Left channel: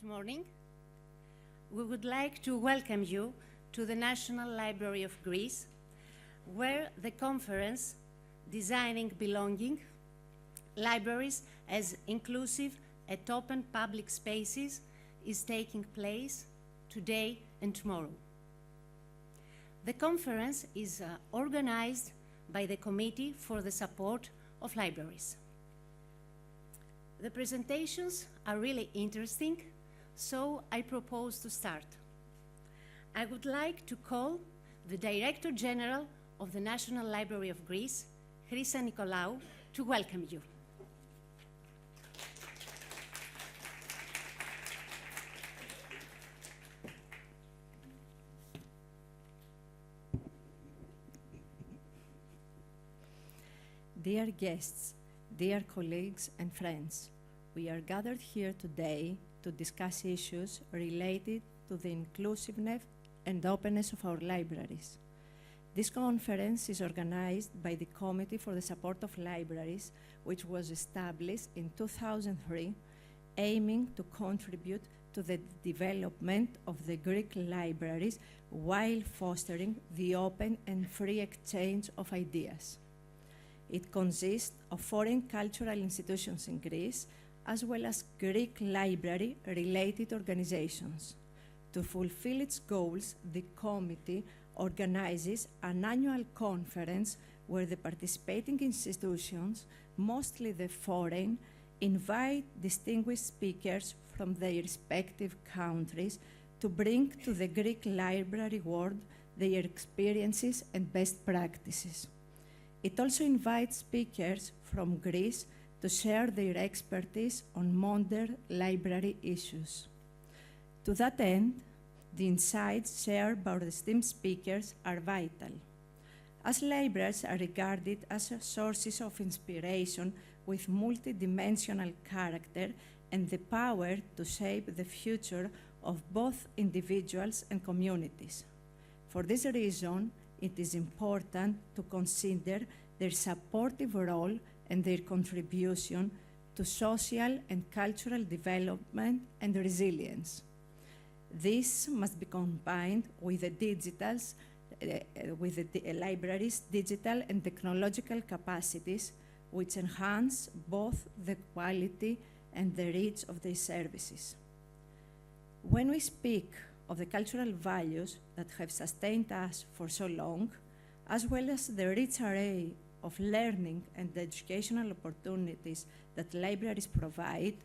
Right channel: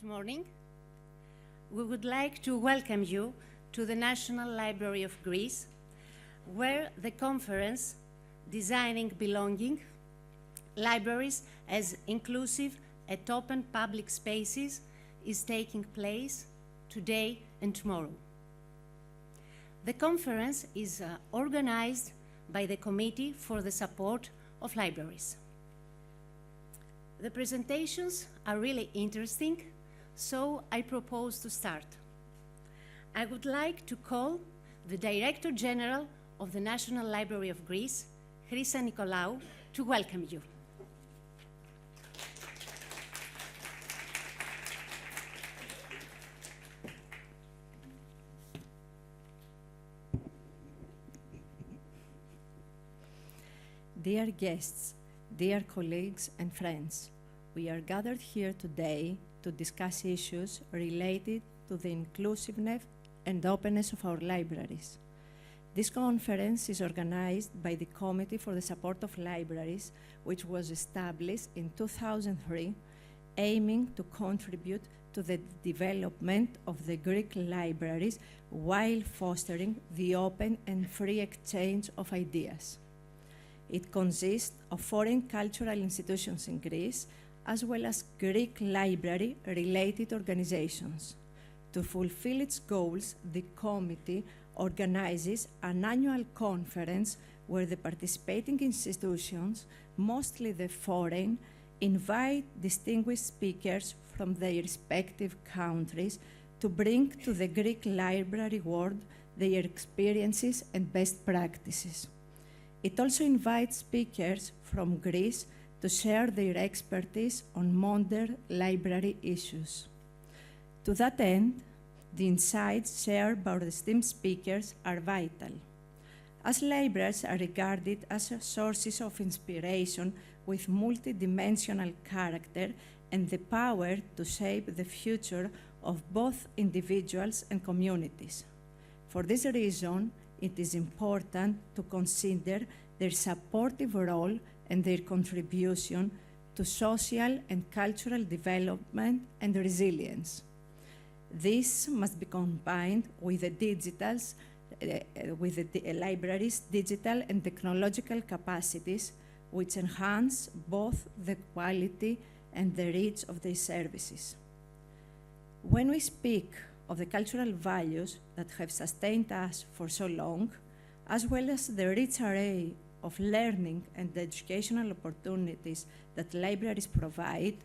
Good morning. We would like to welcome you to the National Library of Greece, where the conference, Designing Belonging, Libraries as Inclusive and Open Public Spaces, is taking place today and tomorrow. The conference is organized by the Committee for the Support of Libraries. The presentations are really interesting, so I propose to start. I would like to call the Director General of the National Library of Greece, Chrysa Nikolaou, to welcome you. Dear guests, dear colleagues and friends, we are gathered here today to discuss issues related to the inclusiveness and openness of our libraries. This conference is organized by the Committee for the Support of Libraries, which was established in 2003, aiming to contribute to the development of the Greek libraries while fostering the open and free exchange of ideas. It consists of foreign cultural institutions in Greece, as well as Greek library-related organizations. To fulfill its goals, the committee organizes an annual conference where the participating institutions, mostly the foreign, invite distinguished speakers from their respective countries to bring to the Greek library world their experiences and best practices. It also invites speakers from Greece to share their expertise on modern library issues. To that end, the insights shared by the esteemed speakers are vital. As libraries are regarded as sources of inspiration with multidimensional character and the power to shape the future of both individuals and communities. For this reason, it is important to consider their supportive role and their contribution to social and cultural development and resilience. This must be combined with the library's digital and technological capacities, which enhance both the quality and the reach of their services. When we speak of the cultural values that have sustained us for so long, as well as the rich array of learning and educational opportunities that libraries provide,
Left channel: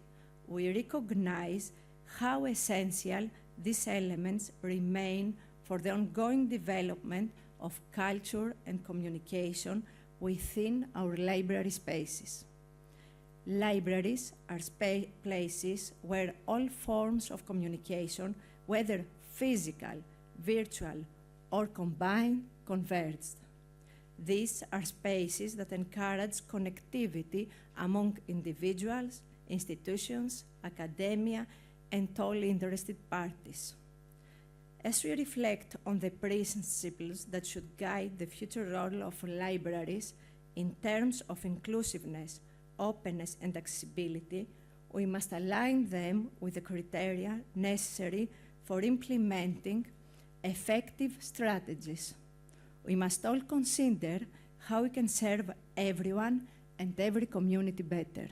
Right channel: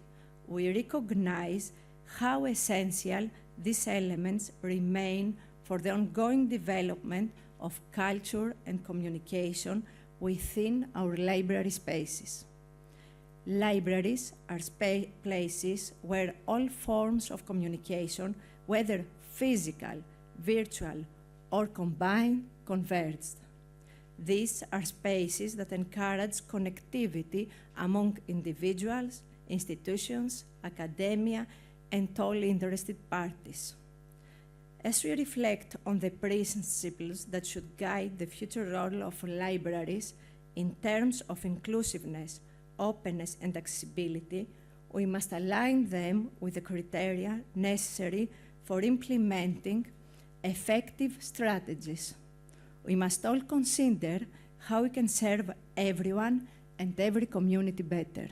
we recognize how essential these elements remain for the ongoing development of culture and communication within our library spaces. Libraries are places where all forms of communication, whether physical, virtual, or combined, converge. These are spaces that encourage connectivity among individuals, institutions, academia, and all interested parties. As we reflect on the principles that should guide the future role of libraries in terms of inclusiveness, openness, and accessibility, we must align them with the criteria necessary for implementing effective strategies. We must all consider how we can serve everyone and every community better.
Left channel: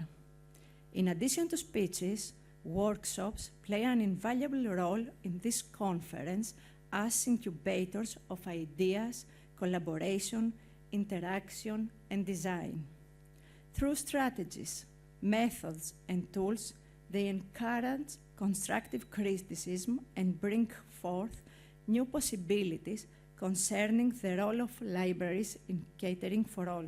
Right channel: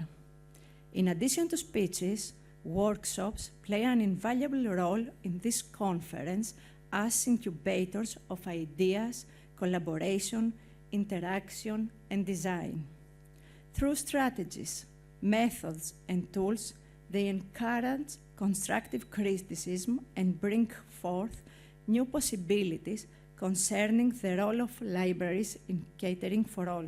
In addition to speeches, workshops play an invaluable role in this conference as incubators of ideas, collaboration, interaction, and design. Through strategies, methods, and tools, they encourage constructive criticism and bring forth new possibilities concerning the role of libraries in catering for all.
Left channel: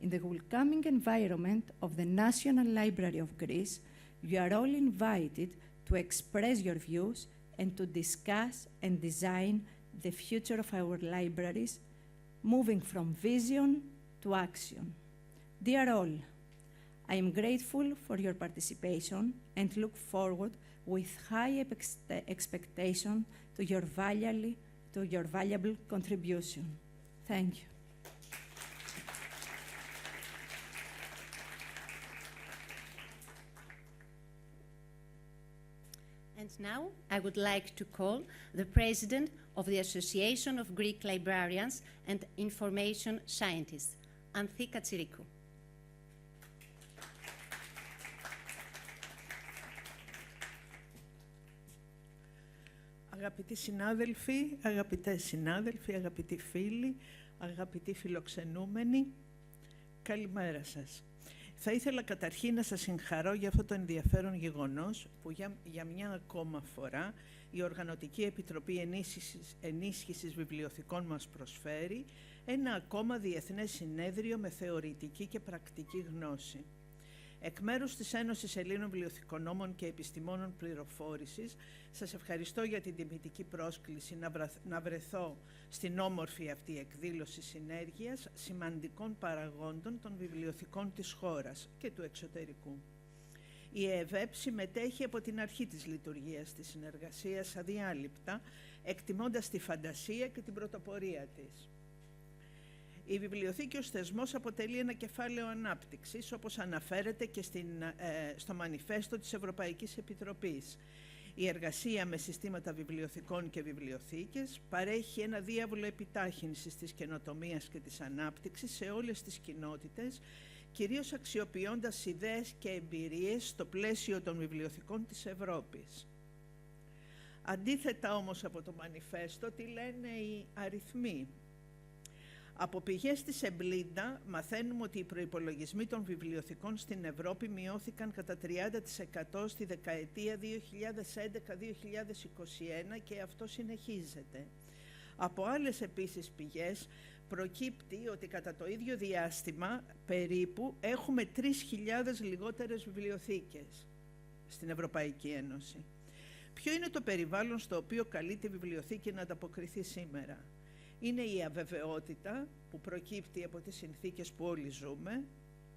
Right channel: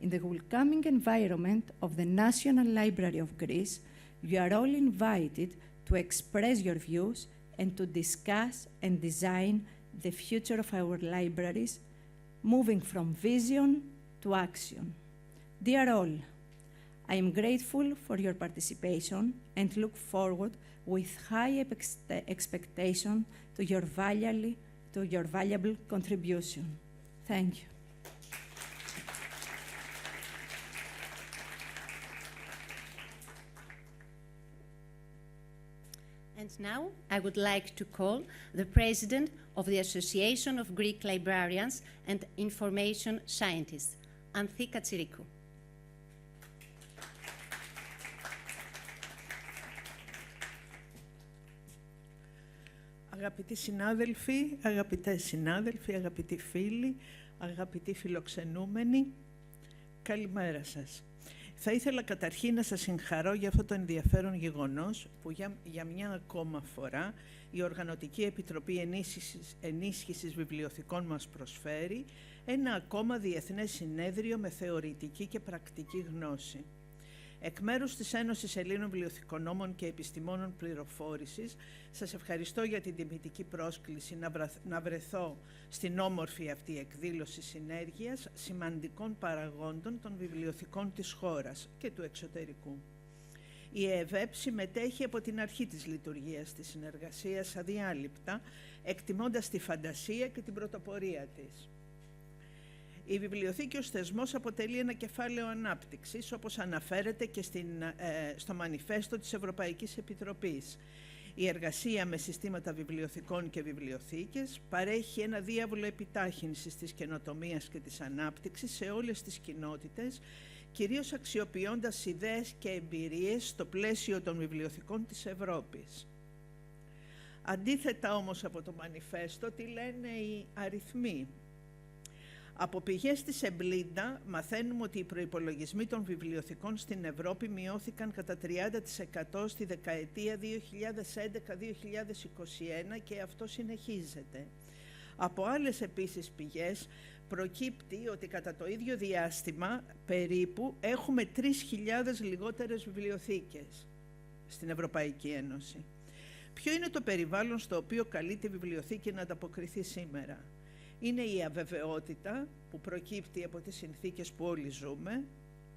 In the welcoming environment of the National Library of Greece, you are all invited to express your views and to discuss and design the future of our libraries, moving from vision to action. Dear all, I am grateful for your participation and look forward with high expectation to your valuable contribution. Thank you. And now I would like to call the President of the Association of Greek Librarians and Information Scientists, Anthi Katsirikou. Αγαπητοί συνάδελφοι, αγαπητές συνάδελφοι, αγαπητοί φίλοι, αγαπητοί φιλοξενούμενοι, καλημέρα σας. Θα ήθελα καταρχήν να σας συγχαρώ για αυτό το ενδιαφέρον γεγονός που για μια ακόμα φορά η Οργανωτική Επιτροπή Ενίσχυσης Βιβλιοθηκών μας προσφέρει ένα ακόμα διεθνές συνέδριο με θεωρητική και πρακτική γνώση. Εκ μέρους της Ένωσης Ελλήνων Βιβλιοθηκονόμων και Επιστημόνων Πληροφόρησης, σας ευχαριστώ για την τιμητική πρόσκληση να βρεθώ στην όμορφη αυτή εκδήλωση συνέργειας σημαντικών παραγόντων των βιβλιοθηκών της χώρας και του εξωτερικού. Η ΕΕΒ συμμετέχει από την αρχή της λειτουργίας της συνεργασίας αδιάλειπτα, εκτιμώντας τη φαντασία και την πρωτοπορία της. Η βιβλιοθήκη ως θεσμός αποτελεί ένα κεφάλαιο ανάπτυξης, όπως αναφέρεται και στο μανιφέστο της Ευρωπαϊκής Επιτροπής. Η εργασία με συστήματα βιβλιοθηκών και βιβλιοθήκες παρέχει ένα διάβολο επιτάχυνσης της καινοτομίας και της ανάπτυξης σε όλες τις κοινότητες, κυρίως αξιοποιώντας ιδέες και εμπειρίες στο πλαίσιο των βιβλιοθηκών της Ευρώπης. Αντίθετα όμως από το μανιφέστο, τι λένε οι αριθμοί? Από πηγές της Εμπλίντα μαθαίνουμε ότι οι προϋπολογισμοί των βιβλιοθηκών στην Ευρώπη μειώθηκαν κατά 30% στη δεκαετία 2011-2021 και αυτό συνεχίζεται. Από άλλες επίσης πηγές προκύπτει ότι κατά το ίδιο διάστημα περίπου έχουμε 3.000 λιγότερες βιβλιοθήκες στην Ευρωπαϊκή Ένωση. Ποιο είναι το περιβάλλον στο οποίο καλείται η βιβλιοθήκη να ανταποκριθεί σήμερα? Είναι η αβεβαιότητα που προκύπτει από τις συνθήκες που όλοι ζούμε,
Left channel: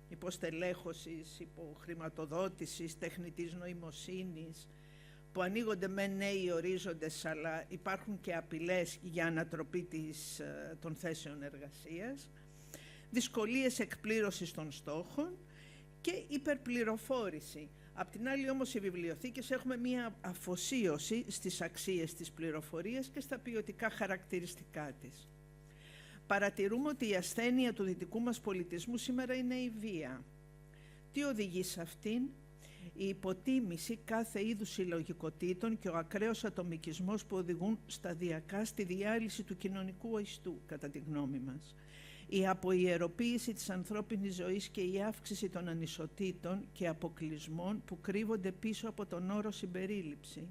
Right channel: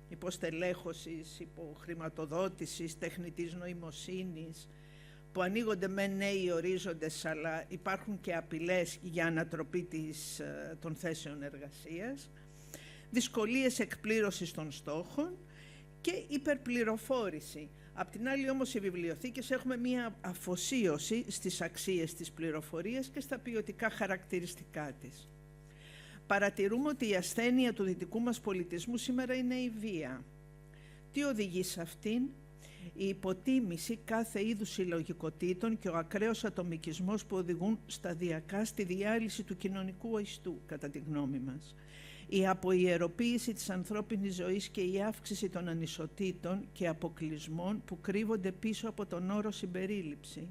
υποστελέχωσης, υποχρηματοδότησης, τεχνητής νοημοσύνης, που ανοίγονται με νέοι ορίζοντες, αλλά υπάρχουν και απειλές για ανατροπή των θέσεων εργασίας, δυσκολίες εκπλήρωσης των στόχων και υπερπληροφόρηση. Απ' την άλλη όμως οι βιβλιοθήκες έχουμε μία αφοσίωση στις αξίες της πληροφορίας και στα ποιοτικά χαρακτηριστικά της. Παρατηρούμε ότι η ασθένεια του δυτικού μας πολιτισμού σήμερα είναι η βία. Τι οδηγεί σε αυτήν? Η υποτίμηση κάθε είδους συλλογικοτήτων και ο ακραίος ατομικισμός που οδηγούν σταδιακά στη διάλυση του κοινωνικού ιστού, κατά τη γνώμη μας. Η αποϊεροποίηση της ανθρώπινης ζωής και η αύξηση των ανισοτήτων και αποκλεισμών που κρύβονται πίσω από τον όρο συμπερίληψη.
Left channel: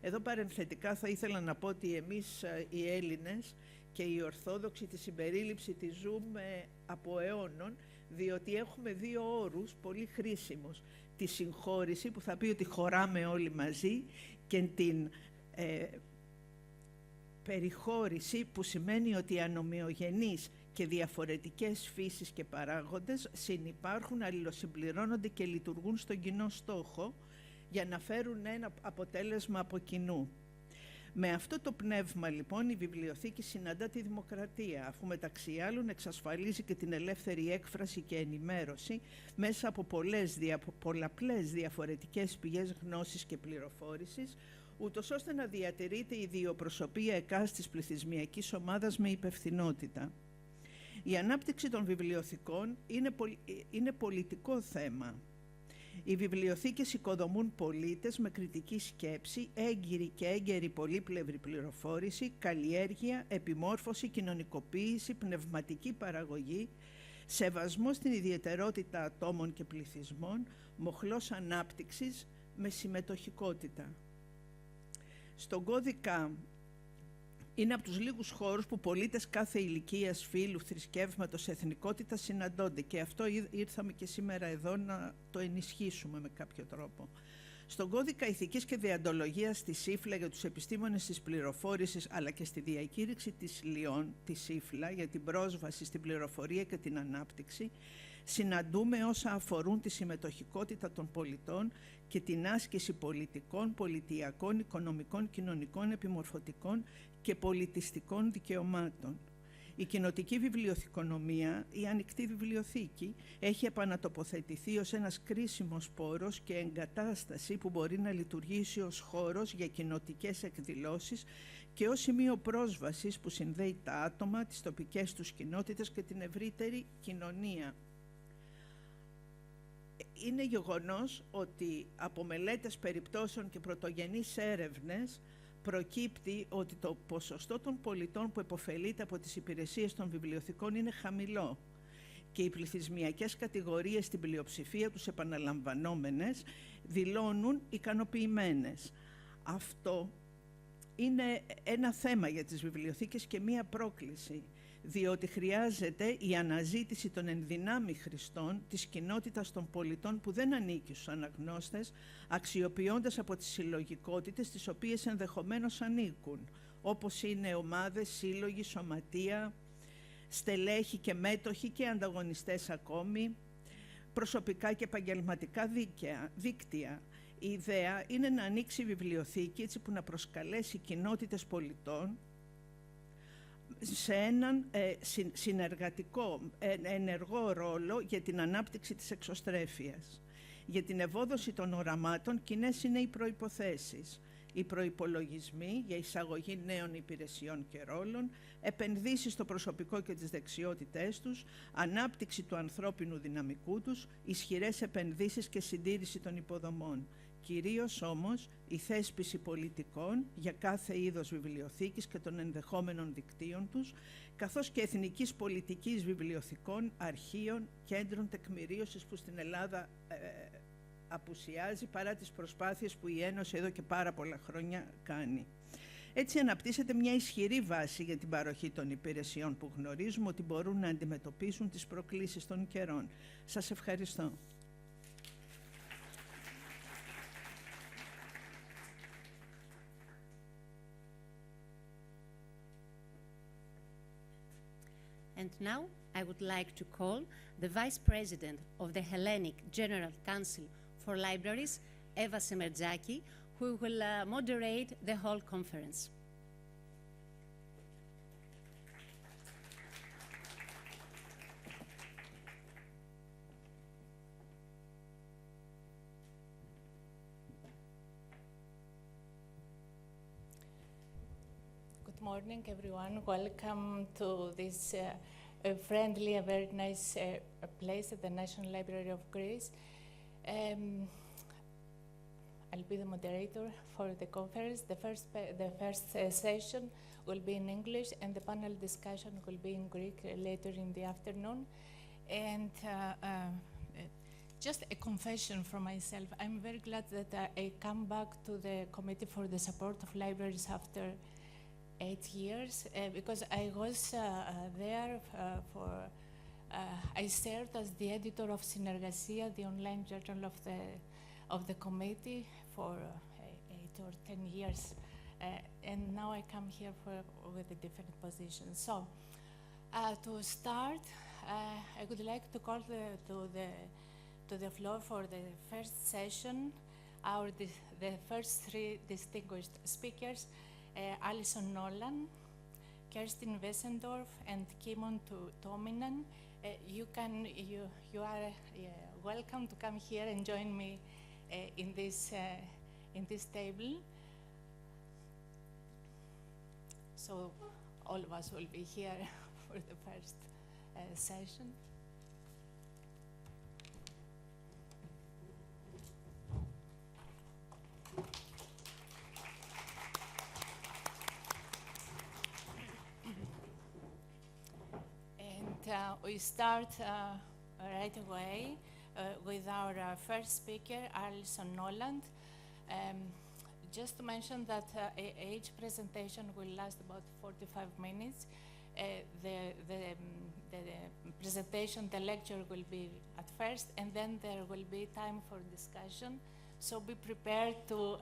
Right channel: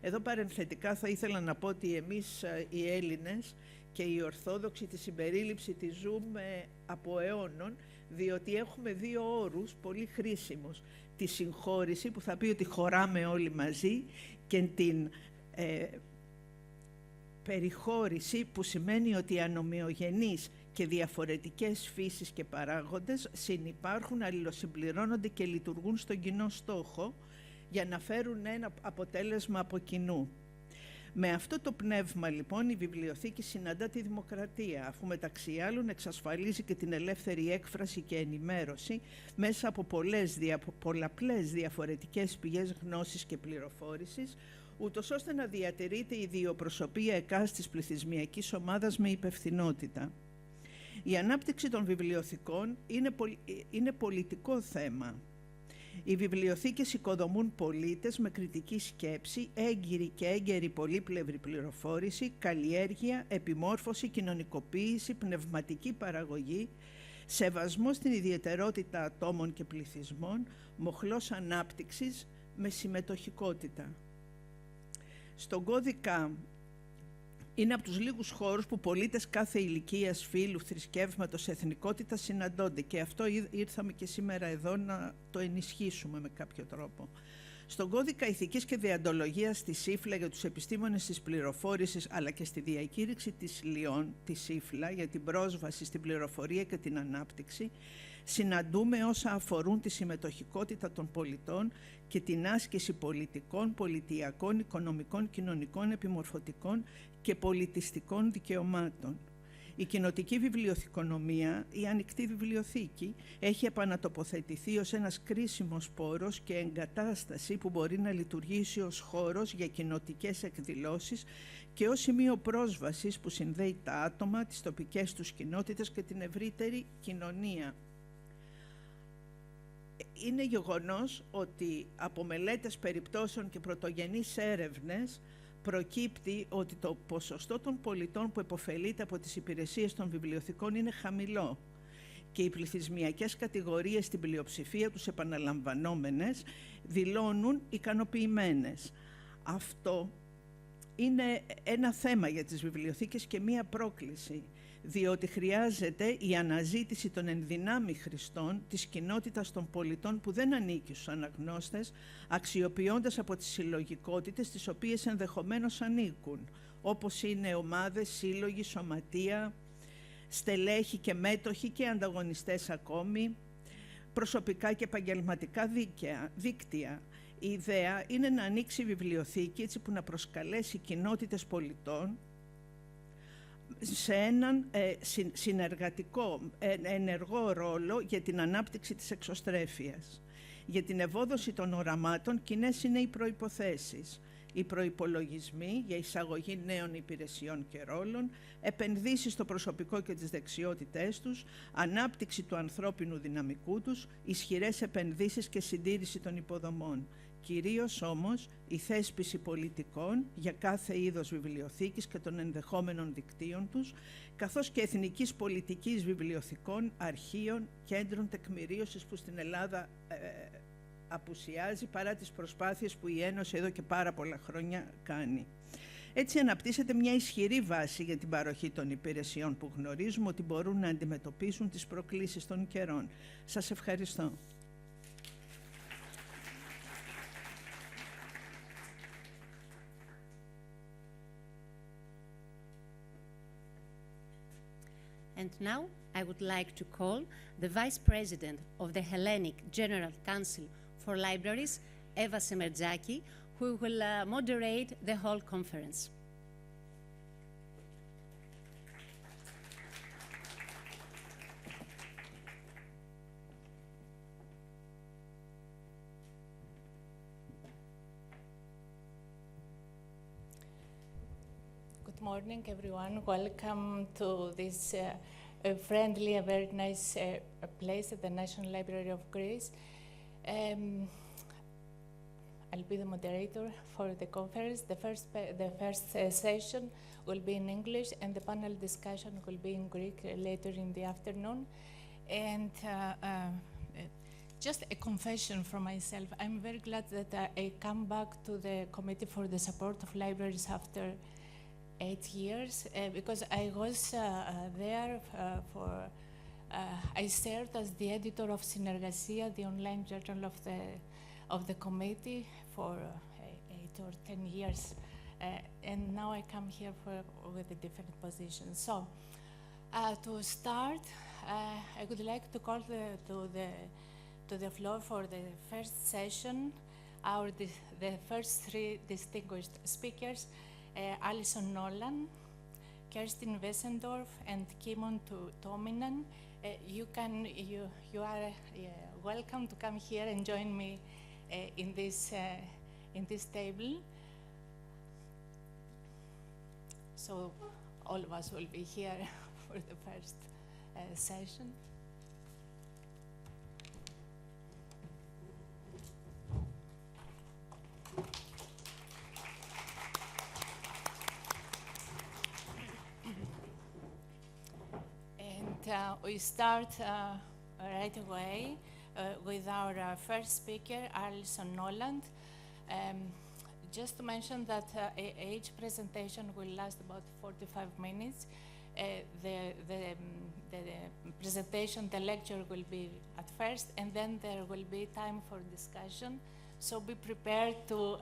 Εδώ παρενθετικά θα ήθελα να πω ότι εμείς οι Έλληνες και οι Ορθόδοξοι τη συμπερίληψη τη ζούμε από αιώνων, διότι έχουμε δύο όρους πολύ χρήσιμους. Τη συγχώρηση που θα πει ότι χωράμε όλοι μαζί και την περιχώρηση που σημαίνει ότι ανομοιογενείς και διαφορετικές φύσεις και παράγοντες συνυπάρχουν, αλληλοσυμπληρώνονται και λειτουργούν στον κοινό στόχο για να φέρουν ένα αποτέλεσμα από κοινού. Με αυτό το πνεύμα λοιπόν η βιβλιοθήκη συναντά τη δημοκρατία, αφού μεταξύ άλλων εξασφαλίζει και την ελεύθερη έκφραση και ενημέρωση μέσα από πολλαπλές διαφορετικές πηγές γνώσης και πληροφόρησης, ούτως ώστε να διατηρείται η ιδιοπροσωπία εκάστης πληθυσμιακής ομάδας με υπευθυνότητα. Η ανάπτυξη των βιβλιοθηκών είναι πολιτικό θέμα. Οι βιβλιοθήκες οικοδομούν πολίτες με κριτική σκέψη, έγκυρη και έγκαιρη πολύπλευρη πληροφόρηση, καλλιέργεια, επιμόρφωση, κοινωνικοποίηση, πνευματική παραγωγή, σεβασμό στην ιδιαιτερότητα ατόμων και πληθυσμών, μοχλός ανάπτυξης με συμμετοχικότητα. Στον κώδικα είναι από τους λίγους χώρους που πολίτες κάθε ηλικίας, φύλου, θρησκεύματος, εθνικότητας συναντώνται και αυτό ήρθαμε και σήμερα εδώ να το ενισχύσουμε με κάποιο τρόπο. Στον κώδικα ηθικής και δεοντολογίας της ΣΥΦΛΑ για τους επιστήμονες της πληροφόρησης αλλά και στη διακήρυξη της ΛΙΟΝ, της ΣΥΦΛΑ, για την πρόσβαση στην πληροφορία και την ανάπτυξη, συναντούμε όσα αφορούν τη συμμετοχικότητα των πολιτών και την άσκηση πολιτικών, πολιτιακών, οικονομικών, κοινωνικών, επιμορφωτικών και πολιτιστικών δικαιωμάτων. Η κοινοτική βιβλιοθηκονομία, η ανοιχτή βιβλιοθήκη, έχει επανατοποθετηθεί ως ένας κρίσιμος πόρος και εγκατάσταση που μπορεί να λειτουργήσει ως χώρος για κοινοτικές εκδηλώσεις και ως σημείο πρόσβασης που συνδέει τα άτομα, τις τοπικές τους κοινότητες και την ευρύτερη κοινωνία. Είναι γεγονός ότι από μελέτες περιπτώσεων και πρωτογενείς έρευνες προκύπτει ότι το ποσοστό των πολιτών που επωφελείται από τις υπηρεσίες των βιβλιοθηκών είναι χαμηλό και οι πληθυσμιακές κατηγορίες στην πλειοψηφία τους επαναλαμβανόμενες δηλώνουν ικανοποιημένες. Αυτό είναι ένα θέμα για τις βιβλιοθήκες και μία πρόκληση, διότι χρειάζεται η αναζήτηση των ενδυνάμει χρηστών της κοινότητας των πολιτών που δεν ανήκει στους αναγνώστες, αξιοποιώντας από τις συλλογικότητες τις οποίες ενδεχομένως ανήκουν, όπως είναι ομάδες, σύλλογοι, σωματεία, στελέχη και μέτοχοι και ανταγωνιστές ακόμη, προσωπικά και επαγγελματικά δίκτυα. Η ιδέα είναι να ανοίξει η βιβλιοθήκη έτσι που να προσκαλέσει κοινότητες πολιτών σε έναν συνεργατικό, ενεργό ρόλο για την ανάπτυξη της εξωστρέφειας. Για την ευόδοση των οραμάτων, κοινές είναι οι προϋποθέσεις. Οι προϋπολογισμοί για εισαγωγή νέων υπηρεσιών και ρόλων, επενδύσεις στο προσωπικό και τις δεξιότητές τους, ανάπτυξη του ανθρώπινου δυναμικού τους, ισχυρές επενδύσεις και συντήρηση των υποδομών. Κυρίως όμως η θέσπιση πολιτικών για κάθε είδος βιβλιοθήκης και των ενδεχόμενων δικτύων τους, καθώς και εθνικής πολιτικής βιβλιοθηκών, αρχείων, κέντρων τεκμηρίωσης που στην Ελλάδα απουσιάζει παρά τις προσπάθειες που η Ένωση εδώ και πάρα πολλά χρόνια κάνει. Έτσι αναπτύσσεται μια ισχυρή βάση για την παροχή των υπηρεσιών που γνωρίζουμε ότι μπορούν να αντιμετωπίσουν τις προκλήσεις των καιρών. Σας ευχαριστώ. And now I would like to call the Vice President of the Hellenic General Council for Libraries, Eva Semertzaki, who will moderate the whole conference. Good morning, everyone. Welcome to this friendly and very nice place at the National Library of Greece. I'll be the moderator for the conference. The first session will be in English, and the panel discussion will be in Greek later in the afternoon. And just a confession from myself. I'm very glad that I come back to the Committee for the Support of Libraries after 8 years, because I was there I served as the editor of Synergasia, the online journal of the committee, for 8 or 10 years, and now I come here with a different position. So, to start, I would like to call to the floor for the first session the first three distinguished speakers. Alison Nolan, Kerstin Wesendorf, and Kimmo Tuominen. You are welcome to come here and join me in this table. So all of us will be here for the first session. We start right away with our first speaker, Alison Nolan. Just to mention that each presentation will last about 45 minutes. The presentation, the lecture will be at first, and then there will be time for discussion. So be prepared to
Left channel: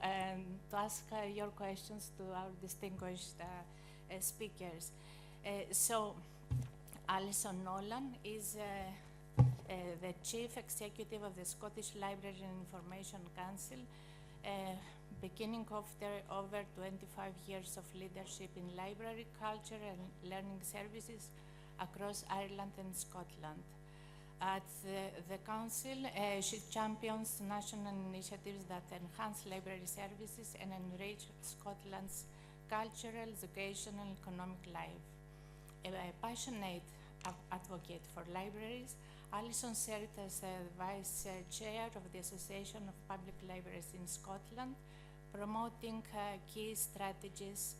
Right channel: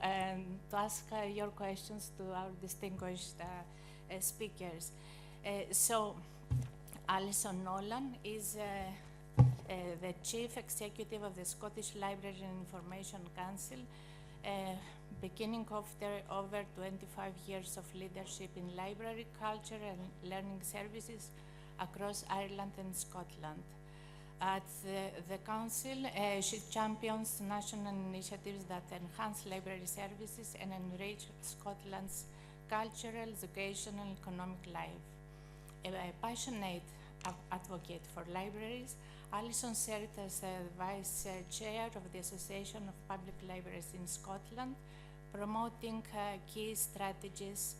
ask your questions to our distinguished speakers. Alison Nolan is the Chief Executive of the Scottish Library and Information Council. beginning of their over 25 years of leadership in library, culture, and learning services across Ireland and Scotland. At the Council, she champions national initiatives that enhance library services and enrich Scotland's cultural, educational, and economic life. A passionate advocate for libraries, Alison served as the Vice Chair of the Association of Public Libraries in Scotland, promoting key strategies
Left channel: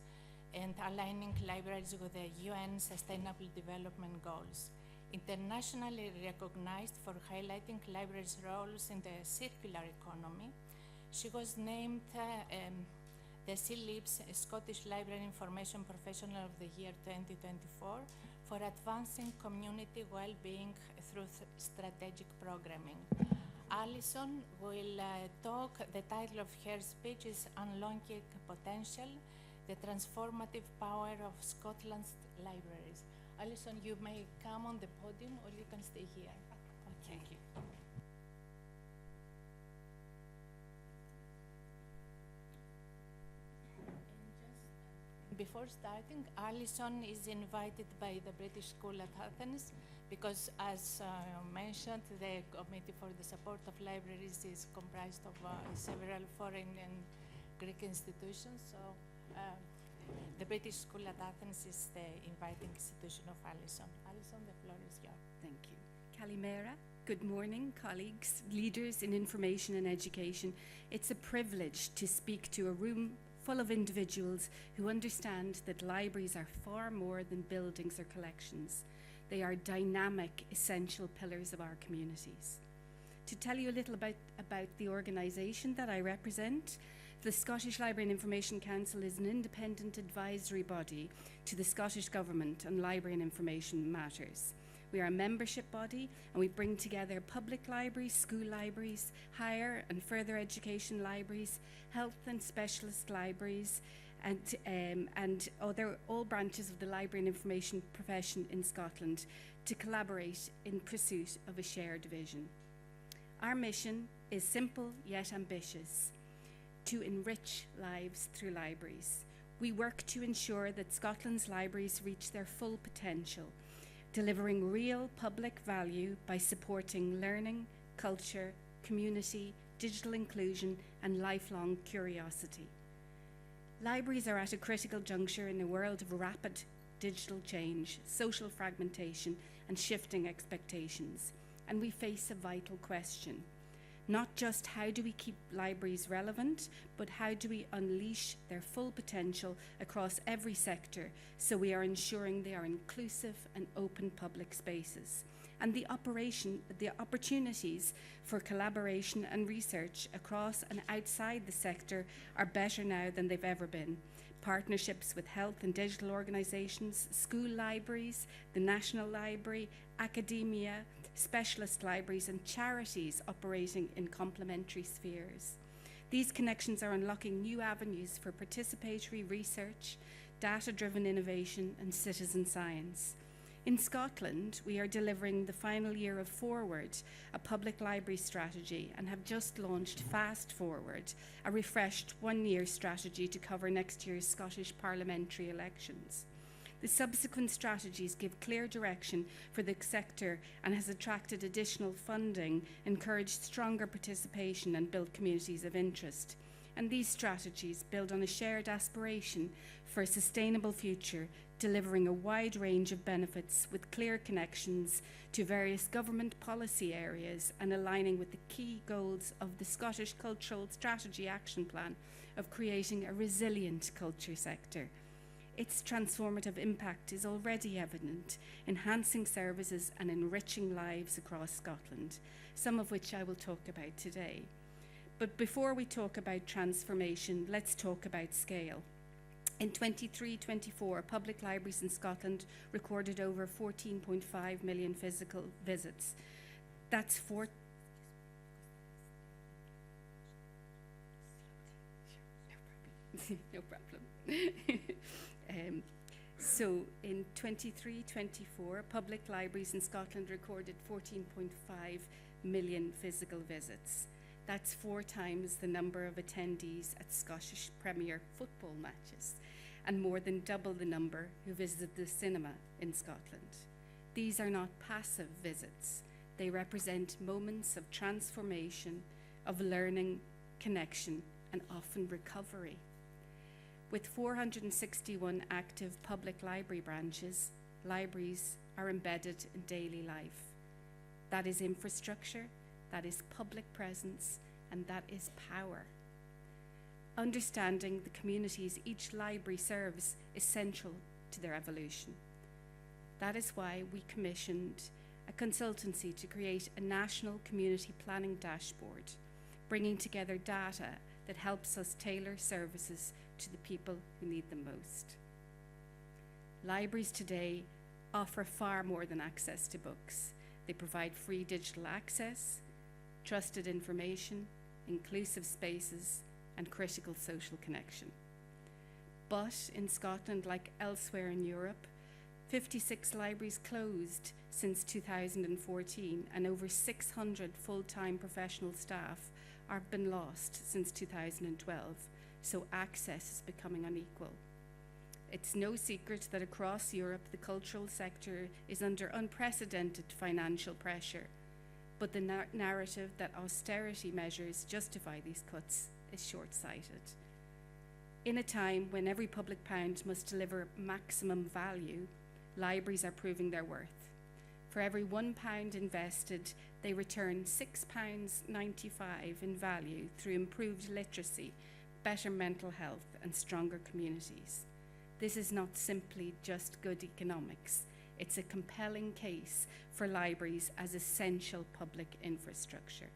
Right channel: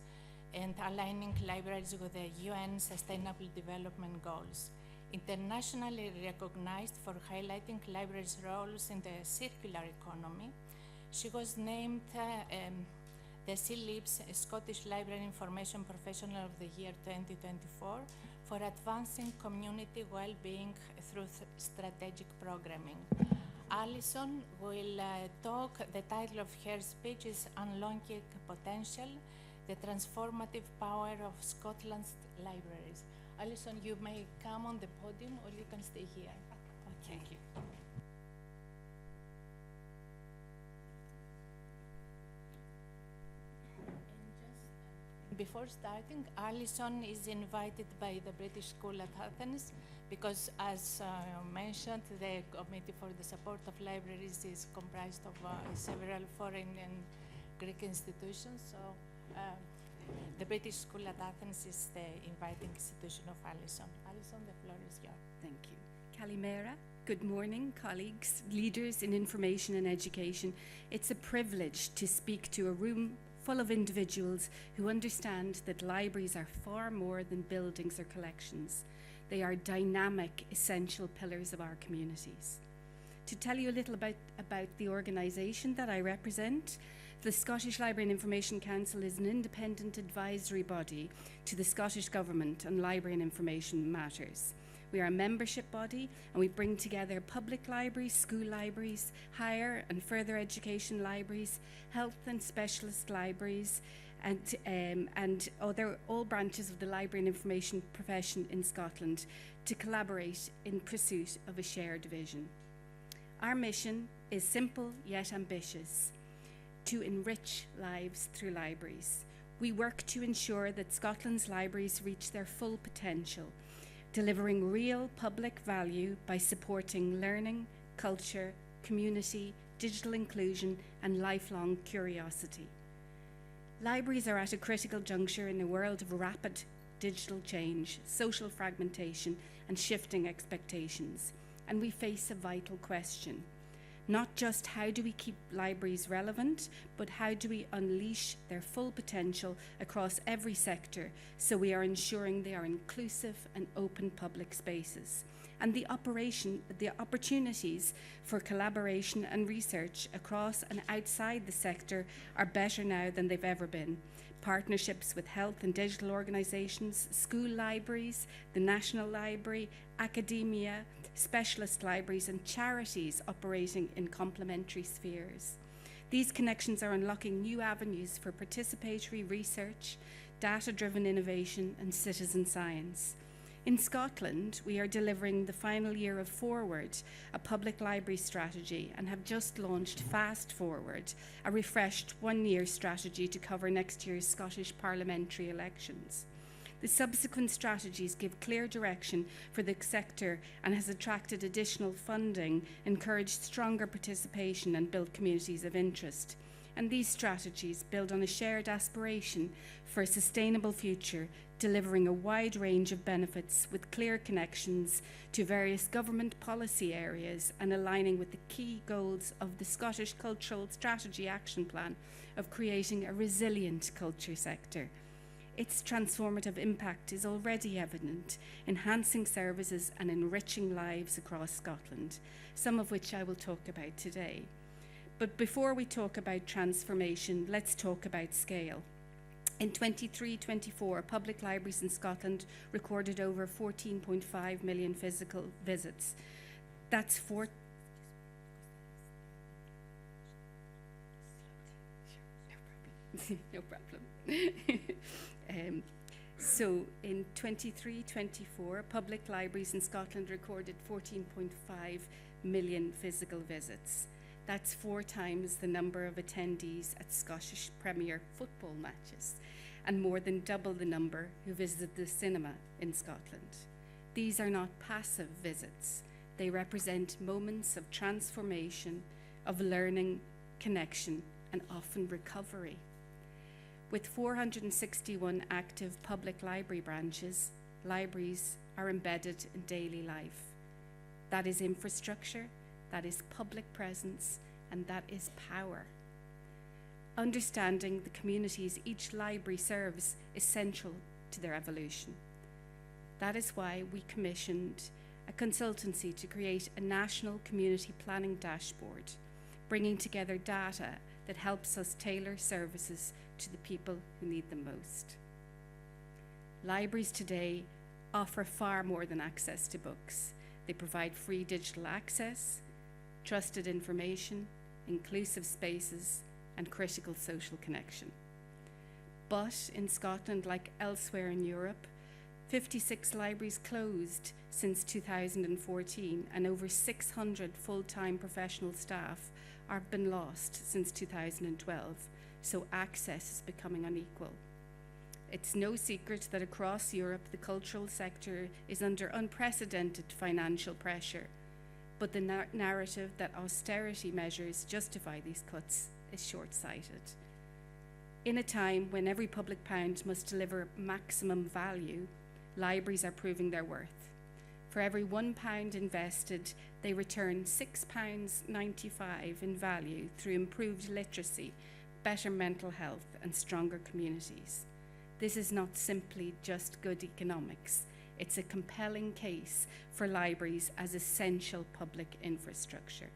and aligning libraries with the UN Sustainable Development Goals. Internationally recognized for highlighting libraries' roles in the circular economy, she was named the SLIC's Scottish Library Information Professional of the Year 2024 for advancing community well-being through strategic programming. Alison will talk. The title of her speech is Unlocking Potential, the Transformative Power of Scotland's Libraries. Alison, you may come on the podium or you can stay here. Okay. Thank you. Before starting, Alison is invited by the British School at Athens because, as mentioned, the Committee for the Support of Libraries is comprised of several foreign and Greek institutions. So the British School at Athens is the inviting institution of Alison. Alison, the floor is yours. Thank you. Kalimera. Good morning, colleagues, leaders in information and education. It's a privilege to speak to a room full of individuals who understand that libraries are far more than buildings or collections. They are dynamic, essential pillars of our communities. To tell you a little about the organisation that I represent, the Scottish Library and Information Council is an independent advisory body to the Scottish Government on library and information matters. We are a membership body and we bring together public libraries, school libraries, higher and further education libraries, health and specialist libraries, and other all branches of the library and information profession in Scotland to collaborate in pursuit of a shared vision. Our mission is simple yet ambitious: to enrich lives through libraries. We work to ensure that Scotland's libraries reach their full potential, delivering real public value by supporting learning, culture, community, digital inclusion, and lifelong curiosity. Libraries are at a critical juncture in a world of rapid digital change, social fragmentation, and shifting expectations. And we face a vital question. Not just how do we keep libraries relevant, but how do we unleash their full potential across every sector so we are ensuring they are inclusive and open public spaces. And the opportunities for collaboration and research across and outside the sector are better now than they've ever been. Partnerships with health and digital organisations, school libraries, the National Library, academia, specialist libraries and charities operating in complementary spheres. These connections are unlocking new avenues for participatory research, data-driven innovation and citizen science. In Scotland, we are delivering the final year of Forward, a public library strategy, and have just launched Fast Forward, a refreshed one-year strategy to cover next year's Scottish parliamentary elections. The subsequent strategies give clear direction for the sector and has attracted additional funding, encouraged stronger participation and built communities of interest. And these strategies build on a shared aspiration for a sustainable future, delivering a wide range of benefits with clear connections to various government policy areas and aligning with the key goals of the Scottish Cultural Strategy Action Plan of creating a resilient culture sector. Its transformative impact is already evident, enhancing services and enriching lives across Scotland, some of which I will talk about today. But before we talk about transformation, let's talk about scale. In 23-24, public libraries in Scotland recorded over 14.5 million physical visits. That's no problem. So in 23-24, public libraries in Scotland recorded 14.5 million physical visits. That's 4 times the number of attendees at Scottish Premier football matches, and more than double the number who visit the cinema in Scotland. These are not passive visits. They represent moments of transformation, of learning, connection, and often recovery. With 461 active public library branches, libraries are embedded in daily life. That is infrastructure, that is public presence, and that is power. Understanding the communities each library serves is central to their evolution. That is why we commissioned a consultancy to create a national community planning dashboard, bringing together data that helps us tailor services to the people who need them most. Libraries today offer far more than access to books. They provide free digital access, trusted information, inclusive spaces, and critical social connection. But in Scotland, like elsewhere in Europe, 56 libraries closed since 2014, and over 600 full-time professional staff have been lost since 2012, so access is becoming unequal. It's no secret that across Europe, the cultural sector is under unprecedented financial pressure, but the narrative that austerity measures justify these cuts is short-sighted. In a time when every public pound must deliver maximum value, libraries are proving their worth. For every £1 invested, they return £6.95 in value through improved literacy, better mental health, and stronger communities. This is not simply just good economics. It's a compelling case for libraries as essential public infrastructure.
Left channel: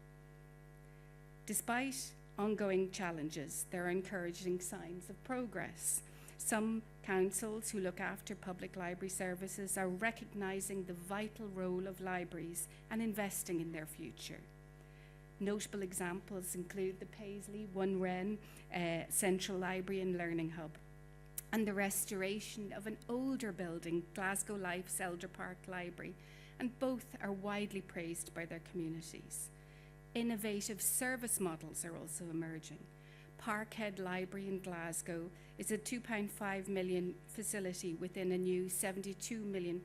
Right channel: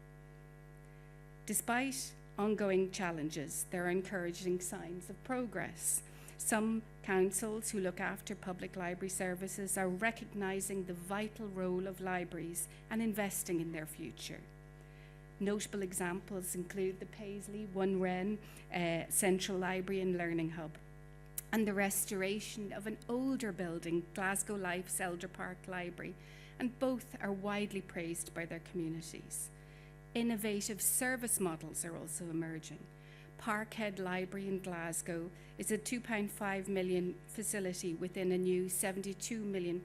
Despite ongoing challenges, there are encouraging signs of progress. Some councils who look after public library services are recognizing the vital role of libraries and investing in their future. Notable examples include the Paisley One Wren Central Library and Learning Hub, and the restoration of an older building, Glasgow Life's Elder Park Library, and both are widely praised by their communities. Innovative service models are also emerging. Parkhead Library in Glasgow is a £2.5 million facility within a new £72 million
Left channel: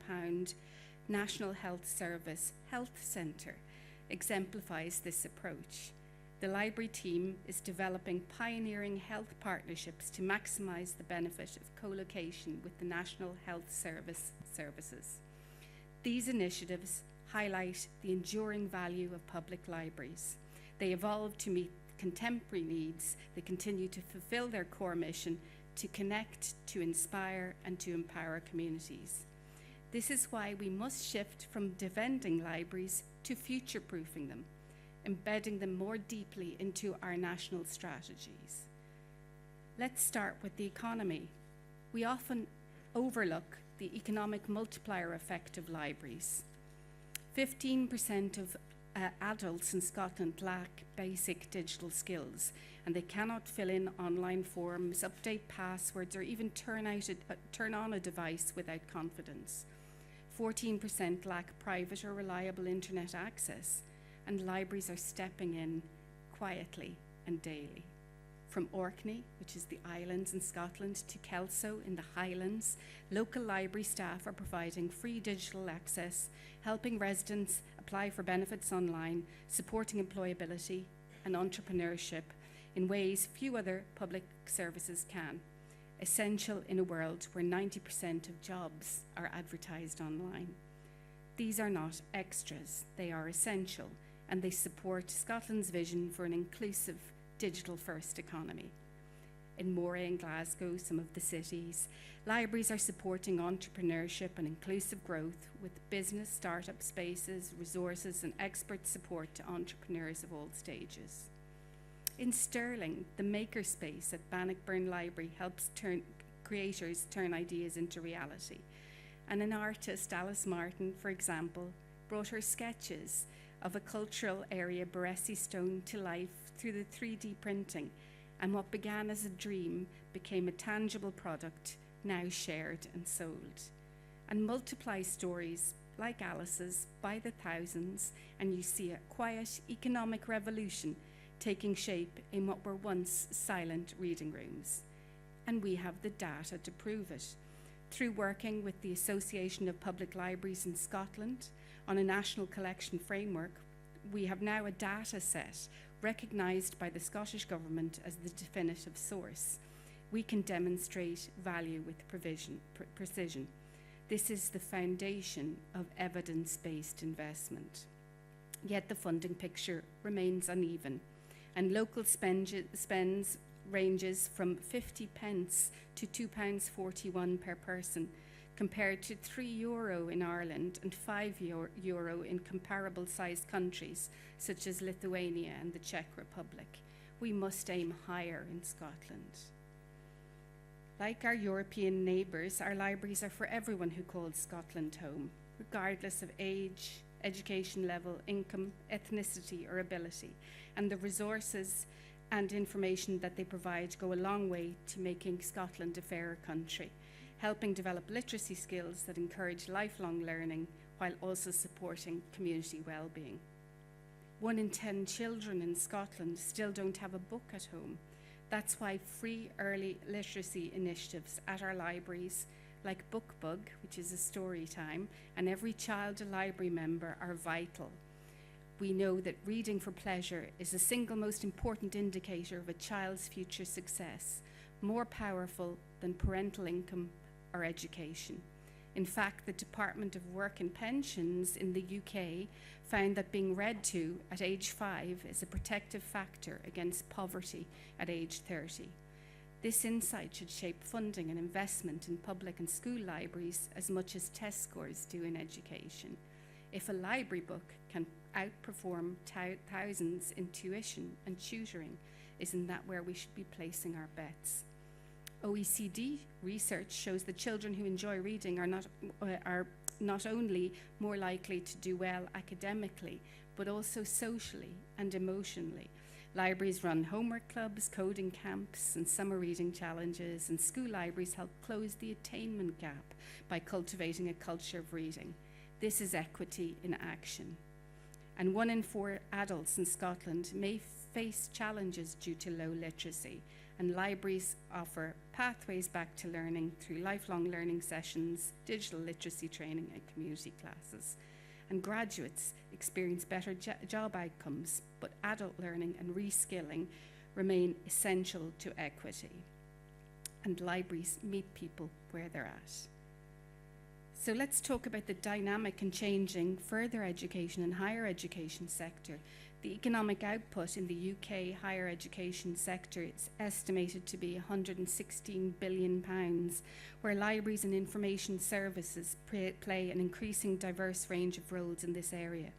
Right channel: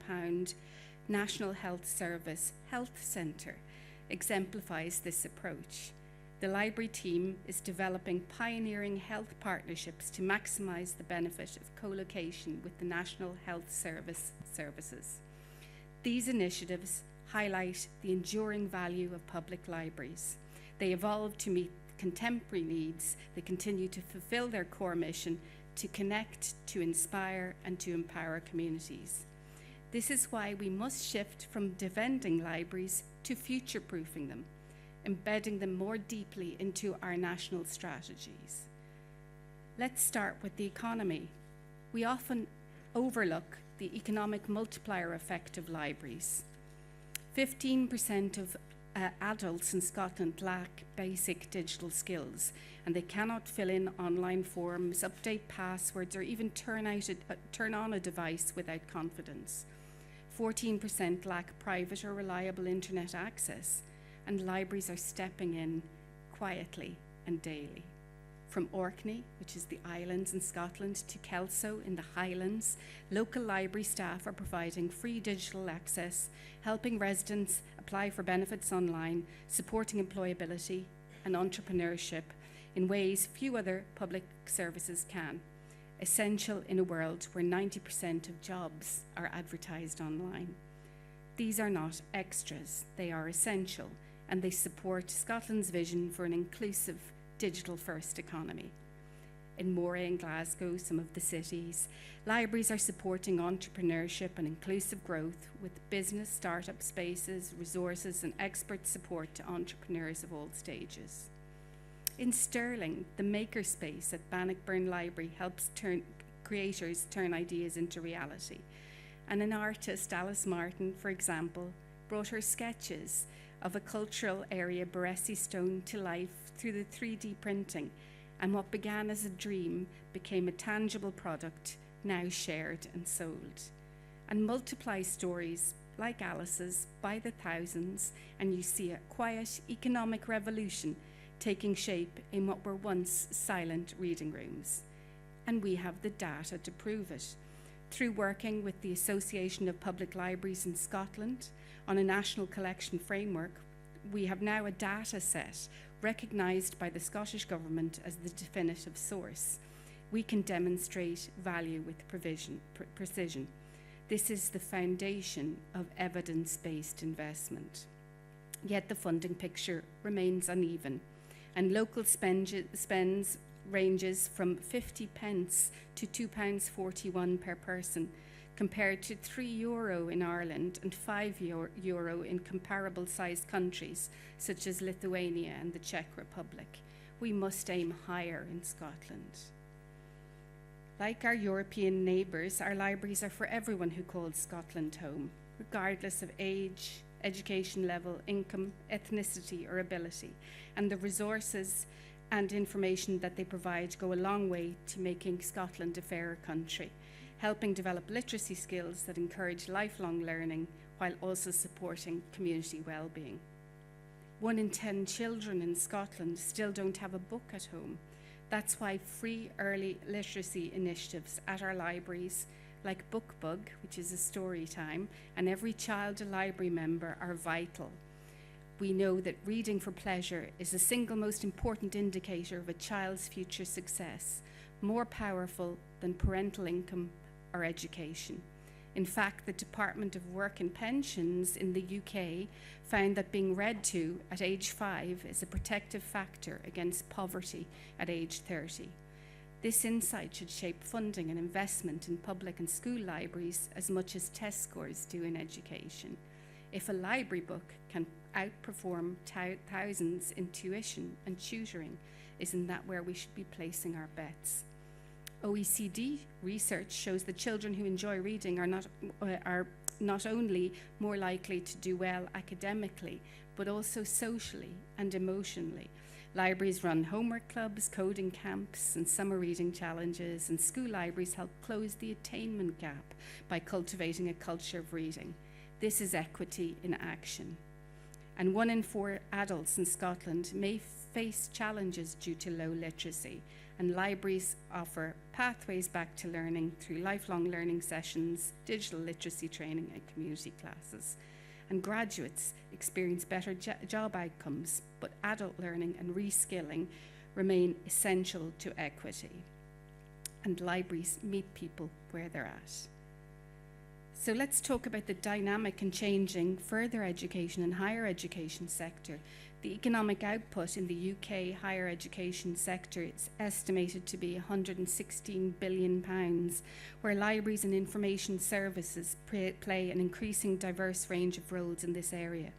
National Health Service health centre, exemplifies this approach. The library team is developing pioneering health partnerships to maximise the benefit of co-location with the National Health Services. These initiatives highlight the enduring value of public libraries. They evolve to meet contemporary needs. They continue to fulfil their core mission to connect, to inspire, and to empower communities. This is why we must shift from defending libraries to future-proofing them, embedding them more deeply into our national strategies. Let's start with the economy. We often overlook the economic multiplier effect of libraries. 15% of adults in Scotland lack basic digital skills, and they cannot fill in online forms, update passwords, or even turn on a device without confidence. 14% lack private or reliable internet access, and libraries are stepping in quietly and daily. From Orkney, which is the islands in Scotland, to Kelso in the Highlands, local library staff are providing free digital access, helping residents apply for benefits online, supporting employability and entrepreneurship in ways few other public services can, essential in a world where 90% of jobs are advertised online. These are not extras, they are essential, and they support Scotland's vision for an inclusive digital-first economy. In Moray and Glasgow, some of the cities, libraries are supporting entrepreneurship and inclusive growth with business startup spaces, resources, and expert support to entrepreneurs of all stages. In Stirling, the Makerspace at Bannockburn Library helps creators turn ideas into reality. And an artist, Alice Martin, for example, brought her sketches of a cultural area, Baresi Stone, to life through the 3D printing, and what began as a dream became a tangible product, now shared and sold. And multiply stories like Alice's by the thousands, and you see a quiet economic revolution taking shape in what were once silent reading rooms. And we have the data to prove it. Through working with the Association of Public Libraries in Scotland on a national collection framework, we have now a data set recognised by the Scottish Government as the definitive source. We can demonstrate value with precision. This is the foundation of evidence-based investment. Yet the funding picture remains uneven, and local spends ranges from 50 pence to £2.41 per person, compared to €3 in Ireland and €5 in comparable sized countries such as Lithuania and the Czech Republic. We must aim higher in Scotland. Like our European neighbours, our libraries are for everyone who calls Scotland home, regardless of age, education level, income, ethnicity or ability, and the resources and information that they provide go a long way to making Scotland a fairer country, helping develop literacy skills that encourage lifelong learning while also supporting community well-being. 1 in 10 children in Scotland still don't have a book at home. That's why free early literacy initiatives at our libraries, like Book Bug, which is a story time, and Every Child a Library Member are vital. We know that reading for pleasure is the single most important indicator of a child's future success, more powerful than parental income or education. In fact, the Department of Work and Pensions in the UK found that being read to at age 5 is a protective factor against poverty at age 30. This insight should shape funding and investment in public and school libraries as much as test scores do in education. If a library book can outperform thousands in tuition and tutoring, isn't that where we should be placing our bets? OECD research shows that children who enjoy reading are not only more likely to do well academically, but also socially and emotionally. Libraries run homework clubs, coding camps, and summer reading challenges, and school libraries help close the attainment gap by cultivating a culture of reading. This is equity in action. And 1 in 4 adults in Scotland may face challenges due to low literacy, and libraries offer pathways back to learning through lifelong learning sessions, digital literacy training, and community classes. And graduates experience better job outcomes, but adult learning and reskilling remain essential to equity. And libraries meet people where they're at. So let's talk about the dynamic and changing further education and higher education sector. The economic output in the UK higher education sector is estimated to be £116 billion, where libraries and information services play an increasing diverse range of roles in this area,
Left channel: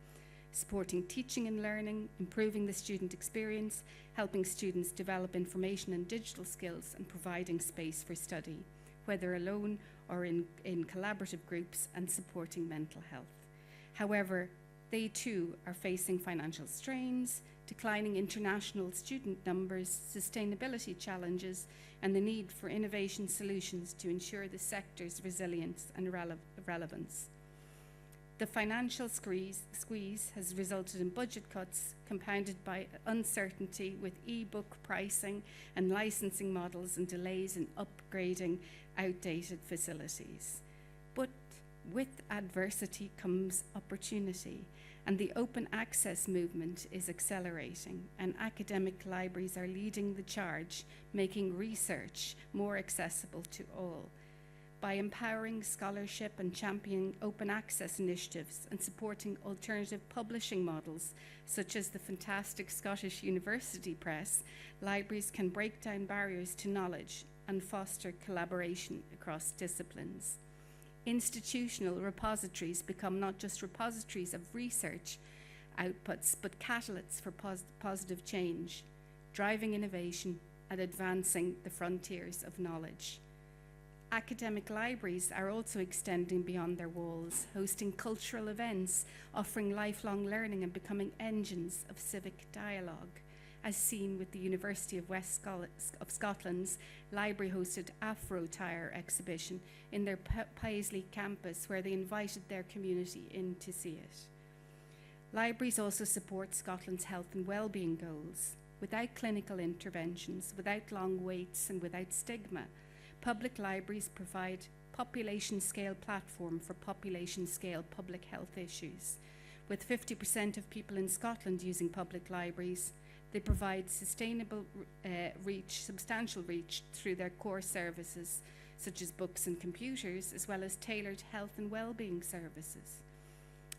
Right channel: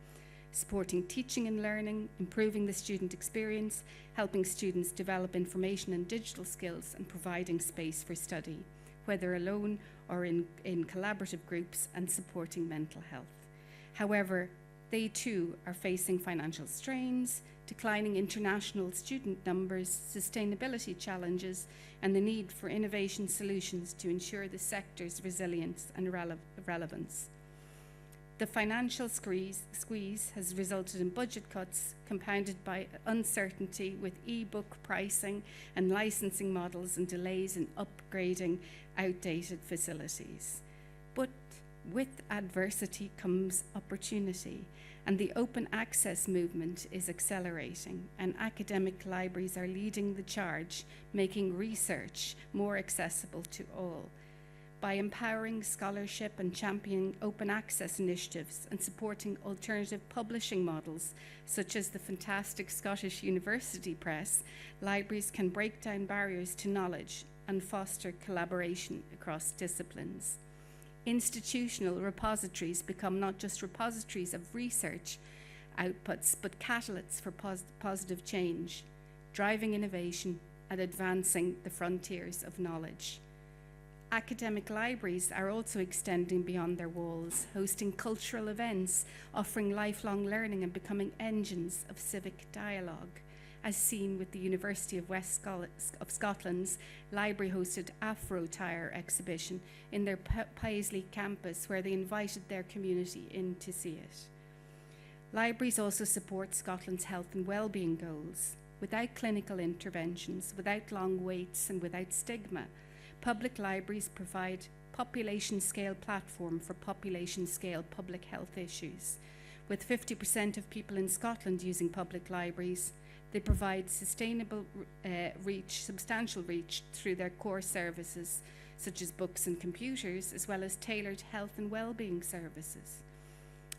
supporting teaching and learning, improving the student experience, helping students develop information and digital skills, and providing space for study, whether alone or in collaborative groups, and supporting mental health. However, they too are facing financial strains, declining international student numbers, sustainability challenges, and the need for innovation solutions to ensure the sector's resilience and relevance. The financial squeeze has resulted in budget cuts compounded by uncertainty with e-book pricing and licensing models and delays in upgrading outdated facilities. But with adversity comes opportunity, and the open access movement is accelerating, and academic libraries are leading the charge, making research more accessible to all. By empowering scholarship and championing open access initiatives and supporting alternative publishing models, such as the fantastic Scottish University Press, libraries can break down barriers to knowledge and foster collaboration across disciplines. Institutional repositories become not just repositories of research outputs, but catalysts for positive change, driving innovation and advancing the frontiers of knowledge. Academic libraries are also extending beyond their walls, hosting cultural events, offering lifelong learning, and becoming engines of civic dialogue, as seen with the University of Scotland's library-hosted Afro-Tire exhibition in their Paisley campus, where they invited their community in to see it. Libraries also support Scotland's health and well-being goals. without clinical interventions, without long waits, and without stigma. Public libraries provide population-scale platform for population-scale public health issues. With 50% of people in Scotland using public libraries, they provide substantial reach through their core services, such as books and computers, as well as tailored health and well-being services.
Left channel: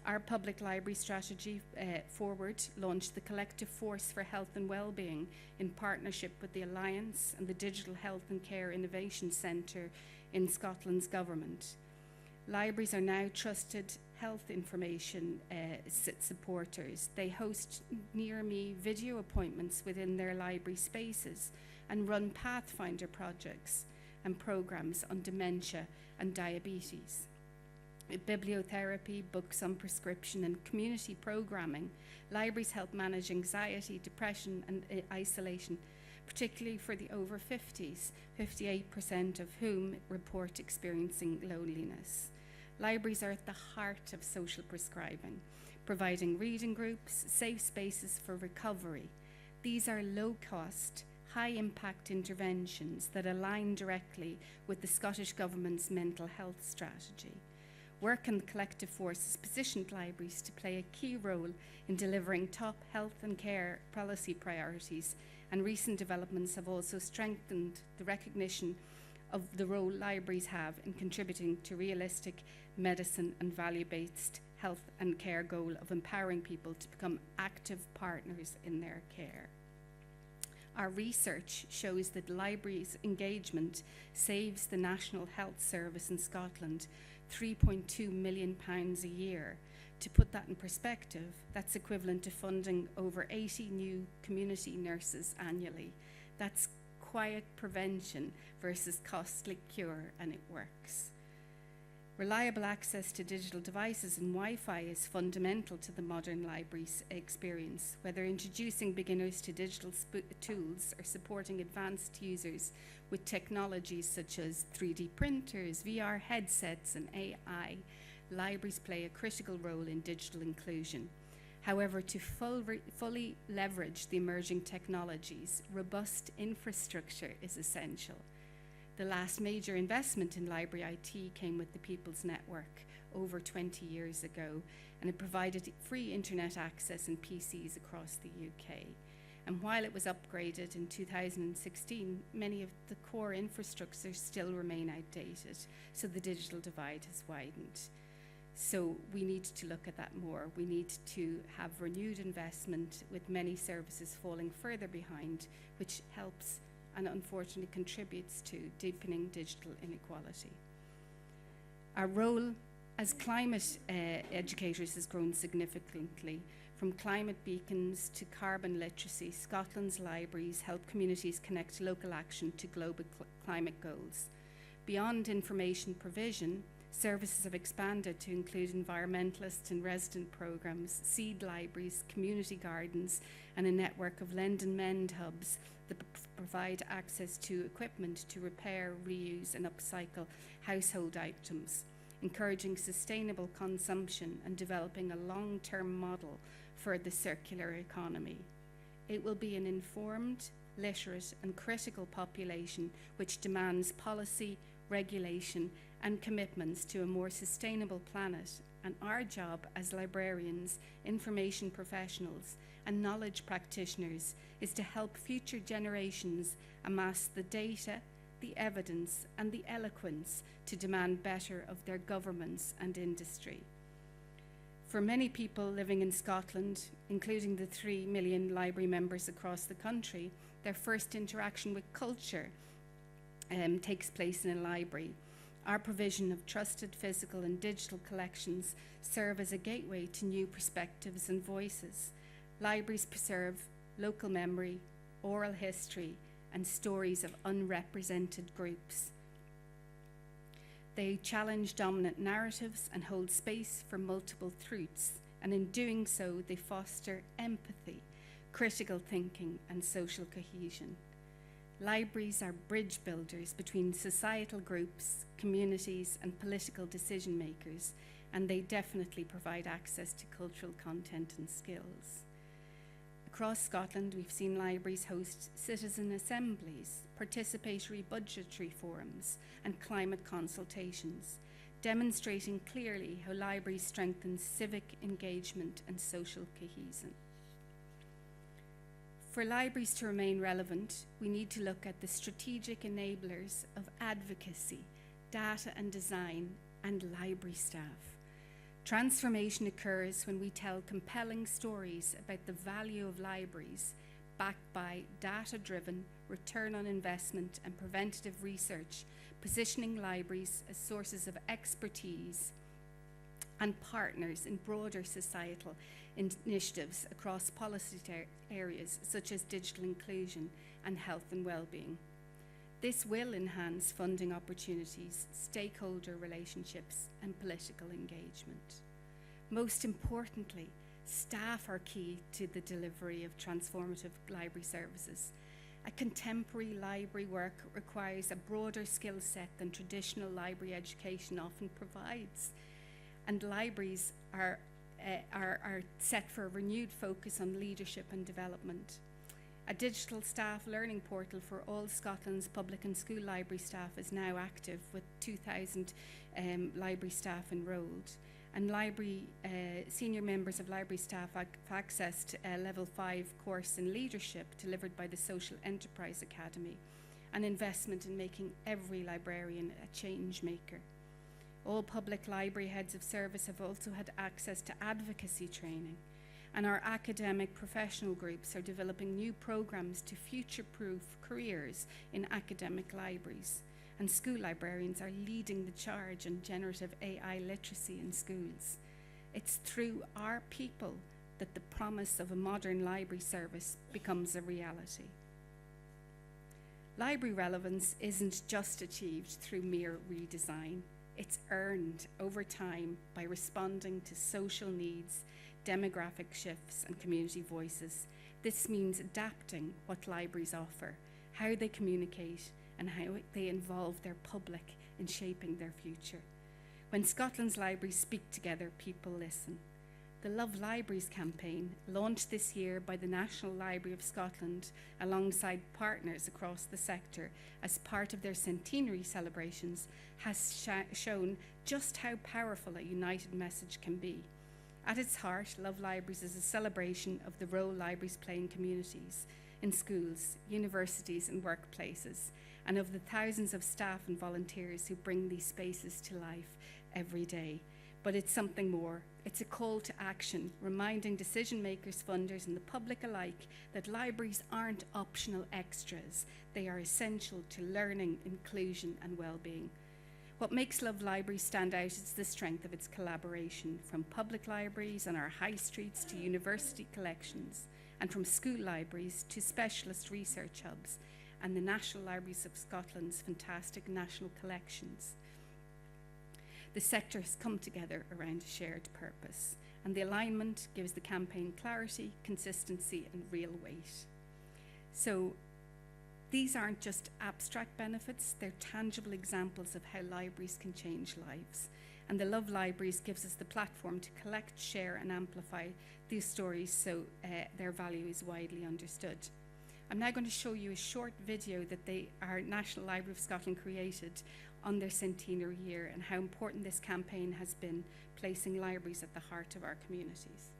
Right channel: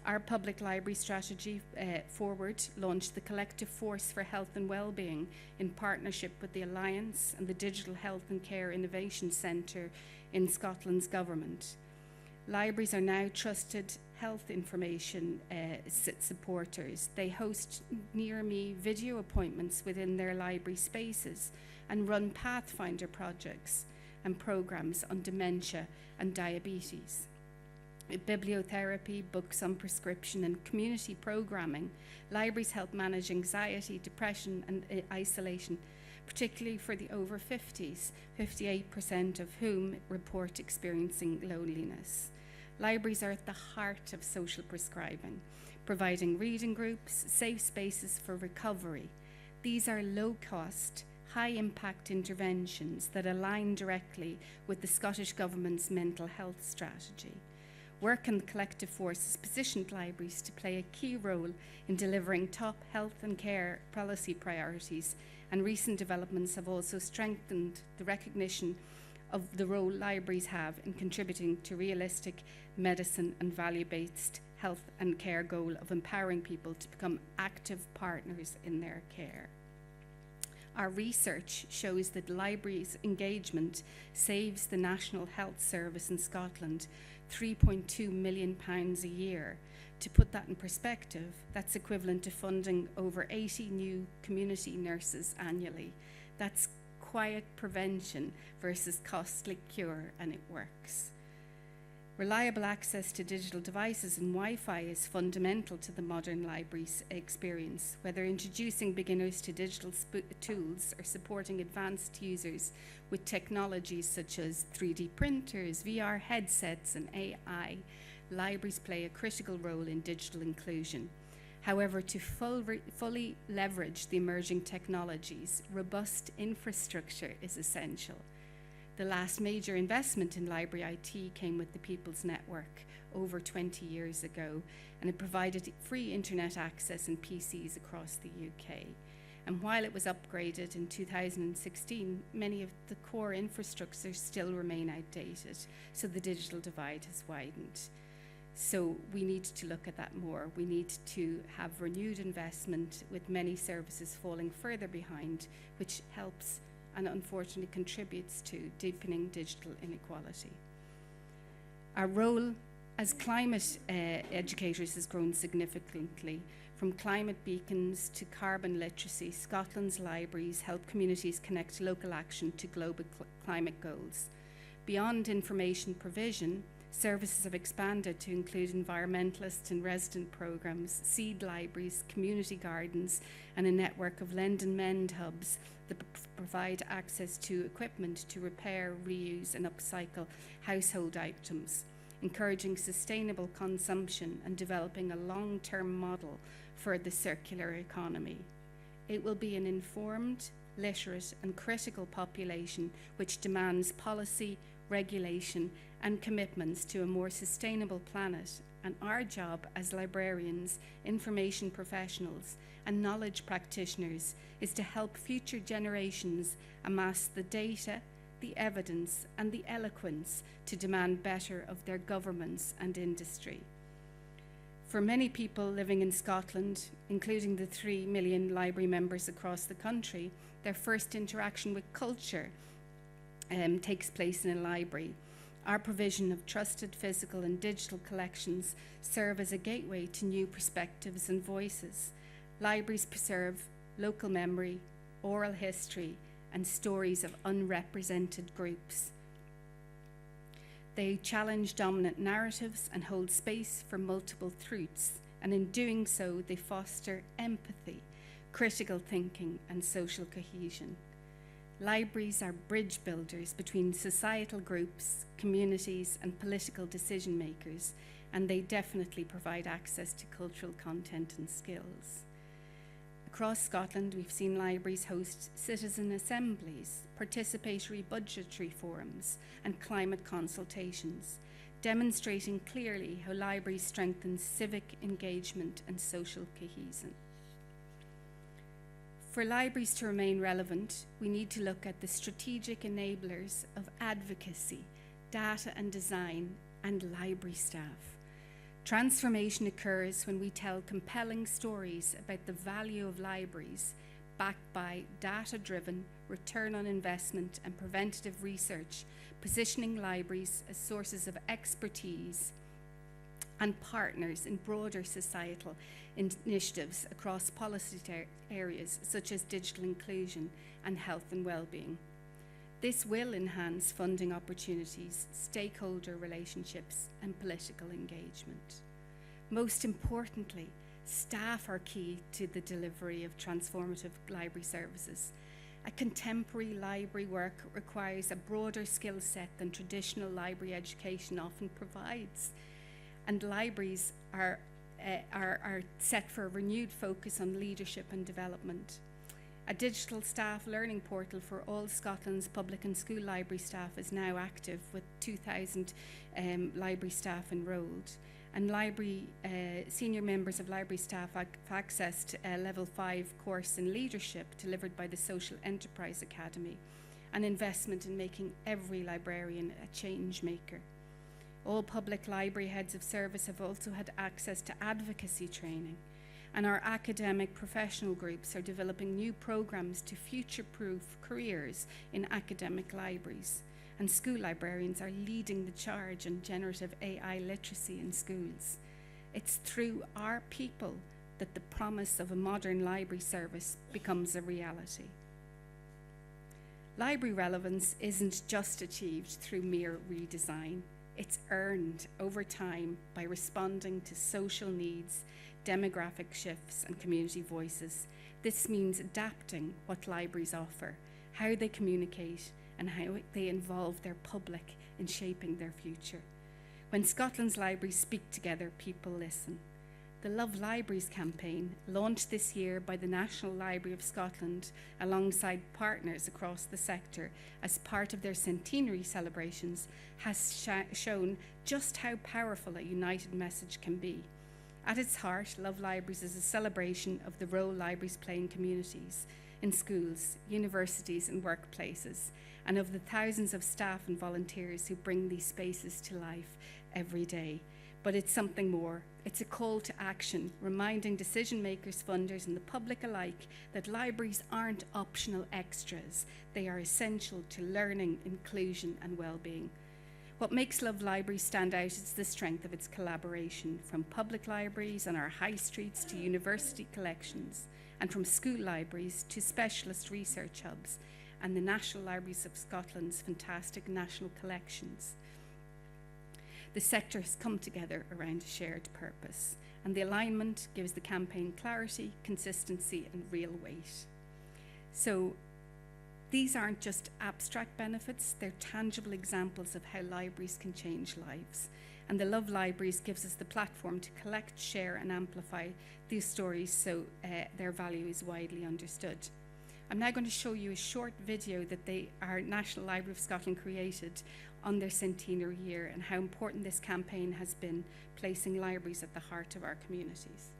Our public library strategy forward launched the Collective Force for Health and Wellbeing in partnership with the Alliance and the Digital Health and Care Innovation Centre in Scotland's government. Libraries are now trusted health information supporters. They host near-me video appointments within their library spaces and run Pathfinder projects and programs on dementia and diabetes. Bibliotherapy, books on prescription, and community programming, libraries help manage anxiety, depression, and isolation, particularly for the over 50s, 58% of whom report experiencing loneliness. Libraries are at the heart of social prescribing, providing reading groups, safe spaces for recovery. These are low-cost, high-impact interventions that align directly with the Scottish Government's mental health strategy. Work in the Collective Force has positioned libraries to play a key role in delivering top health and care policy priorities, and recent developments have also strengthened the recognition of the role libraries have in contributing to realistic medicine and value-based health and care goal of empowering people to become active partners in their care. Our research shows that libraries' engagement saves the National Health Service in Scotland £3.2 million a year. To put that in perspective, that's equivalent to funding over 80 new community nurses annually. That's quiet prevention versus costly cure, and it works. Reliable access to digital devices and Wi-Fi is fundamental to the modern library's experience, whether introducing beginners to digital tools or supporting advanced users with technologies such as 3D printers, VR headsets, and AI. Libraries play a critical role in digital inclusion. However, to fully leverage the emerging technologies, robust infrastructure is essential. The last major investment in library IT came with the People's Network over 20 years ago, and it provided free internet access and PCs across the UK. And while it was upgraded in 2016, many of the core infrastructures still remain outdated, so the digital divide has widened. So we need to look at that more. We need to have renewed investment, with many services falling further behind, which helps and unfortunately contributes to deepening digital inequality. Our role as climate educators has grown significantly. From climate beacons to carbon literacy, Scotland's libraries help communities connect local action to global climate goals. Beyond information provision, services have expanded to include environmentalist and resident programs, seed libraries, community gardens, and a network of lend and mend hubs that provide access to equipment to repair, reuse, and upcycle household items, encouraging sustainable consumption and developing a long-term model for the circular economy. It will be an informed, literate, and critical population which demands policy, regulation, and commitments to a more sustainable planet, and our job as librarians, information professionals, and knowledge practitioners is to help future generations amass the data, the evidence, and the eloquence to demand better of their governments and industry. For many people living in Scotland, including the 3 million library members across the country, their first interaction with culture takes place in a library. Our provision of trusted physical and digital collections serve as a gateway to new perspectives and voices. Libraries preserve local memory, oral history, and stories of unrepresented groups. They challenge dominant narratives and hold space for multiple truths, and in doing so, they foster empathy, critical thinking, and social cohesion. Libraries are bridge builders between societal groups, communities, and political decision makers, and they definitely provide access to cultural content and skills. Across Scotland, we've seen libraries host citizen assemblies, participatory budgetary forums, and climate consultations, demonstrating clearly how libraries strengthen civic engagement and social cohesion. For libraries to remain relevant, we need to look at the strategic enablers of advocacy, data and design, and library staff. Transformation occurs when we tell compelling stories about the value of libraries, backed by data-driven return on investment and preventative research, positioning libraries as sources of expertise and partners in broader societal initiatives across policy areas such as digital inclusion and health and well-being. This will enhance funding opportunities, stakeholder relationships, and political engagement. Most importantly, staff are key to the delivery of transformative library services. A contemporary library work requires a broader skill set than traditional library education often provides, and libraries are set for a renewed focus on leadership and development. A digital staff learning portal for all Scotland's public and school library staff is now active, with 2,000 library staff enrolled. And senior members of library staff have accessed a Level 5 course in leadership delivered by the Social Enterprise Academy, an investment in making every librarian a change maker. All public library heads of service have also had access to advocacy training, and our academic professional groups are developing new programs to future-proof careers in academic libraries. And school librarians are leading the charge on generative AI literacy in schools. It's through our people that the promise of a modern library service becomes a reality. Library relevance isn't just achieved through mere redesign. It's earned over time by responding to social needs, demographic shifts, and community voices. This means adapting what libraries offer, how they communicate, and how they involve their public in shaping their future. When Scotland's libraries speak together, people listen. The Love Libraries campaign, launched this year by the National Library of Scotland alongside partners across the sector as part of their centenary celebrations, has shown just how powerful a united message can be. At its heart, Love Libraries is a celebration of the role libraries play in communities, in schools, universities, and workplaces, and of the thousands of staff and volunteers who bring these spaces to life every day. But it's something more. It's a call to action, reminding decision makers, funders, and the public alike that libraries aren't optional extras. They are essential to learning, inclusion, and well-being. What makes Love Libraries stand out is the strength of its collaboration, from public libraries on our high streets to university collections, and from school libraries to specialist research hubs, and the National Libraries of Scotland's fantastic national collections. The sector has come together around a shared purpose, and the alignment gives the campaign clarity, consistency, and real weight. So these aren't just abstract benefits, they're tangible examples of how libraries can change lives. And the Love Libraries gives us the platform to collect, share, and amplify these stories so their value is widely understood. I'm now going to show you a short video that our National Library of Scotland created on their centenary year, and how important this campaign has been, placing libraries at the heart of our communities.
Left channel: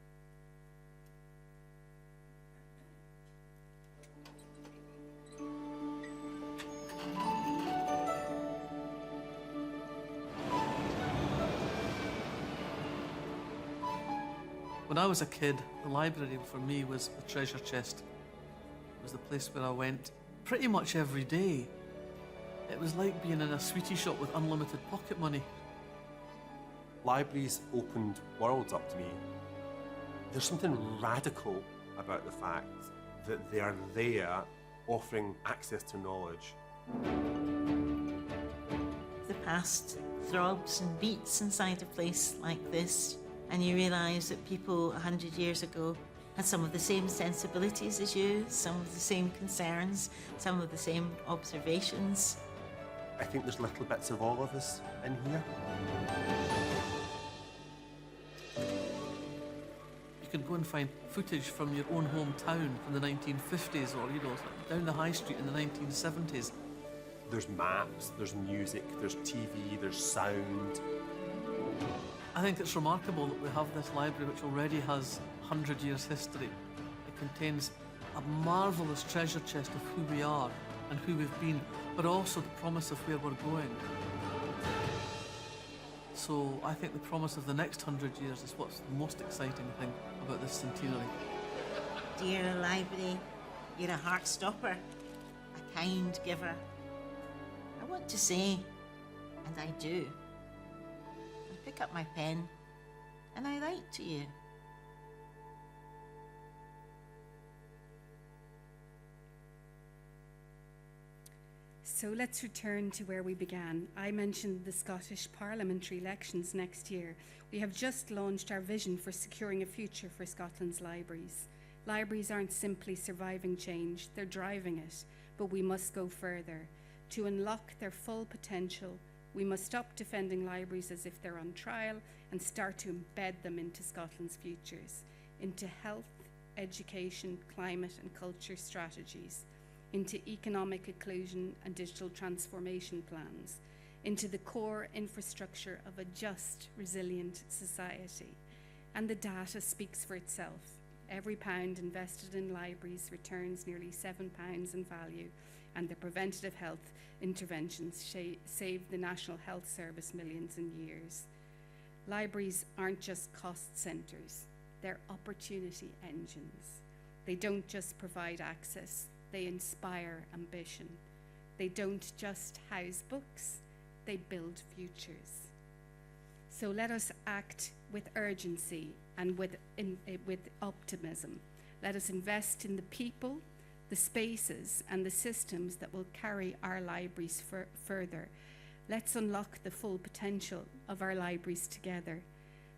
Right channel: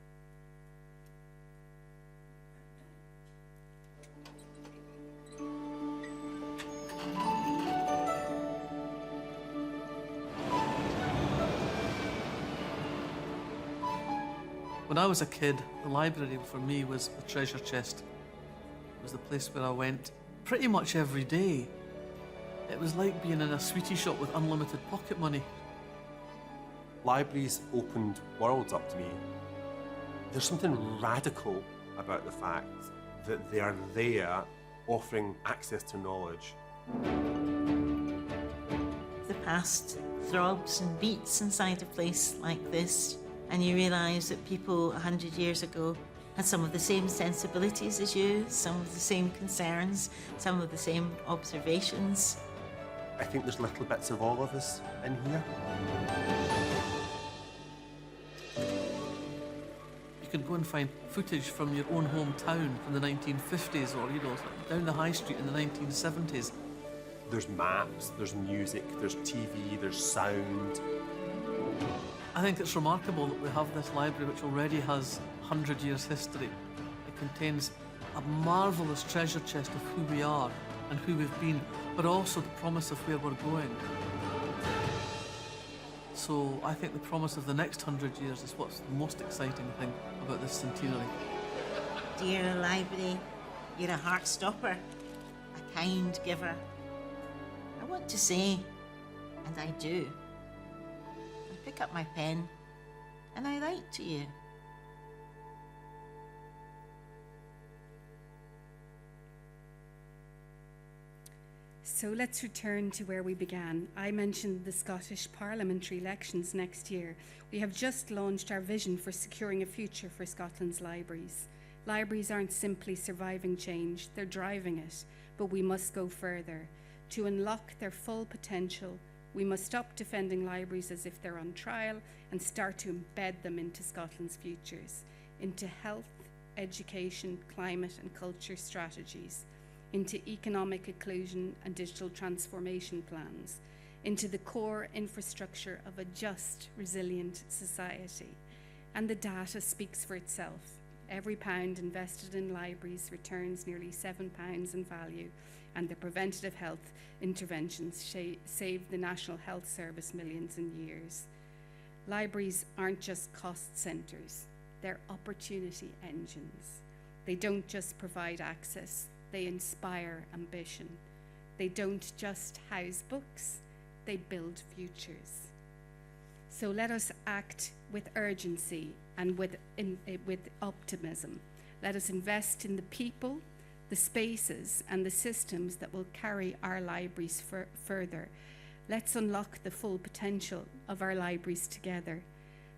When I was a kid, the library for me was the treasure chest. It was the place where I went pretty much every day. It was like being in a sweetie shop with unlimited pocket money. Libraries opened worlds up to me. There's something radical about the fact that they are there offering access to knowledge. The past throbs and beats inside a place like this, and you realise that people 100 years ago had some of the same sensibilities as you, some of the same concerns, some of the same observations. I think there's little bits of all of us in here. You can go and find footage from your own hometown from the 1950s or, you know, down the high street in the 1970s. There's maps, there's music, there's TV, there's sound. I think it's remarkable that we have this library which already has 100 years history. It contains a marvellous treasure chest of who we are and who we've been, but also the promise of where we're going. So I think the promise of the next 100 years is what's the most exciting thing about this centenary. Dear library, you're a heart stopper, a kind giver. I want to say, and I do, I pick up my pen and I write to you. So let's return to where we began. I mentioned the Scottish parliamentary elections next year. We have just launched our vision for securing a future for Scotland's libraries. Libraries aren't simply surviving change, they're driving it, but we must go further. To unlock their full potential, we must stop defending libraries as if they're on trial and start to embed them into Scotland's futures, into health, education, climate and culture strategies, into economic inclusion and digital transformation plans, into the core infrastructure of a just, resilient society. And the data speaks for itself. Every pound invested in libraries returns nearly £7 in value, and the preventative health interventions save the National Health Service millions in years. Libraries aren't just cost centres, they're opportunity engines. They don't just provide access, they inspire ambition. They don't just house books, they build futures. So let us act with urgency and with optimism. Let us invest in the people, the spaces and the systems that will carry our libraries further. Let's unlock the full potential of our libraries together.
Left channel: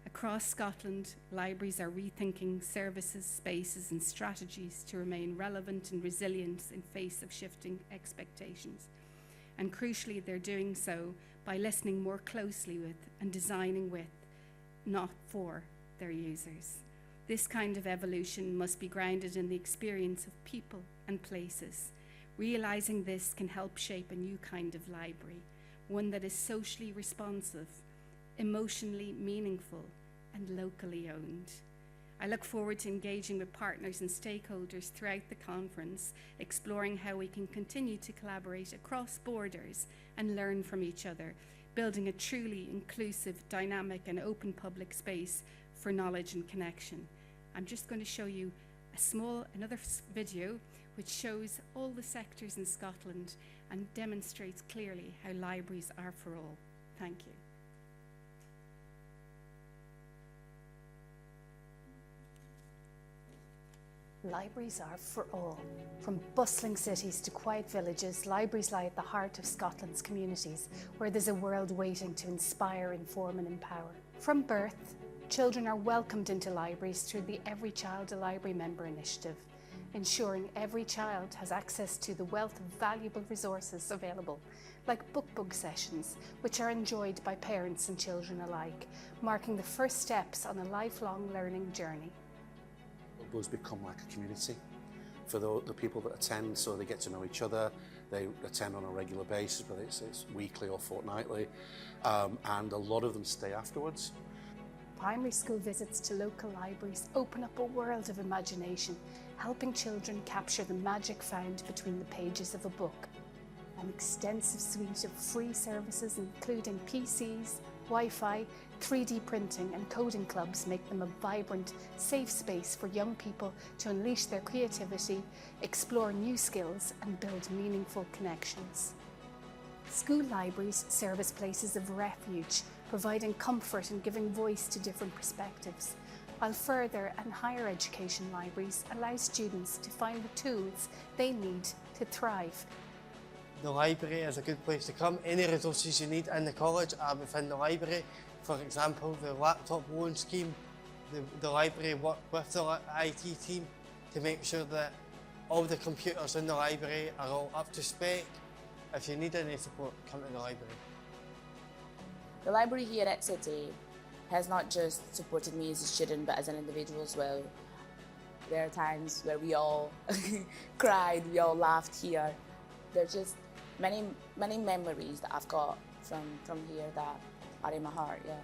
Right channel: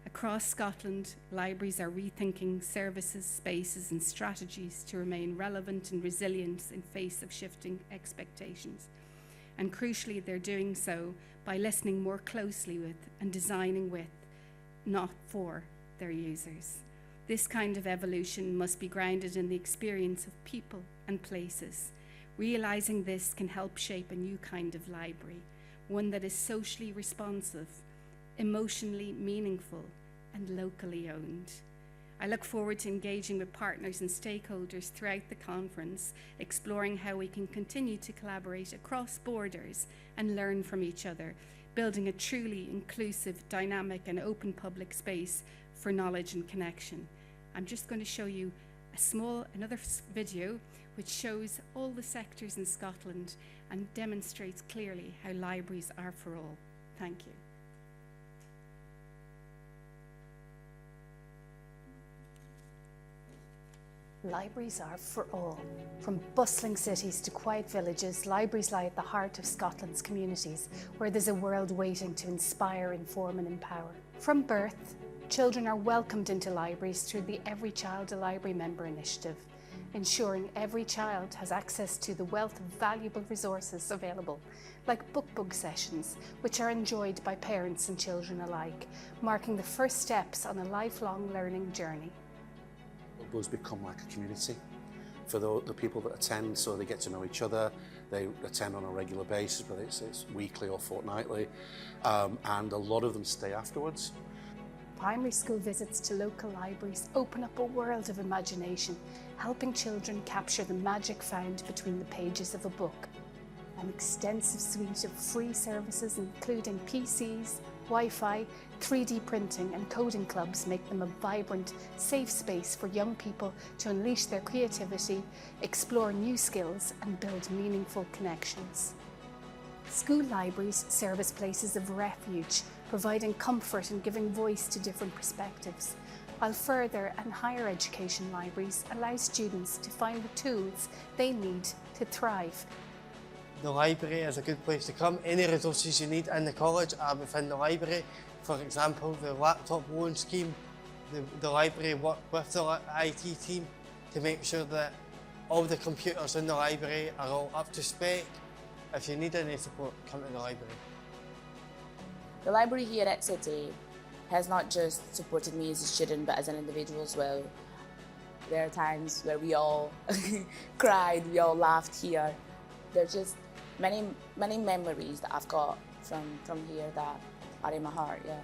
Across Scotland, libraries are rethinking services, spaces and strategies to remain relevant and resilient in face of shifting expectations. And crucially, they're doing so by listening more closely with and designing with, not for, their users. This kind of evolution must be grounded in the experience of people and places. Realizing this can help shape a new kind of library, one that is socially responsive, emotionally meaningful, and locally owned. I look forward to engaging with partners and stakeholders throughout the conference, exploring how we can continue to collaborate across borders and learn from each other, building a truly inclusive, dynamic, and open public space for knowledge and connection. I'm just going to show you another video which shows all the sectors in Scotland and demonstrates clearly how libraries are for all. Thank you. Libraries are for all. From bustling cities to quiet villages, libraries lie at the heart of Scotland's communities, where there's a world waiting to inspire, inform and empower. From birth, children are welcomed into libraries through the Every Child a Library Member initiative, ensuring every child has access to the wealth of valuable resources available, like book sessions, which are enjoyed by parents and children alike, marking the first steps on a lifelong learning journey. Libraries become like a community for the people that attend, so they get to know each other. They attend on a regular basis, whether it's weekly or fortnightly, and a lot of them stay afterwards. Primary school visits to local libraries open up a world of imagination, helping children capture the magic found between the pages of a book. An extensive suite of free services, including PCs, Wi-Fi, 3D printing and coding clubs, make them a vibrant, safe space for young people to unleash their creativity, explore new skills and build meaningful connections. School libraries serve as places of refuge, providing comfort and giving voice to different perspectives, while further and higher education libraries allow students to find the tools they need to thrive. The library is a good place to come. Any resources you need in the college are within the library. For example, the laptop loan scheme, the library worked with the IT team to make sure that all the computers in the library are all up to spec. If you need any support, come to the library. The library here at City has not just supported me as a student, but as an individual as well. There are times where we all cried, we all laughed here. There's just many memories that I've got from here that are in my heart, yeah.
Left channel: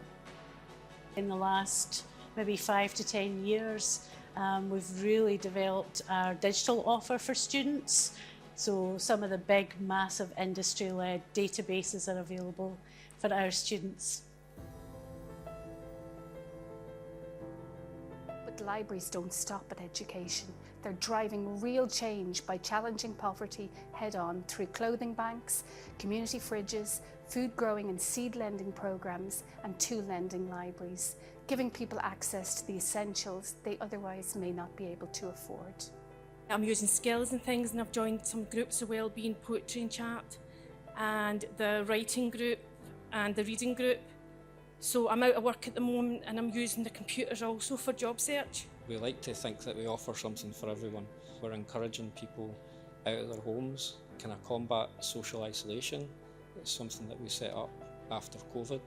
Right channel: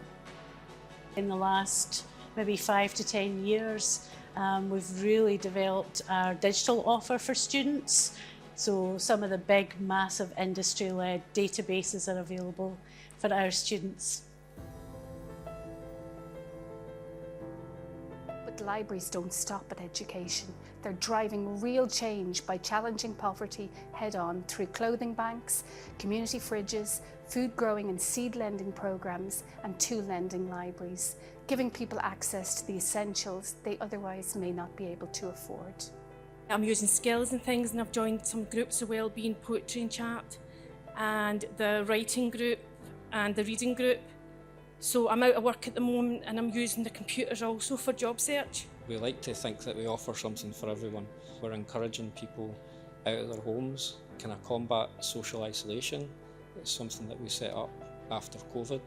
In the last maybe 5 to 10 years, we've really developed our digital offer for students. So some of the big, massive industry-led databases are available for our students. But libraries don't stop at education. They're driving real change by challenging poverty head-on through clothing banks, community fridges, food growing and seed lending programs, and tool lending libraries, giving people access to the essentials they otherwise may not be able to afford. I'm using skills and things, and I've joined some groups of wellbeing, poetry and chat, and the writing group and the reading group. So I'm out of work at the moment, and I'm using the computers also for job search. We like to think that we offer something for everyone. We're encouraging people out of their homes, kind of combat social isolation. It's something that we set up after COVID,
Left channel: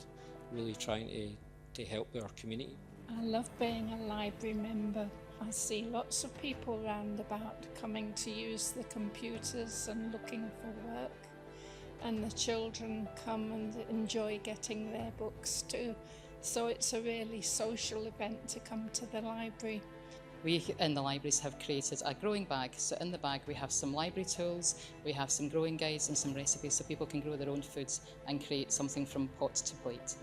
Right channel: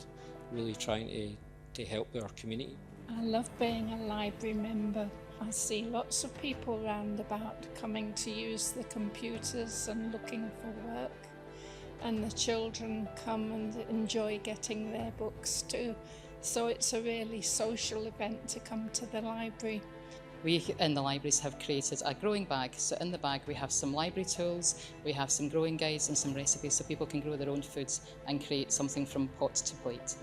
really trying to help our community. I love being a library member. I see lots of people round about coming to use the computers and looking for work. And the children come and enjoy getting their books too. So it's a really social event to come to the library. We in the libraries have created a growing bag. So in the bag we have some library tools, we have some growing guides and some recipes so people can grow their own foods and create something from pot to plate.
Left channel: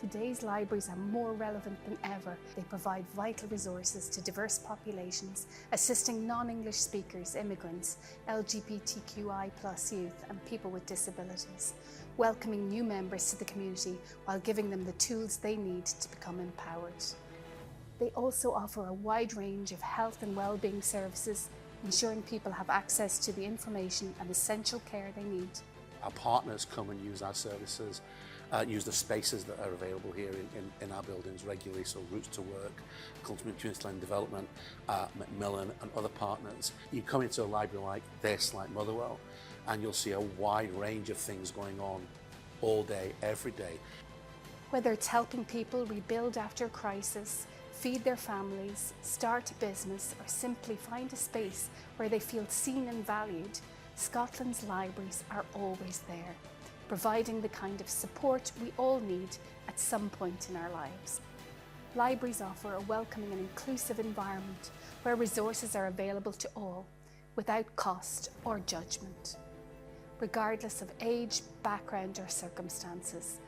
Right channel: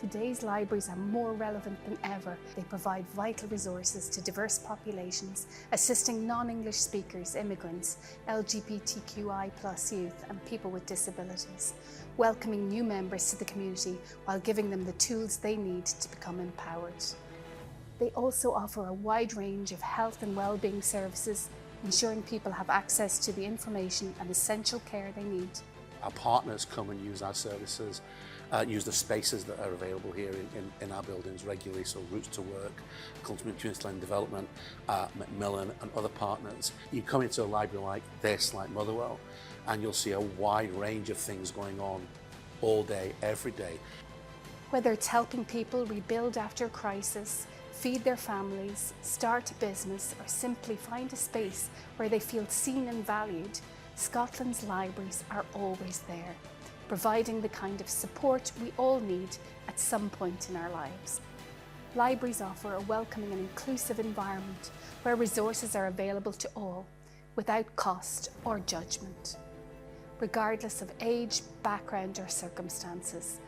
Today's libraries are more relevant than ever. They provide vital resources to diverse populations, assisting non-English speakers, immigrants, LGBTQI+ youth and people with disabilities, welcoming new members to the community while giving them the tools they need to become empowered. They also offer a wide range of health and well-being services, ensuring people have access to the information and essential care they need. Our partners come and use our services, use the spaces that are available here in our buildings regularly, so Routes to Work, Community Land Development, Macmillan and other partners. You come into a library like this, like Motherwell, and you'll see a wide range of things going on all day, every day. Whether it's helping people rebuild after a crisis, feed their families, start a business, or simply find a space where they feel seen and valued, Scotland's libraries are always there, providing the kind of support we all need at some point in our lives. Libraries offer a welcoming and inclusive environment where resources are available to all, without cost or judgment. Regardless of age, background or circumstances,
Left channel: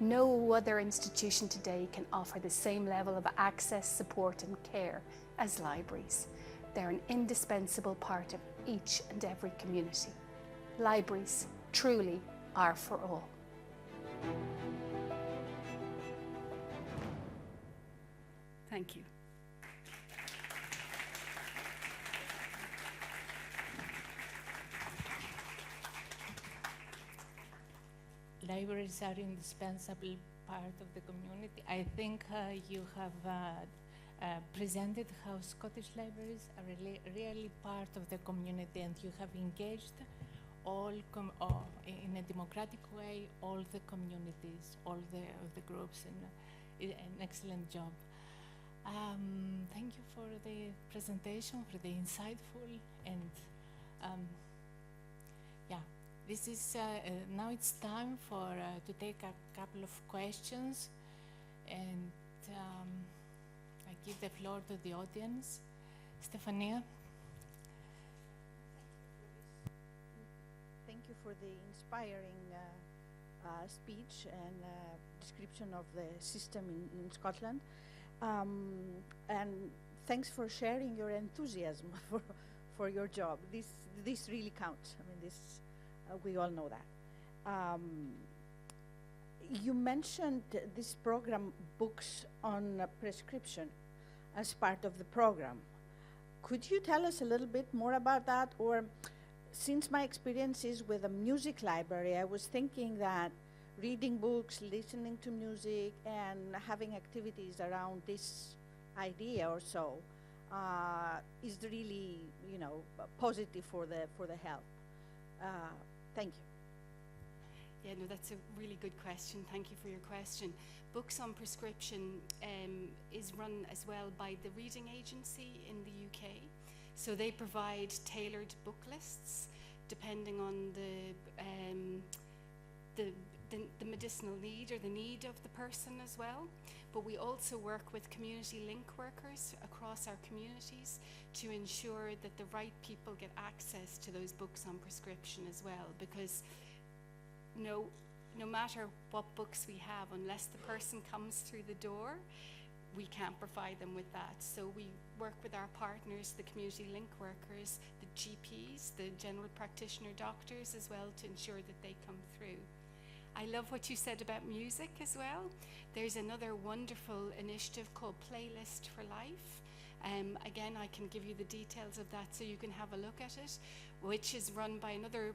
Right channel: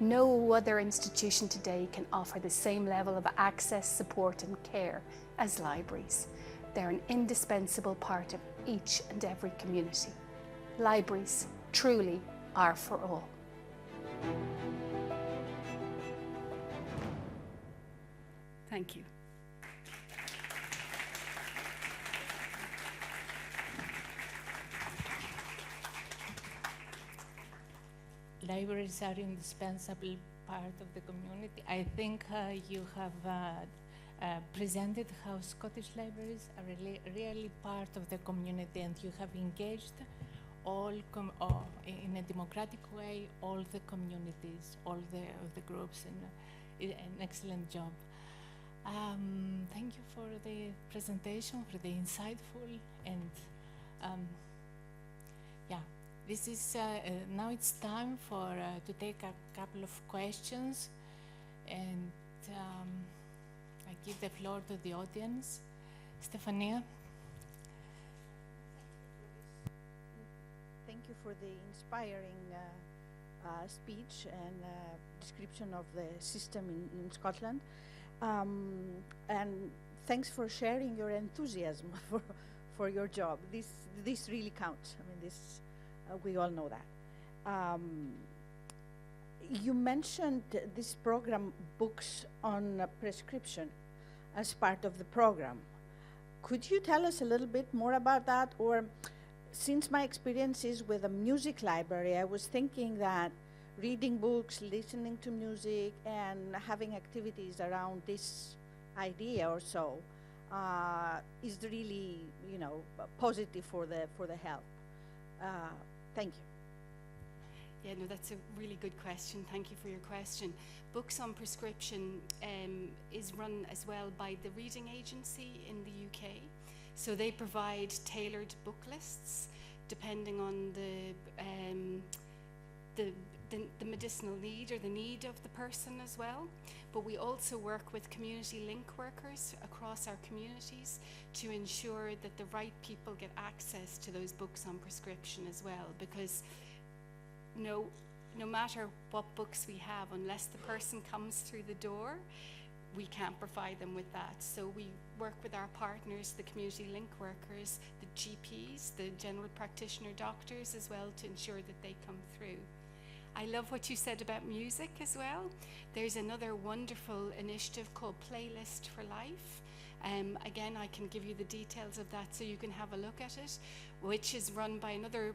no other institution today can offer the same level of access, support and care as libraries. They're an indispensable part of each and every community. Libraries truly are for all. Thank you. Libraries are indispensable part of the community. I think you have presented how Scottish libraries are really part of the community, and you have engaged all in a democratic way all the communities, all the groups, and an excellent job. Thank you for the presentation, for the insightful, and yeah. This is now it's time to take a couple of questions, and I give the floor to the audience. Stefania. Thank you for the inspiring speech and description of the system in Scotland, and thanks for sharing your enthusiasm for your job. This really counts. I mean, this. We all know that. You mentioned this program, Books on Prescription, as part of the program. Could you tell us a little bit more about that? Or, since my experience is with a music library, I was thinking that reading books, listening to music, and having activities around this idea or so is really, positive for the health. Thank you. Yeah, no, that's a really good question. Thank you for your question. Books on Prescription is run as well by the Reading Agency in the UK. So they provide tailored book lists depending on the medicinal need or the need of the person as well. But we also work with community link workers across our communities to ensure that the right people get access to those books on prescription as well, because no matter what books we have, unless the person comes through the door, we can't provide them with that. So we work with our partners, the community link workers, the GPs, the general practitioner doctors as well, to ensure that they come through. I love what you said about music as well. There's another wonderful initiative called Playlist for Life. Again, I can give you the details of that so you can have a look at it, which is run by another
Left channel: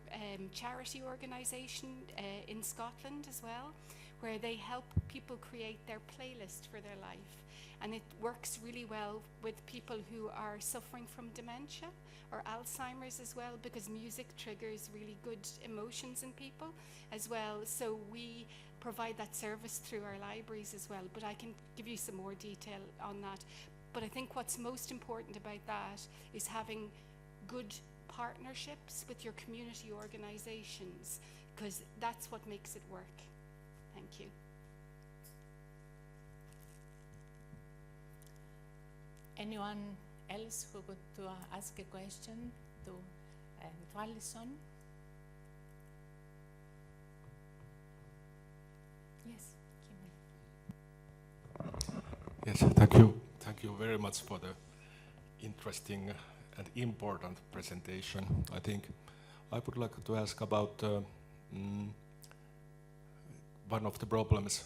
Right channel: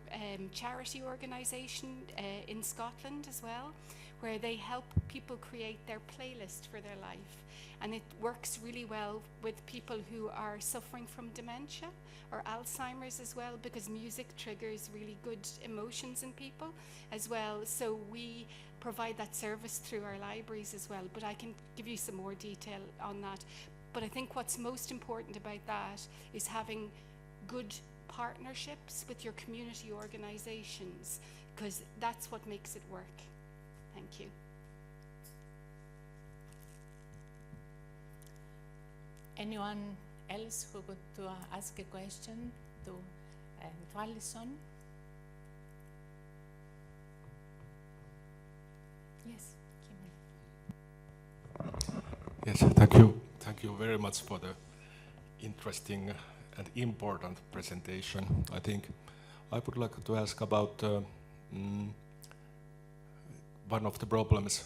charity organisation in Scotland as well, where they help people create their playlist for their life. And it works really well with people who are suffering from dementia or Alzheimer's as well, because music triggers really good emotions in people as well. So we provide that service through our libraries as well, but I can give you some more detail on that. But I think what's most important about that is having good partnerships with your community organisations, because that's what makes it work. Thank you. Anyone else who would ask a question to Alison? Yes, Kimmo. Yes, thank you. Thank you very much for the interesting and important presentation. I think I would like to ask about one of the problems,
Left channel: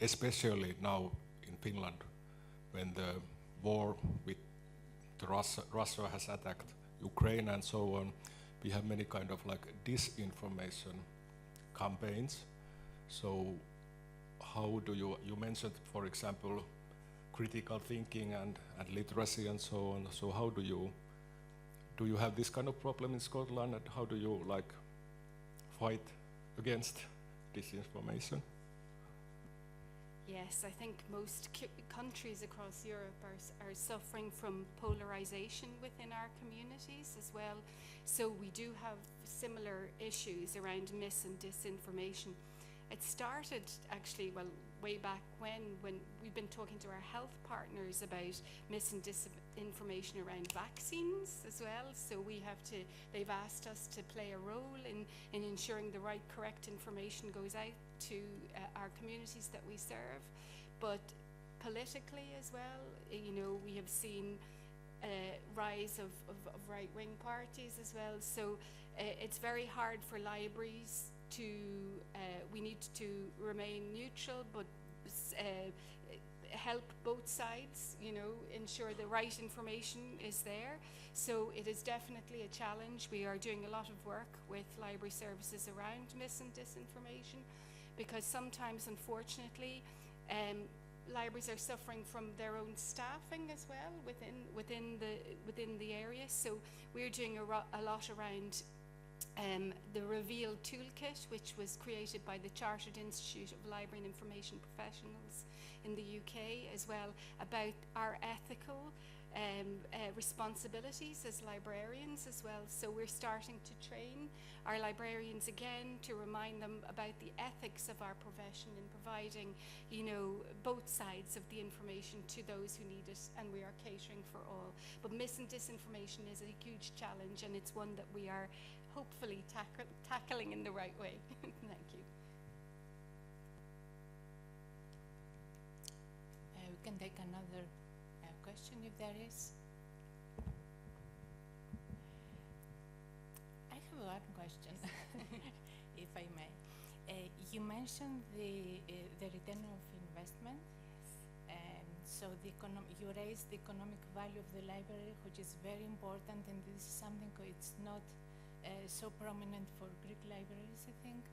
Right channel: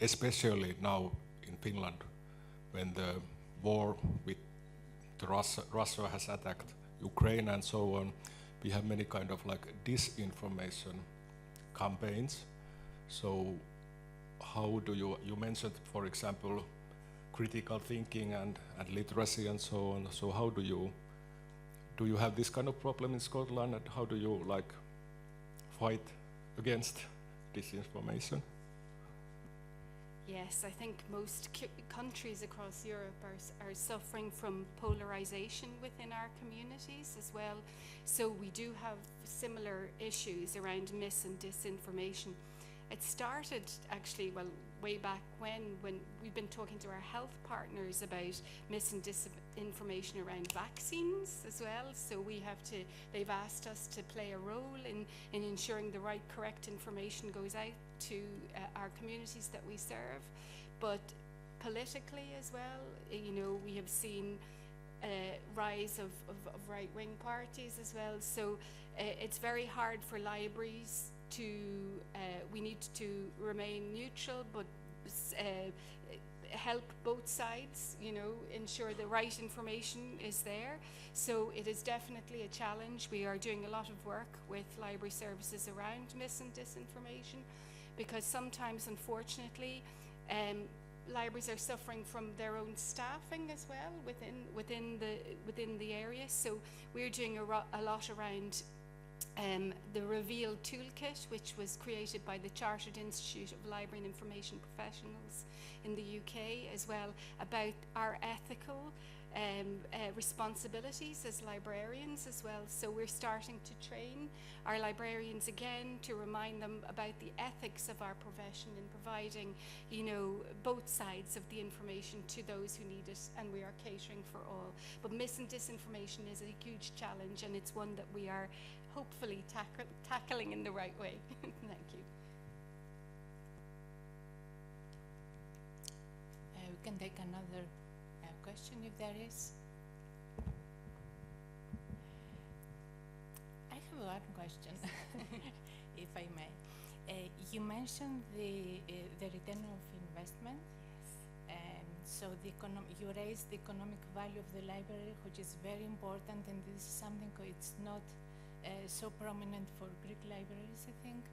especially now in Finland, when the war with Russia has attacked Ukraine and so on. We have many kind of like disinformation campaigns. So how do you mentioned, for example, critical thinking and literacy and so on. So how do you have this kind of problem in Scotland, and how do you like fight against disinformation? Yes, I think most countries across Europe are suffering from polarization within our communities as well. So we do have similar issues around mis and disinformation. It started actually, well, way back when we've been talking to our health partners about mis and disinformation around vaccines as well. So they've asked us to play a role in ensuring the right, correct information goes out to our communities that we serve. But politically as well, we have seen a rise of right-wing parties as well. So it's very hard for libraries we need to remain neutral, but help both sides, ensure the right information is there. So it is definitely a challenge. We are doing a lot of work with library services around mis and disinformation, because sometimes, unfortunately, libraries are suffering from their own staffing as well within the area. So we're doing a lot around the Reveal Toolkit, which was created by the Chartered Institute of Library and Information Professionals in the UK as well, about our ethical responsibilities as librarians as well. So we're starting to train our librarians again to remind them about the ethics of our profession in providing, both sides of the information to those who need it, and we are catering for all. But mis and disinformation is a huge challenge, and it's one that we are hopefully tackling in the right way. Thank you. We can take another question if there is. I have one question, if I may. You mentioned the return of investment. Yes. So you raised the economic value of the library, which is very important, and this is something it's not so prominent for Greek libraries, I think.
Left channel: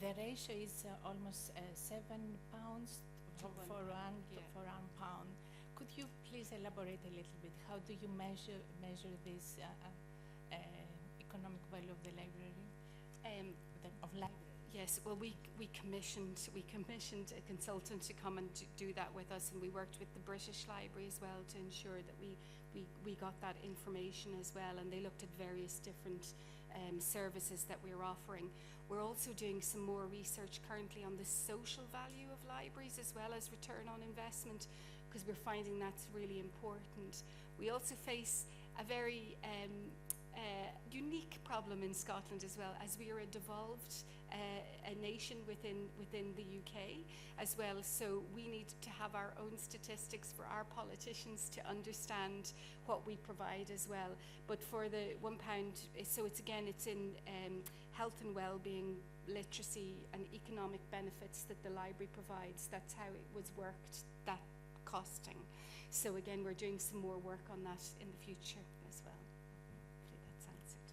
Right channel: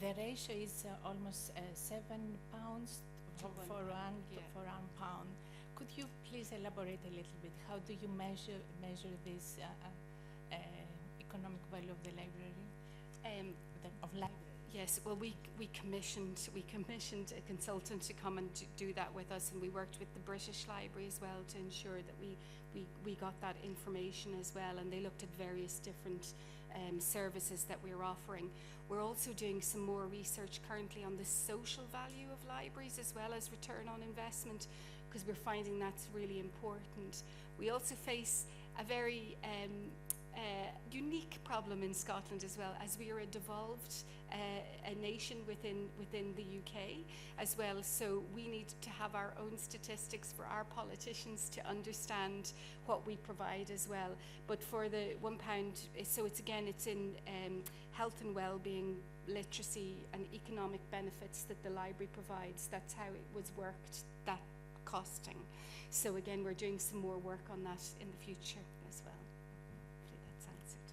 The ratio is almost £7 for one pound. Could you please elaborate a little bit? How do you measure this economic value of the library? Yes, well, we commissioned a consultant to come and do that with us, and we worked with the British Library as well to ensure that we got that information as well, and they looked at various different services that we're offering. We're also doing some more research currently on the social value of libraries as well as return on investment, because we're finding that's really important. We also face a very unique problem in Scotland as well, as we are a devolved a nation within the UK as well. So we need to have our own statistics for our politicians to understand what we provide as well. But for the £1, so it's in health and well-being, literacy and economic benefits that the library provides. That's how it was worked, that costing. So again, we're doing some more work on that in the future as well. Hopefully that's answered.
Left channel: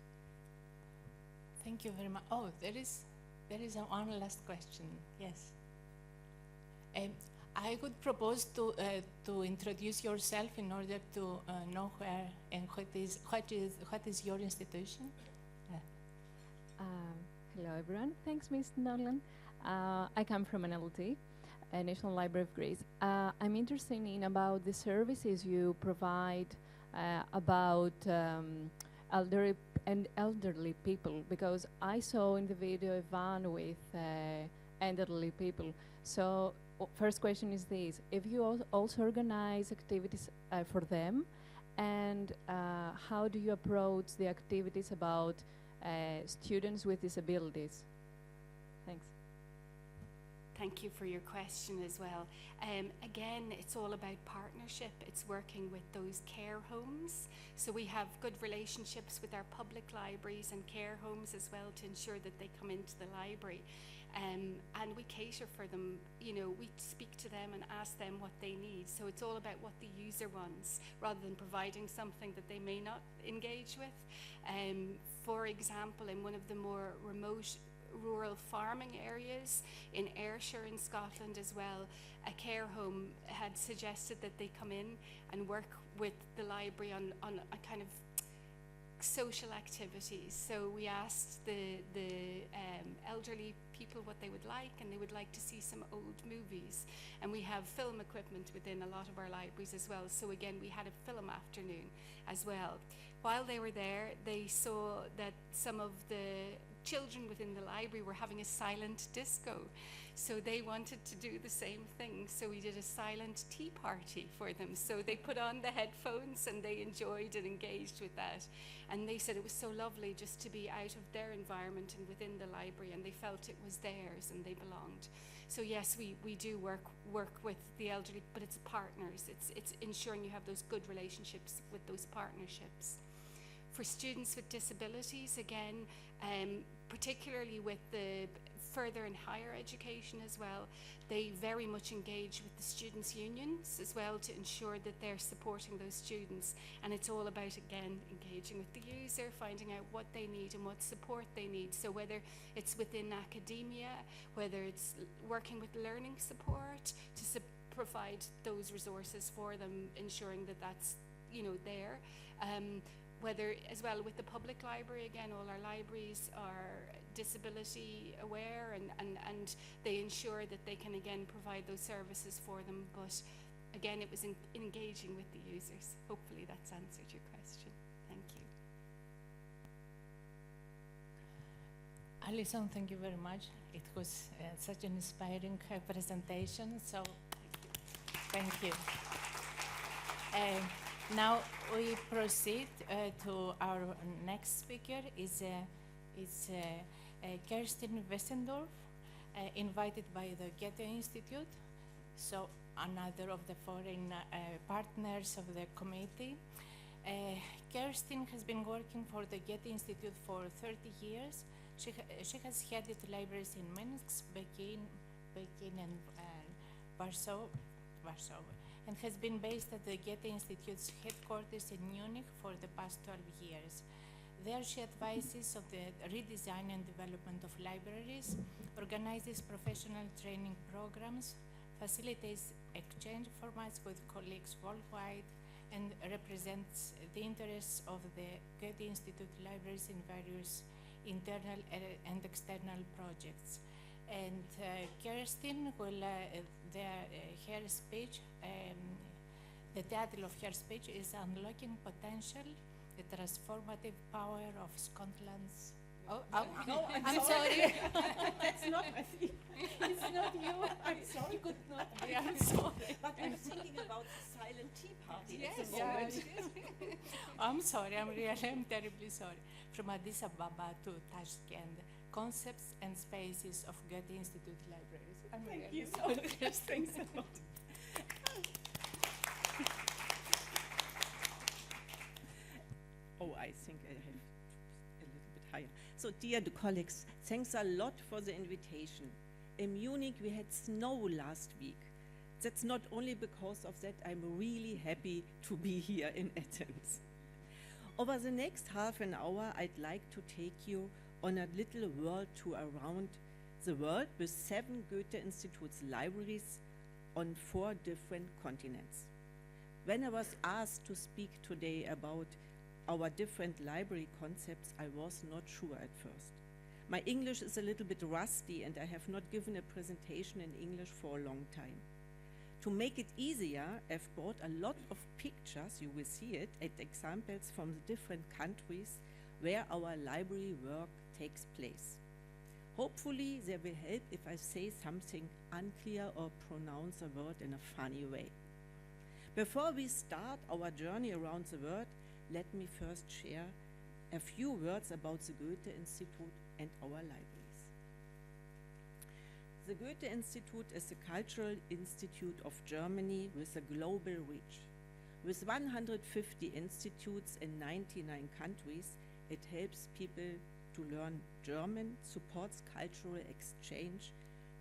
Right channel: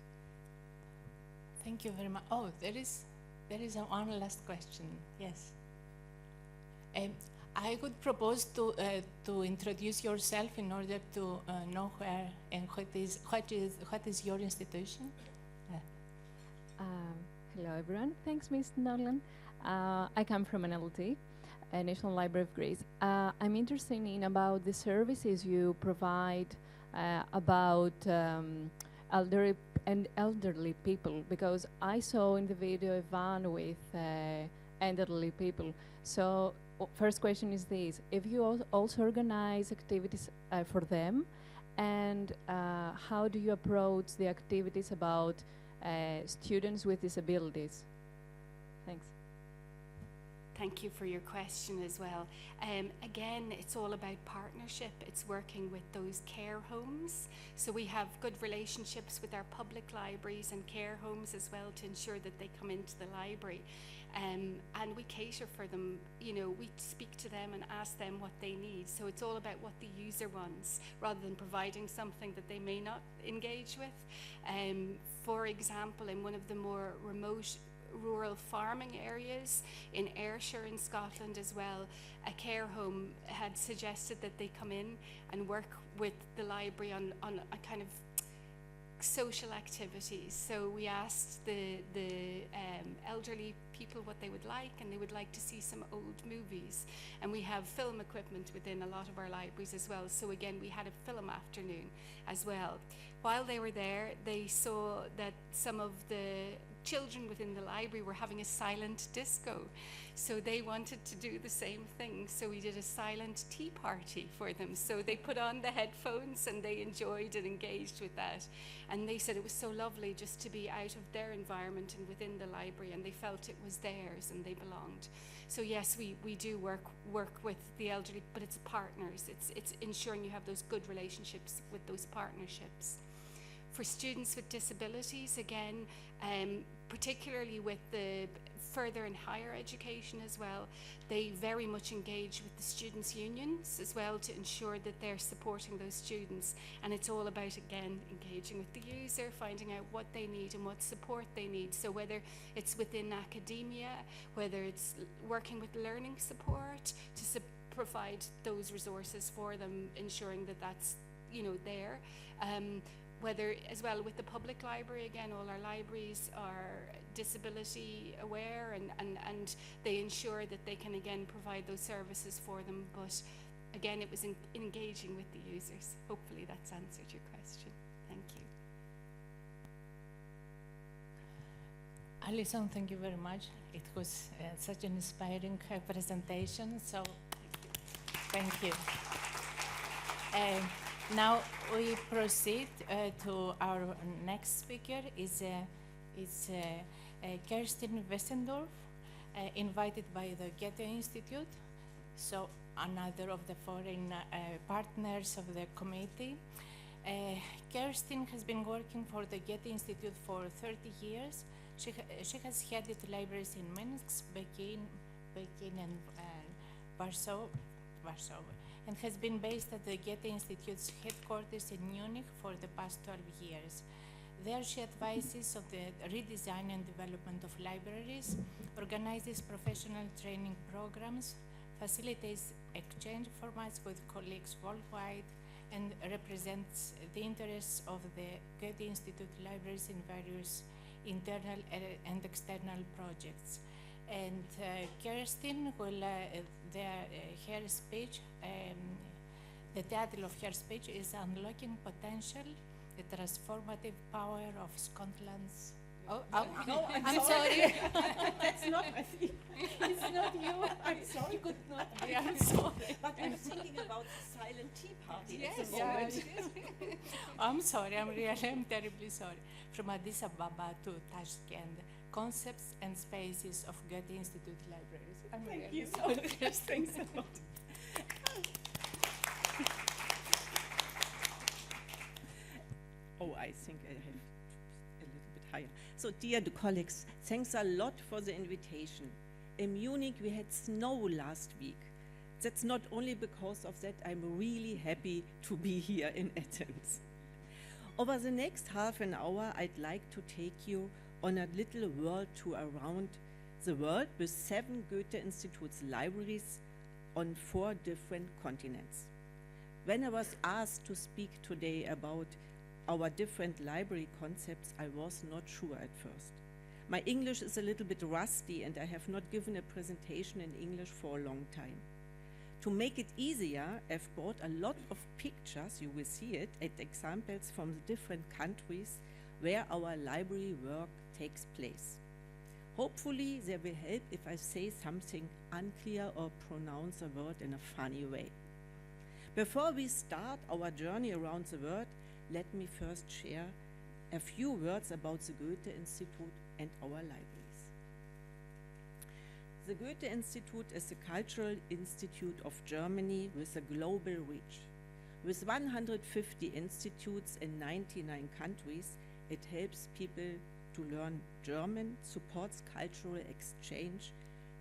Thank you very much. Oh, there is one last question. Yes. I would propose to introduce yourself in order to know where and what is your institution. Hello everyone. Thanks, Ms. Nolan. I come from NLT, National Library of Greece. I'm interested in about the services you provide about elderly people, because I saw in the video a van with elderly people. So first question is this: if you also organize activities for them, and how do you approach the activities about students with disabilities? Thanks. Thank you for your question as well. Again, it's all about partnership. It's working with those care homes. So we have good relationships with our public libraries and care homes as well to ensure that they come into the library. And we cater for them. You know, we speak to them and ask them what they need. So it's all about what the user wants, rather than providing something that they may not engage with. For example, in one of the more remote rural farming areas in Ayrshire in Scotland as well, a care home had suggested that they come in and work with the library on a kind of social activities. So we asked the elderly people what they would like, and they would like to see some old movies. And we have film equipment within a lot of our libraries as well. So again, we had a film afternoon as well. While they were there, they saw that some of the children within the library were having a silent disco. So they wanted to do the same thing. So we did a silent tea party for them. So they put on the headphones and they enjoyed and engaged with that. And they said it was so lovely just to be out of their environment and within the library, and they felt it was theirs and they belonged. So yes, we do work with the elderly, but it's partners. It's ensuring you have those good relationships with those partnerships. For students with disabilities, again, particularly with the further and higher education as well, they very much engage with the students' unions as well to ensure that they're supporting those students. And it's all about, again, engaging with the user, finding out what they need and what support they need. So whether it's within academia, whether it's working with learning support to provide those resources for them, ensuring that that's, you know, there. Whether as well with the public library, again, all our libraries are disability aware and they ensure that they can again provide those services for them. But again, it was engaging with the users. Hopefully that's answered your question. Thank you. Alison, thank you very much. It was such an inspiring presentation. So thank you. Now we proceed to our next speaker. Is Kerstin Wesendorf, invited by the Goethe-Institut, so another of the foreign partners of the committee. Kerstin has been working for the Goethe-Institut for 30 years. She has headed libraries in Minsk, Peking and Warsaw, and has been based at the Goethe-Institut's headquarters in Munich for the past 12 years. There she advises on the redesign and development of libraries, organizes professional training programs, facilitates exchange formats with colleagues worldwide, and represents the interests of the Goethe-Institut libraries in various internal and external projects. And Kerstin will, her speech, the title of her speech is Unlocking Potential, the Transformative Power of Scotland's. Oh, no, I'm sorry. That's not, it's not you. I'm sorry. You could not be. I'm sorry. But I'm thinking about the silent tea party at the moment. I'm sorry. I'm terribly sorry. From Addis Ababa to Tashkent, concepts and spaces of Goethe-Institut libraries. I'm Thank really you. sorry. Thanks a lot. Oh, I think I have a little bit higher. So, dear colleagues, thanks a lot for the invitation. In Munich, we had snow last week. That's not only because of that, I'm really happy to be here in Athens. Over the next half an hour, I'd like to take you on a little world tour around the world with 7 Goethe-Institut's libraries on 4 different continents. When I was asked to speak today about our different library concepts, I was not sure at first. My English is a little bit rusty and I have not given a presentation in English for a long time. To make it easier, I've brought a lot of pictures, you will see it, and examples from the different countries where our library work takes place. Hopefully they will help if I say something unclear or pronounce a word in a funny way. Before we start our journey around the world, let me first share a few words about the Goethe-Institut and our libraries. The Goethe-Institut is a cultural institute of Germany with a global reach. With 150 institutes in 99 countries, it helps people to learn German, supports cultural exchange,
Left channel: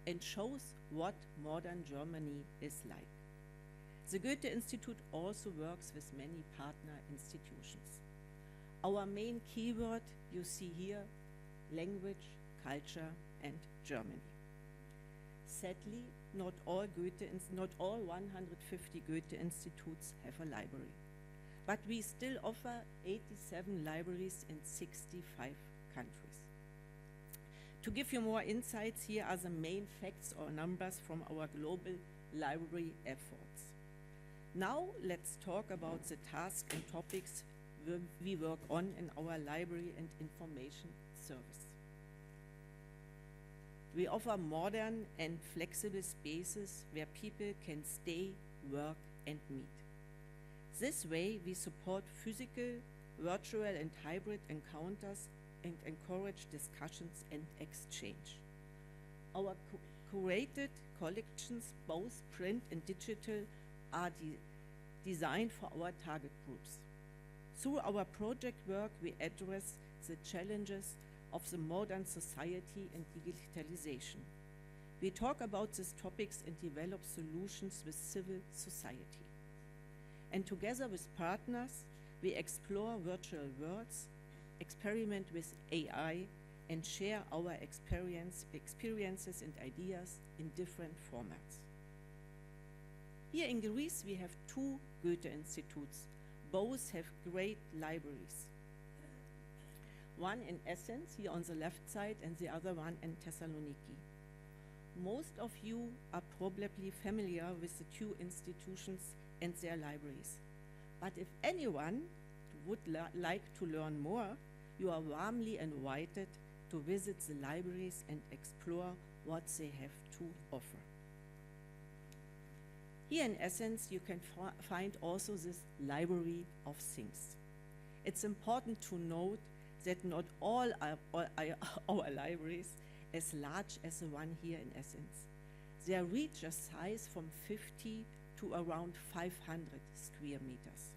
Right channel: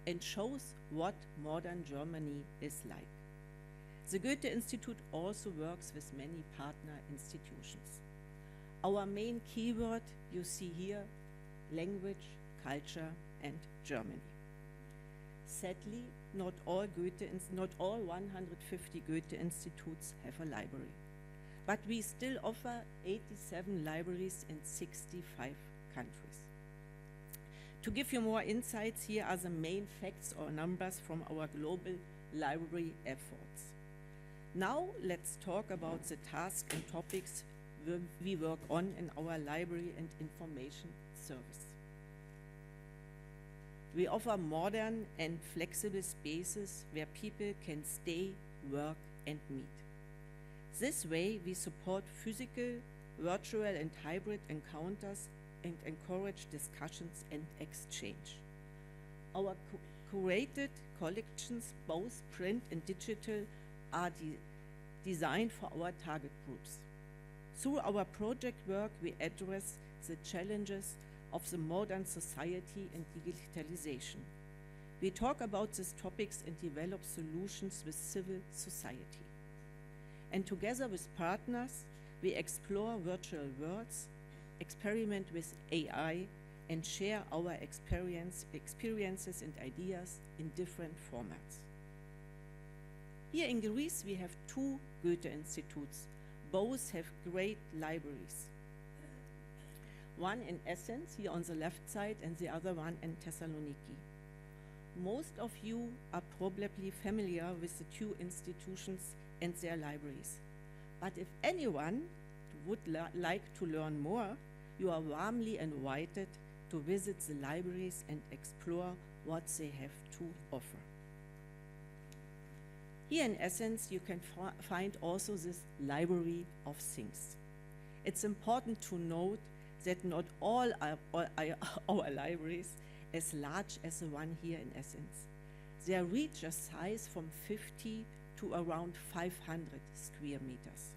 and shows what modern Germany is like. The Goethe-Institut also works with many partner institutions. Our main keyword you see here, language, culture, and Germany. Sadly, not all 150 Goethe-Instituts have a library, but we still offer 87 libraries in 65 countries. To give you more insights, here are the main facts or numbers from our global library efforts. Now let's talk about the tasks and topics we work on in our library and information service. We offer modern and flexible spaces where people can stay, work, and meet. This way, we support physical, virtual, and hybrid encounters and encourage discussions and exchange. Our curated collections, both print and digital, are designed for our target groups. Through our project work, we address the challenges of the modern society and digitalization. We talk about these topics and develop solutions with civil society. And together with partners, we explore virtual worlds, experiment with AI, and share our experiences and ideas in different formats. Here in Greece, we have 2 Goethe-Instituts. Both have great libraries. One in Athens, here on the left side, and the other one in Thessaloniki. Most of you are probably familiar with the 2 institutions and their libraries. But if anyone would like to learn more, you are warmly invited to visit the libraries and explore what they have to offer. Here in Athens, you can find also this library of things. It's important to note that not all our libraries as large as the one here in Athens. They reach a size from 50 to around 500 square meters.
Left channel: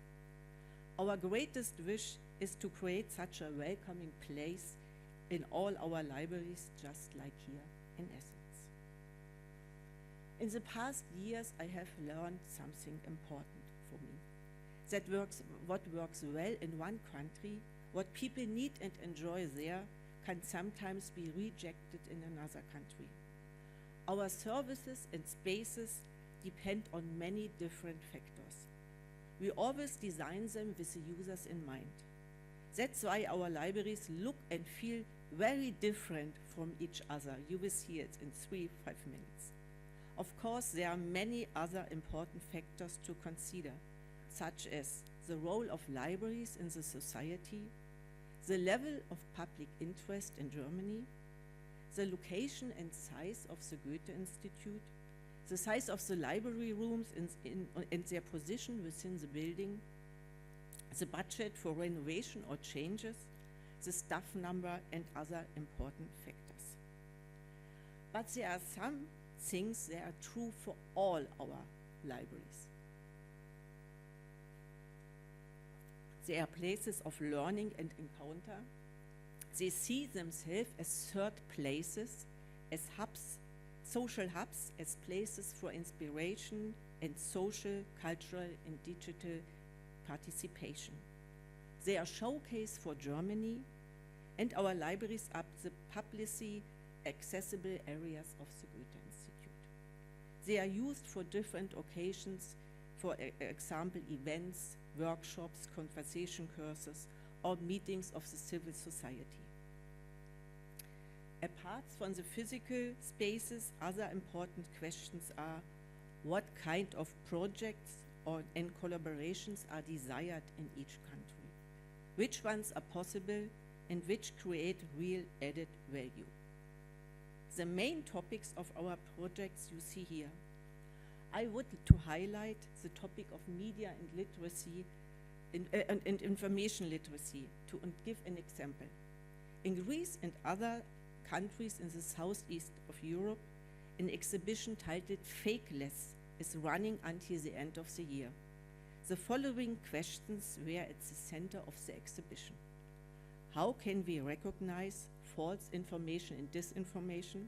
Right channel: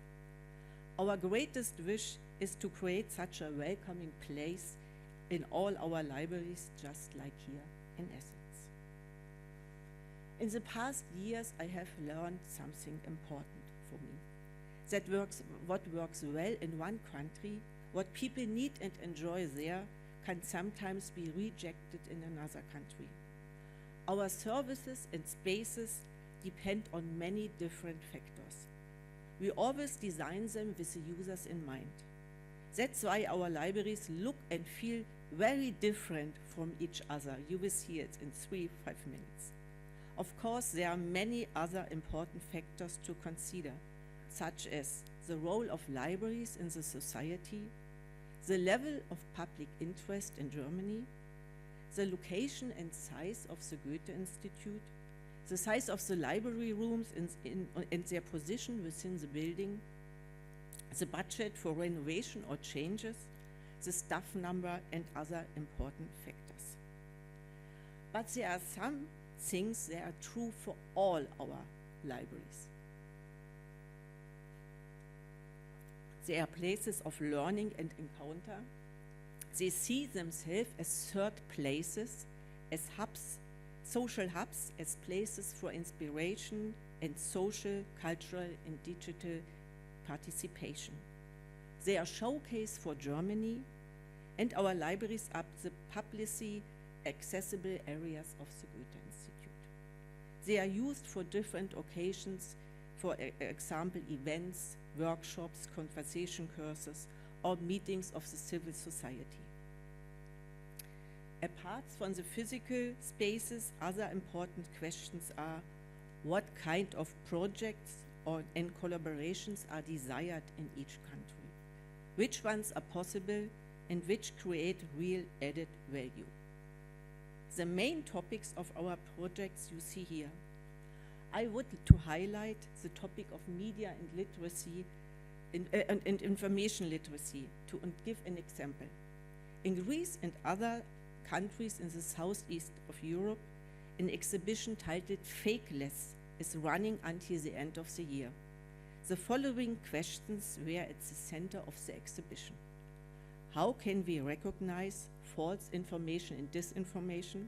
Our greatest wish is to create such a welcoming place in all our libraries, just like here in Athens. In the past years, I have learned something important for me. What works well in one country, what people need and enjoy there, can sometimes be rejected in another country. Our services and spaces depend on many different factors. We always design them with the users in mind. That's why our libraries look and feel very different from each other. You will see it in 3-5 minutes. Of course, there are many other important factors to consider, such as the role of libraries in the society, the level of public interest in Germany, the location and size of the Goethe-Institut, the size of the library rooms and their position within the building, the budget for renovation or changes, the staff number, and other important factors. But there are some things that are true for all our libraries. They are places of learning and encounter. They see themselves as third places, as hubs, social hubs, as places for inspiration and social, cultural, and digital participation. They are showcase for Germany, and our libraries are the publicly accessible areas of the Goethe-Institut. They are used for different occasions, for example, events, workshops, conversation courses, or meetings of the civil society. Apart from the physical spaces, other important questions are what kind of projects and collaborations are desired in each country, which ones are possible, and which create real added value. The main topics of our projects you see here. I would to highlight the topic of media and literacy and information literacy and give an example. In Greece and other countries in the southeast of Europe, an exhibition titled Fakeless is running until the end of the year. The following questions were at the center of the exhibition. How can we recognize false information and disinformation?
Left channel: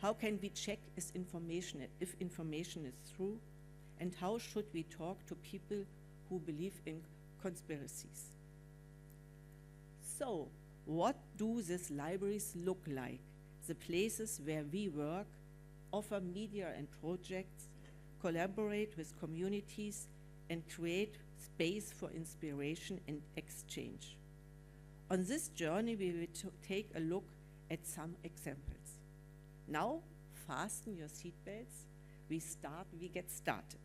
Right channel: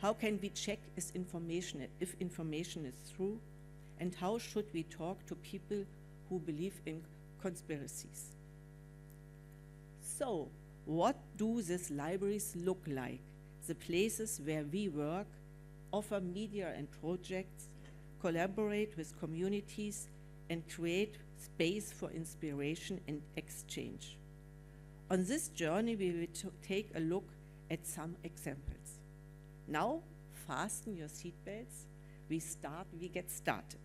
How can we check if information is true? And how should we talk to people who believe in conspiracies? So, what do these libraries look like? The places where we work, offer media and projects, collaborate with communities, and create space for inspiration and exchange. On this journey, we will take a look at some examples. Now, fasten your seatbelts. We get started.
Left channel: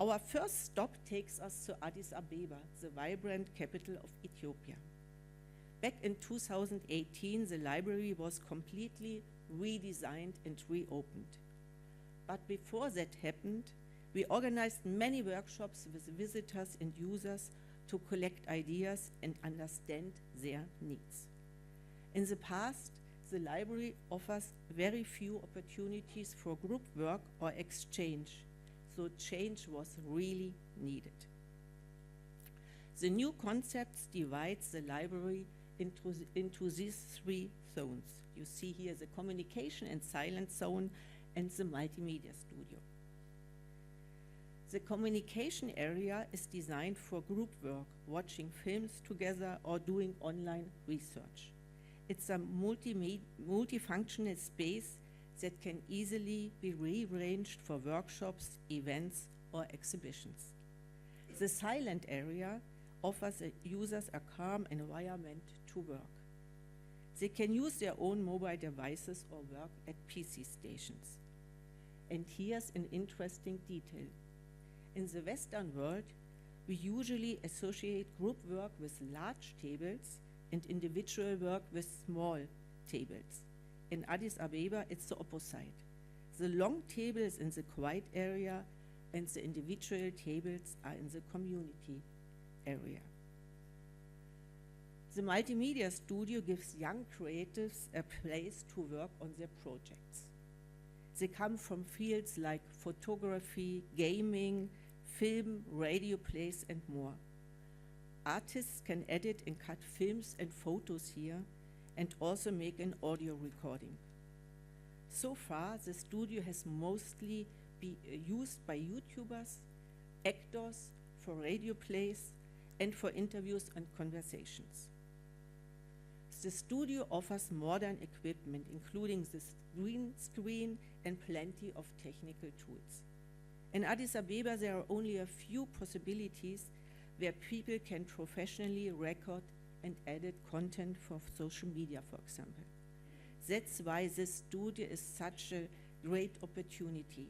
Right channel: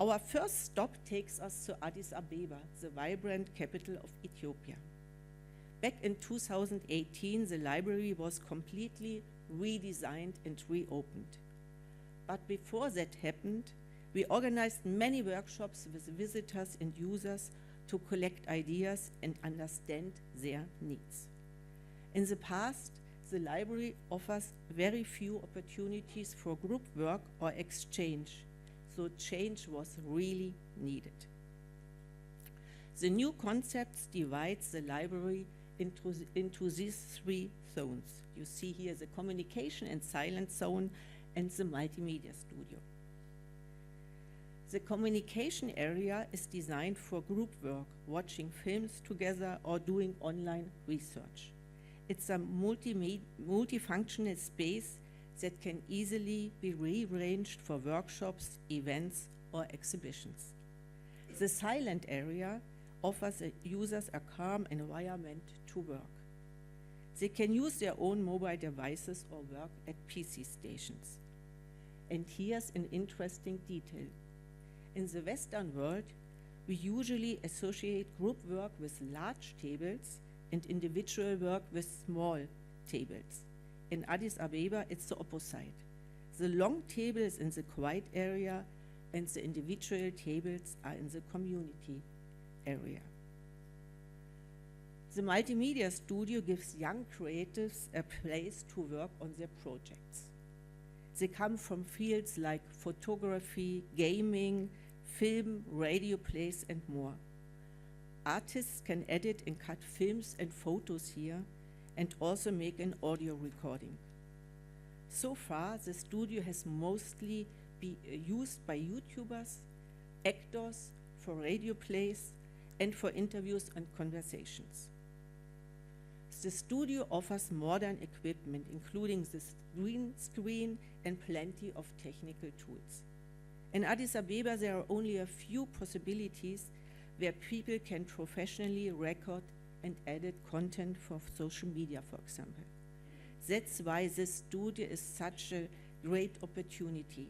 Our first stop takes us to Addis Ababa, the vibrant capital of Ethiopia. Back in 2018, the library was completely redesigned and reopened. But before that happened, we organized many workshops with visitors and users to collect ideas and understand their needs. In the past, the library offers very few opportunities for group work or exchange, so change was really needed. The new concepts divides the library into these 3 zones. You see here the communication and silence zone and the multimedia studio. The communication area is designed for group work, watching films together or doing online research. It's a multifunctional space that can easily be rearranged for workshops, events, or exhibitions. The silent area offers users a calm environment to work. They can use their own mobile devices or work at PC stations. And here's an interesting detail. In the Western world, we usually associate group work with large tables and individual work with small tables. In Addis Ababa, it's the opposite. The long tables in the quiet area and the individual tables are in the community area. The multimedia studio gives young creatives a place to work on their projects. They come from fields like photography, gaming, film, radio plays, and more. Artists can edit and cut films and photos here and also make an audio recording. So far, the studio has mostly been used by YouTubers, actors, for radio plays, and for interviews and conversations. The studio offers modern equipment, including the green screen and plenty of technical tools. In Addis Ababa, there are only a few possibilities where people can professionally record and added content for social media, for example. That's why this studio is such a great opportunity.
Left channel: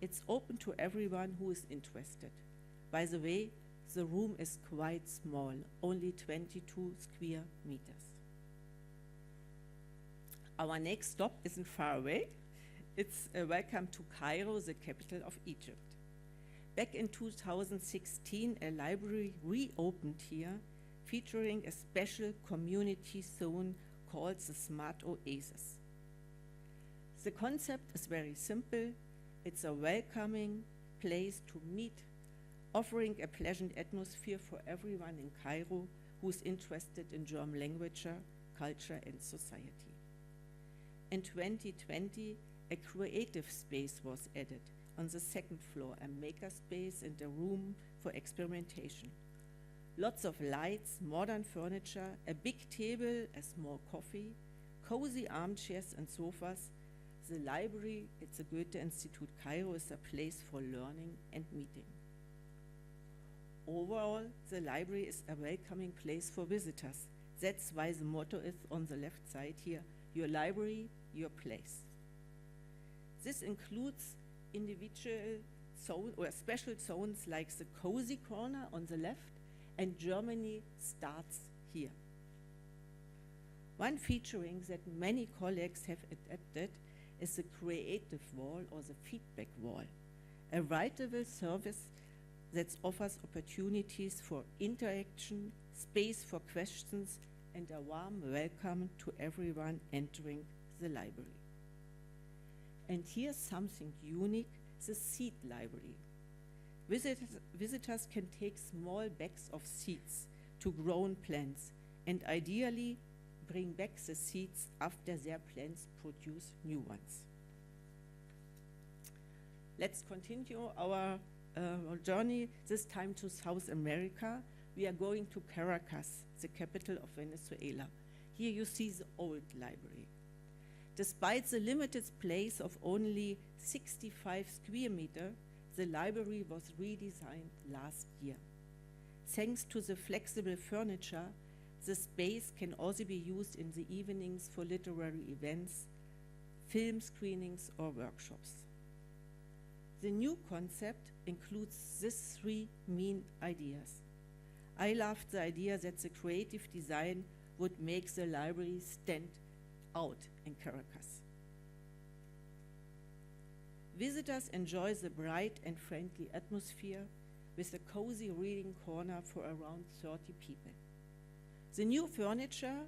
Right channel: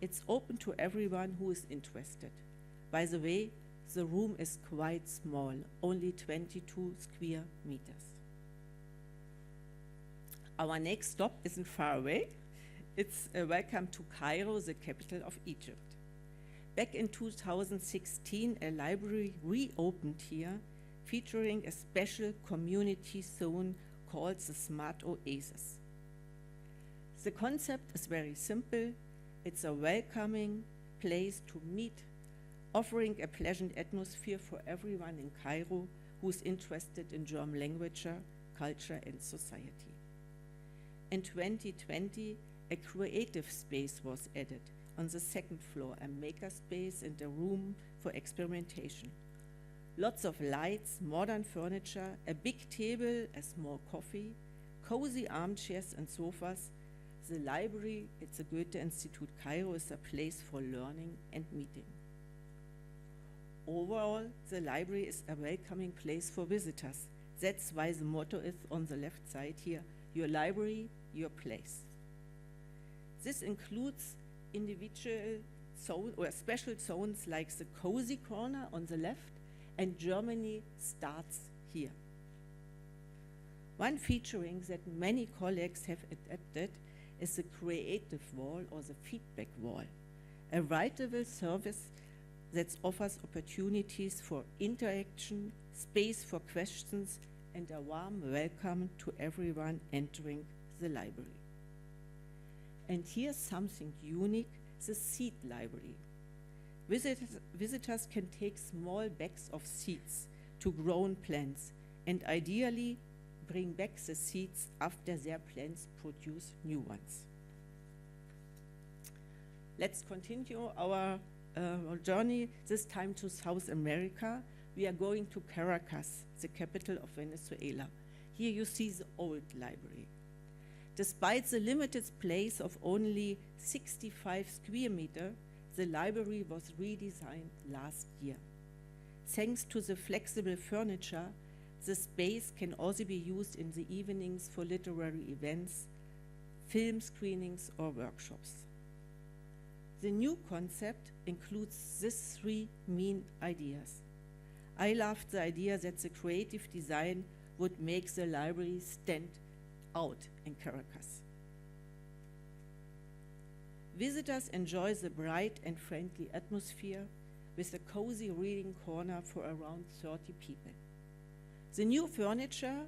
It's open to everyone who is interested. By the way, the room is quite small, only 22 square meters. Our next stop isn't far away. It's a welcome to Cairo, the capital of Egypt. Back in 2016, a library reopened here, featuring a special community zone called the Smart Oasis. The concept is very simple. It's a welcoming place to meet, offering a pleasant atmosphere for everyone in Cairo who's interested in German language, culture, and society. In 2020, a creative space was added on the second floor, a maker space and a room for experimentation. Lots of lights, modern furniture, a big table, a small coffee, cozy armchairs and sofas. The library at the Goethe-Institut Cairo is a place for learning and meeting. Overall, the library is a welcoming place for visitors. That's why the motto is on the left side here, your library, your place. This includes individual zone or special zones like the cozy corner on the left, and Germany starts here. One featuring that many colleagues have adapted is the creative wall or the feedback wall, a writable service that offers opportunities for interaction, space for questions, and a warm welcome to everyone entering the library. And here's something unique, the seed library. Visitors can take small bags of seeds to grown plants and ideally bring back the seeds after their plants produce new ones. Let's continue our journey, this time to South America. We are going to Caracas, the capital of Venezuela. Here you see the old library. Despite the limited space of only 65 square meters, the library was redesigned last year. Thanks to the flexible furniture, the space can also be used in the evenings for literary events, film screenings, or workshops. The new concept includes these three main ideas. I loved the idea that the creative design would make the library stand out in Caracas. Visitors enjoy the bright and friendly atmosphere with a cozy reading corner for around 30 people. The new furniture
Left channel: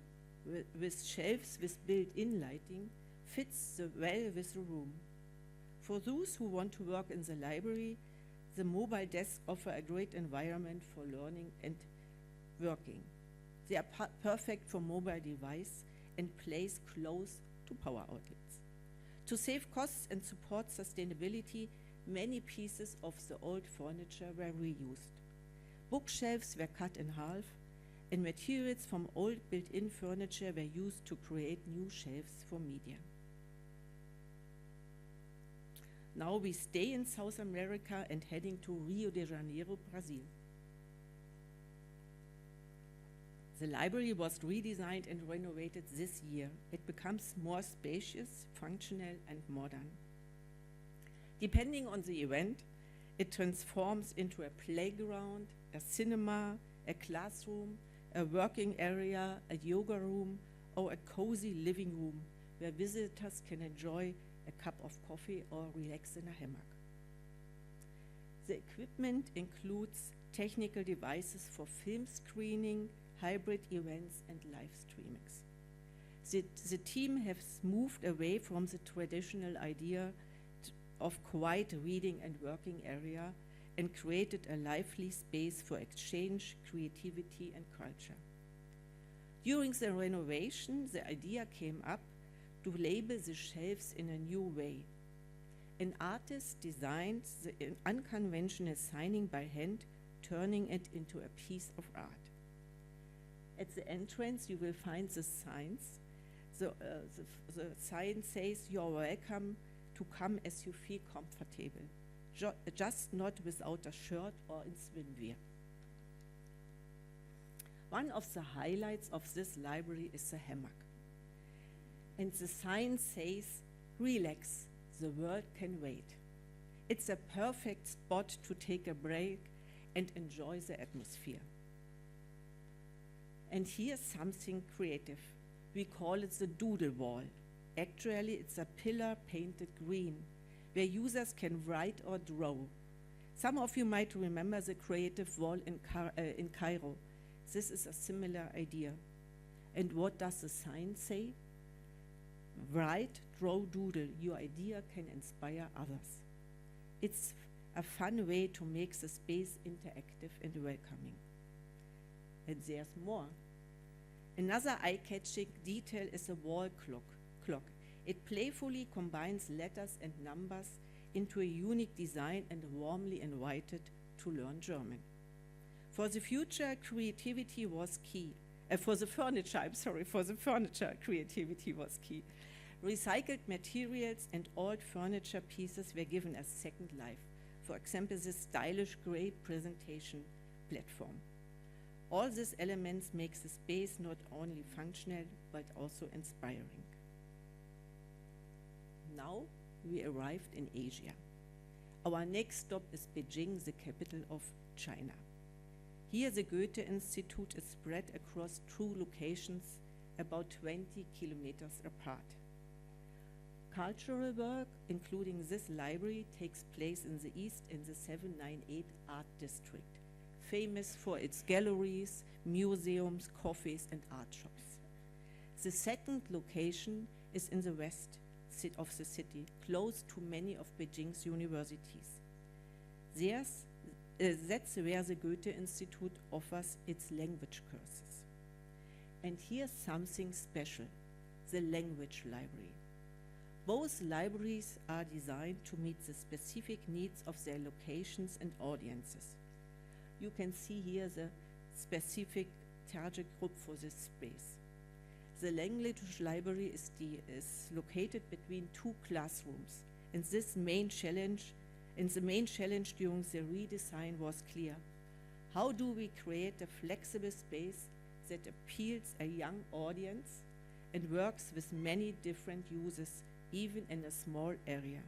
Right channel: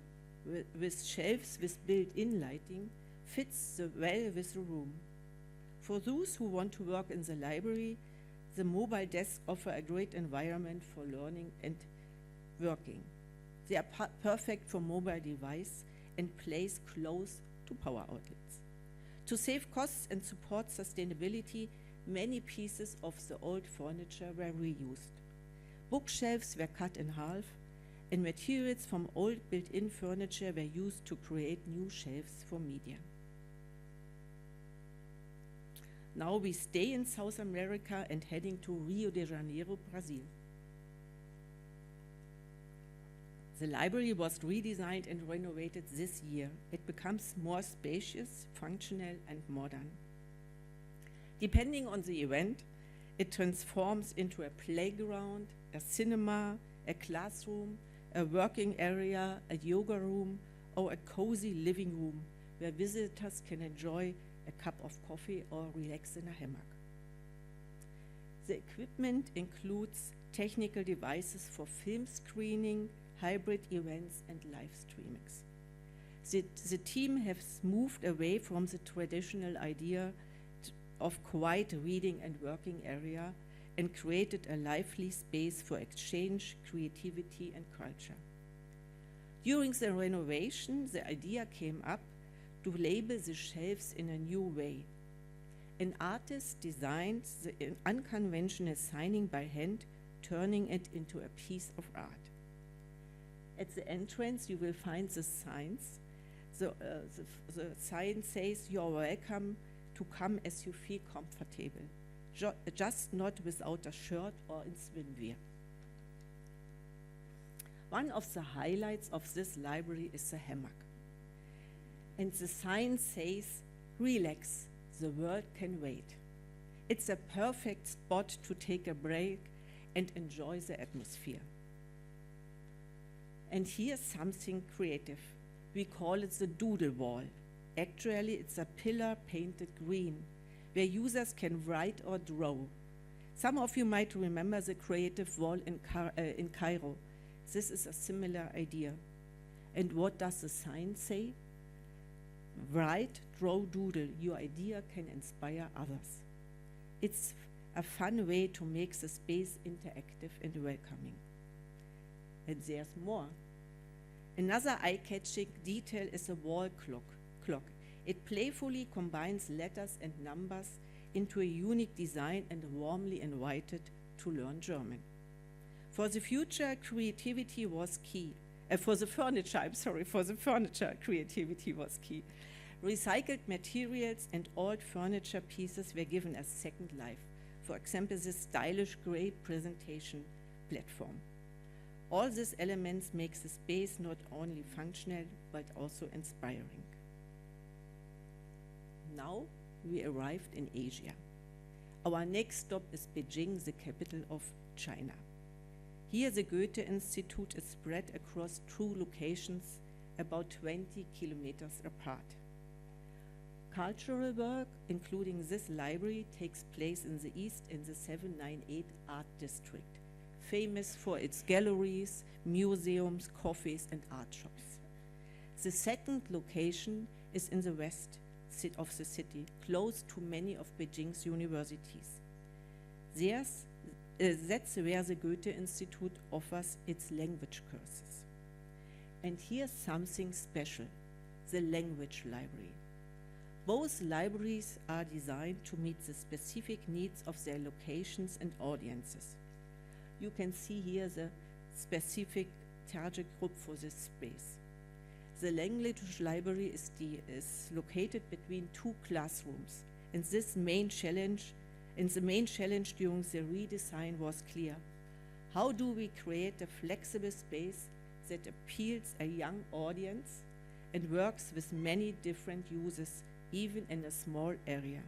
with shelves with built-in lighting fits well with the room. For those who want to work in the library, the mobile desks offer a great environment for learning and working. They are perfect for mobile device and placed close to power outlets. To save costs and support sustainability, many pieces of the old furniture were reused. Bookshelves were cut in half, and materials from old built-in furniture were used to create new shelves for media. Now we stay in South America and heading to Rio de Janeiro, Brazil. The library was redesigned and renovated this year. It becomes more spacious, functional, and modern. Depending on the event, it transforms into a playground, a cinema, a classroom, a working area, a yoga room, or a cozy living room where visitors can enjoy a cup of coffee or relax in a hammock. The equipment includes technical devices for film screening, hybrid events, and live streamings. The team has moved away from the traditional idea of quiet reading and working area and created a lively space for exchange, creativity, and culture. During the renovation, the idea came up to label the shelves in a new way. An artist designed the unconventional signing by hand, turning it into a piece of art. At the entrance, you will find the signs. The sign says, "You're welcome to come as you feel comfortable, just not without a shirt or in swimwear." One of the highlights of this library is the hammock. And the sign says, "Relax, the world can wait." It's a perfect spot to take a break and enjoy the atmosphere. And here's something creative. We call it the doodle wall. Actually, it's a pillar painted green, where users can write or draw. Some of you might remember the creative wall in Cairo. This is a similar idea. And what does the sign say? Write, draw, doodle. Your idea can inspire others. It's a fun way to make the space interactive and welcoming. And there's more. Another eye-catching detail is a wall clock. It playfully combines letters and numbers into a unique design and warmly invited to learn German. For the future, creativity was key. For the furniture, creativity was key. Recycled materials and old furniture pieces were given a second life. For example, this stylish gray presentation platform. All these elements make the space not only functional, but also inspiring. Now we arrived in Asia. Our next stop is Beijing, the capital of China. Here the Goethe-Institut is spread across 2 locations about 20 kilometers apart. Cultural work, including this library, takes place in the east in the 798 Art District, famous for its galleries, museums, cafes, and art shops. The second location is in the west of the city, close to many of Beijing's universities. That's where the Goethe-Institut offers its language courses. And here's something special, the language library. Both libraries are designed to meet the specific needs of their locations and audiences. You can see here the specific target group for this space. The language library is located between 2 classrooms, and the main challenge during the redesign was clear. How do we create a flexible space that appeals a young audience and works with many different users, even in a small area?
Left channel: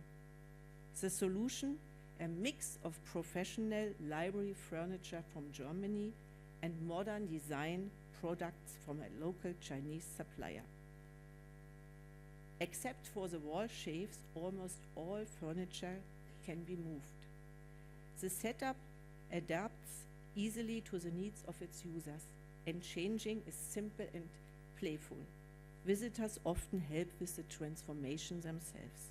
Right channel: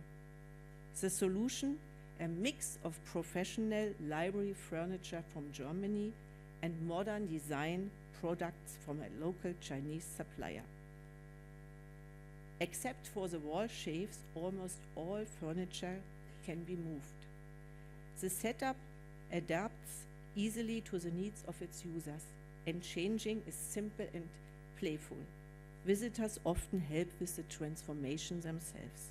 The solution, a mix of professional library furniture from Germany and modern design products from a local Chinese supplier. Except for the wall shelves, almost all furniture can be moved. The setup adapts easily to the needs of its users, and changing is simple and playful. Visitors often help with the transformation themselves.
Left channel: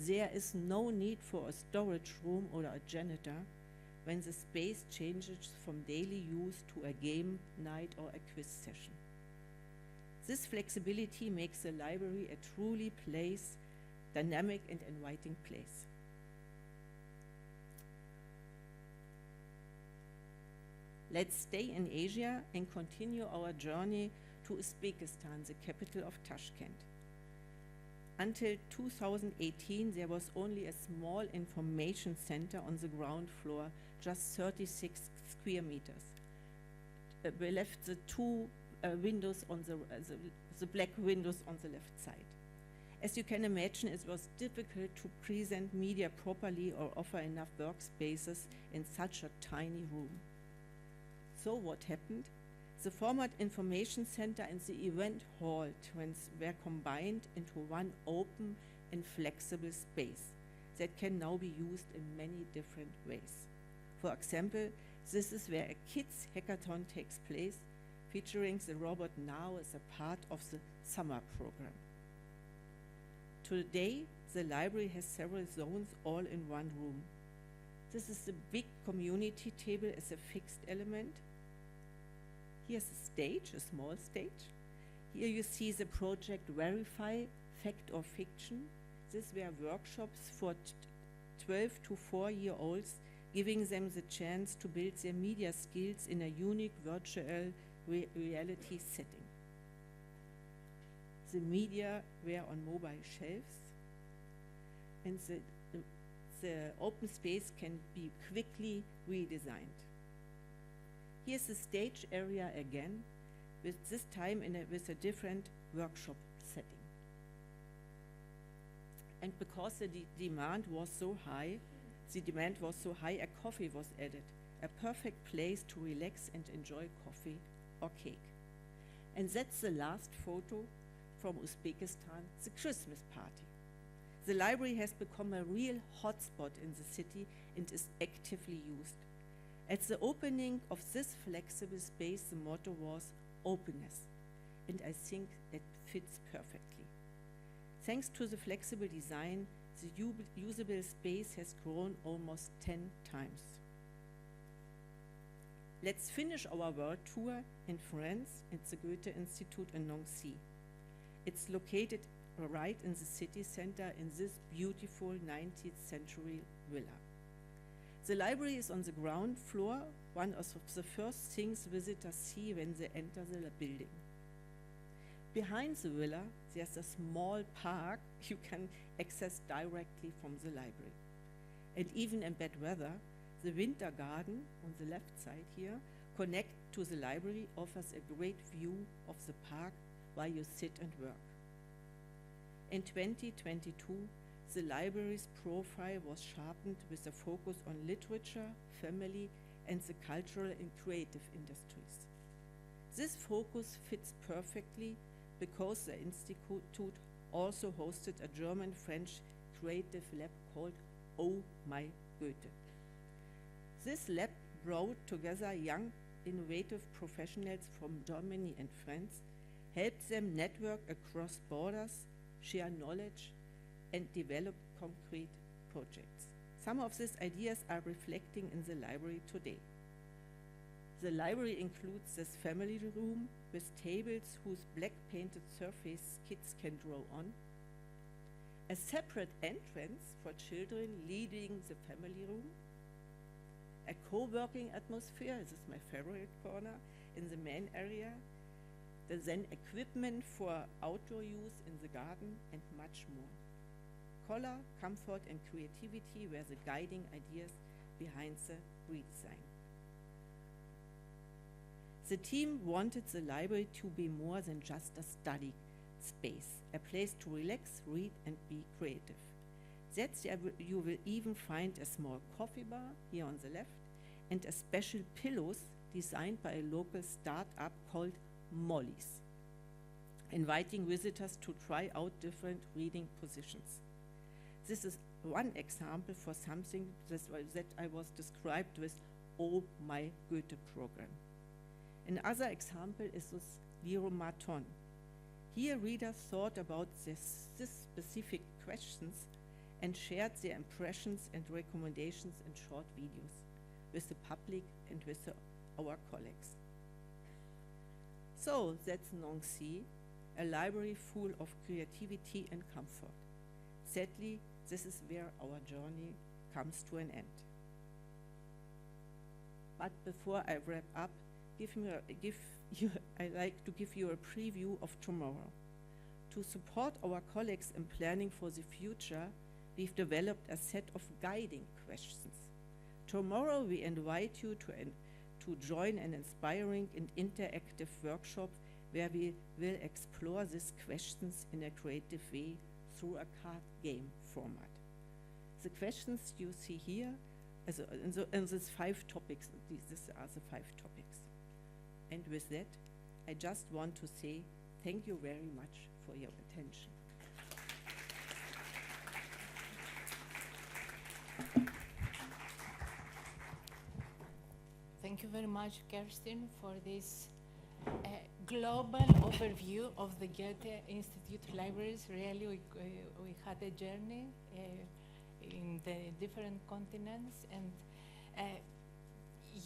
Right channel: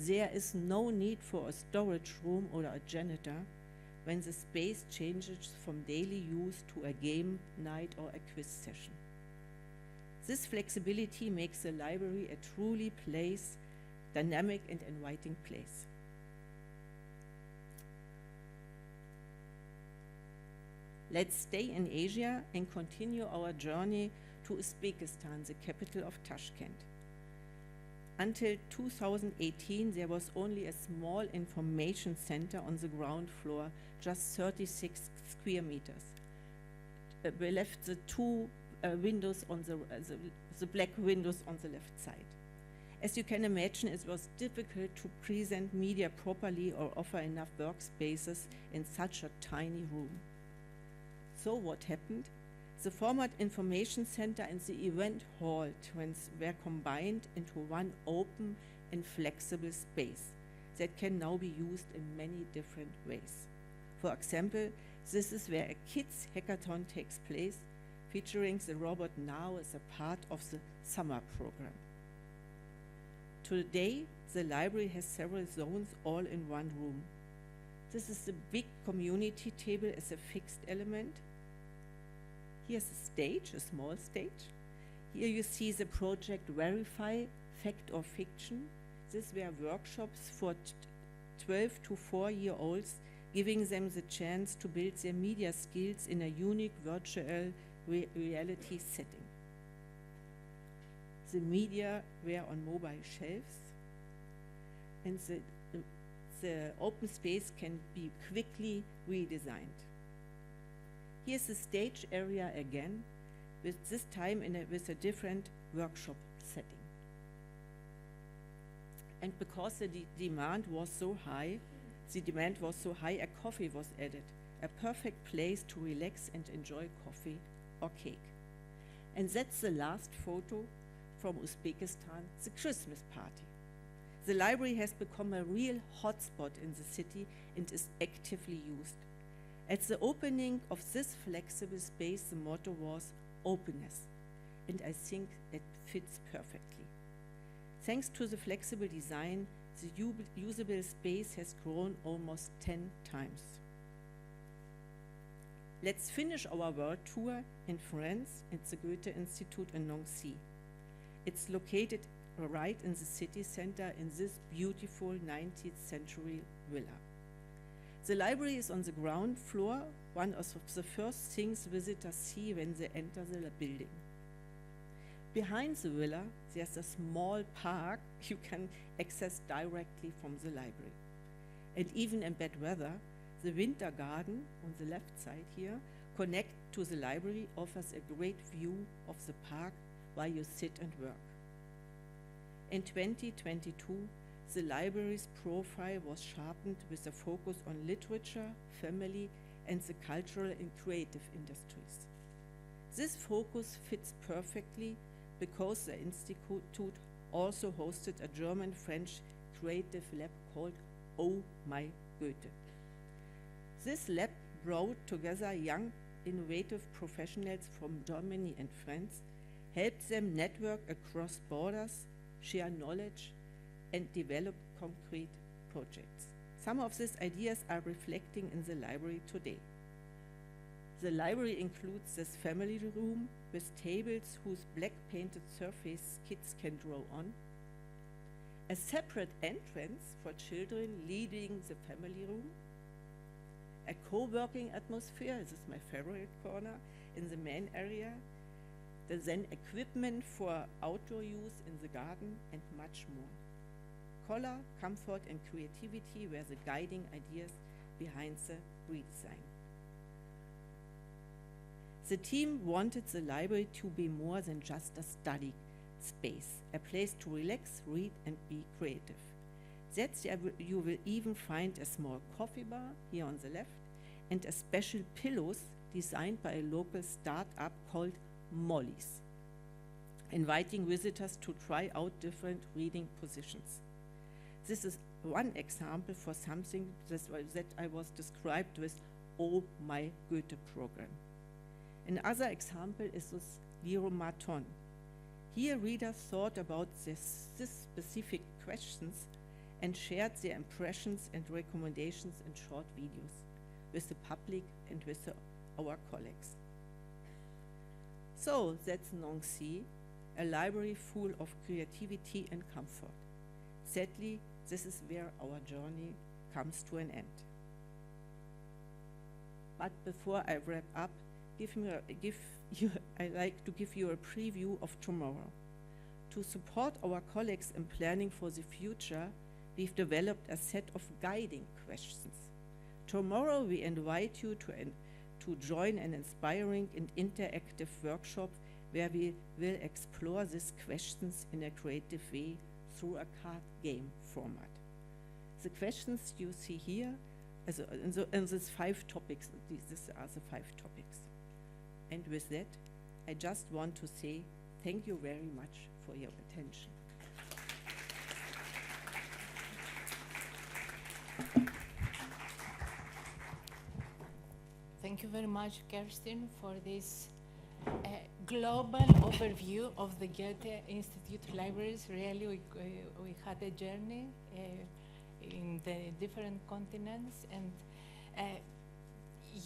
There is no need for a storage room or a janitor when the space changes from daily use to a game night or a quiz session. This flexibility makes the library a truly dynamic and inviting place. Let's stay in Asia and continue our journey to Uzbekistan, the capital of Tashkent. Until 2018, there was only a small information center on the ground floor, just 36 square meters. We left the 2 windows on the black windows on the left side. As you can imagine, it was difficult to present media properly or offer enough workspaces in such a tiny room. So what happened? The former information center and the event hall were combined into one open and flexible space that can now be used in many different ways. For example, this is where a kids hackathon takes place, featuring the robot Now as a part of the summer program. Today, the library has several zones all in one room. This is the big community table as a fixed element. Here's a stage, a small stage. Here you see the project Verify, Fact or Fiction. These were workshops for 12 to 4-year-olds, giving them the chance to build their media skills in a unique virtual reality setting. The media were on mobile shelves, and the open space can be quickly redesigned. Here's the stage area again, with this time with a different workshop setting. And because the demand was so high, a coffee was added, a perfect place to relax and enjoy coffee or cake. And that's the last photo from Uzbekistan, the Christmas party. The library has become a real hotspot in the city and is actively used. At the opening of this flexible space, the motto was openness, and I think it fits perfectly. Thanks to the flexible design, the usable space has grown almost 10 times. Let's finish our world tour in France at the Goethe-Institut in Nancy. It's located right in the city center in this beautiful 19th century villa. The library is on the ground floor, one of the first things visitors see when they enter the building. Behind the villa, there's a small park you can access directly from the library. And even in bad weather, the winter garden on the left side here, connect to the library, offers a great view of the park while you sit and work. In 2022, the library's profile was sharpened with a focus on literature, family, and the cultural and creative industries. This focus fits perfectly because the Institute also hosted a German-French creative lab called Oh My Goethe. This lab brought together young, innovative professionals from Germany and France, helped them network across borders, share knowledge, and develop concrete projects. Some of these ideas are reflecting in the library today. The library includes this family room with tables whose black painted surface kids can draw on, a separate entrance for children leading the family room, a co-working atmosphere, this is my favorite corner, in the main area, then equipment for outdoor use in the garden, and much more. Color, comfort, and creativity were the guiding ideas behind the redesign. The team wanted the library to be more than just a study space, a place to relax, read, and be creative. That's you will even find a small coffee bar here on the left and a special pillows designed by a local startup called Molly's, inviting visitors to try out different reading positions. This is one example for something that I was described with Oh My Goethe program. Another example is this Liromaton. Here readers thought about this specific questions and shared their impressions and recommendations in short videos with the public and with our colleagues. So that's Nancy, a library full of creativity and comfort. Sadly, this is where our journey comes to an end. But before I wrap up, I'd like to give you a preview of tomorrow. To support our colleagues in planning for the future, we've developed a set of guiding questions. Tomorrow we invite you to join an inspiring and interactive workshop where we will explore these questions in a creative way through a card game format. The questions you see here, in these 5 topics, these are the 5 topics. And with that, I just want to say thank you very much for your attention. Thank you very much, Kerstin, for this global overview of the Goethe-Institut libraries. Really, we had a journey in the different continents, and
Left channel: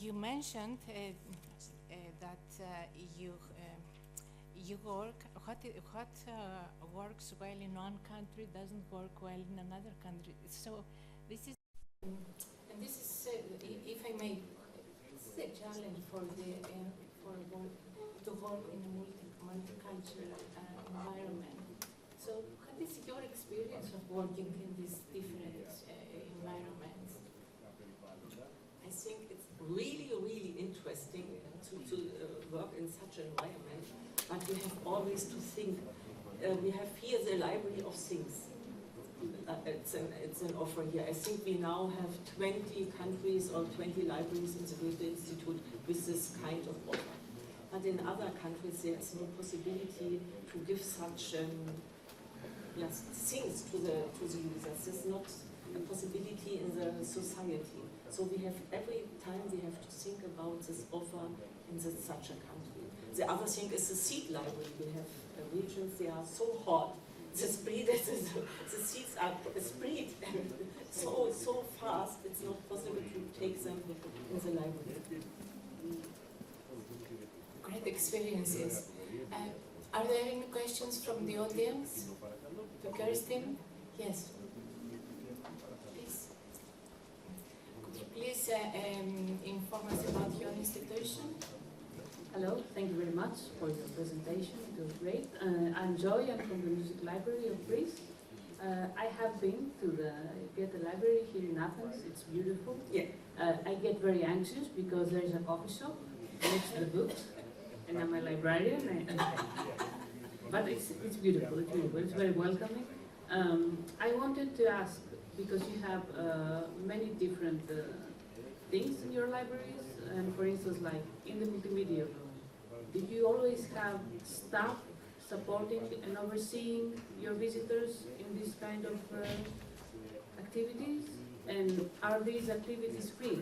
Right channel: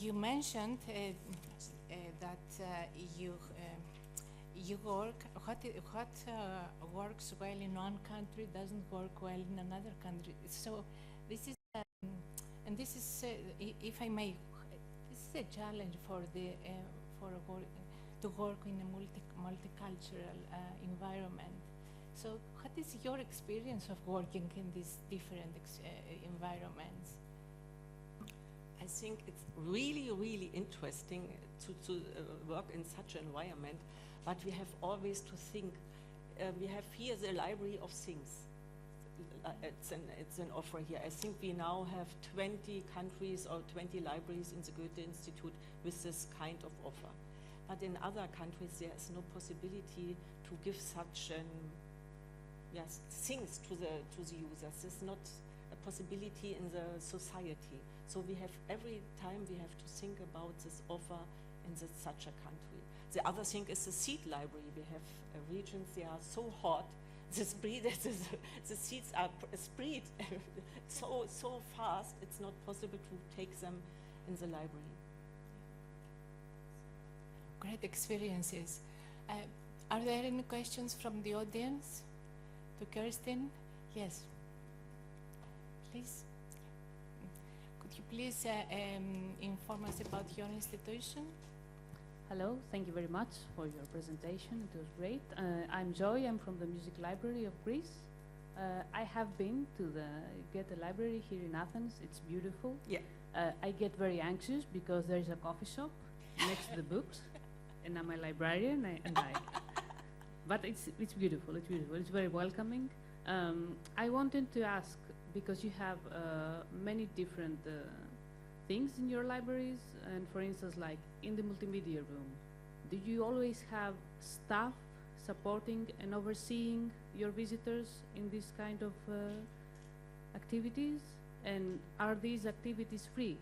you mentioned that you work, what works well in one country doesn't work well in another country. So this is, and this is, if I may, this is a challenge for the to work in a multicultural environment. So what is your experience of working in these different environments? I think it's really, really interesting to work in such an environment, but we have always to think. We have here the Library of Things. It's an offer here. I think we now have 20 countries or 20 libraries in the Goethe-Institut with this kind of offer. But in other countries, there is no possibility to give such things to the users. There's not a possibility in the society. So we have every time we have to think about this offer in such a country. The other thing is the seed library. We have regions, they are so hot. The seeds are spread so fast, it's not possible to take them in the library. Great experiences. Are there any questions from the audience? To Kerstin? Yes. Please. Could you please inform us about your institution? Hello, thank you very much for your presentation. It was great. I'm Joy. I'm from the Music Library of Greece. I have been to the Goethe Library here in Athens. It's beautiful. Yeah. I get very anxious because there's a coffee shop next to the books, and I'm a librarian. But it's beautiful. It's beautiful. It's very welcoming. I wanted to ask, because you have many different things in your libraries, and for instance, like in the multimedia room, did you always have staff supporting and overseeing your visitors in this kind of activities? And are these activities free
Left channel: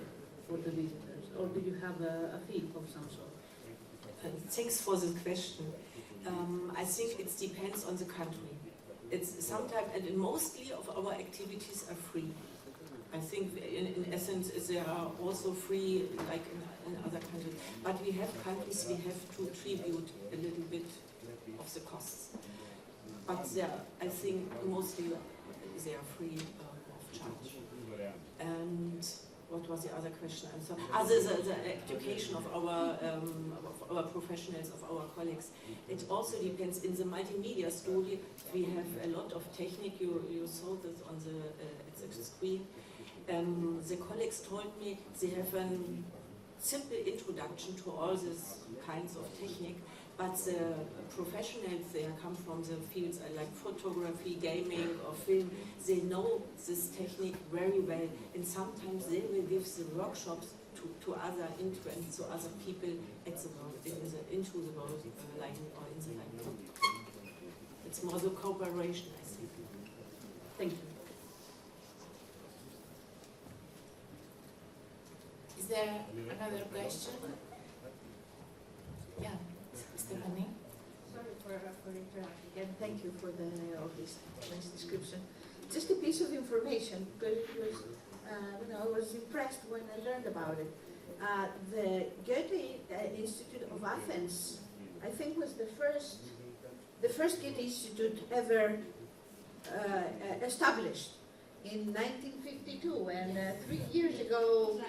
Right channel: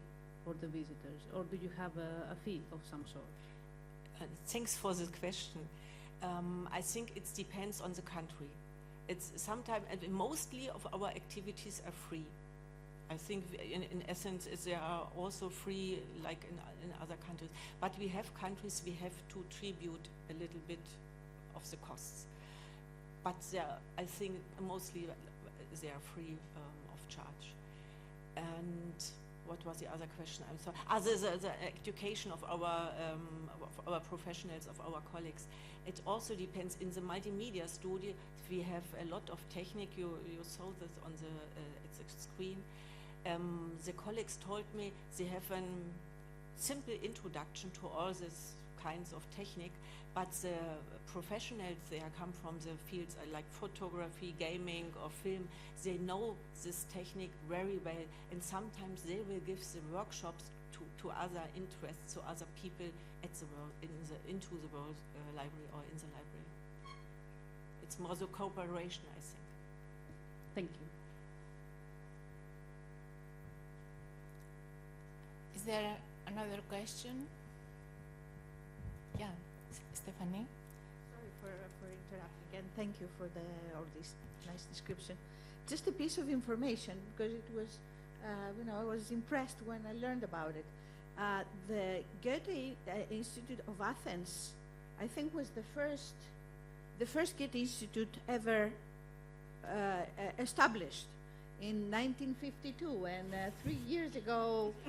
for the visitors, or do you have a fee of some sort? Thanks for the question. I think it depends on the country. It's sometimes, and mostly of our activities are free. I think in essence there are also free, like in other countries. But we have countries we have to tribute a little bit of the costs. But I think mostly they are free of charge. And what was the other question? I'm sorry. The education of our professionals, of our colleagues. It also depends. In the multimedia study, we have a lot of technique. You saw this on the screen. The colleagues told me they have a simple introduction to all these kinds of technique, but the professionals, they come from the fields like photography, gaming, or film. They know this technique very well, and sometimes they will give the workshops to other interests, so other people at the world, into the world, like or in the library. It's more the cooperation, I think. Thank you. Is there another question? Yeah, Stephanie. Sorry for interrupting, and thank you for all this nice description. Just a piece of information, because it was, I was impressed when I learned about it. The Goethe-Institut of Athens, I think, was the first Goethe-Institut ever established in 1952, and 3 years ago,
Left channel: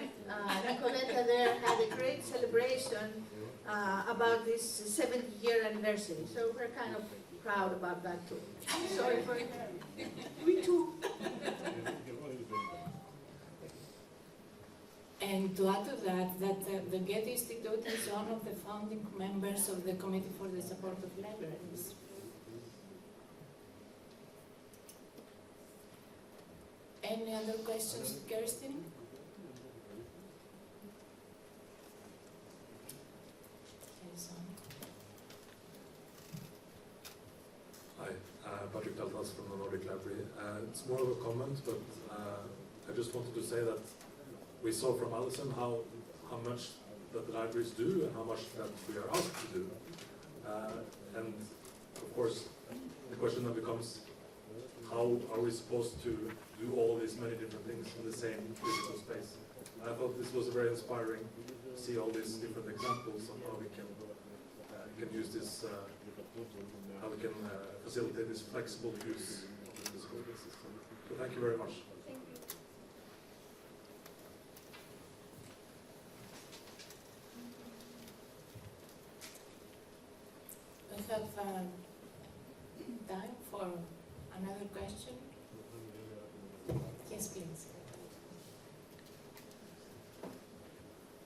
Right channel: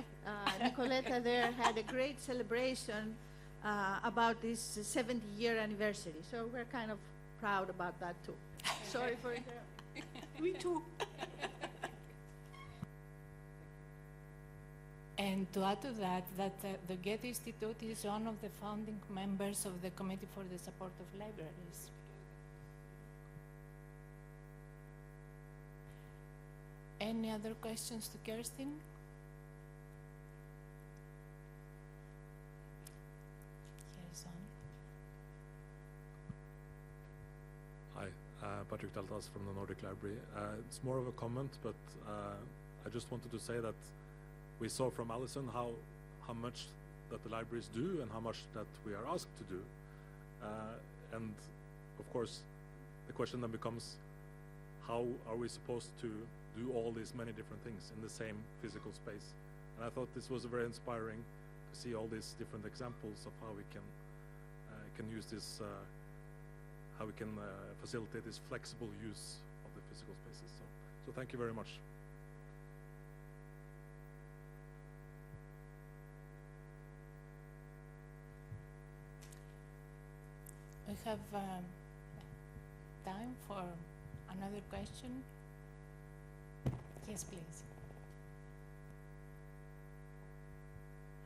Nicoletta there had a great celebration about this 70th year anniversary. So we're kind of proud about that too. Sorry for interrupting. Me too. And to add to that the Goethe-Institut is one of the founding members of the Committee for the Support of Libraries. Any other questions, Kerstin? Hi, Patrick Daltas from the Public Library. It's more of a comment, but I just wanted to say that we saw from Alison how much that the libraries do and how much that we are asked to do. And of course, the question then becomes, how are we supposed to do all these many different things in the same physical space? And I thought this was very inspiring to see all these different examples of how we can use this, how we can facilitate this flexible use of the physical spaces. So thank you very much. We have time for another question. Yes, please.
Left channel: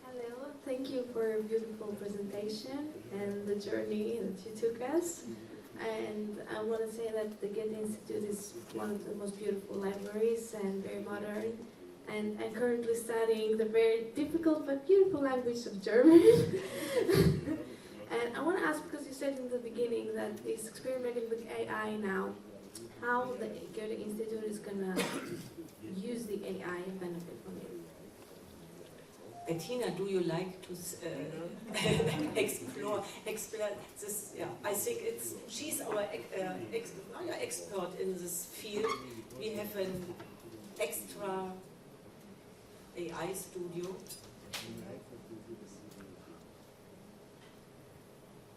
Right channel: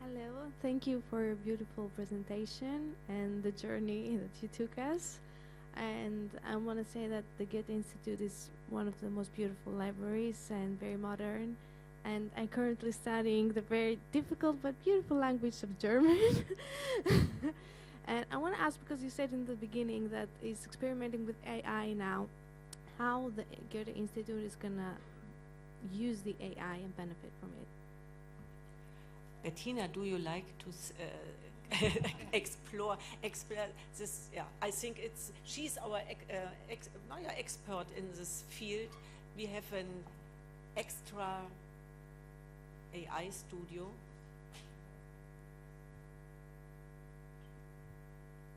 Hello, Thank you for a beautiful presentation and the journey that you took us. And I want to say that the Goethe-Institut is one of the most beautiful libraries and very modern. And I'm currently studying the very difficult but beautiful language of German. And I want to ask, because you said in the beginning that it's experimenting with AI now, how the Goethe-Institut is going to use the AI and benefit from it. Bettina, do you like to explore this? Yeah, I think she's our expert in this field. We have an extra AI studio.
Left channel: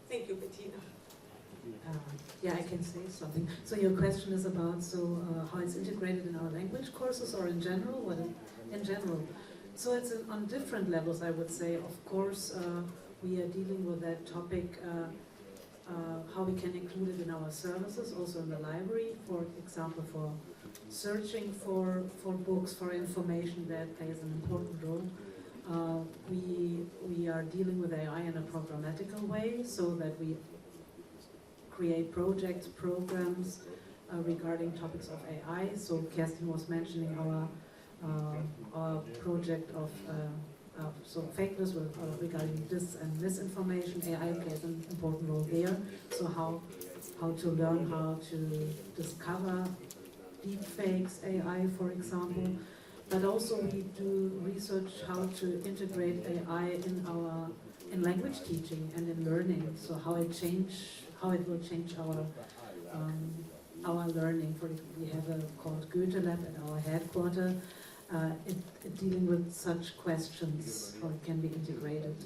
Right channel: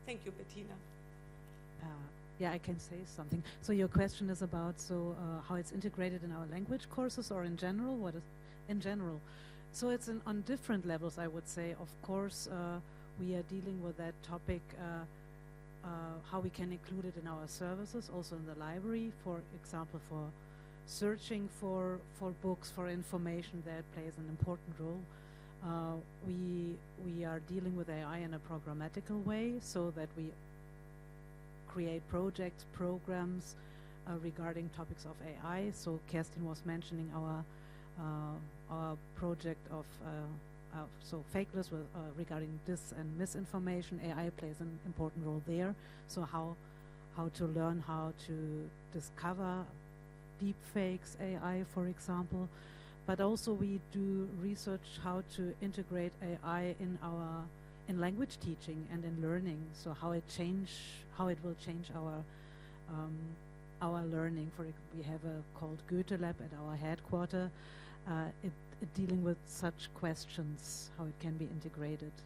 Thank you, Bettina. Yeah, I can say something. So your question is about how it's integrated in our language courses or in general? What in general? So it's on different levels, I would say. Of course, we are dealing with that topic, how we can include it in our services, also in the library, for example, for searching for books, for information that plays an important role. We are dealing with AI in a programmatical way, so that we create projects, programs regarding topics of AI. So Kerstin was mentioning our project of fake news regarding this and misinformation. AI plays an important role there. So how to learn how to discover deep fakes, AI, for example. But also we do research how to integrate AI in language teaching and in learning. So how it will change our learning. We have a called Goethe Lab at our headquarters, dealing with such questions, how it can be integrated.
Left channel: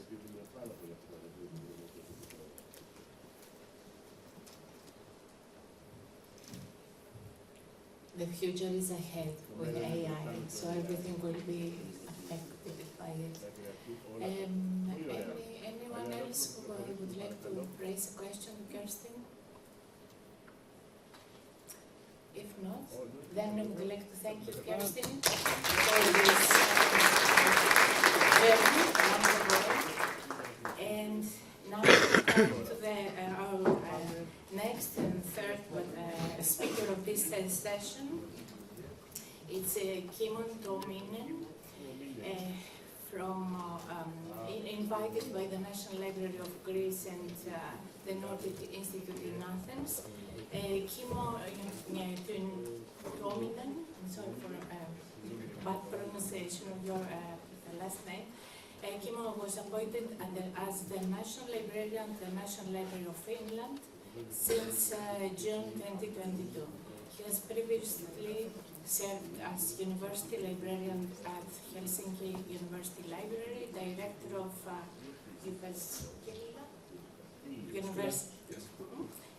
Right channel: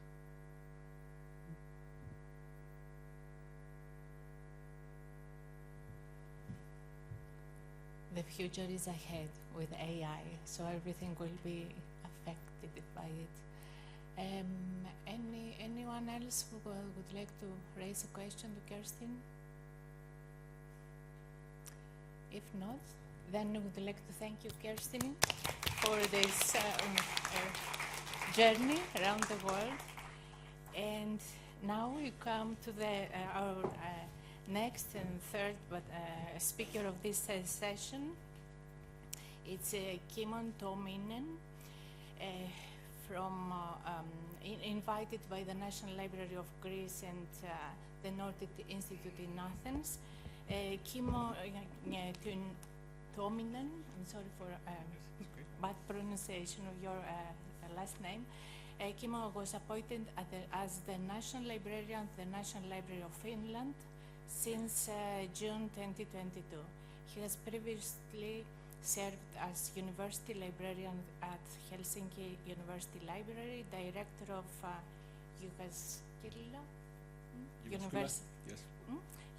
The future is ahead with AI, so everything will be affected by it. Anyone else who would like to raise a question, Kerstin? If not, then I would like to thank you, Kerstin, for this journey around the world. And now we come to our next and third speaker of this session. It's Kimmo Tuominen, invited by the National Library of Greece and the Goethe-Institut in Athens. Kimmo Tuominen, I'm sorry for bad pronunciation of your last name. Kimmo was appointed as the National Librarian of the National Library of Finland since June 2022. He has previously served as University Librarian at Helsinki University Library, Director of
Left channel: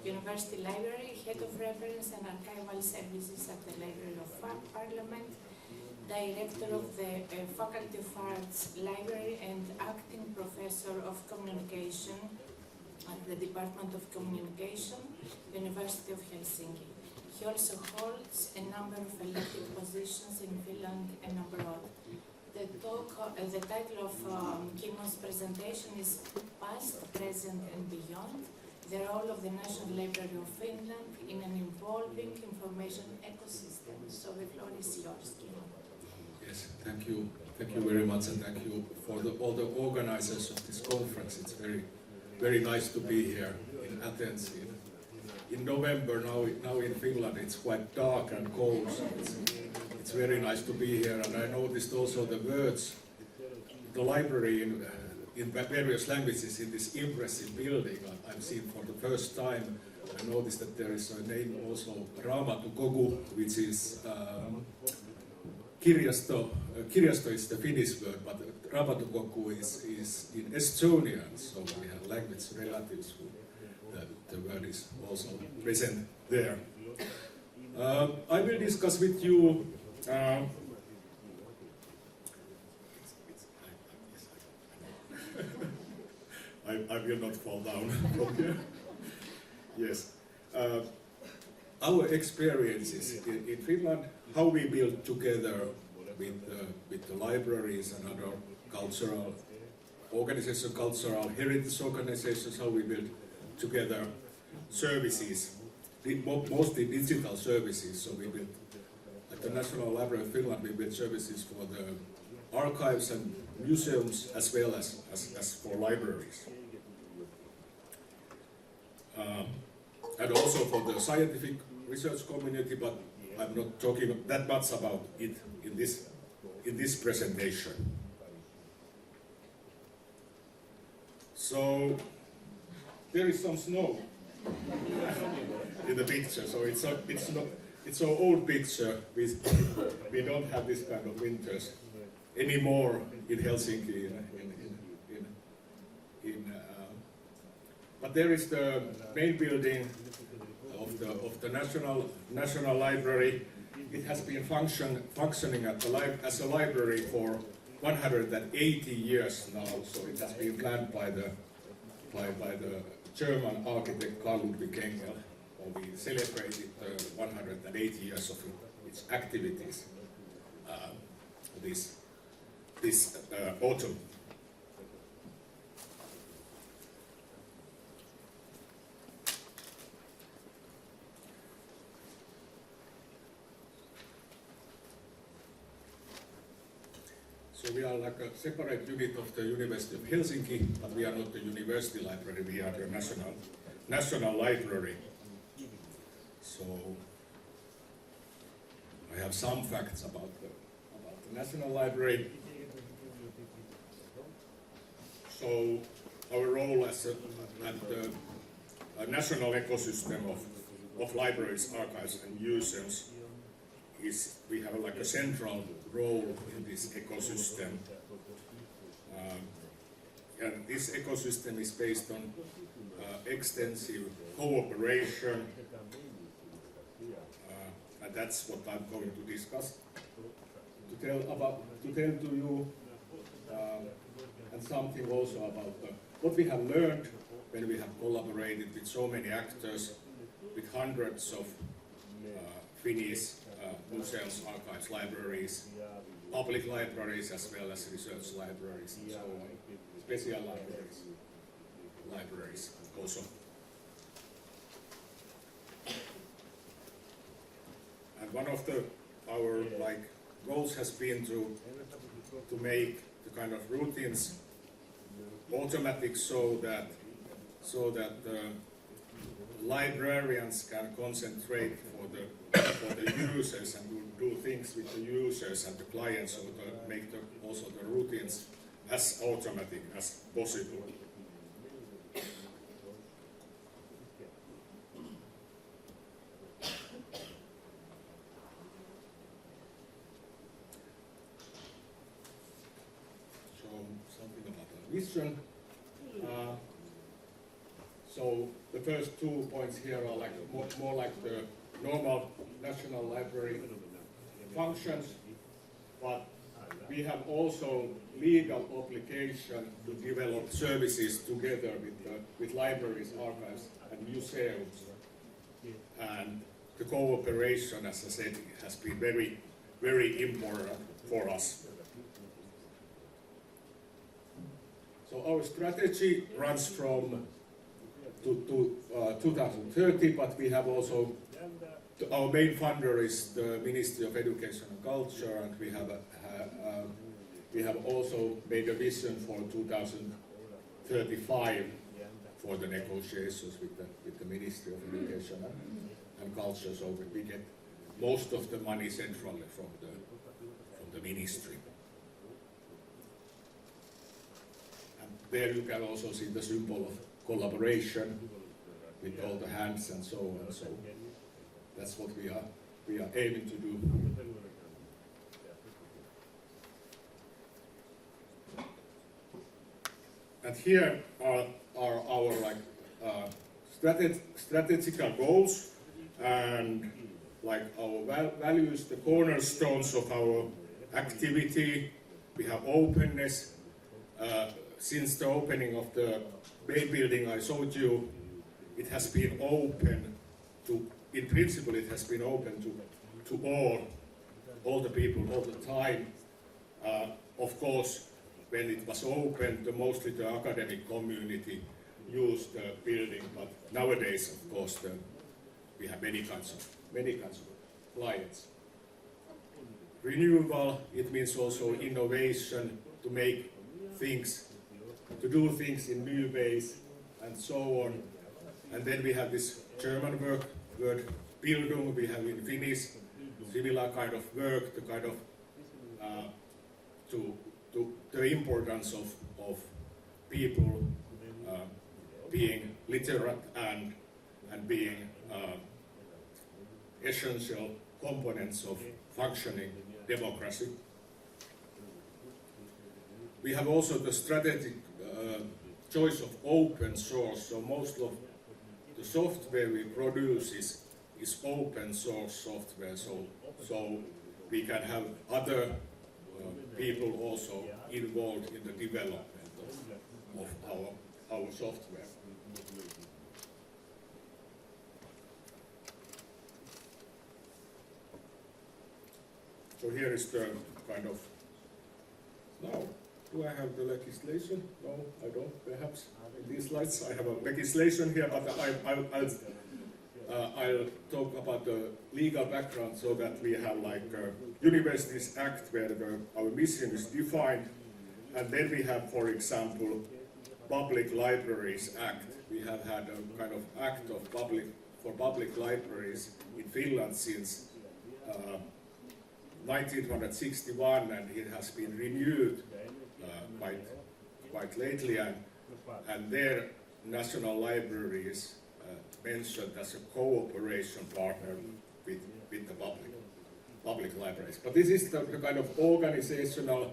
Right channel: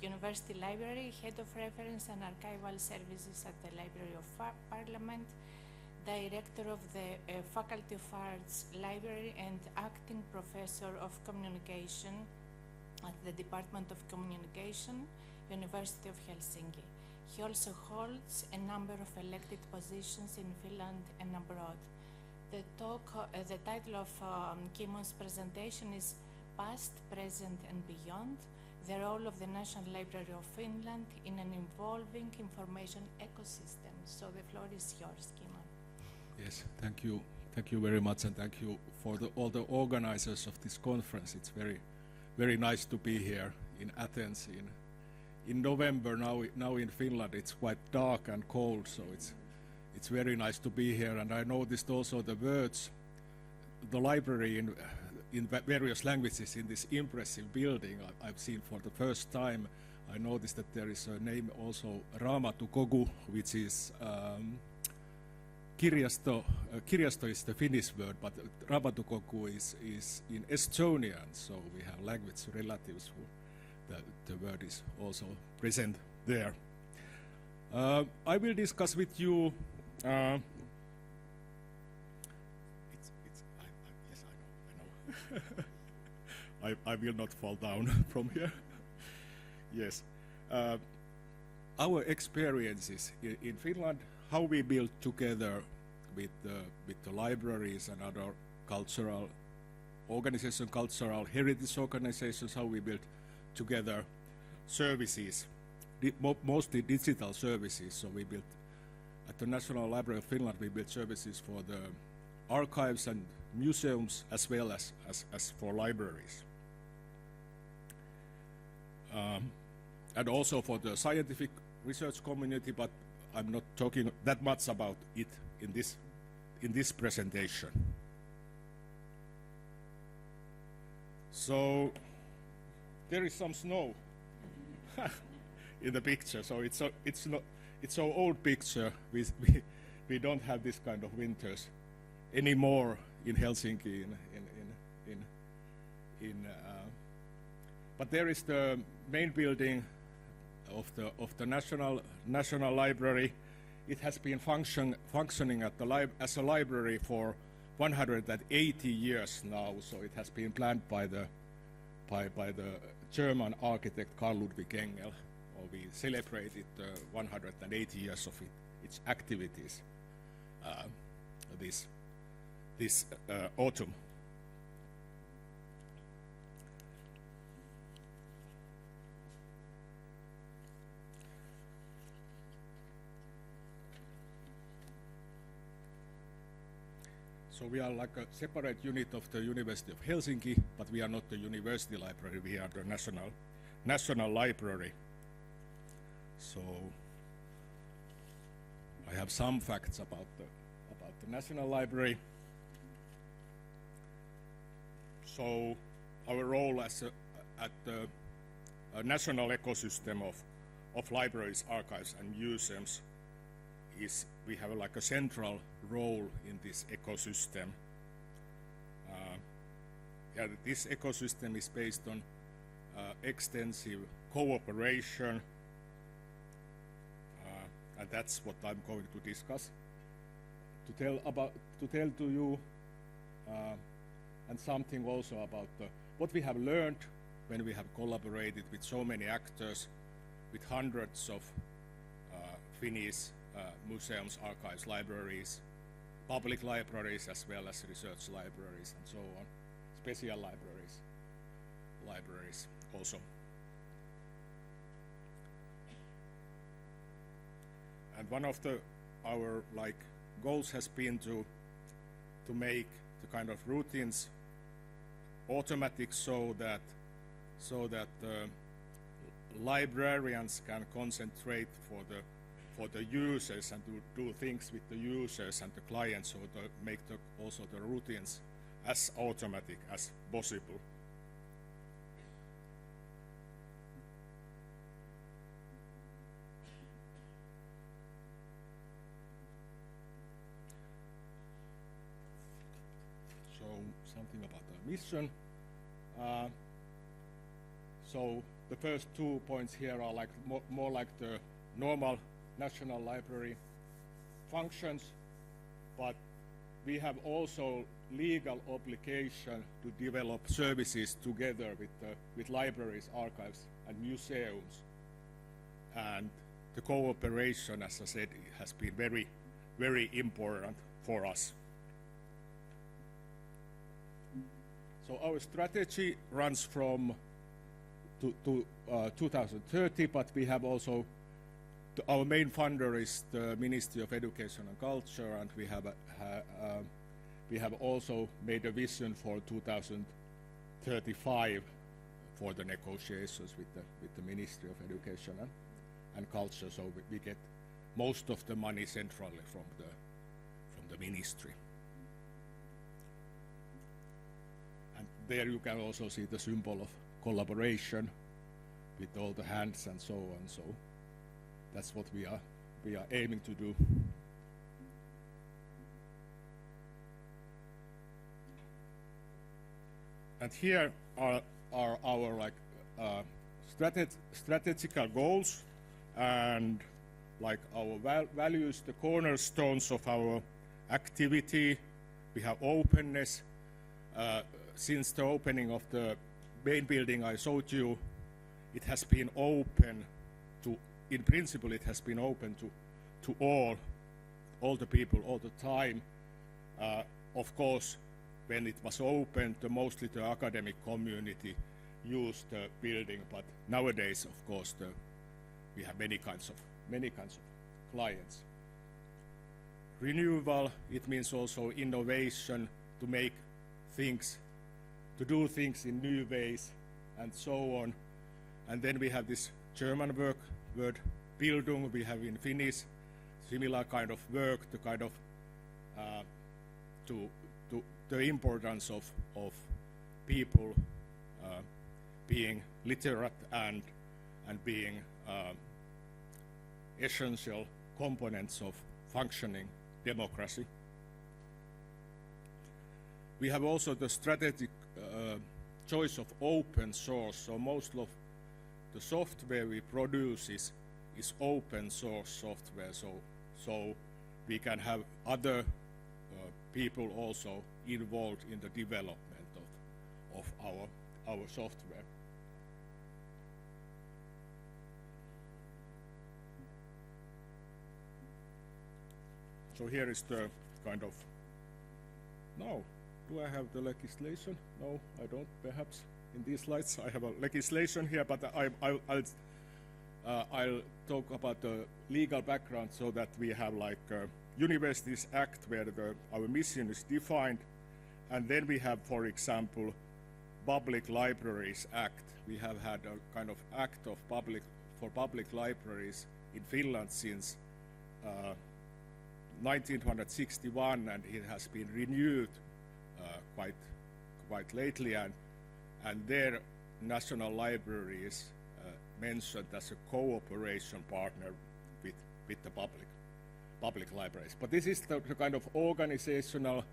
University Library, Head of Reference and Archival Services at the Library of Parliament, Director of the Faculty of Arts Library and Acting Professor of Communication at the Department of Communication, University of Helsinki. He also holds a number of elected positions in Finland and abroad. The title of Kimmo's presentation is Past, Present and Beyond, the role of the National Library of Finland in an evolving information ecosystem. So the floor is yours, Kimmo. Yes, thank you. Thank you very much, and thank you for all the organizers of this conference. It's very nice to be here in Athens in November. Now in Finland it's quite dark and cold, so it's very nice to be here. And I noticed also the words, the library in various languages in this impressive building. I've seen for the first time. I noticed that there is a name also, Raamatukogu, which is kirjasto. Kirjasto is the Finnish word, but Raamatukogu is in Estonian, so we have language relatives who the word is also present there. I will discuss with you I will not fall down from here. Yes. Our experiences in Finland, how we build together with the libraries and other cultural organization, cultural heritage organizations, how we build together services, mostly digital services. So we build, at the National Library of Finland, we build services for the archives and museums as well as for libraries. And also for the scientific research community, but I'm not talking that much about it in this presentation. So there is some snow in the picture. So it's an old picture. We don't have this kind of winters anymore in Helsinki. But there is the main building of the National Library. It has been functioning as a library for 180 years now. So it has been planned by the German architect Carl Ludwig Engel. We celebrated 180 years of its activities this autumn. So we are like a separate unit of the University of Helsinki, but we are not the university library, we are the National Library. So I have some facts about the National Library. So our role at the national ecosystem of libraries, archives and museums is we have like a central role in this ecosystem. And this ecosystem is based on extensive cooperation, and that's what I'm going to discuss. To tell to you and something also about what we have learned when we have collaborated with so many actors, with hundreds of Finnish museums, archives, libraries, public libraries as well as research libraries and so on, special libraries also. And one of our goals has been to make the kind of routines automatic so that the librarians can concentrate for the users and do things with the users and the clients, so to make also the routines as automatic as possible. So something about the vision. So the first 2 points here are like more like the normal National Library functions, but we have also legal obligation to develop services together with libraries, archives, and museums. And the cooperation, as I said, has been very, very important for us. So our strategy runs from to 2030, but we have also our main funder is the Ministry of Education and Culture, and we have also made a vision for 2035 for the negotiations with the Ministry of Education and Culture, so that we get most of the money centrally from the ministry. And there you can also see the symbol of collaboration with all the hands and so on. So that's what we are aiming to do. And here are our strategical goals and our values, the cornerstones of our activity. We have openness. Since the opening of the main building I showed you, it has been open to, in principle, it has been open to all the people, all the time. Of course, when it was open, mostly the academic community used the building, but nowadays, of course, we have many kinds of clients. Renewal, it means also innovation, to make things, to do things in new ways, and so on. And then we have this German word Bildung, we have in Finnish, similar kind of work, the kind of, to the importance of people being literate and being essential components of functioning democracy. We have also the strategic choice of open source, so most of the software we produce is open source software, so we can have other people also involved in the development of our software. So here is the kind of, now, do I have the legislation? No, I don't, perhaps. In these slides I have a legislation here, but I'll talk about the legal background so that we have like Universities Act where our mission is defined, and then we have, for example, Public Libraries Act. We have had a kind of act of for public libraries in Finland since 1961, and it has been renewed quite lately, and their National Libraries mentioned as a cooperation partner with the public libraries. But this is the kind of organizational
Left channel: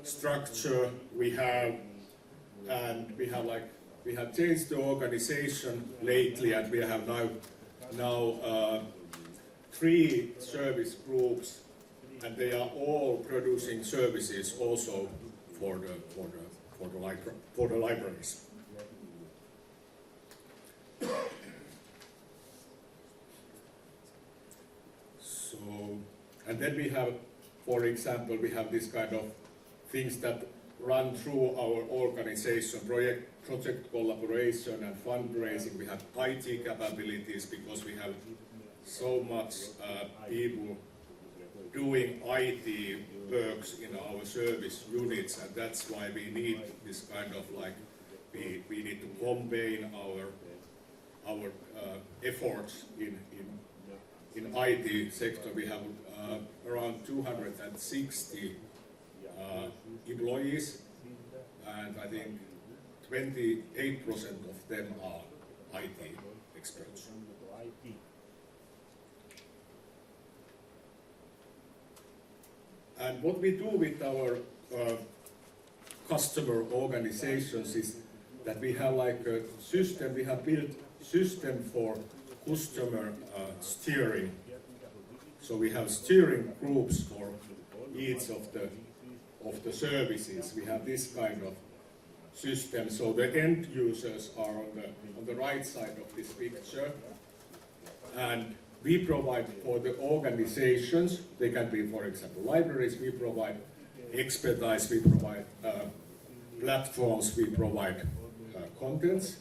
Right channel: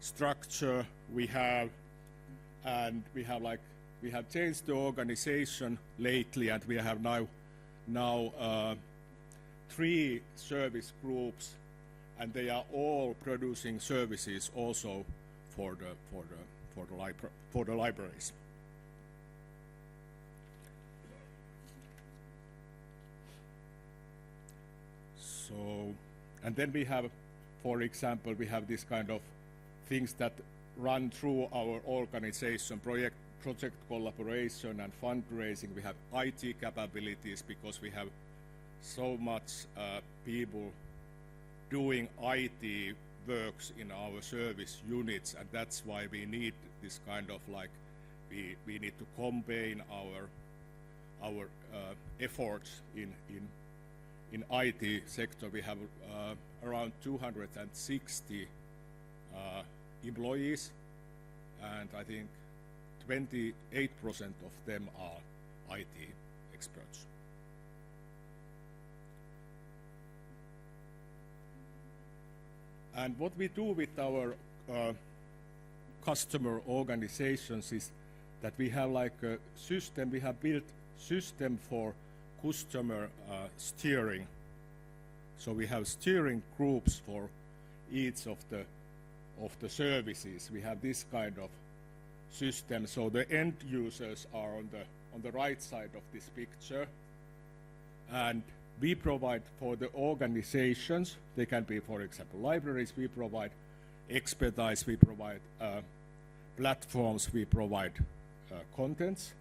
structure we have, and we have changed the organization lately, and we have now 3 service groups, and they are all producing services also for the libraries. So, and then we have, for example, we have this kind of things that run through our organization, project collaboration and fundraising. We have IT capabilities because we have so much people doing IT works in our service units, and that's why we need this kind of like, we need to combine our efforts in IT sector. We have around 260 employees, and I think 28% of them are IT experts. And what we do with our customer organizations is that we have like a system, we have built system for customer steering. So we have steering groups for each of the services. We have this kind of system. So the end users are on the right side of this picture, and we provide for the organizations. They can be, for example, libraries. We provide expertise. We provide platforms. We provide contents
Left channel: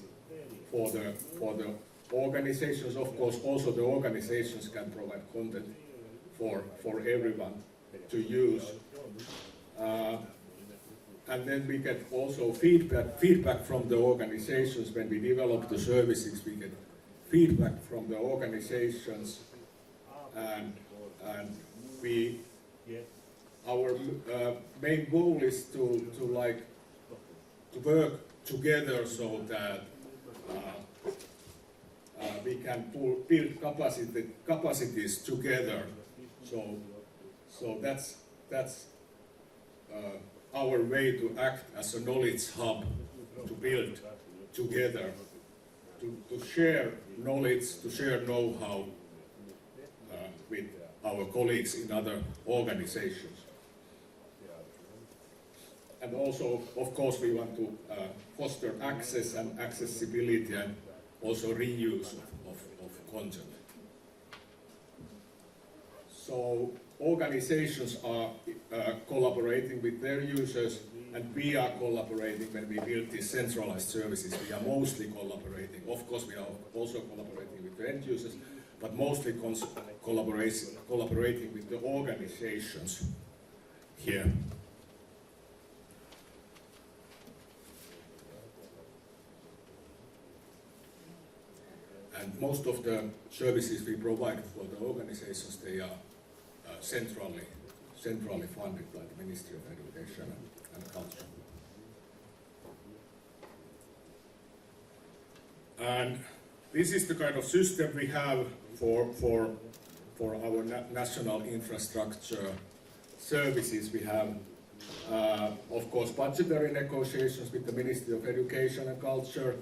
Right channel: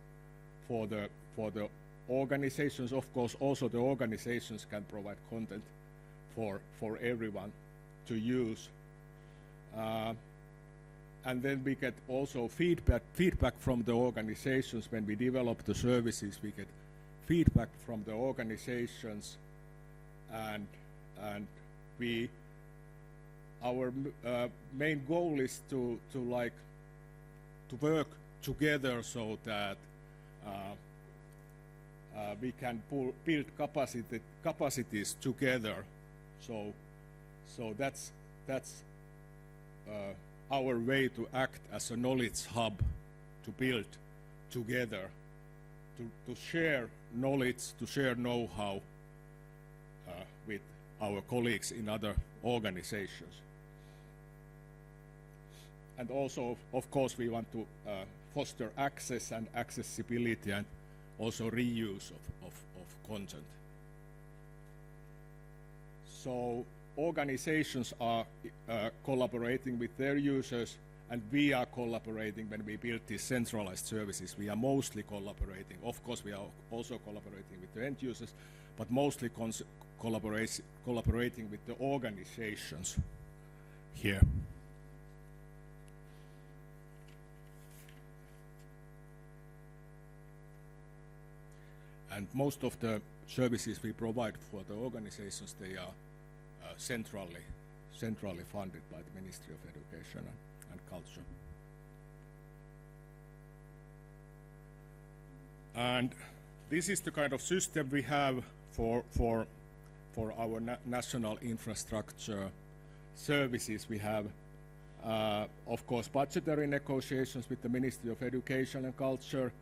for the organizations. Of course, also the organizations can provide content for everyone to use. And then we get also feedback from the organizations. When we develop the services, we get feedback from the organizations, and our main goal is to work together so that we can build capacities together. So that's our way to act as a knowledge hub, to build together, to share knowledge, to share know-how with our colleagues in other organizations. And also, of course, we want to foster access and accessibility, and also reuse of content. So organizations are collaborating with their users, And we are collaborating when we build these centralized services. We are mostly collaborating. Of course, we are also collaborating with the end users, but mostly collaborating with the organizations here. And most of the services we provide for the organizations, they are centrally funded by the Ministry of Education and Culture. And this is the kind of system we have for our national infrastructure services. We have, of course, budgetary negotiations with the Ministry of Education and Culture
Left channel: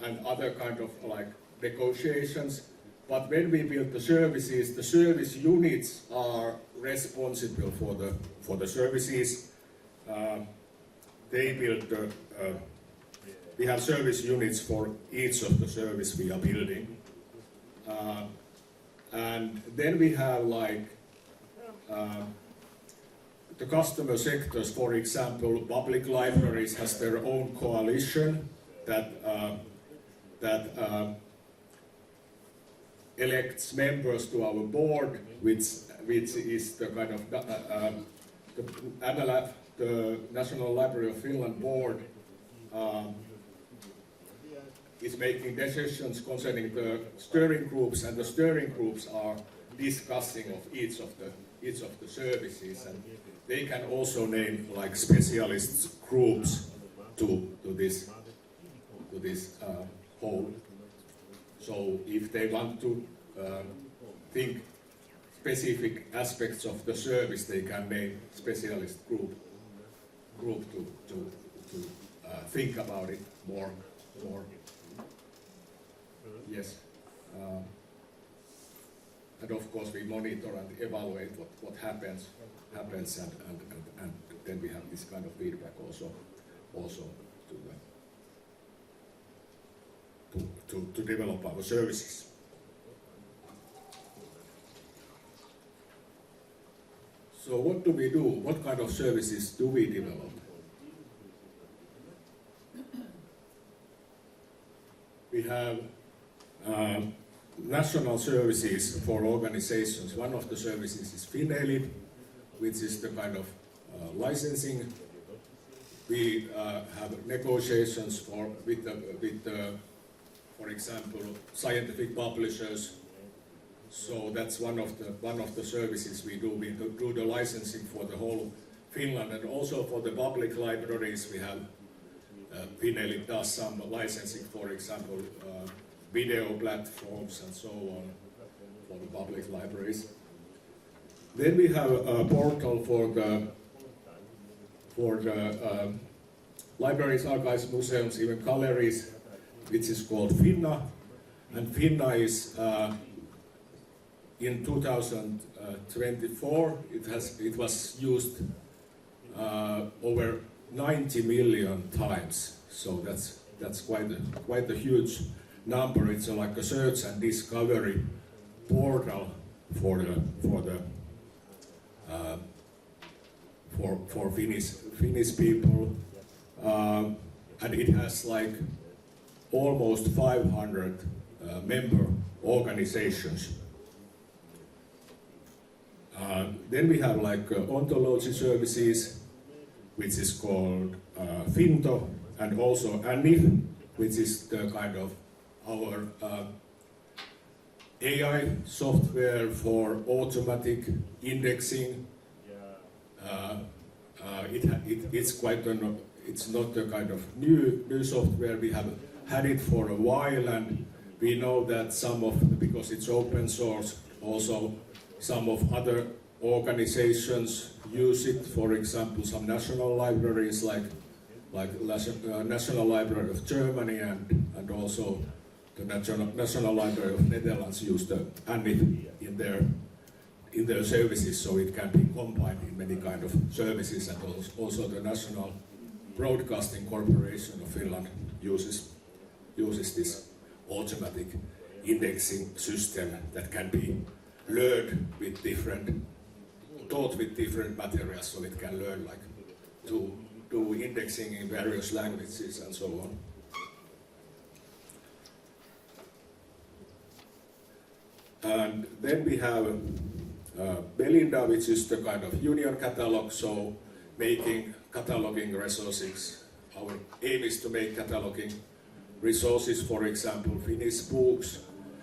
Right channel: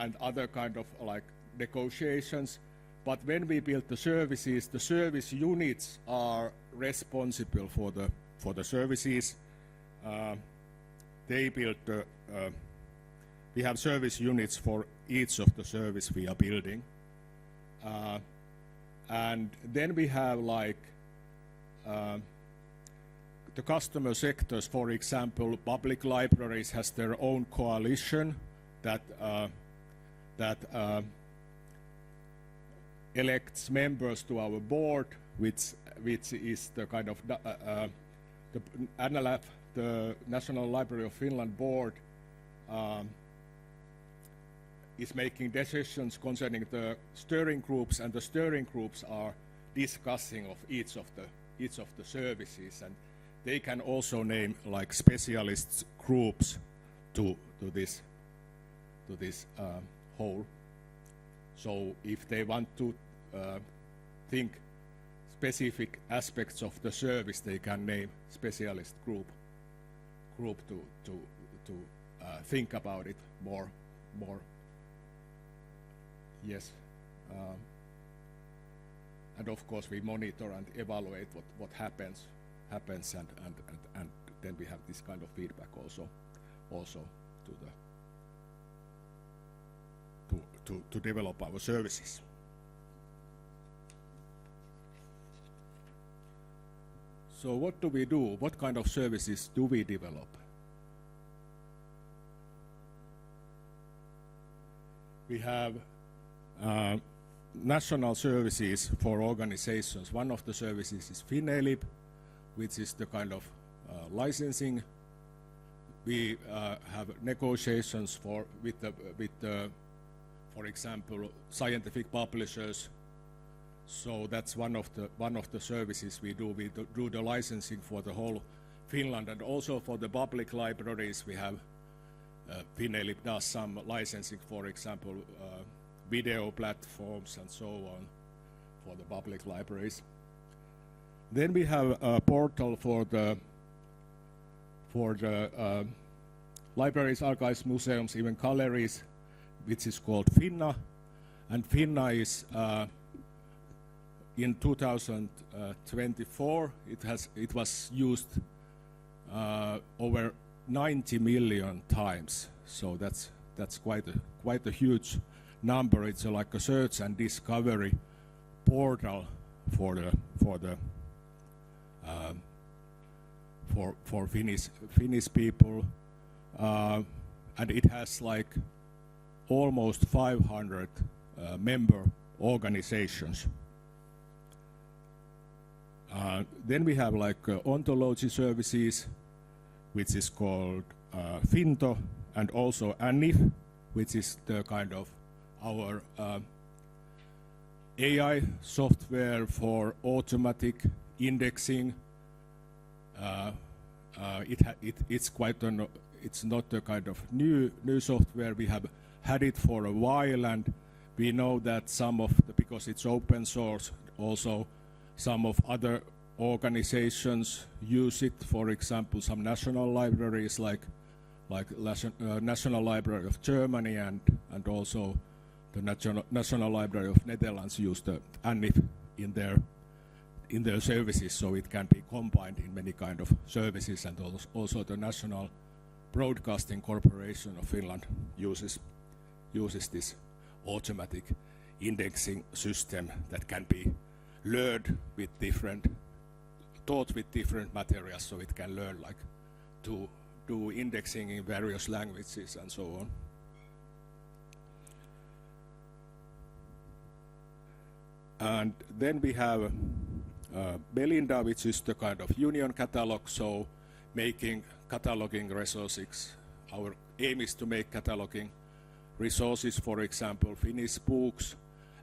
and other kind of like negotiations. But when we build the services, the service units are responsible for the services. They build we have service units for each of the service we are building. And then we have like the customer sectors, for example, public libraries has their own coalition that elects members to our board, which is the kind of the National Library of Finland board is making decisions concerning the steering groups, and the steering groups are discussing of each of the services, and they can also name like specialist groups to this whole. So if they want to think specific aspects of the service, they can name specialist group to think about it more. Yes. And of course we monitor and evaluate what happens and then we have this kind of feedback also to develop our services. So what do we do? What kind of services do we develop? We have national services for organizations. One of the services is FinELIB, which is the kind of licensing. We have negotiations with for example, scientific publishers. So that's one of the services we do. We do the licensing for the whole Finland, and also for the public libraries. We have FinELIB does some licensing, for example, video platforms and so on for the public libraries. Then we have a portal for the libraries, archives, museums, even galleries, which is called Finna. And Finna is in 2024 it was used over 90 million times. So that's quite a huge number. It's like a search and discovery portal for Finnish people, and it has like almost 500 member organizations. Then we have like ontology services, which is called Finto, and also ANIF, which is the kind of our AI software for automatic indexing. It's not a kind of new software. We have had it for a while, and we know that because it's open source, also some of other organizations use it. For example, some national libraries like National Library of Germany and also the National Library of Netherlands use the ANIF in their services, so it can be combined in many kind of services, and also the National Broadcasting Corporation of Finland uses this automatic indexing system that can be learned with taught with different materials, so it can learn like do indexing in various languages and so on. And then we have Belinda, which is the kind of union catalog, so making cataloging resources. Our aim is to make cataloging resources, for example, Finnish books,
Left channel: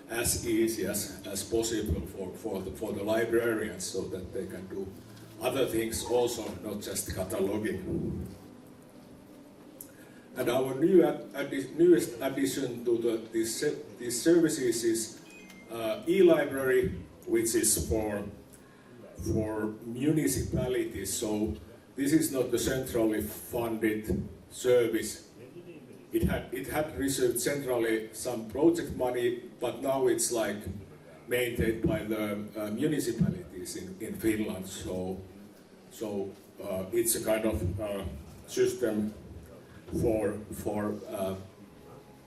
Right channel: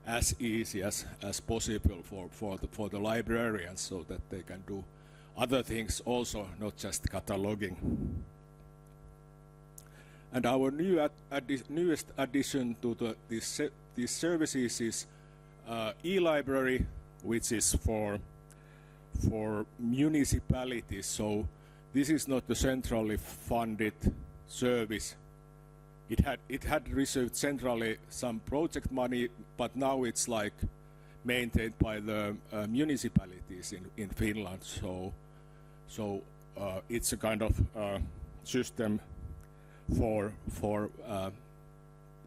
as easy as possible for the librarians, so that they can do other things also, not just cataloging. And our newest addition to these services is e-library, which is for municipalities. So this is not a centrally funded service. It had received centrally some project money, but now it's like maintained by the municipalities in Finland. So it's a kind of system for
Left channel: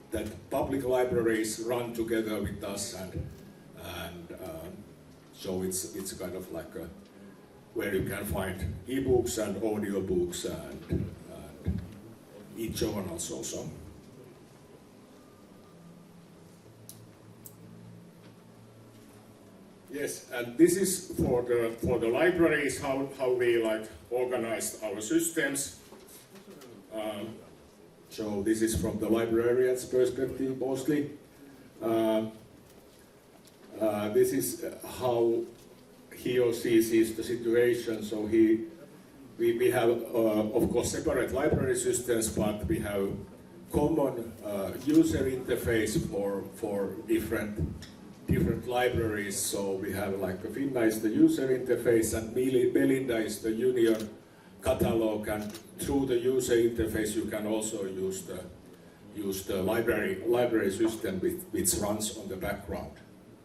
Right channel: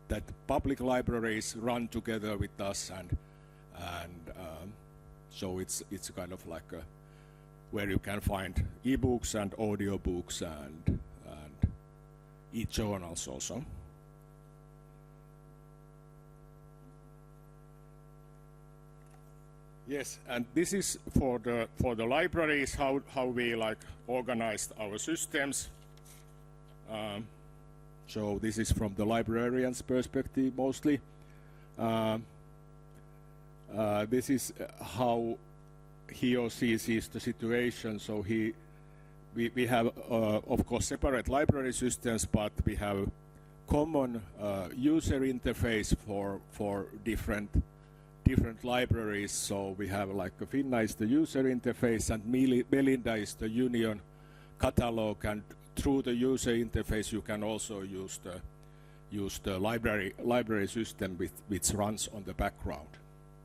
that public libraries run together with us, and so it's kind of like where you can find e-books and audiobooks and e-journals also. Yes, and this is for the libraries, how we like organize our systems. So this is from the librarian's perspective mostly. This is how he or she sees the situation. So we have of course separate library systems, but we have common user interface for different libraries. So we have like the Finna is the user interface, and Belinda is the union catalog, and through the user interface you can also use the library system which runs on the background.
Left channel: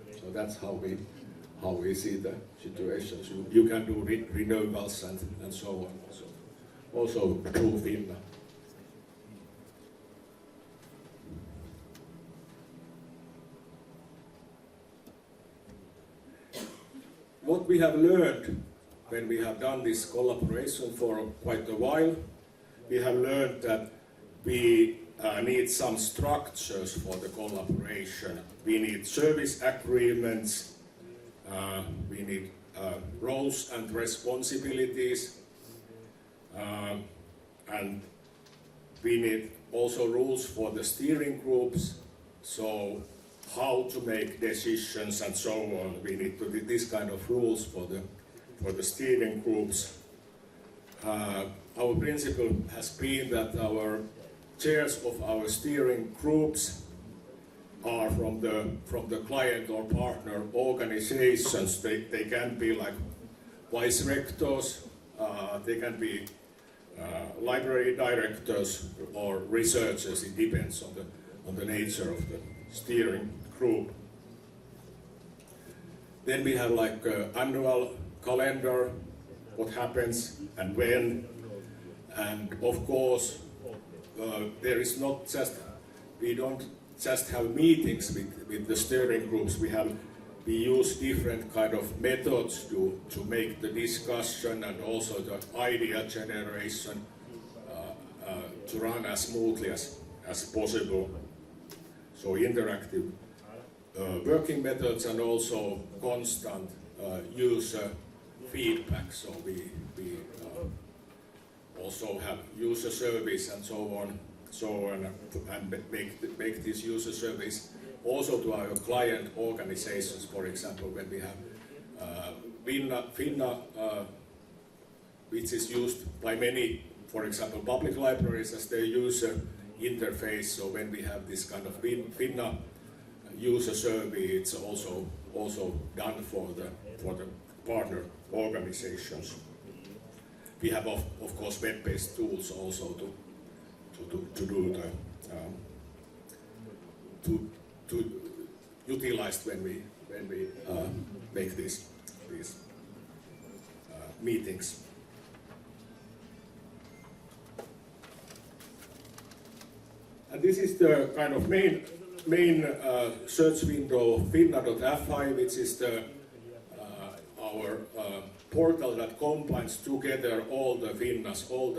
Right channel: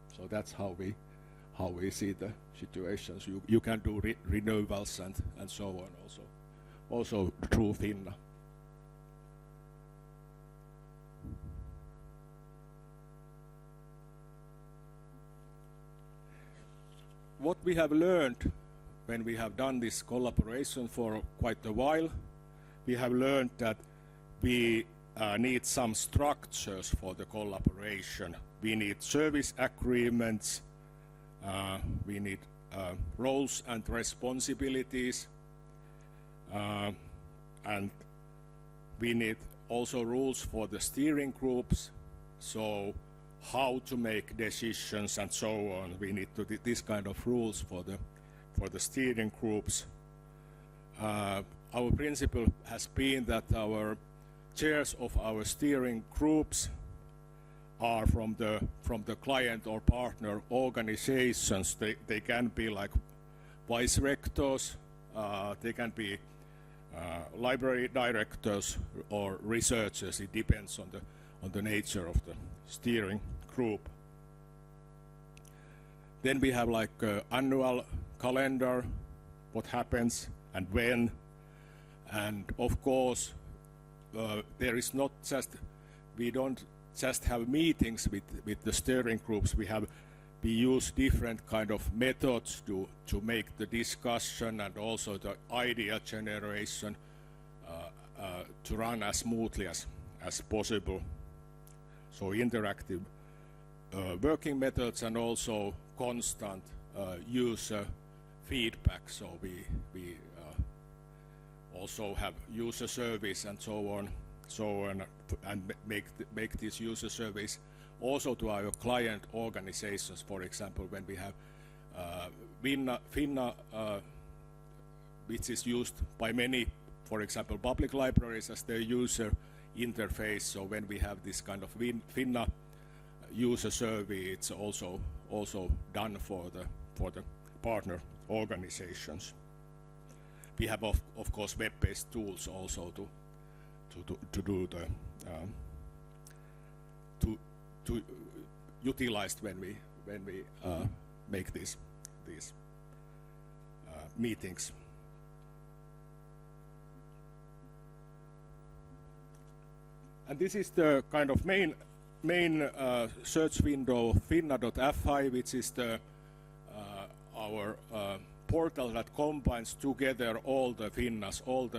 So that's how we see the situations. You can do renewals and so on. Also through Finna. What we have learned when we have done this collaboration for quite a while, we have learned that we need some structures for the collaboration. We need service agreements, we need roles and responsibilities, and we need also rules for the steering groups, so how to make decisions and so on. We need to get this kind of rules for the steering groups. Our principle has been that our chairs of our steering groups are from the client or partner organizations. They can be like vice rectors, they can be library directors or researchers. It depends on the nature of the steering group. Then we have like annual calendar, what happens and when, and of course there is not just, we don't just have meetings with the steering groups. We use different kind of methods to make the discussion and also the idea generation to run as smoothly as possible. So interactive working methods and also constant user feedback. So we also have user surveys and so on, and make this user surveys also to our client organizations. For example, when we have Finna, which is used by many, for example, public libraries as their user interface. So when we have this kind of Finna user survey, it's also done for the partner organizations. We have of course web-based tools also to do to utilize when we make these meetings. And this is the kind of main search window, finna.fi, which is our portal that combines together all the Finnas, all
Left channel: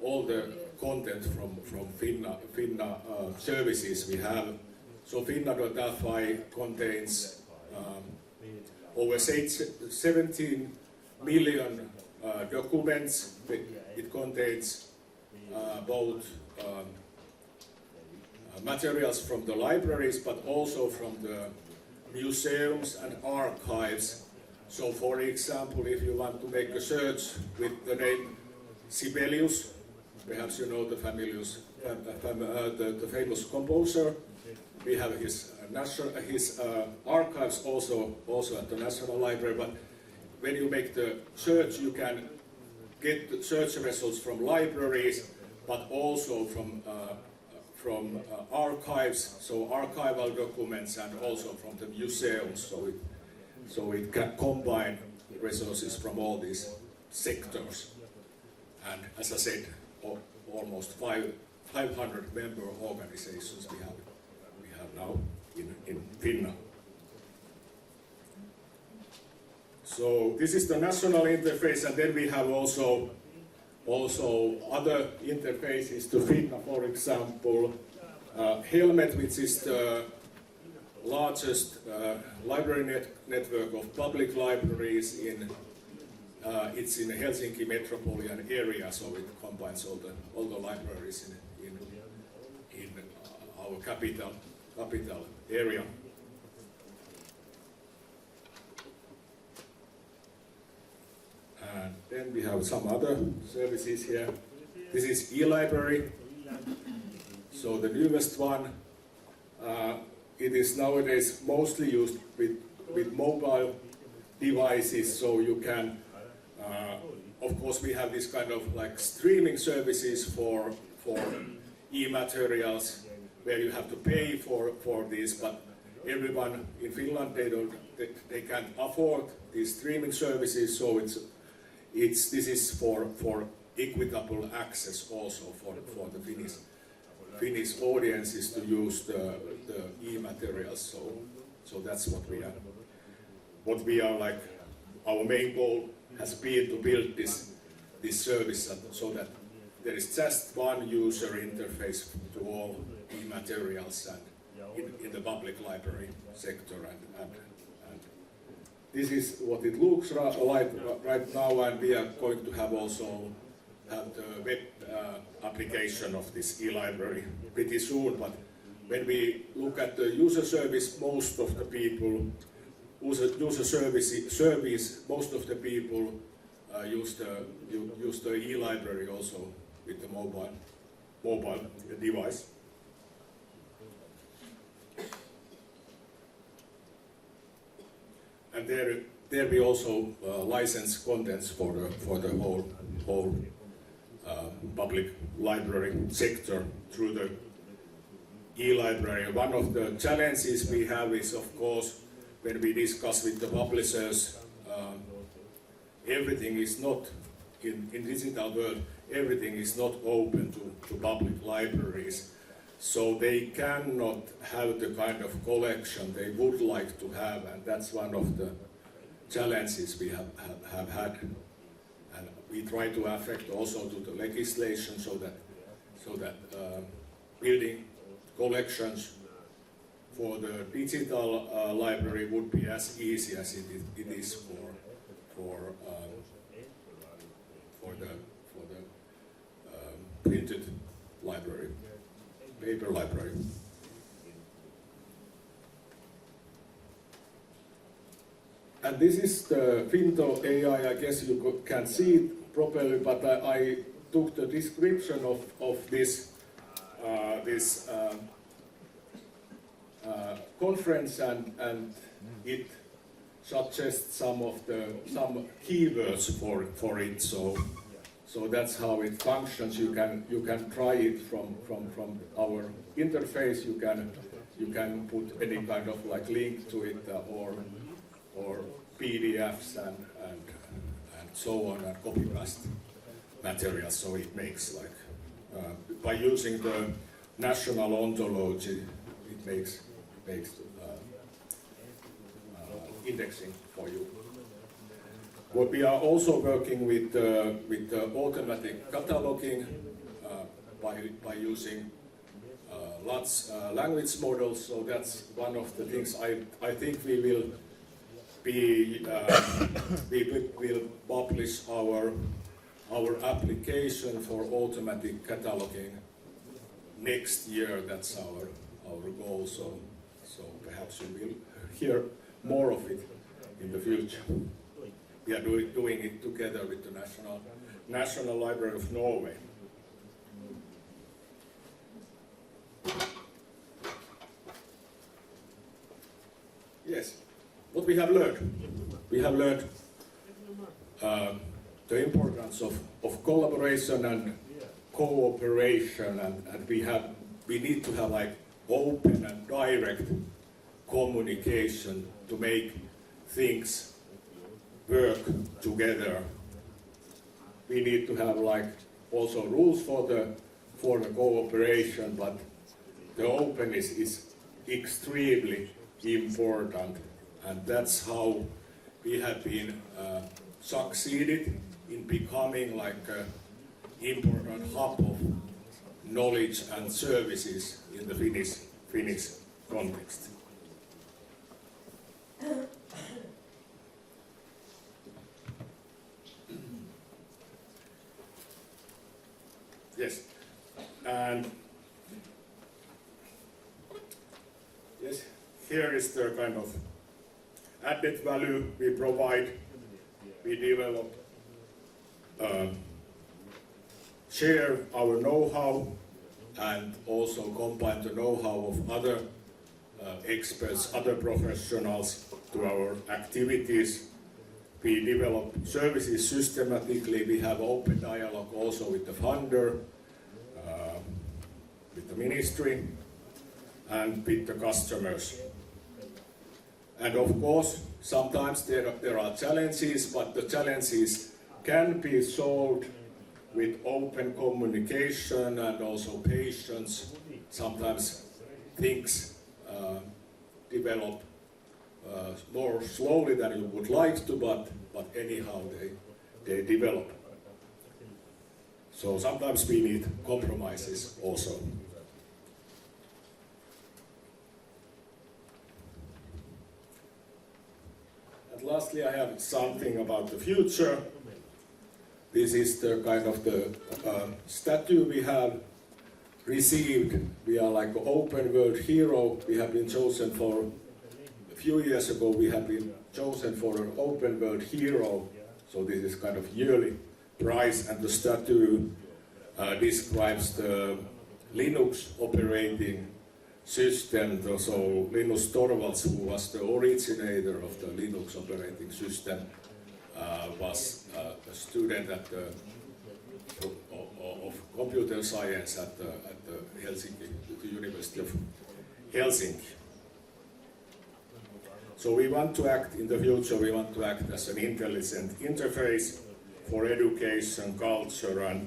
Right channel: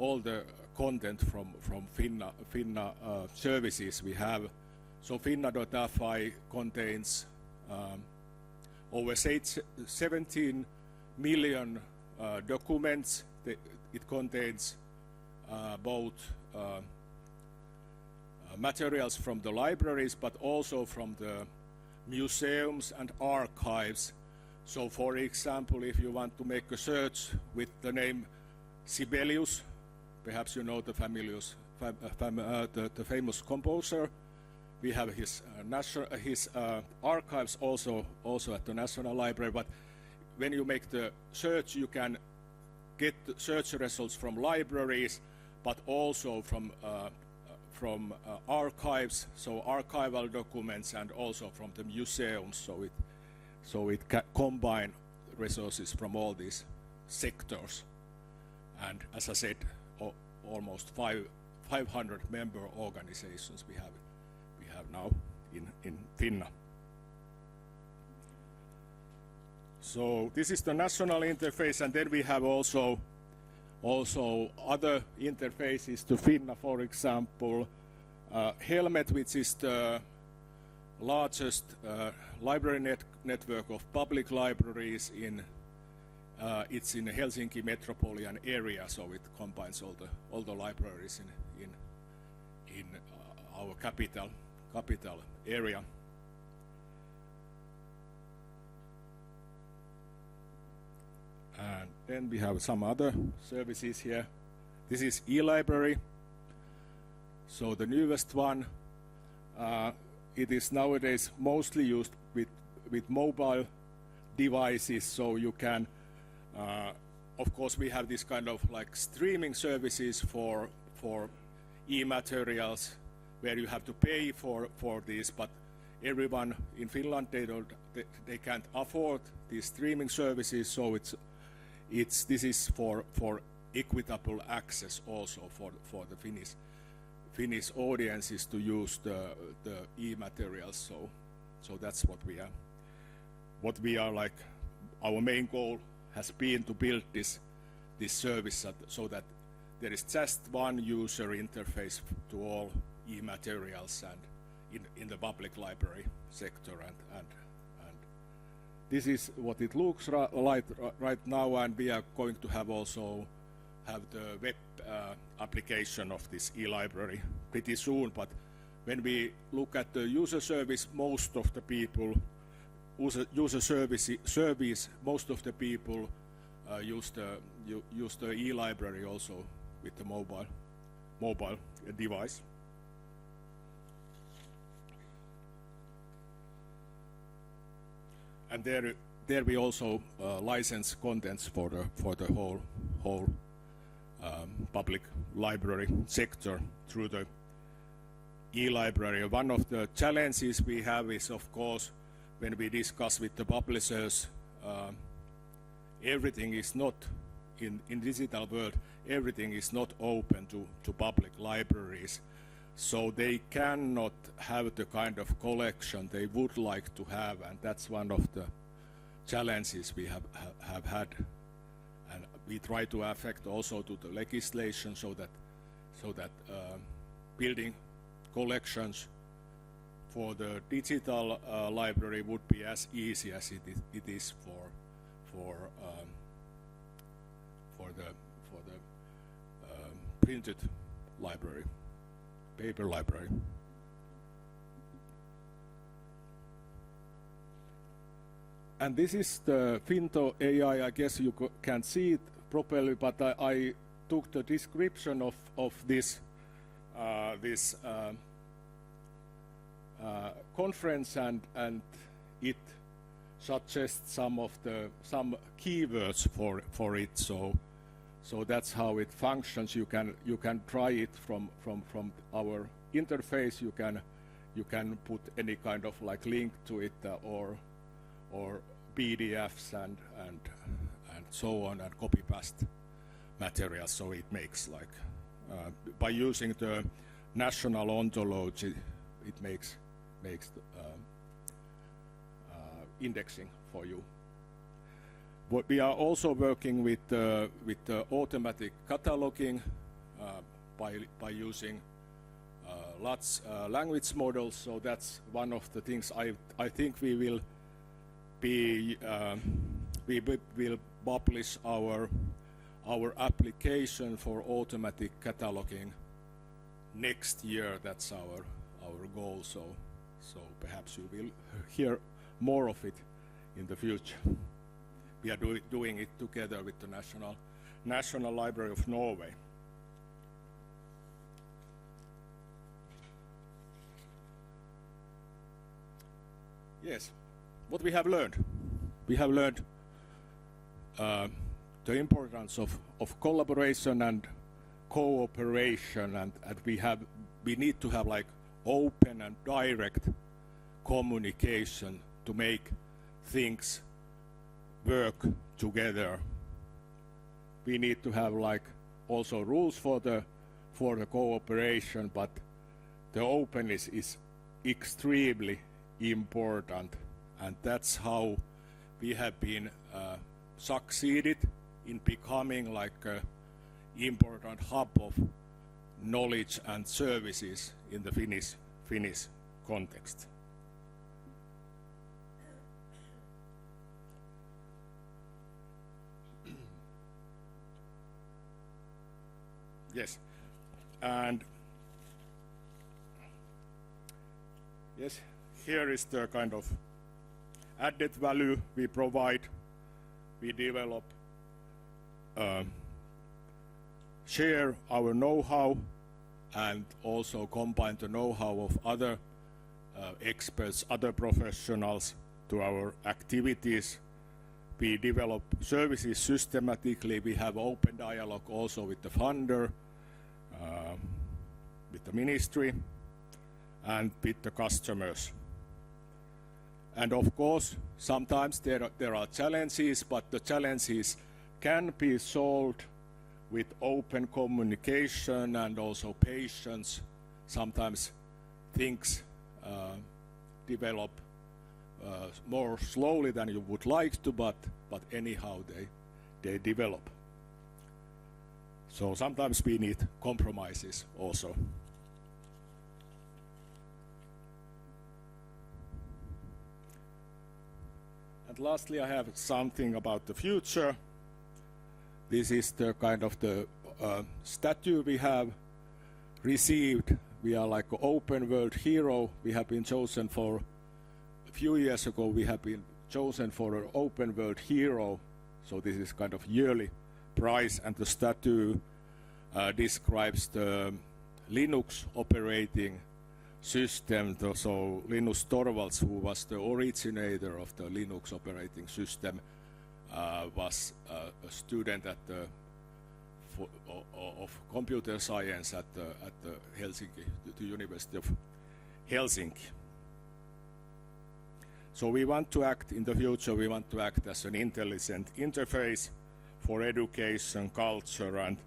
all the content from Finna services we have. So Finna.fi contains over 17 million documents. It contains both materials from the libraries, but also from the museums and archives. So for example, if you want to make a search with the name Sibelius, perhaps you know the famous composer, we have his archives also at the National Library, but when you make the search, you can get the search results from libraries, but also from archives, so archival documents, and also from the museums. So it can combine resources from all these sectors. And as I said, almost 500 member organizations we have now in Finland. So this is the national interface, and then we have also other interfaces to Finna, for example, Helmet, which is the largest library network of public libraries it's in Helsinki metropolitan area, so it combines all the libraries in our capital area. And then we have some other services here. This is e-library. So the newest one, it is nowadays mostly used with mobile devices, so you can, of course we have this kind of like streaming services for e-materials where you have to pay for this, but everyone in Finland, they can afford these streaming services, so this is for equitable access also for the Finnish audiences to use the e-materials. So that's what we have. What we are like, our main goal has been to build this service so that there is just one user interface to all e-materials in the public library sector. And this is what it looks like right now, and we are going to have the web application of this e-library pretty soon. But when we look at the user service, most of the people use the e-library also with the mobile device. And there we also license contents for the whole public library sector through the e-library. One of the challenges we have is, of course, when we discuss with the publishers, everything is not, in digital world, everything is not open to public libraries. So they cannot have the kind of collection they would like to have, and that's one of the challenges we have had. And we try to affect also to the legislation so that building collections for the digital library would be as easy as it is for the printed library, paper library. And this is the Finto AI. I guess you can't see it properly, but I took the description of this conference, and it suggests some keywords for it. So that's how it functions. You can try it from our interface. You can put any kind of like link to it or PDFs and so on, and copy paste materials. So it makes like by using the national ontology, it makes indexing for you. But we are also working with automatic cataloging by using large language models. So that's one of the things I think we will be we will publish our application for automatic cataloging next year. That's our goal. So perhaps you will hear more of it in the future. We are doing it together with the National Library of Norway. Yes, what we have learned? We have learned the importance of collaboration and cooperation, and we need to have like open and direct communication to make things work together. We need to have like also rules for the cooperation, but the openness is extremely important, and that's how we have been succeeded in becoming like an important hub of knowledge and services in the Finnish context. Yes, and yes, here is the kind of added value we provide. We develop, share our know-how, and also combine the know-how of other experts, other professionals to our activities. We develop services systematically. We have open dialogue also with the funder, with the ministry, and with the customers. And of course, sometimes there are challenges, but the challenges can be solved with open communication and also patience. Sometimes things develop more slowly than you would like to, but anyhow they develop. So sometimes we need compromises also. And lastly, I have something about the future. This is the kind of the statue we have received. We are like an open world hero. We have been chosen for, a few years ago, we have been chosen for an open world hero. So this is kind of yearly prize, and the statue describes the Linux operating system. So Linus Torvalds, who was the originator of the Linux operating system, was a student at of computer science at the University of Helsinki. So we want to act in the future. We want to act as an intelligent interface for education, culture, and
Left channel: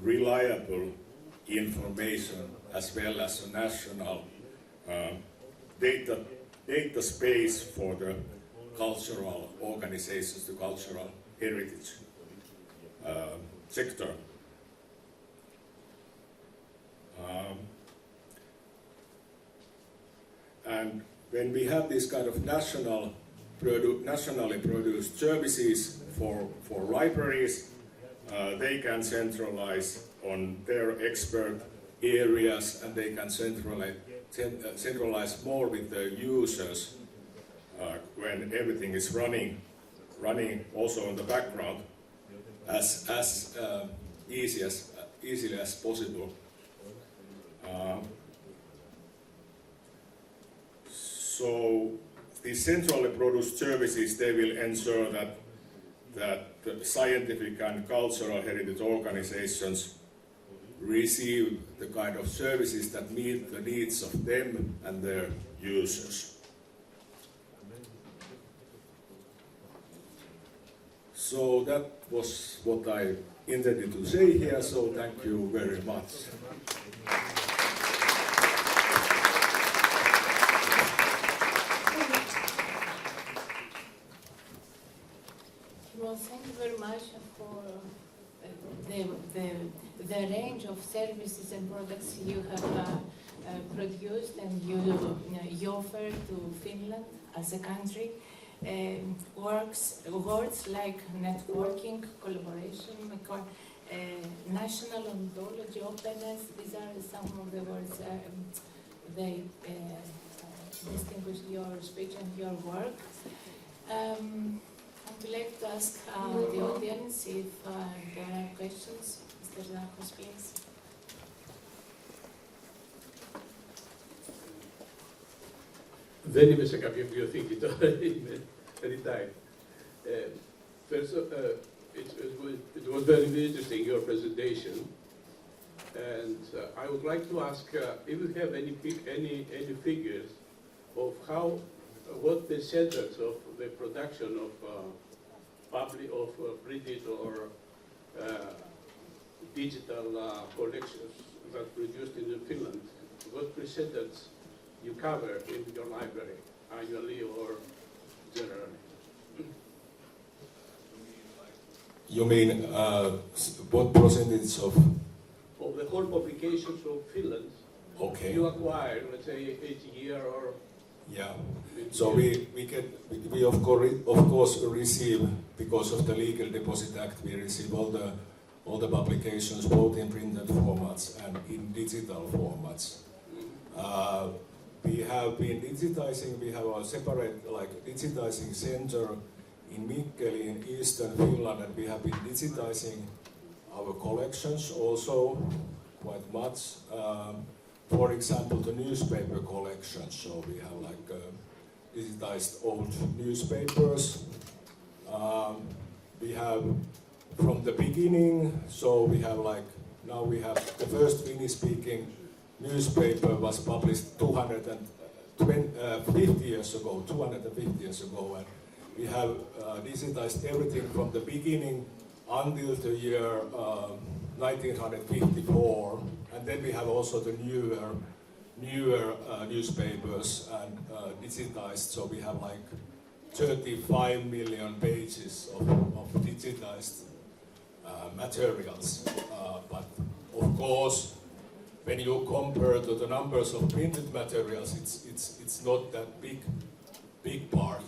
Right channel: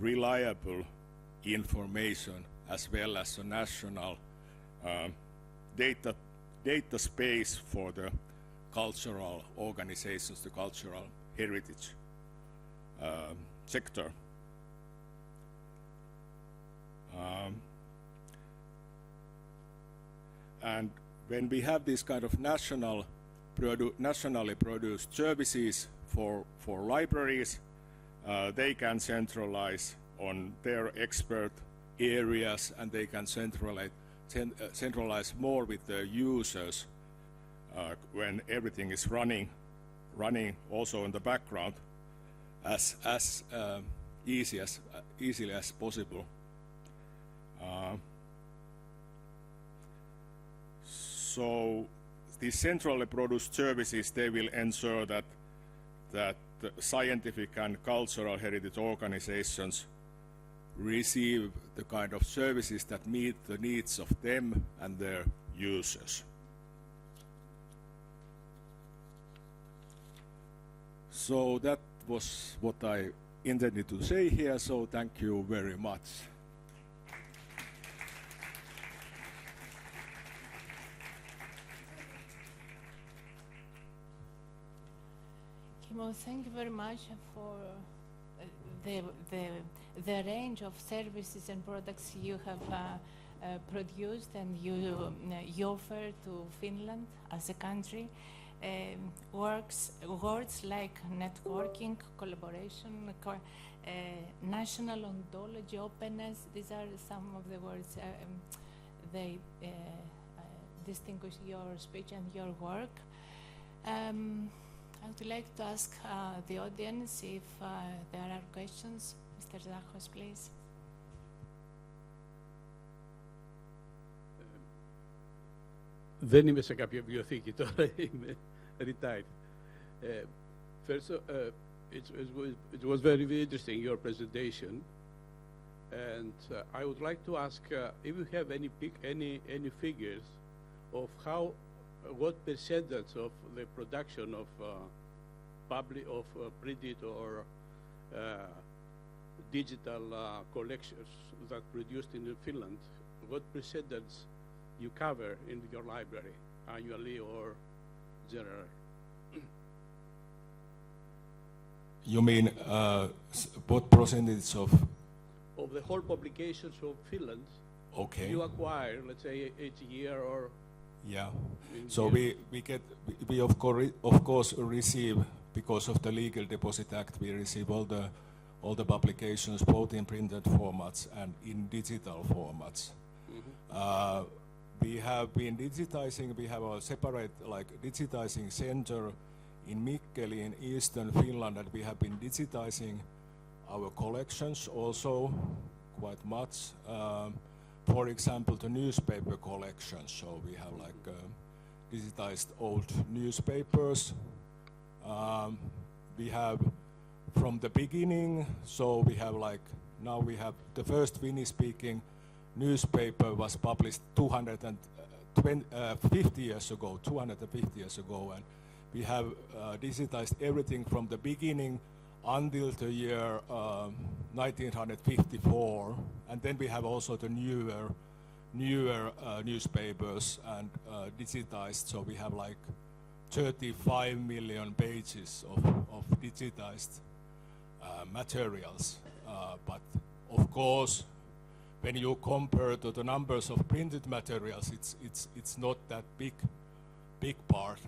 reliable information, as well as a national data space for the cultural organizations, the cultural heritage sector. And when we have this kind of nationally produced services for libraries, they can centralize on their expert areas, and they can centralize more with the users when everything is running also in the background as easy as possible. So these centrally produced services, they will ensure that the scientific and cultural heritage organizations receive the kind of services that meet the needs of them and their users. So that was what I intended to say here, so thank you very much. Well, thank you very much for the range of services and products you have produced and you offer to Finland as a country. Words like networking, collaboration, national ontology, openness, these are some of the words they distinguish your speech and your work. I would like to ask the audience if there are questions. Mr. Niarchos, please. Δεν είμαι σε κάποια βιβλιοθήκη τώρα, είμαι retired. First, it was very interesting, your presentation. And I would like to ask if you have any figures of what the centers of the production of printed or digital collections that are produced in Finland, what percentage you cover in your library, annually or generally? You mean what percentage of the whole publications of Finland? Okay. You acquire, let's say, each year or? Yeah. So we of course receive, because of the Legal Deposit Act, we receive all the publications both in printed formats and in digital formats. We have been digitizing. We have a separate digitizing center in Mikkeli in eastern Finland, and we have been digitizing our collections also quite much. For example, the newspaper collections. So we have digitized old newspapers. We have from the beginning. So we have now we have the first Finnish-speaking newspaper was published 250 years ago. And we have digitized everything from the beginning until the year 1954, and then we have also the newer newspapers and digitized. So we have 35 million pages of digitized materials. But of course, when you compare to the numbers of printed materials, it's not that big part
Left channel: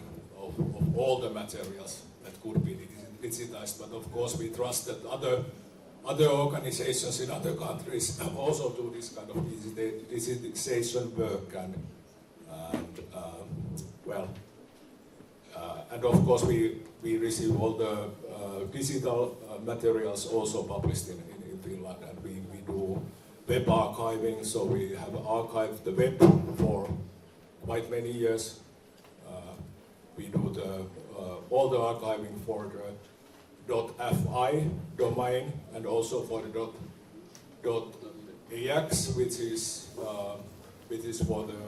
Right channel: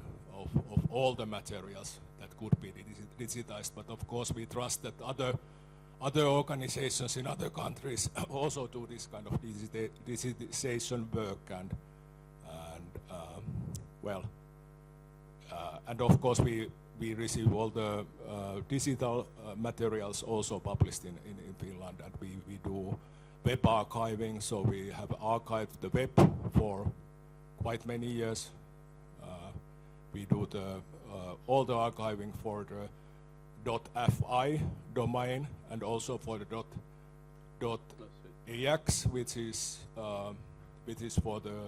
of all the materials that could be digitized. But of course, we trust that other organizations in other countries also do this kind of digitization work, and of course we receive all the digital materials also published in Finland, and we do web archiving, so we have archived the web for quite many years. We do all the archiving for the .fi domain and also for the .ax, which is for the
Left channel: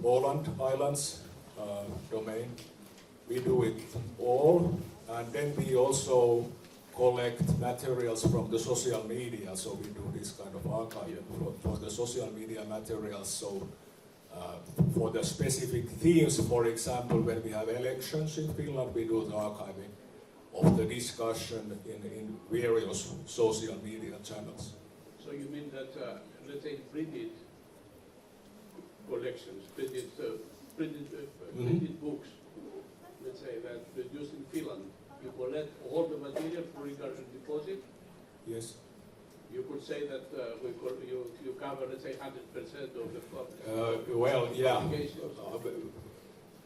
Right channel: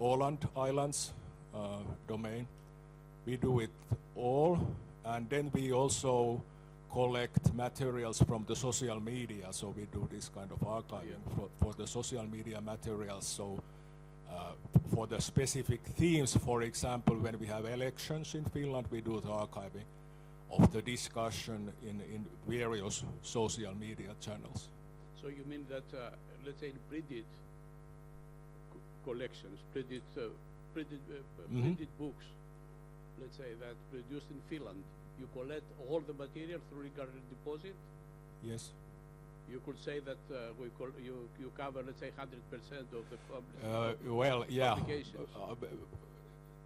Åland Islands domain. We do it all, and then we also collect materials from the social media. So we do this kind of archiving for the social media materials. So for the specific themes, for example, when we have elections in Finland, we do the archiving of the discussion in various social media channels. So you mean that, let's say, printed collections, printed books, let's say, that produced in Finland, you collect all the material regarding the deposit? Yes. You could say that you cover, let's say, 100% of the well, yeah.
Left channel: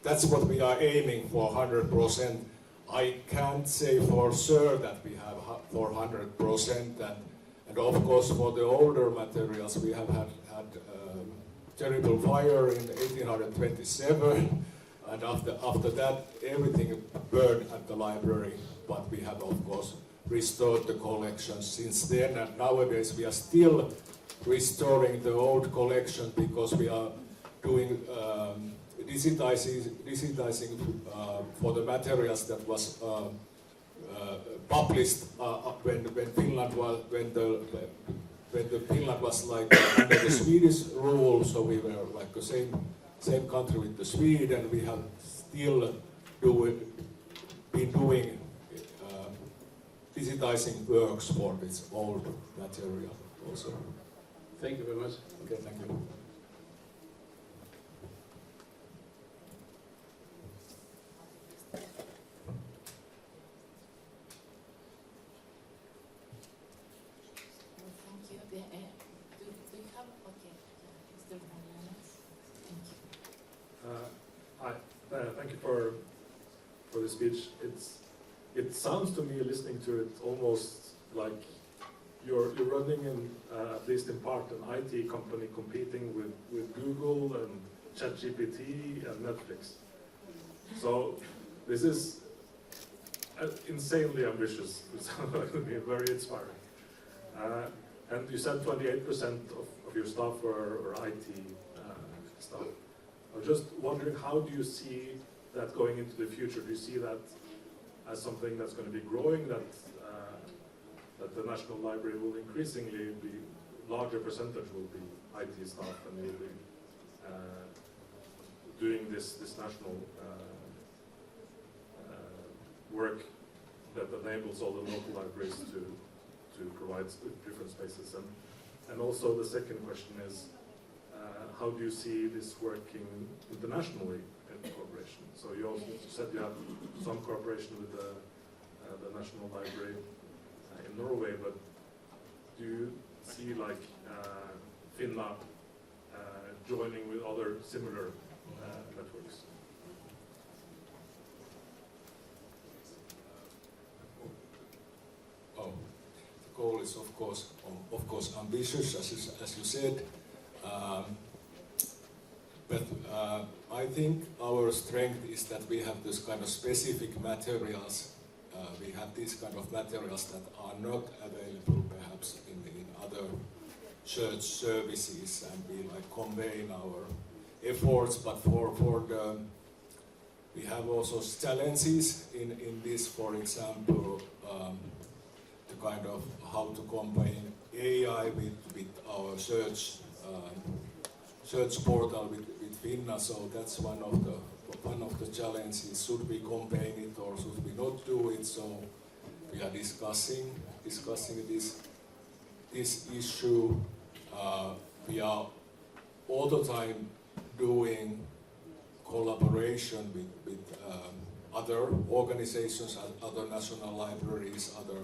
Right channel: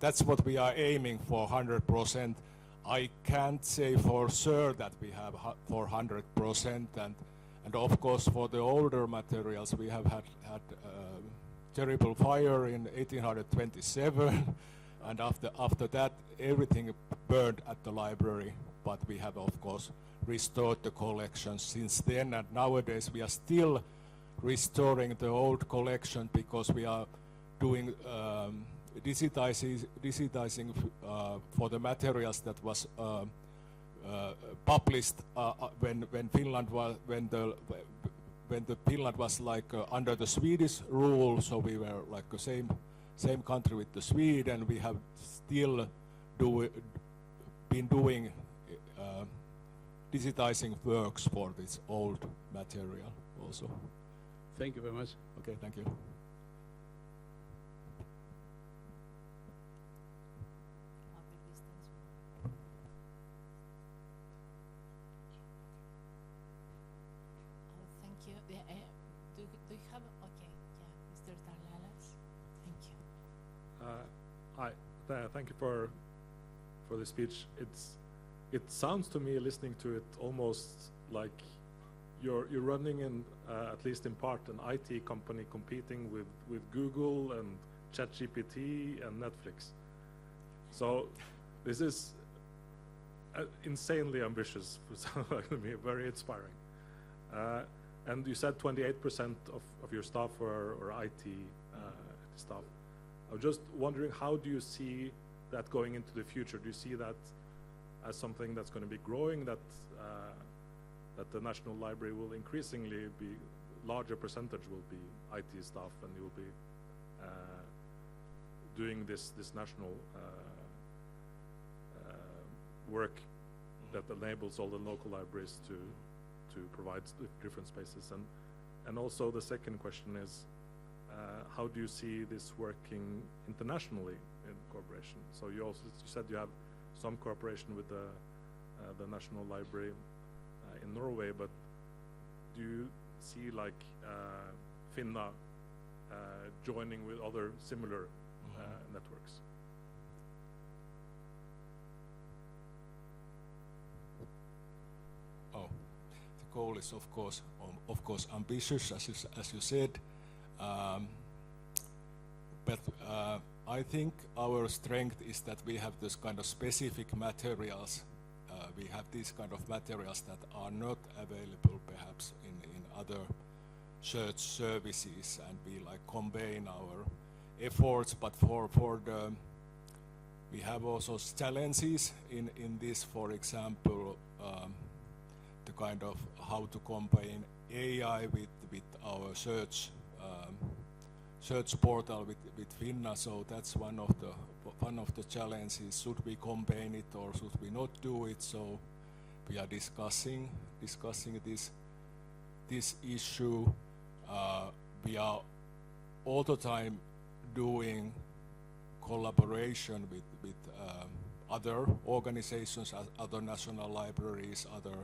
That's what we are aiming for, 100%. I can't say for sure that we have for 100%, and of course for the older materials we have had terrible fire in 1827, and after that everything burned at the library, but we have of course restored the collection since then, and nowadays we are still restoring the old collection because we are doing digitizing for the materials that was published when Finland was under the Swedish rule, so we were like the same country with the Sweden. We have still been doing digitizing digitizing works for its old material also. Thank you very much. Okay, thank you. Thank you for the speech. It sounds to me, listening to it, almost like you're running at least in part, an IT company competing with Google and ChatGPT and Netflix. So this is insanely ambitious, very inspiring. And you said 28% of your staff are IT staff. I'm just wondering, how do you see that going into the future? Do you see that as something that's going to be growing, that the National Library will increasingly be, larger percentage will be IT staff and will be doing this national work that enables all the local libraries to provide different spaces? And also the second question is, how do you see this working internationally in cooperation? So you also said you have some cooperation with the National Library in Norway, but do you see like Finna joining with other similar networks? Oh, the goal is of course ambitious, as you said. But I think our strength is that we have this kind of specific materials. We have these kind of materials that are not available perhaps in other church services, and we like combine our efforts. But for the we have also challenges in this. For example, the kind of how to combine AI with our church portal with Finna, so that's one of the challenges. Should we combine it or should we not do it? So we are discussing this issue. We are all the time doing collaboration with other organizations, other national libraries, other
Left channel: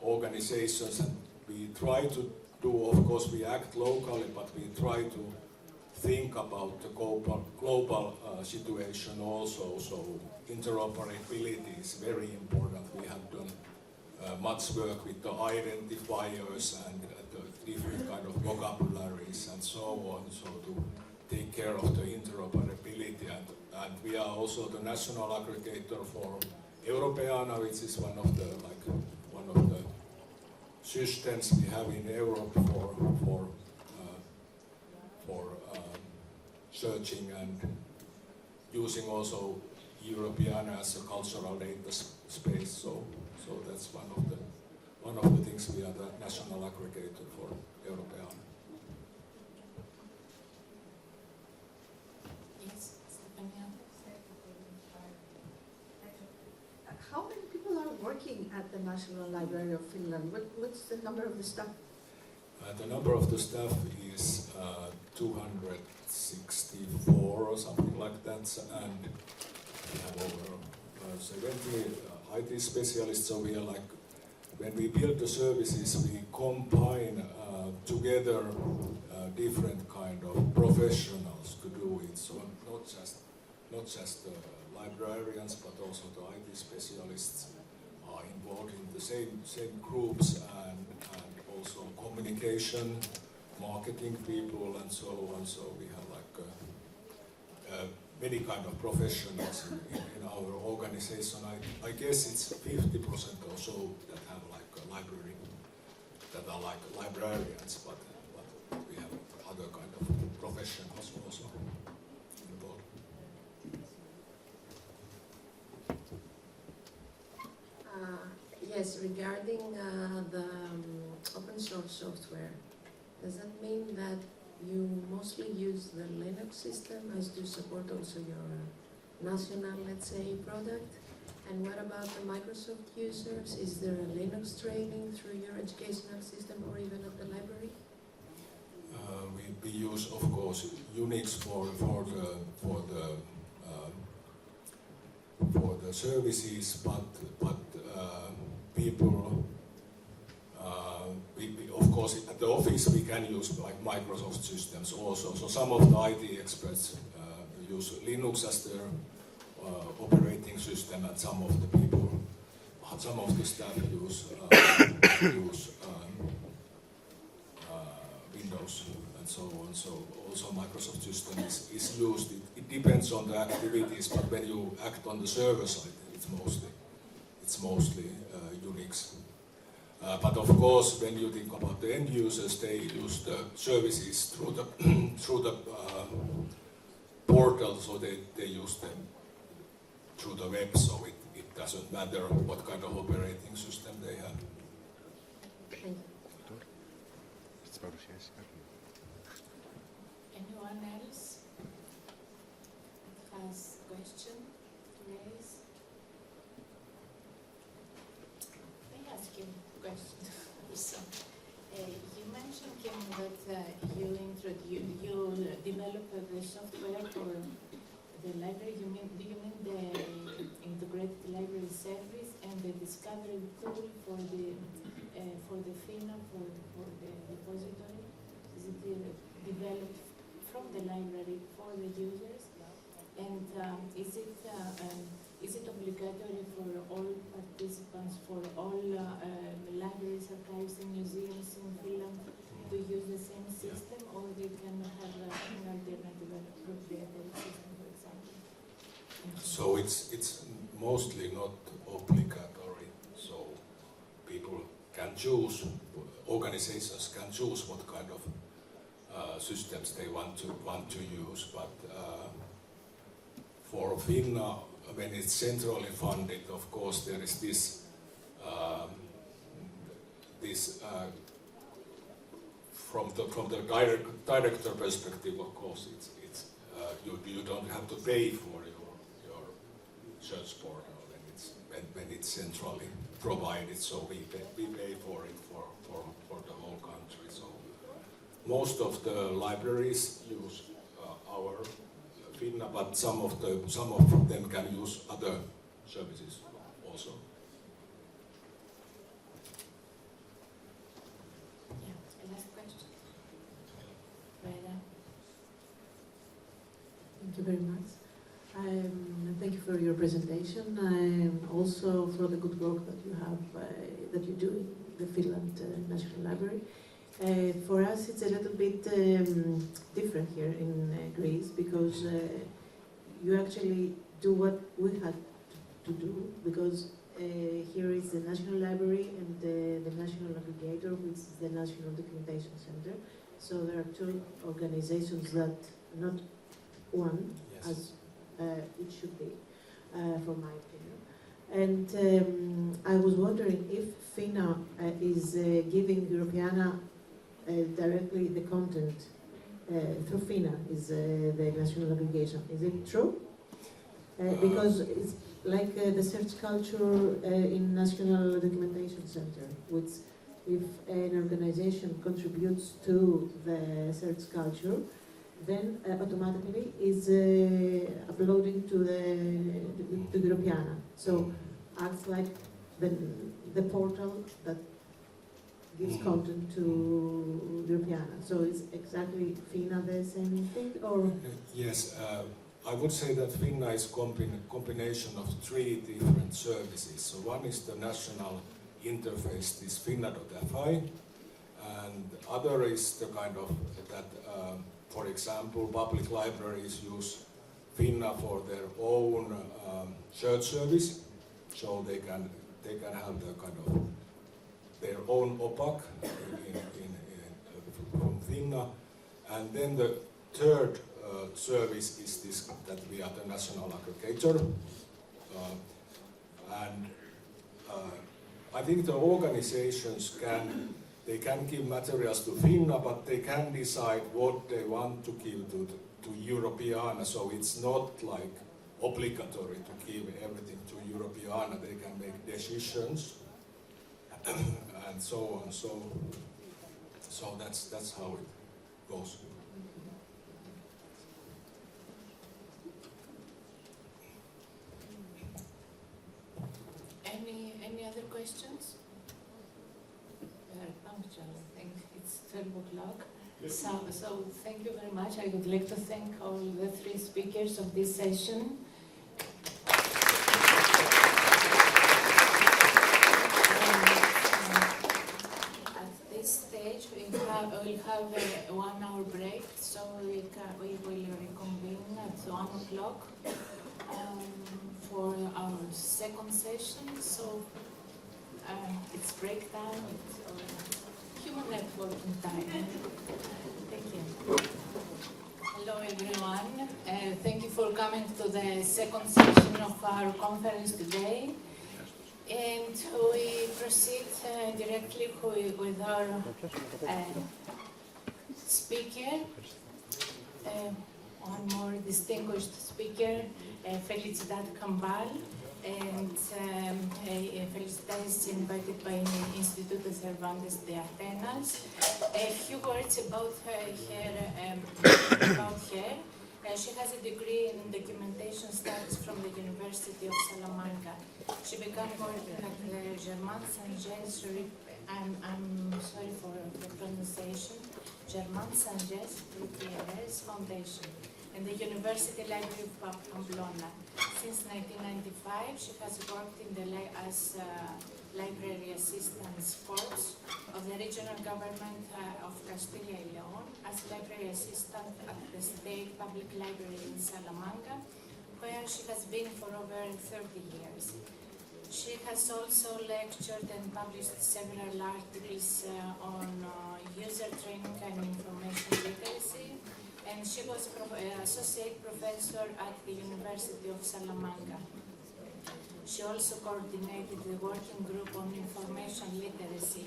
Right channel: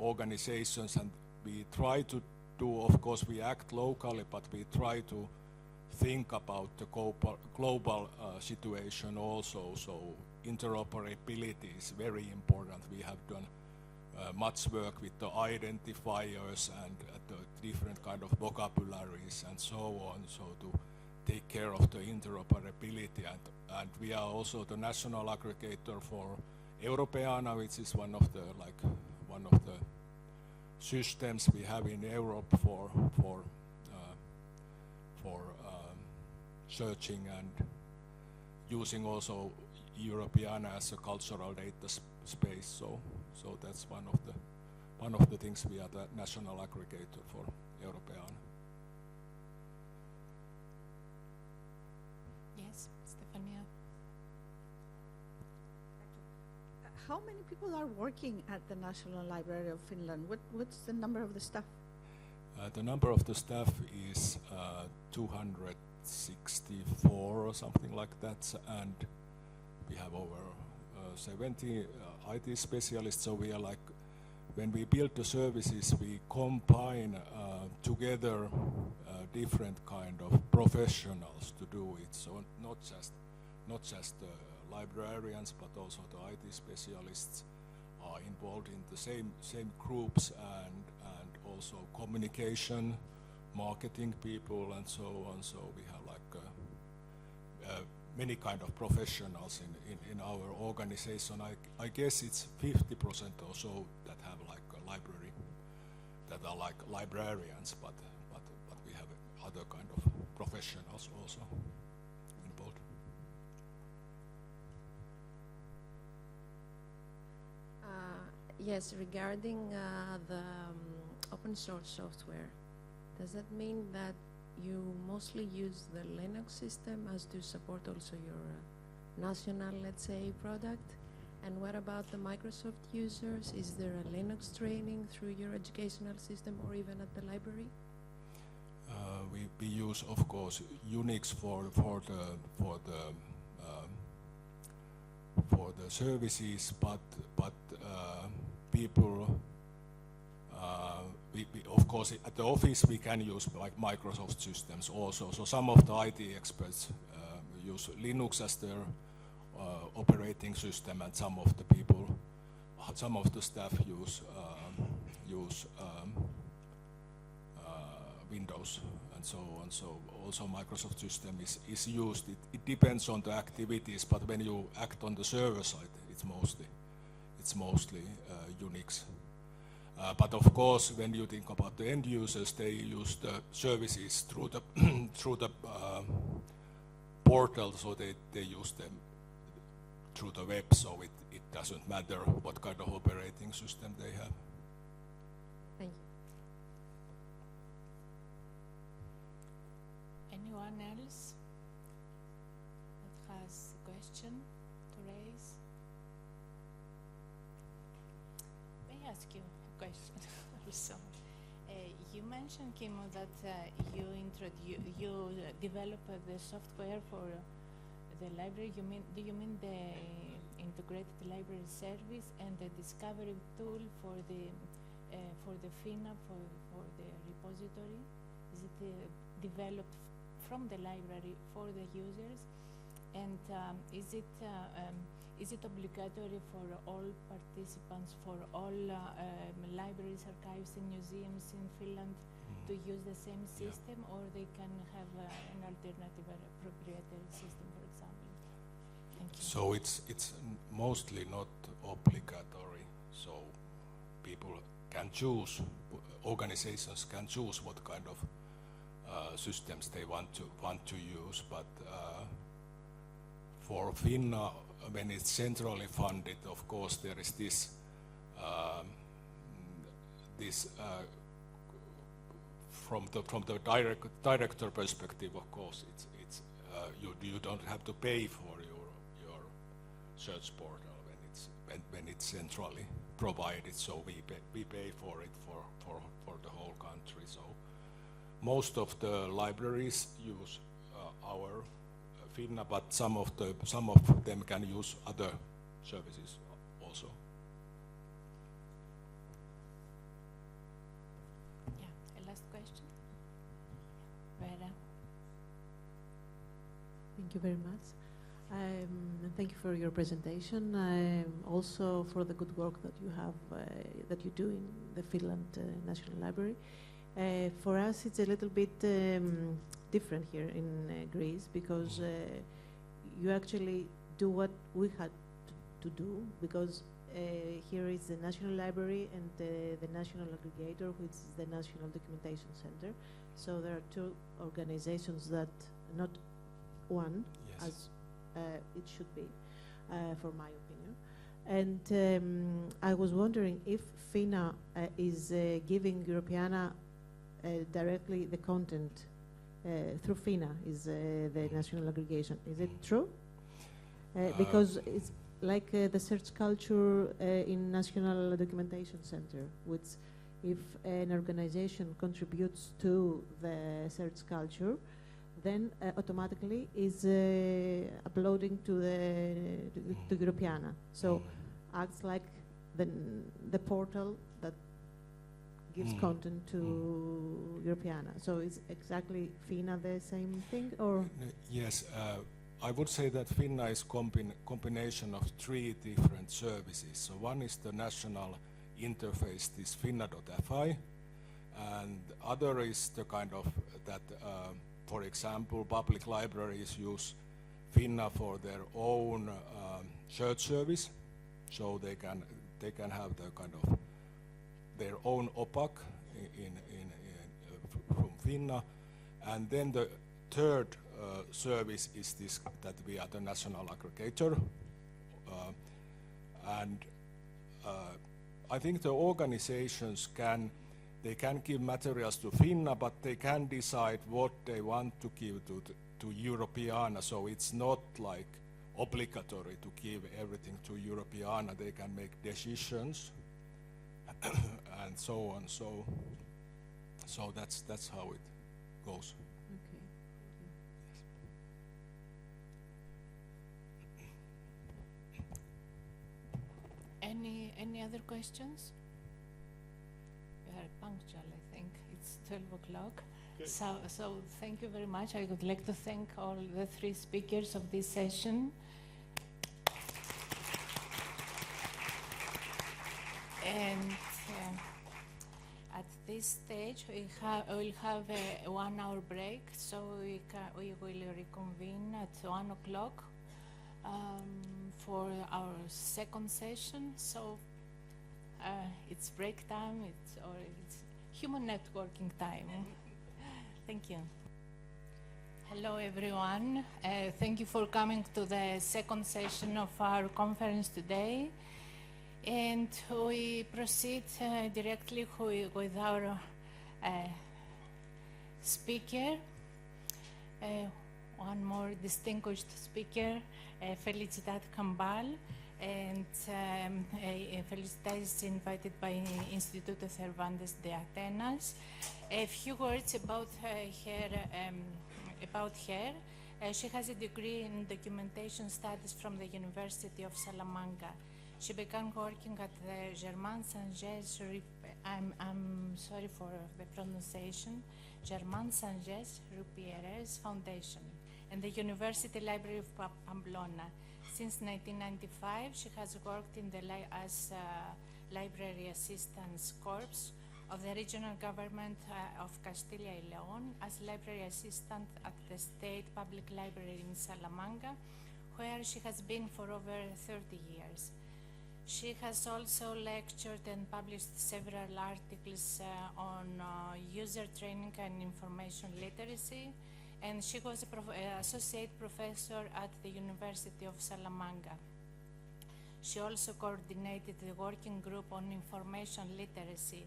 organizations, and we try to do, of course, we act locally, but we try to think about the global situation also. So interoperability is very important. We have done much work with the identifiers and the different kind of vocabularies and so on, so to take care of the interoperability. And we are also the national aggregator for Europeana, which is one of the systems we have in Europe for searching and using also Europeana as a cultural data space. So that's one of the things. We are the national aggregator for Europeana. Yes, Stefania. How many people are working at the National Library of Finland? What's the number of the staff? The number of the staff is 264 or something like that, and we have over 70 IT specialists. So we are like, when we build the services, we combine together different kind of professionals to do it. So not just the librarians, but also the IT specialists are involved in the same groups, and also communication, marketing people, and so on. So we have like many kind of professionals in our organization. I guess it's 50% or so that have like a library, that are like librarians, but we have other kind of professionals also involved. Yes, regarding the open source software, does that mean that you mostly use the Linux system as to support also your national, let's say, product? And what about the Microsoft users? Is there a Linux training through your educational system or even at the library? We use, of course, Unix for the services, but people, of course, at the office we can use like Microsoft systems also. So some of the IT experts use Linux as their operating system, and some of the people, some of the staff use Windows and so on. So also Microsoft system is used. It depends on the activities, but when you act on the server side, it's mostly Unix. But of course, when you think about the end users, they use the services through the portal, so they use them through the web, so it doesn't matter what kind of operating system they have. Anyone else that has a question to raise? Let me ask you a question, Alison. You mentioned, Kimmo, that you developed the software for the library. Do you mean the integrated library service and the discovery tool for the FINA for the repository? Is it developed from the library for the users? And is it obligatory for all participants, for all libraries, archives, and museums in Finland to use the same system, or they can have an alternative proprietary system, for example? So it's mostly not obligatory. So people can choose, organizations can choose what kind of systems they want to use. But for FINA, when it's centrally funded, of course there is this from the director perspective, of course, it's you don't have to pay for your search portal when it's centrally provided. So we pay for it for the whole country. So most of the libraries use our FINA, but some of them can use other services also. Thank you very much. Thank you for your presentation, and also for the good work that you have that you do in the Finland National Library. For us, it's a little bit different here in Greece, because you actually do what we had to do, because here is the National Library and the National Navigator, which is the National Documentation Center. So there are two organizations that not one, yes, as it should be, from my opinion. And I was wondering if FINA is giving Europeana directly the content through FINA, is the national navigation. Is it true? Because it's like the search culture in National Documentation Center, which if an organization contributes to the search culture, then automatically is uploading to the Europeana. So acts like the portal that gives content to Europeana. So is exactly FINA the same thing, or? Yes, I would say that FINA is combination of three different services. So one is the national interface, this FINA.fi, and other is the kind of that, for example, public libraries use FINA for their own search service, so they can have the kind of their own OPAC from FINA, and then the third service is this, that we are the national aggregator, and I think the organizations can give materials to FINA, but they can decide what they want to give to Europeana, so it's not like obligatory to give everything to Europeana. decisions and so on. So that's how it goes. Any other questions? We are punctual, I think. It's 12 o'clock. So thank you very much. I would like to thank all the three speakers of this session. At this stage, we'll have a 1 hour break, so we will reconvene at 1 o'clock. For our second session, so it's break time, it's human networking time. Thank you. Hello everyone, thank you for coming to the second session of our conference today. And we proceed directly with our speaker, one more distinguished speaker, Felicidad Campal, and Felicidad is invited by the Instituto Cervantes de Atenas. A few words about her. She has a degree in documentation studies from the University of Salamanca. She began working at the Germain-Saint-Jesse, I'm sorry for the pronunciation, Germain-Saint-Jesse Foundation, and the University Library of Pamplona. Since 1995, she has worked in as library assistant corps of the regional government of Castilla y León, as library assistant at the State Public Library in Salamanca, where she has been for over 30 years. She has also lectured and published several articles on user training and information literacy, and she was associate professor at the University of Salamanca. She also coordinated the working group on information literacy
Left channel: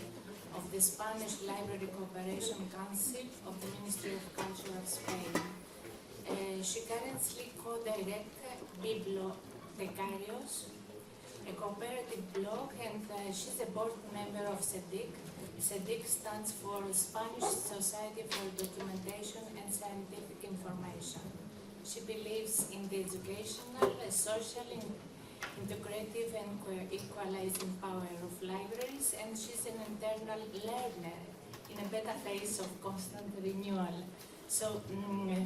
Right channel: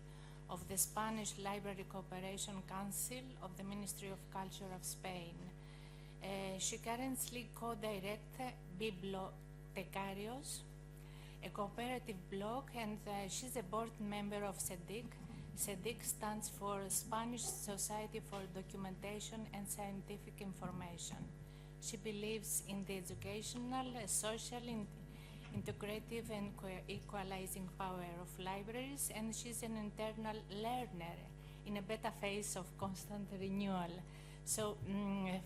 of the Spanish Library Cooperation Council of the Ministry of Culture of Spain. She currently co-directs Bibliotecarios, a cooperative blog, and she's a board member of SLIC. SLIC stands for Spanish Society for Documentation and Scientific Information. She believes in the educational, social, integrative, and equalizing power of libraries, and she's an internal learner in a beta phase of constant renewal. So,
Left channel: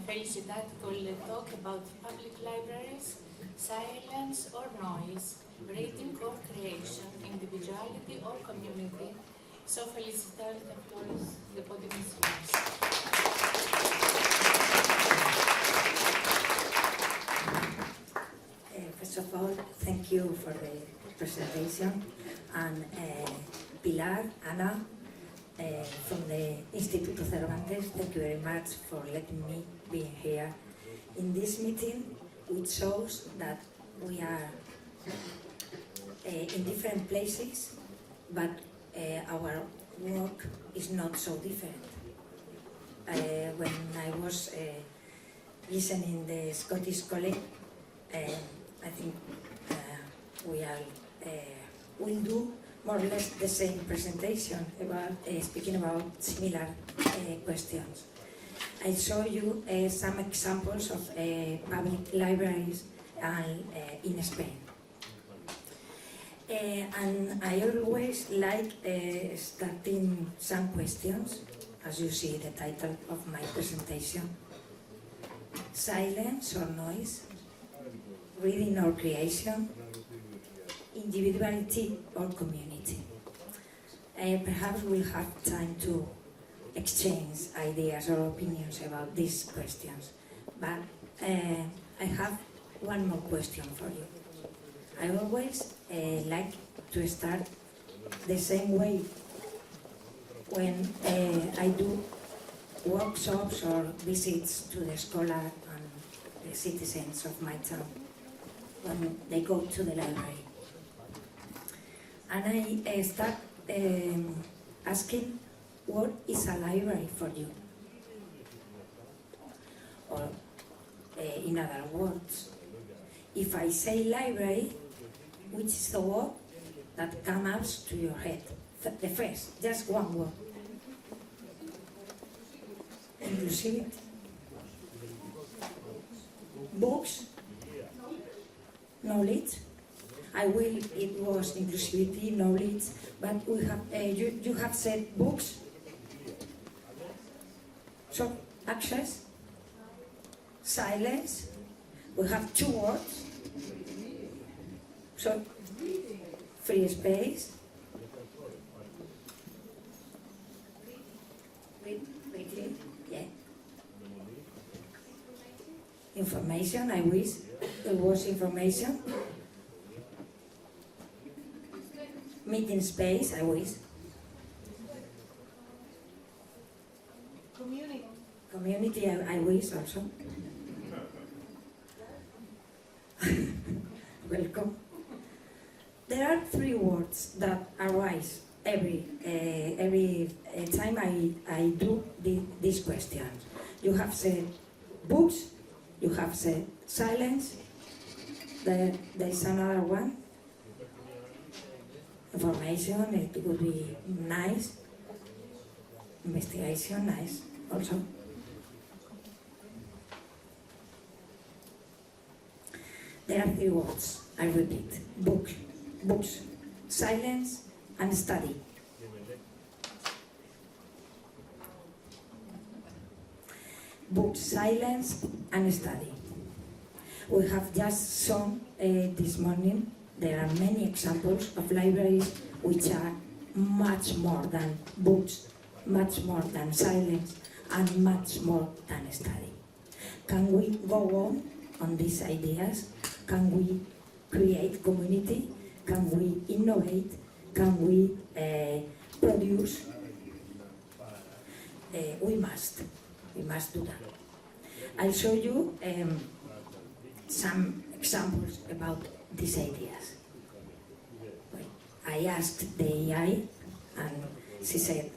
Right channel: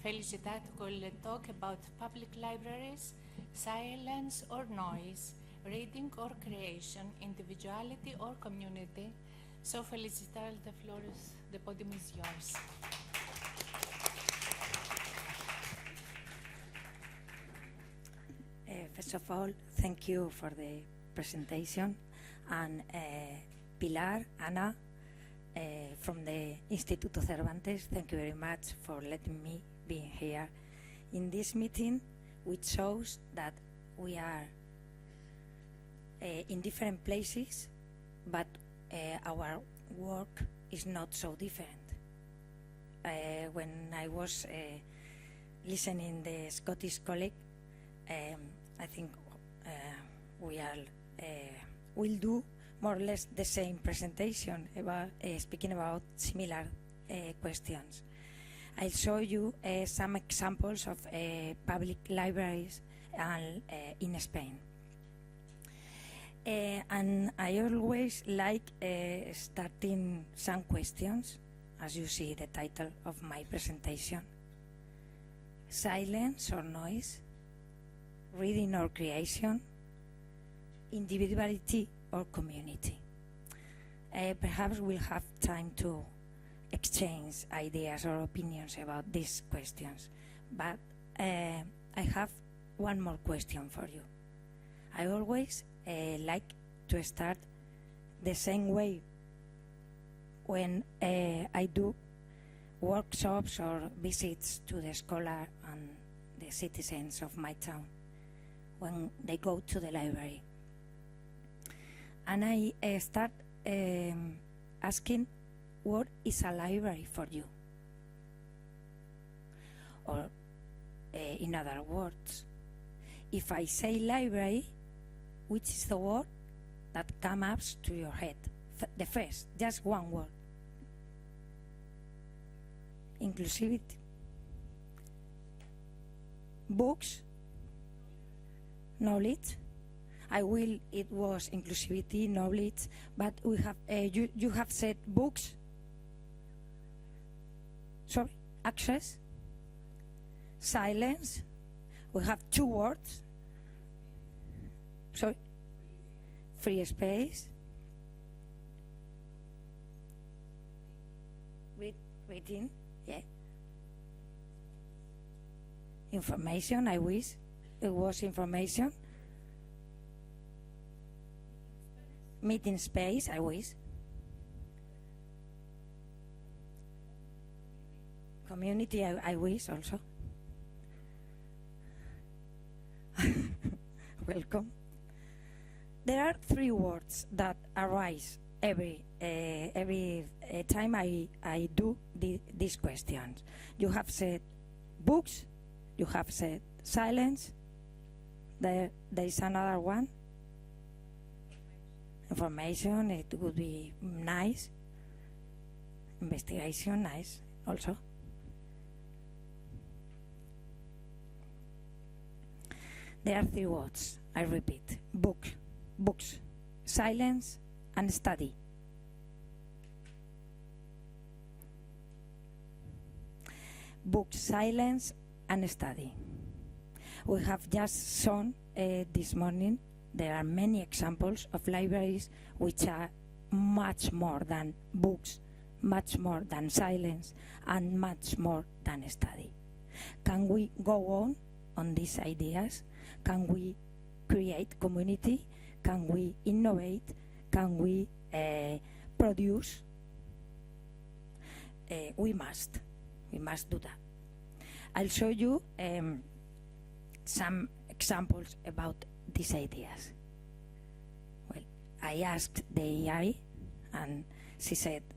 Felicidad will talk about public libraries, silence or noise, reading or creation, individuality or community. So, Felicidad, the floor is, the podium is yours. First of all, thank you for the presentation, and Pilar, Ana, from the Instituto Cervantes, thank you very much for letting me be here in this meeting, which shows that we are in different places, but our work is not so different. When I was listening the Scottish colleague, I think we will do more or less the same presentation about speaking about similar questions. I show you some examples of public libraries in Spain. And I always like starting some questions, as you see the title of my presentation. Silence or noise, reading or creation, individuality or community. Perhaps we'll have time to exchange ideas or opinions about these questions. But I have one more question for you. I always like to start the same way when I do workshops or visits to the scholars and the citizens of my town when they go to the library. And I start asking, what is a library for you? Or in other words, if I say library, which is the word that comes to your head. The first, just one word. Inclusivity. Books, knowledge. I will, it was inclusivity, knowledge, but we have, you have said books, so access, silence, we have two words, so free space, yeah. Information, I wish there was information. Meeting space, I wish. Community, I wish also. Welcome. There are three words that arise every time I do these questions. You have said books, you have said silence, there is another one. Information, it would be nice. Investigation, nice also. There are three words, I repeat. Books, silence, and study. Books, silence, and study. We have just shown this morning, there are many examples of libraries which are much more than books, much more than silence, and much more than study. Can we go on these ideas? Can we create community? Can we innovate? Can we produce? We must do that. I'll show you some examples about these ideas. Well, I asked the AI and she said,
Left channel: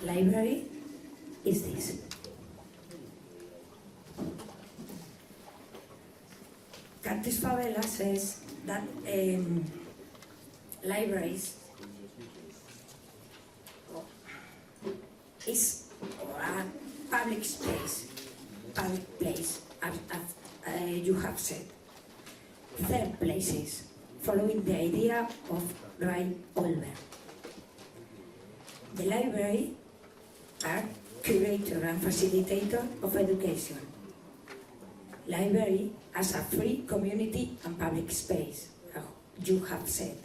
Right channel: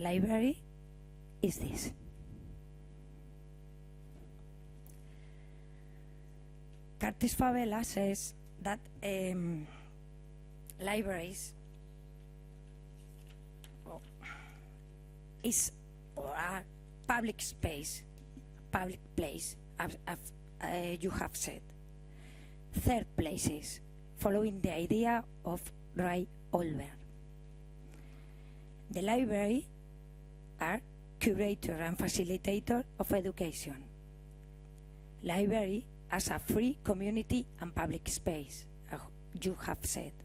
library is this. Curtis Favela says that libraries is a public space, public place, as you have said. Third places, following the idea of Brian Olver. The library are curator and facilitator of education. Library as a free community and public space, you have said.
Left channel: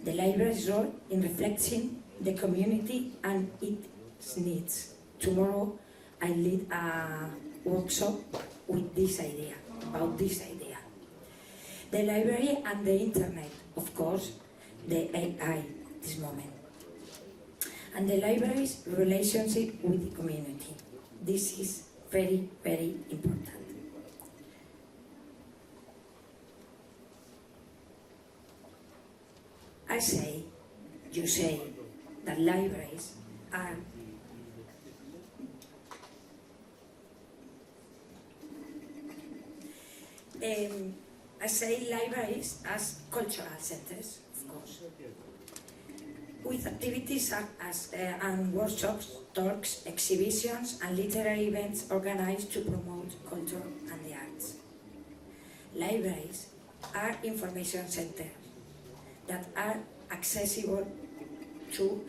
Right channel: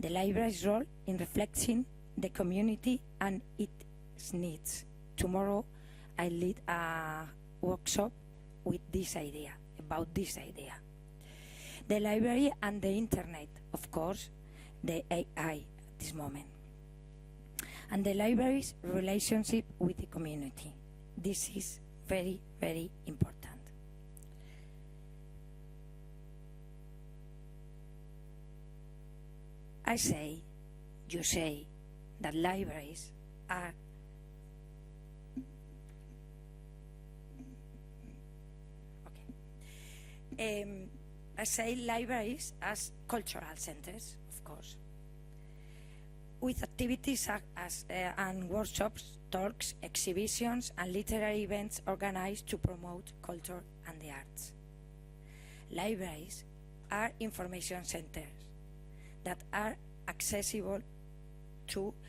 The library's role in reflecting the community and its needs. Tomorrow I lead a workshop with this idea, about this idea. The library and the internet, of course, the AI at this moment. And the library's relationship with the community. This is very, very important. You say that libraries are I say libraries as cultural centers, of course, with activities and workshops, talks, exhibitions, and literary events organized to promote culture and the arts. Libraries are information centers that are accessible to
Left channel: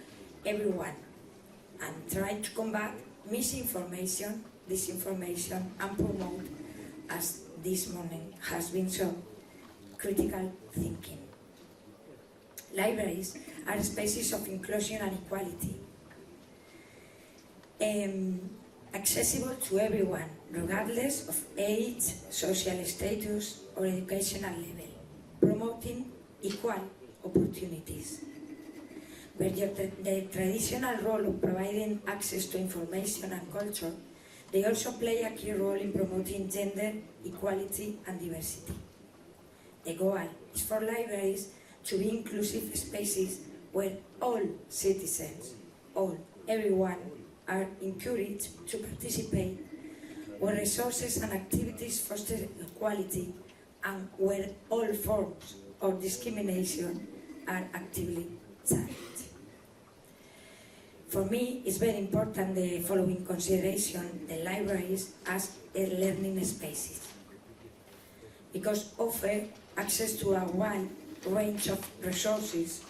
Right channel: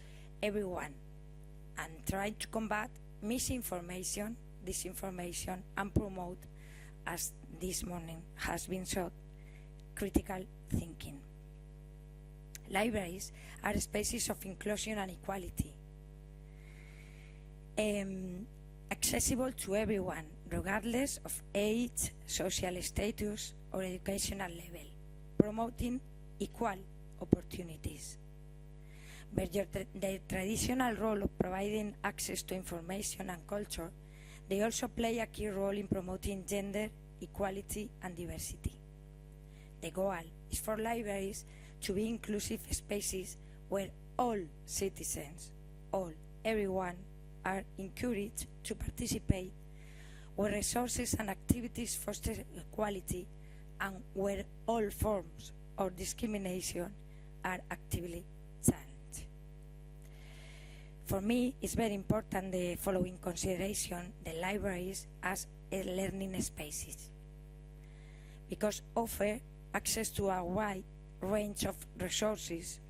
everyone and try to combat misinformation, disinformation, and promote, as this morning has been shown, critical thinking. Libraries are spaces of inclusion and equality, accessible to everyone, regardless of age, social status, or educational level, promoting equal opportunities. But the traditional role of providing access to information and culture, they also play a key role in promoting gender equality and diversity. The goal is for libraries to be inclusive spaces where all citizens, everyone, are encouraged to participate, where resources and activities foster equality, and where all forms of discrimination are actively challenged. For me, it's very important the following consideration: the libraries as learning spaces, because offer access to a wide range of resources,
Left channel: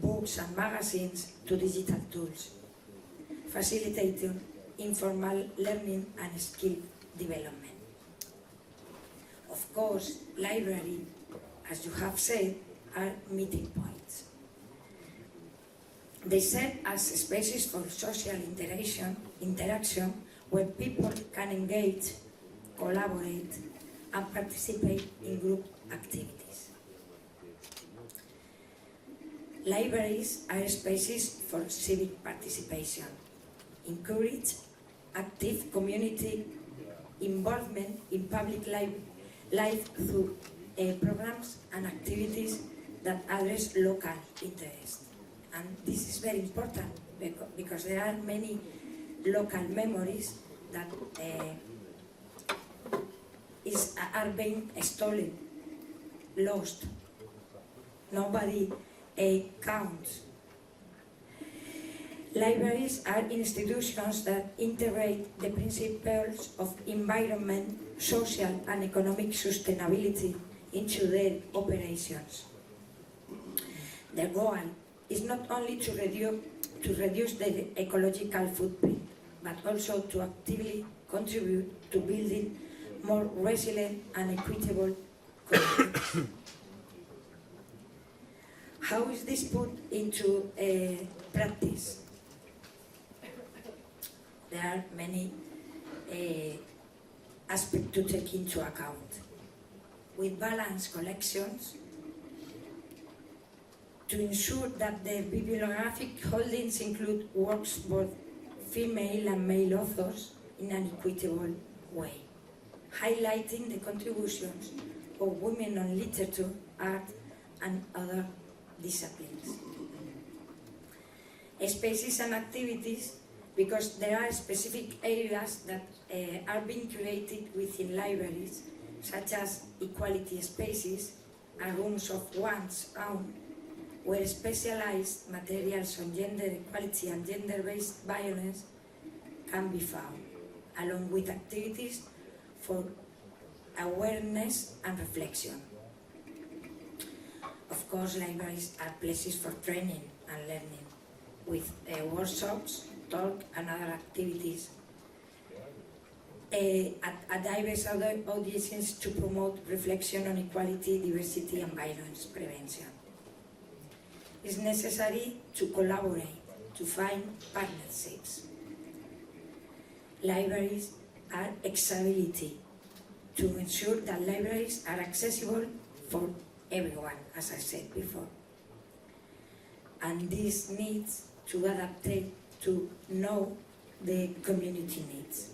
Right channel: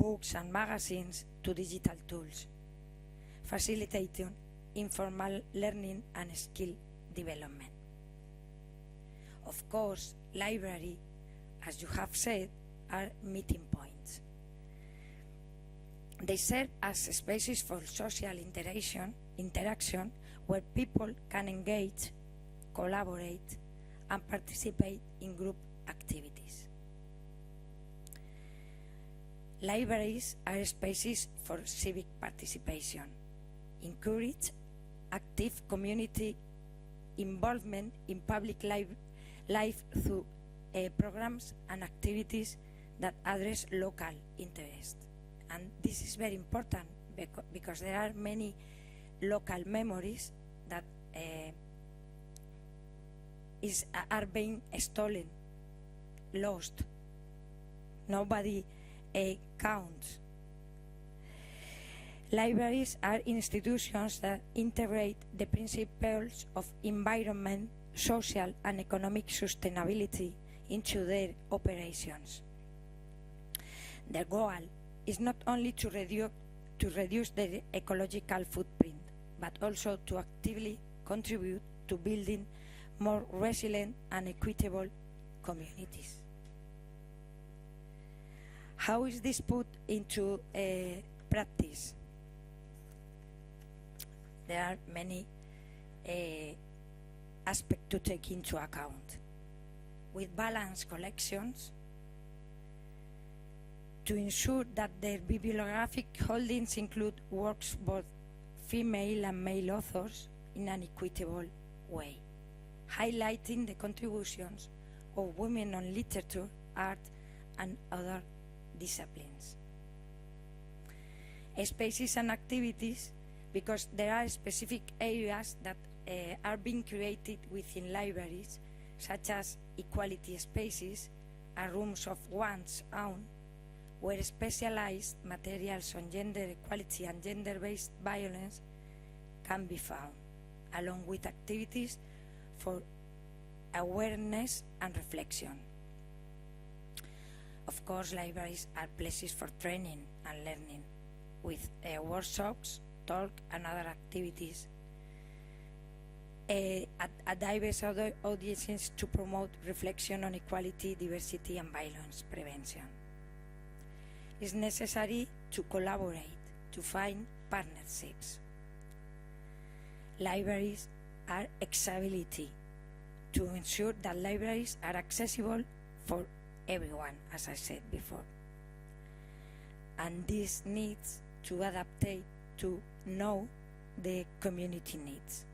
books and magazines, to digital tools, facilitating informal learning and skill development. Of course, library, as you have said, are meeting points. They serve as spaces for social interaction where people can engage, collaborate, and participate in group activities. Libraries are spaces for civic participation, encourage active community involvement in public life through programs and activities that address local interests. And this is very important because there are many local memories that are being stolen, lost. Nobody counts. Libraries are institutions that integrate the principles of environment, social and economic sustainability into their operations. Their goal is not only to reduce the ecological footprint, but also to actively contribute to building more resilient and equitable communities. How is this put into practice? There are many aspects to take into account. With balanced collections, to ensure that their bibliographic holdings include works both female and male authors in an equitable way, highlighting the contributions of women on literature, art, and other disciplines. Spaces and activities, because there are specific areas that are being created within libraries, such as equality spaces and rooms of one's own, where specialized materials on gender equality and gender-based violence can be found, along with activities for awareness and reflection. Of course, libraries are places for training and learning, with workshops, talk, and other activities at diverse other audiences to promote reflection on equality, diversity, and violence prevention. It's necessary to collaborate, to find partnerships. Libraries are accessibility, to ensure that libraries are accessible for everyone, as I said before. And this needs to adapt to know the community needs.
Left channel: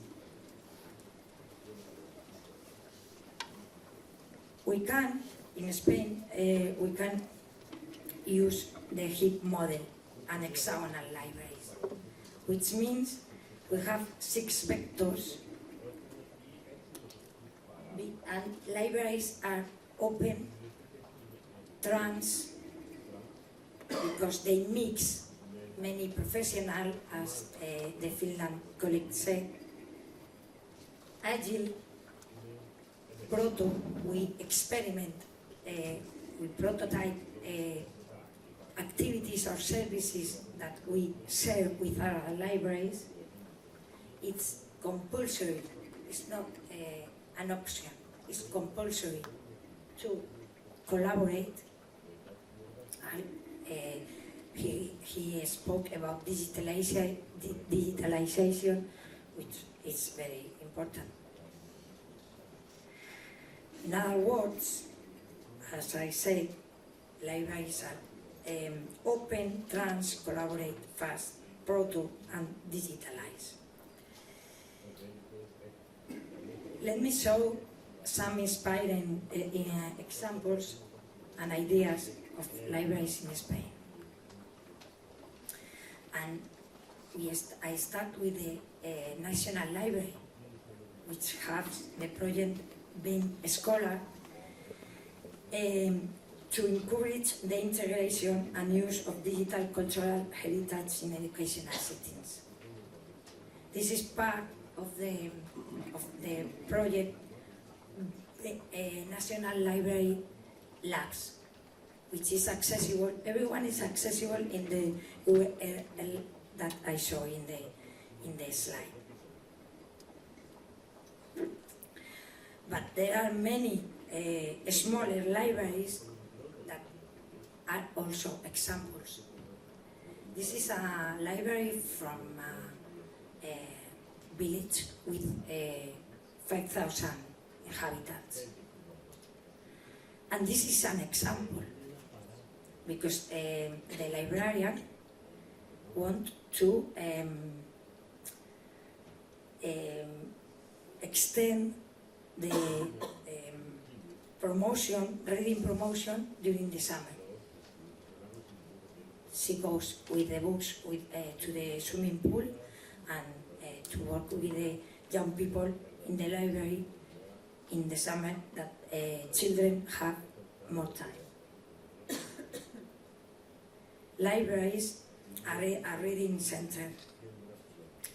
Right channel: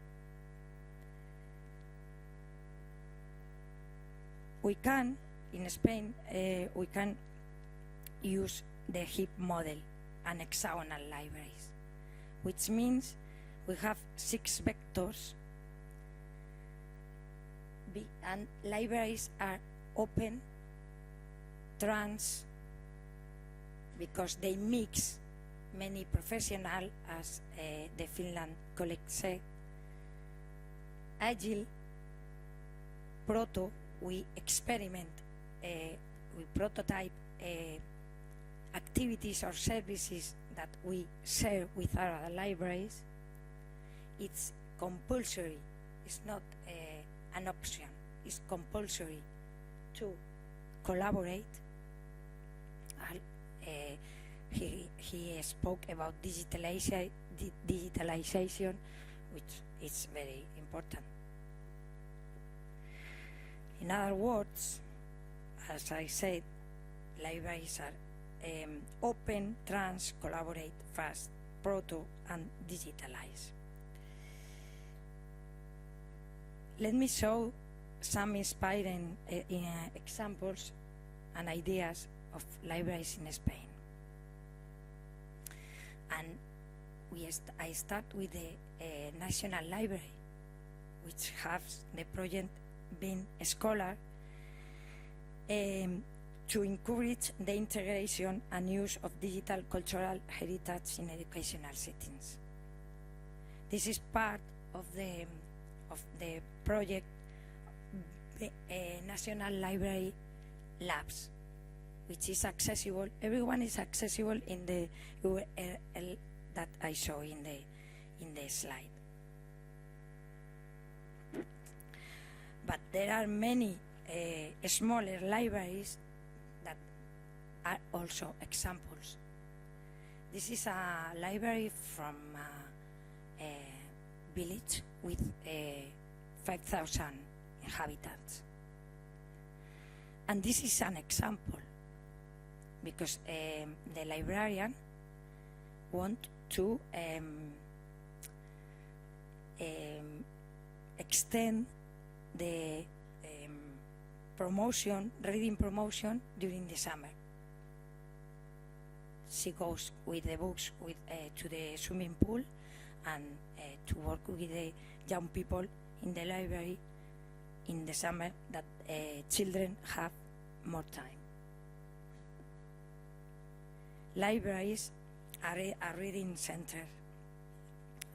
We can, in Spain, we can use the HIP model and hexagonal libraries, which means we have 6 vectors, and libraries are open, trans, because they mix many professionals, as the Finland colleague said, agile, proto, we experiment, we prototype activities or services that we share with our libraries. It's compulsory, it's not an option, it's compulsory to collaborate. And he spoke about digitalization, which is very important. In other words, as I said, libraries are open, trans, collaborate, fast, proto, and digitalize. Let me show some inspiring examples and ideas of libraries in Spain. And I start with the National Library, which has the project being a scholar, to encourage the integration and use of digital cultural heritage in educational settings. This is part of the project, the National Library Labs, which is accessible. Everyone is accessible in the URL that I show in the slide. But there are many smaller libraries that are also examples. This is a library from a village with 5,000 inhabitants. And this is an example because the librarian want to extend the reading promotion during the summer. She goes with the books to the swimming pool and to work with the young people in the library in the summer that children have more time. Libraries are a reading center.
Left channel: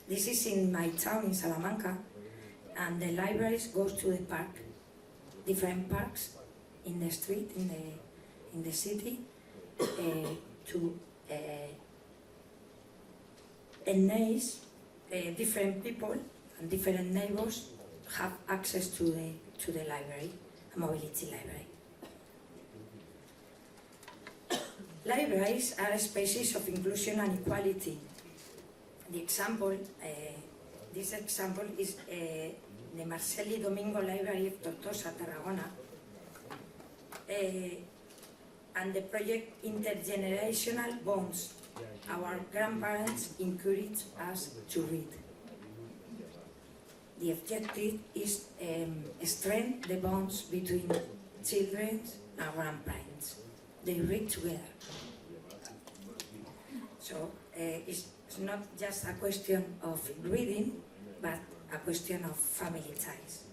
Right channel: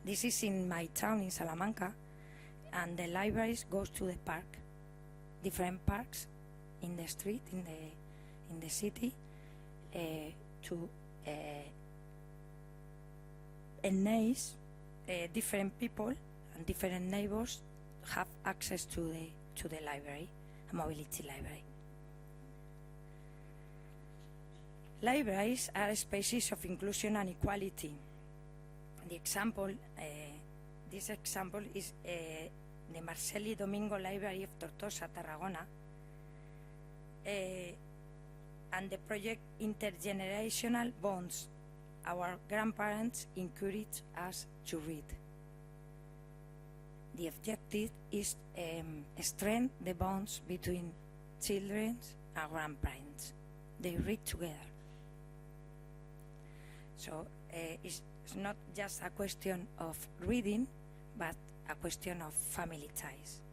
This is in my town in Salamanca, and the libraries go to the park, different parks in the street, in the city, to enhance different people and different neighbors have access to the library, a mobility library. Libraries are spaces of inclusion and equality. The example, this example is the Marceli Domingo Library of Tortosa, Tarragona, and the project Intergenerational Bonds. Our grandparents encourage us to read. The objective is strengthen the bonds between children and grandparents. They read together. So it's not just a question of reading, but a question of family ties.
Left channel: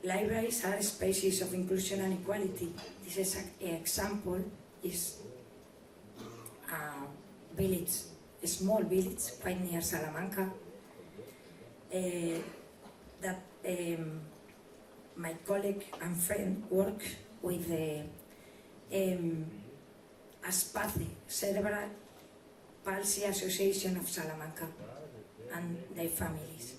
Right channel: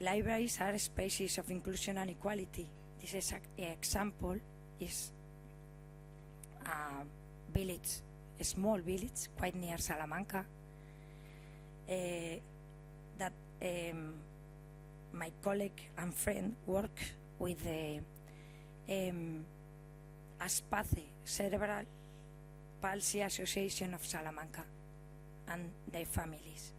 Libraries are spaces of inclusion and equality. This is an example is a village, a small village quite near Salamanca, that my colleague and friend work with ASPACE, Cerebral Palsy Association of Salamanca, and their families.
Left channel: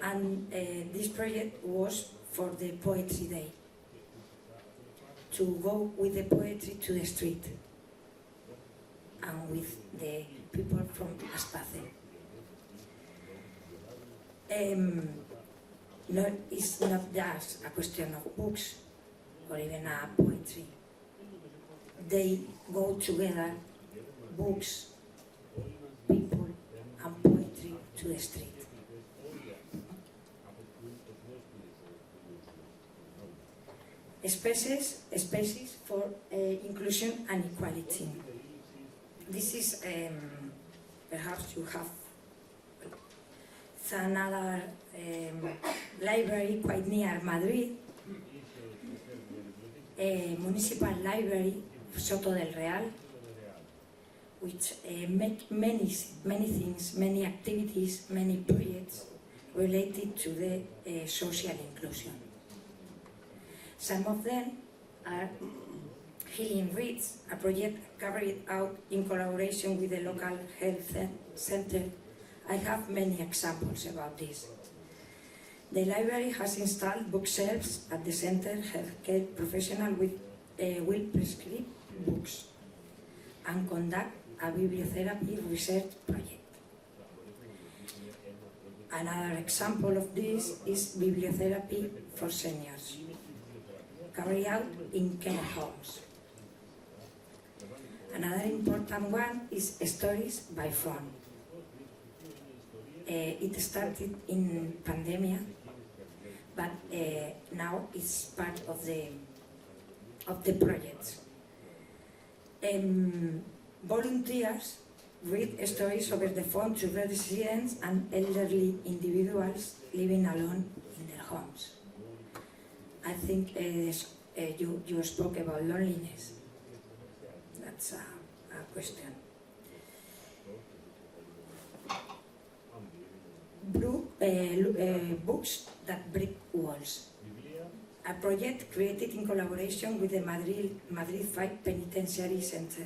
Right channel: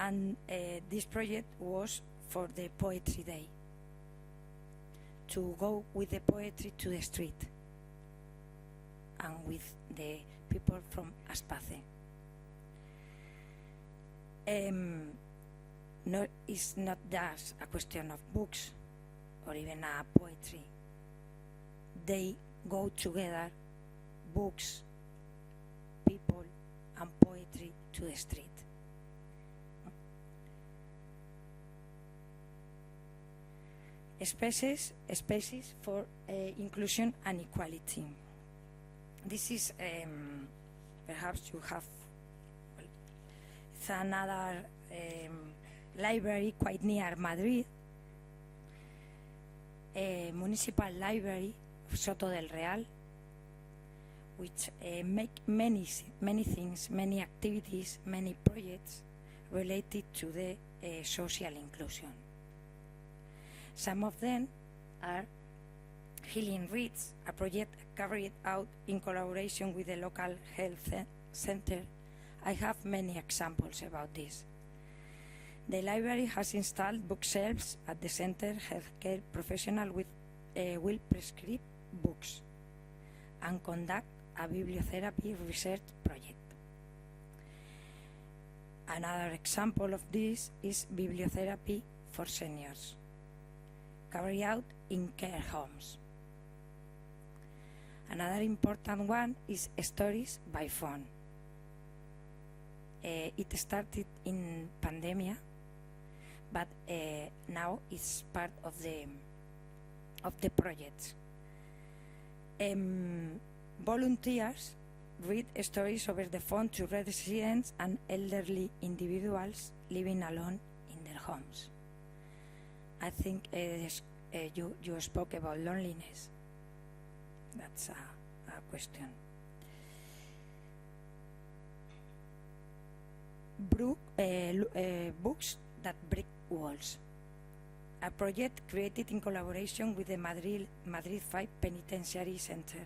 And this project was for the Poetry Day, to go with the poetry to the street and with the people from ASPACE. It's not just a question of books or even a poetry. They go together, books, people, and poetry to the street. Spaces for inclusion and equality. This is perhaps you have another library quite near Madrid, a municipal library, Soto del Real, which make many things, many activities, many projects related to the social inclusion. Some of them are Healing Reads, a project carried out in collaboration with the local health center. I have many examples about this. The library has installed bookshelves at the center. Healthcare professionals will prescribe books and conduct a bibliotherapy research project. Another example of this is bibliotherapy for seniors, carried out in care homes. Another important one is Stories by Phone. It started in pandemia, but now it's part of the project. Volunteers read stories over the phone to residents and elderly individuals living alone in their homes. I think you spoke about loneliness. That's a question. Books that break walls. A project created in collaboration with the Madrid 5 Penitentiary Center.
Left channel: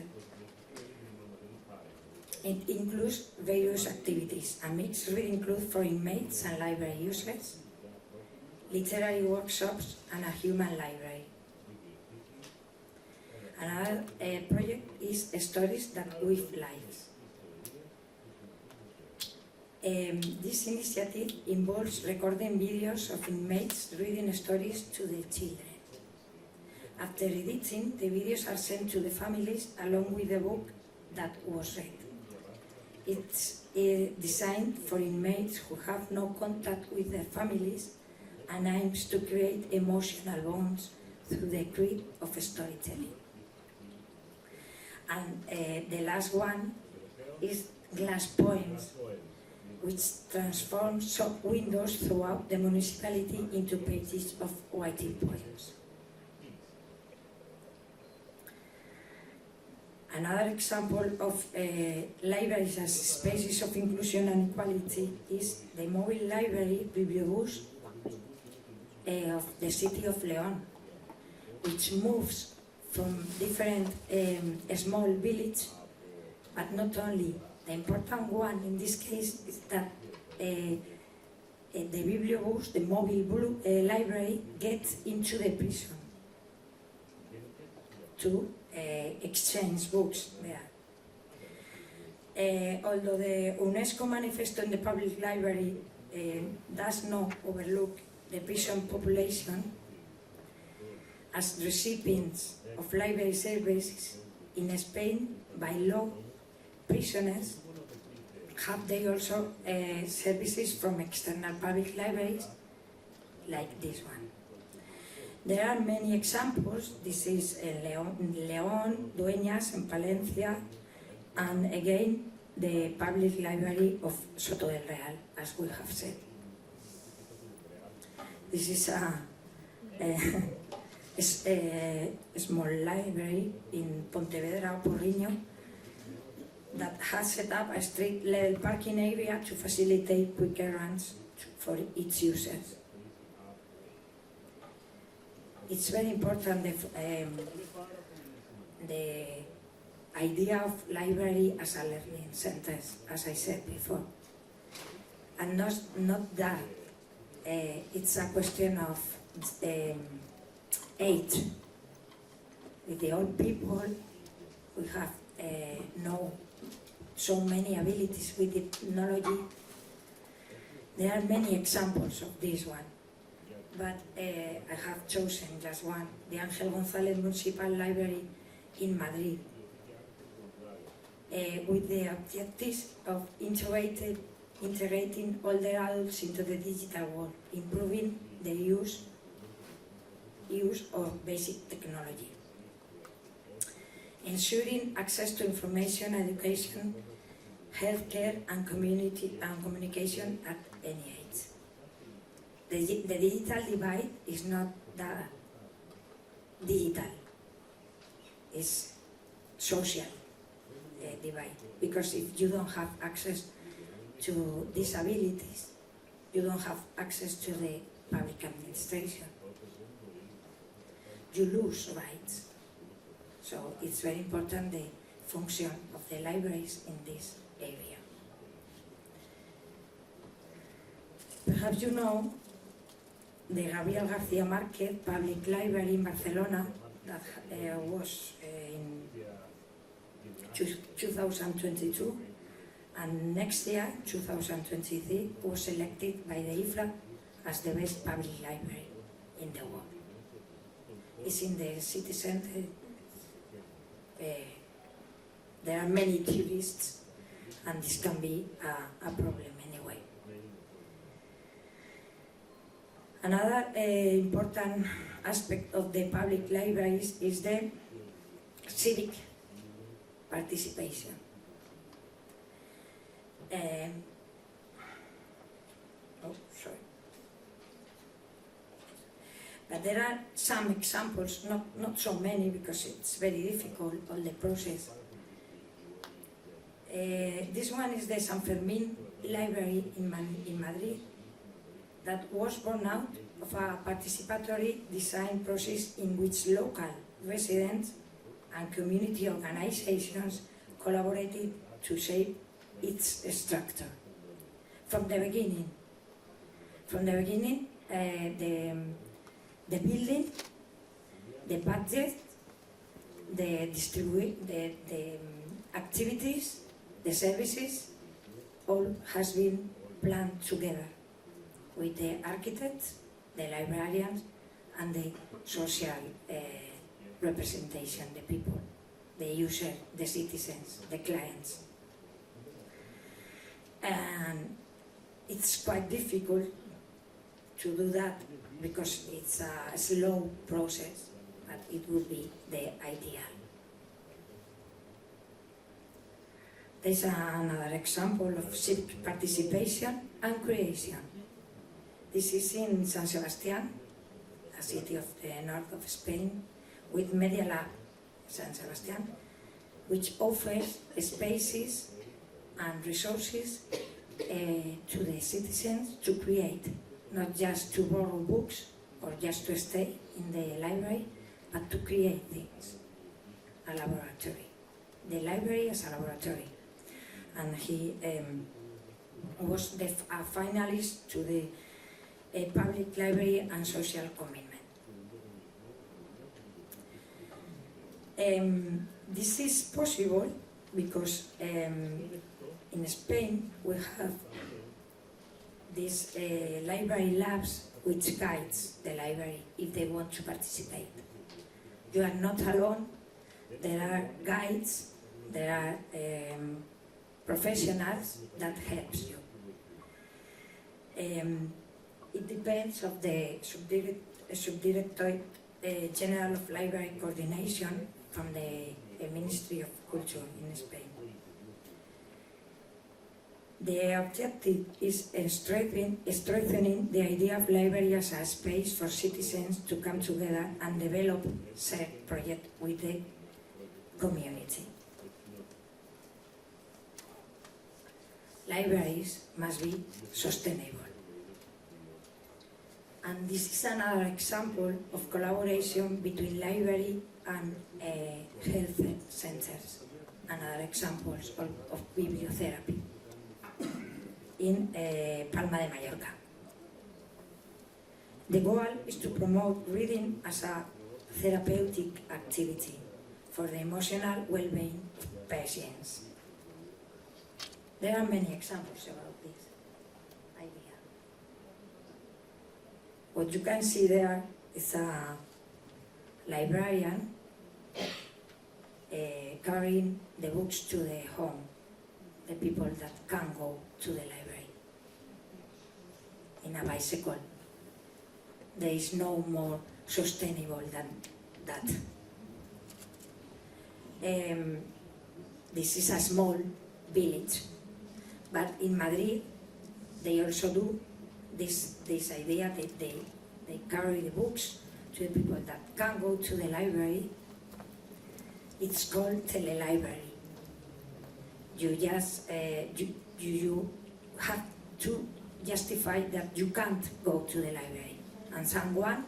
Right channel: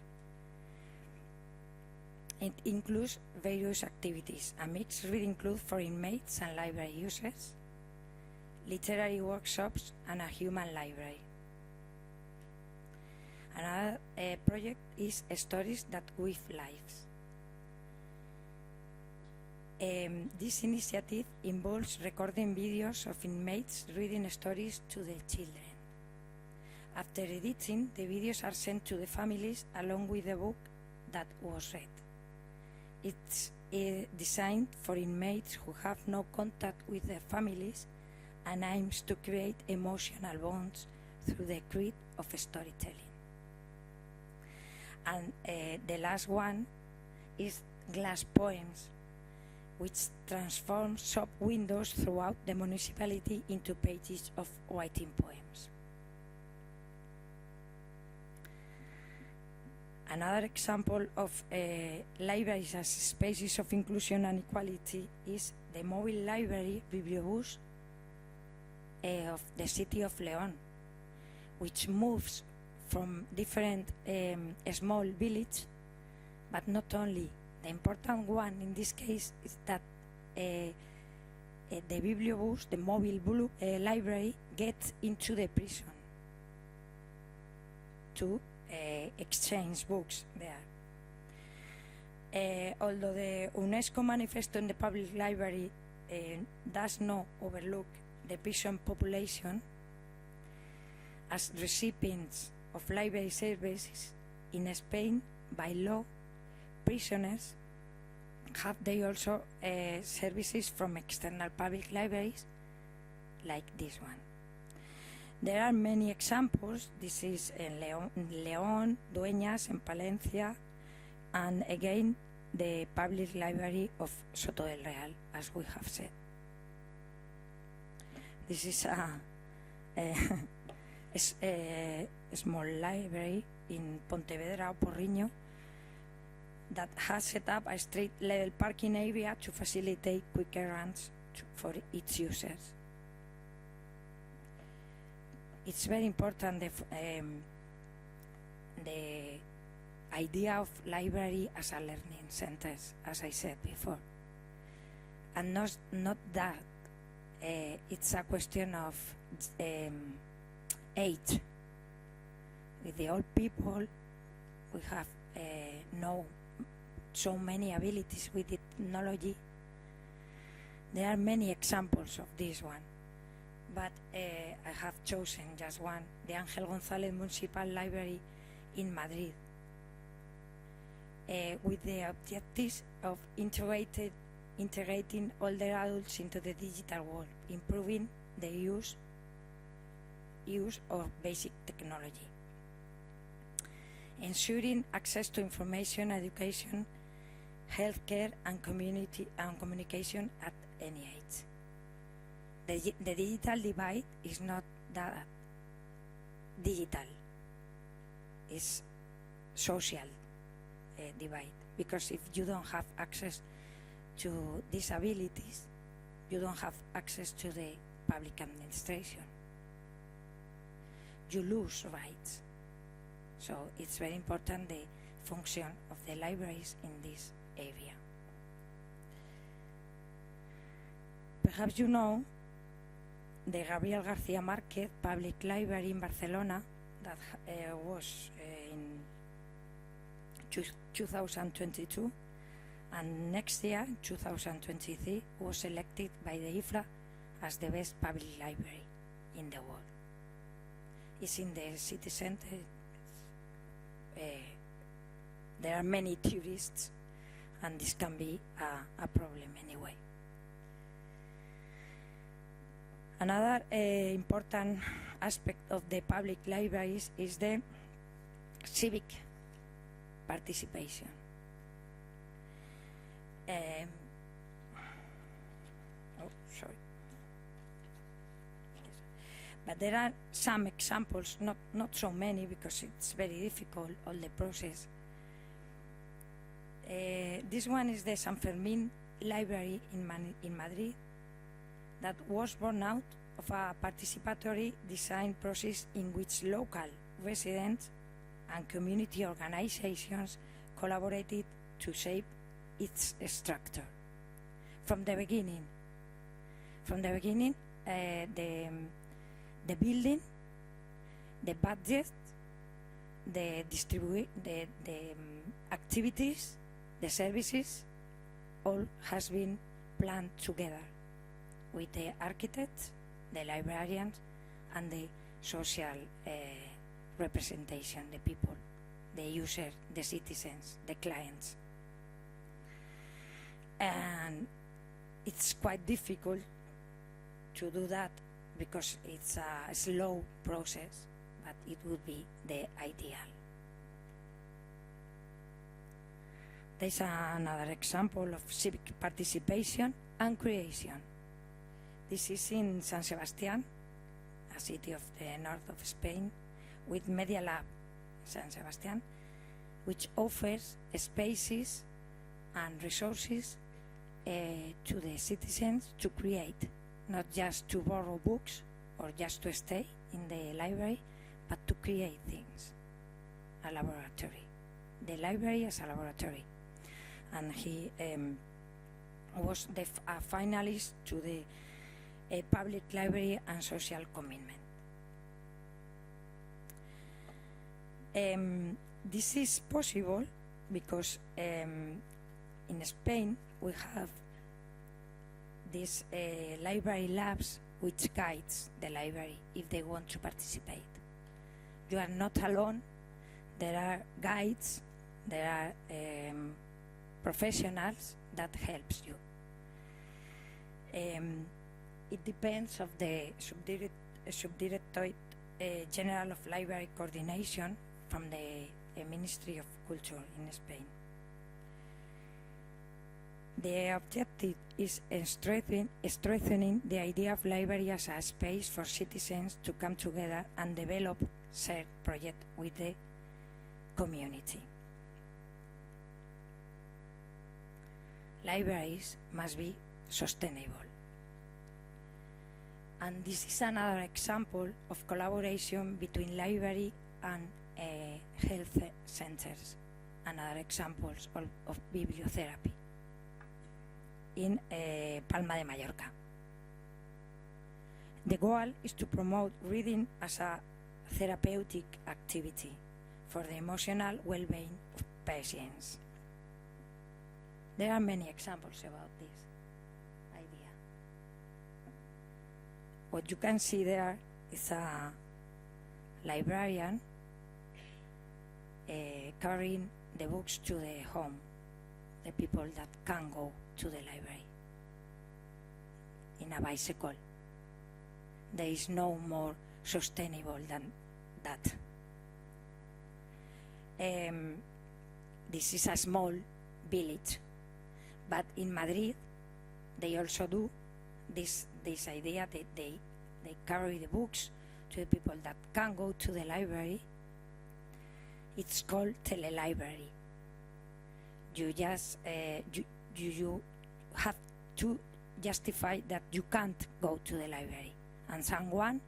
It includes various activities, a mixed reading club for inmates and library users, literary workshops, and a human library. Another project is Stories That Weave Lives. This initiative involves recording videos of inmates reading stories to their children. After editing, the videos are sent to the families along with the book that was read. It's designed for inmates who have no contact with their families and aims to create emotional bonds through the creed of storytelling. And the last one is Glass Poems, which transforms shop windows throughout the municipality into pages of writing poems. Another example of libraries as spaces of inclusion and equality is the mobile library Bibliobus of the city of León, which moves from different small villages, but not only. The important one in this case is that the Bibliobus, the mobile library, gets into the prison to exchange books there. Although the UNESCO Manifesto in the Public Library does not overlook the prison population as recipients of library services in Spain, by law, prisoners have they also services from external public libraries like this one. There are many examples. This is León, Dueñas, and Palencia, and again the Public Library of Soto del Real, as we have said. This is a small library in Pontevedra, Porriño, that has set up a street-level parking area to facilitate quicker runs for its users. It's very important the idea of library as a learning centers, as I said before, and not that. It's a question of age. With the old people, we have so many abilities with the technology. There are many examples of this one, but I have chosen just one, the Ángel González Municipal Library in Madrid, with the objectives of integrating older adults into the digital world, improving the use of basic technology, ensuring access to information, education, healthcare, and communication at any age. The digital divide is not that digital, it's social divide, because if you don't have access to disabilities, you don't have access to the public administration. You lose rights. So it's very important the function of the libraries in this area. Perhaps you know the Gabriel García Márquez Public Library in Barcelona that was in 2022, and next year, 2023, was elected by the IFRA as the best public library in the world. It's in the city center. There are many tourists, and this can be a problem anyway. Another important aspect of the public libraries is the civic participation. But there are some examples, not so many because it's very difficult on the process. This one is the San Fermin Library in Madrid that was born out of a participatory design process in which local residents and community organizations collaborated to shape its structure. From the beginning, the building, the budget, the activities, the services, all has been planned together with the architects, the librarians, and the social representation, the people, the user, the citizens, the clients. And it's quite difficult to do that because it's a slow process, but it would be the ideal. There's another example of civic participation and creation. This is in San Sebastián, a city of the north of Spain, with Media Lab San Sebastián, which offers spaces and resources to the citizens to create, not just to borrow books or just to stay in the library, but to create things, a laboratory. The library is a laboratory. And he was a finalist to the Public Library and Social Commitment. This is possible because in Spain we have these library labs which guides the library if they want to participate. You are not alone. There are guides, there are professionals that helps you. It depends on the Subdirectorate General of Library Coordination from the Ministry of Culture in Spain. The objective is strengthening the idea of library as a space for citizens to come together and develop shared projects with the community. Libraries must be sustainable. And this is another example of collaboration between library and health centers, another examples of bibliotherapy in Palma de Mallorca. The goal is to promote reading as a therapeutic activity for the emotional well-being of patients. There are many examples about this idea. What you can see there is a librarian carrying the books to the home, the people that can go to the library in a bicycle. There is no more sustainable than that. This is a small village, but in Madrid they also do this idea that they carry the books to the people that can't go to the library. It's called telelibrary. You just you have to justify that you can't go to the library, and someone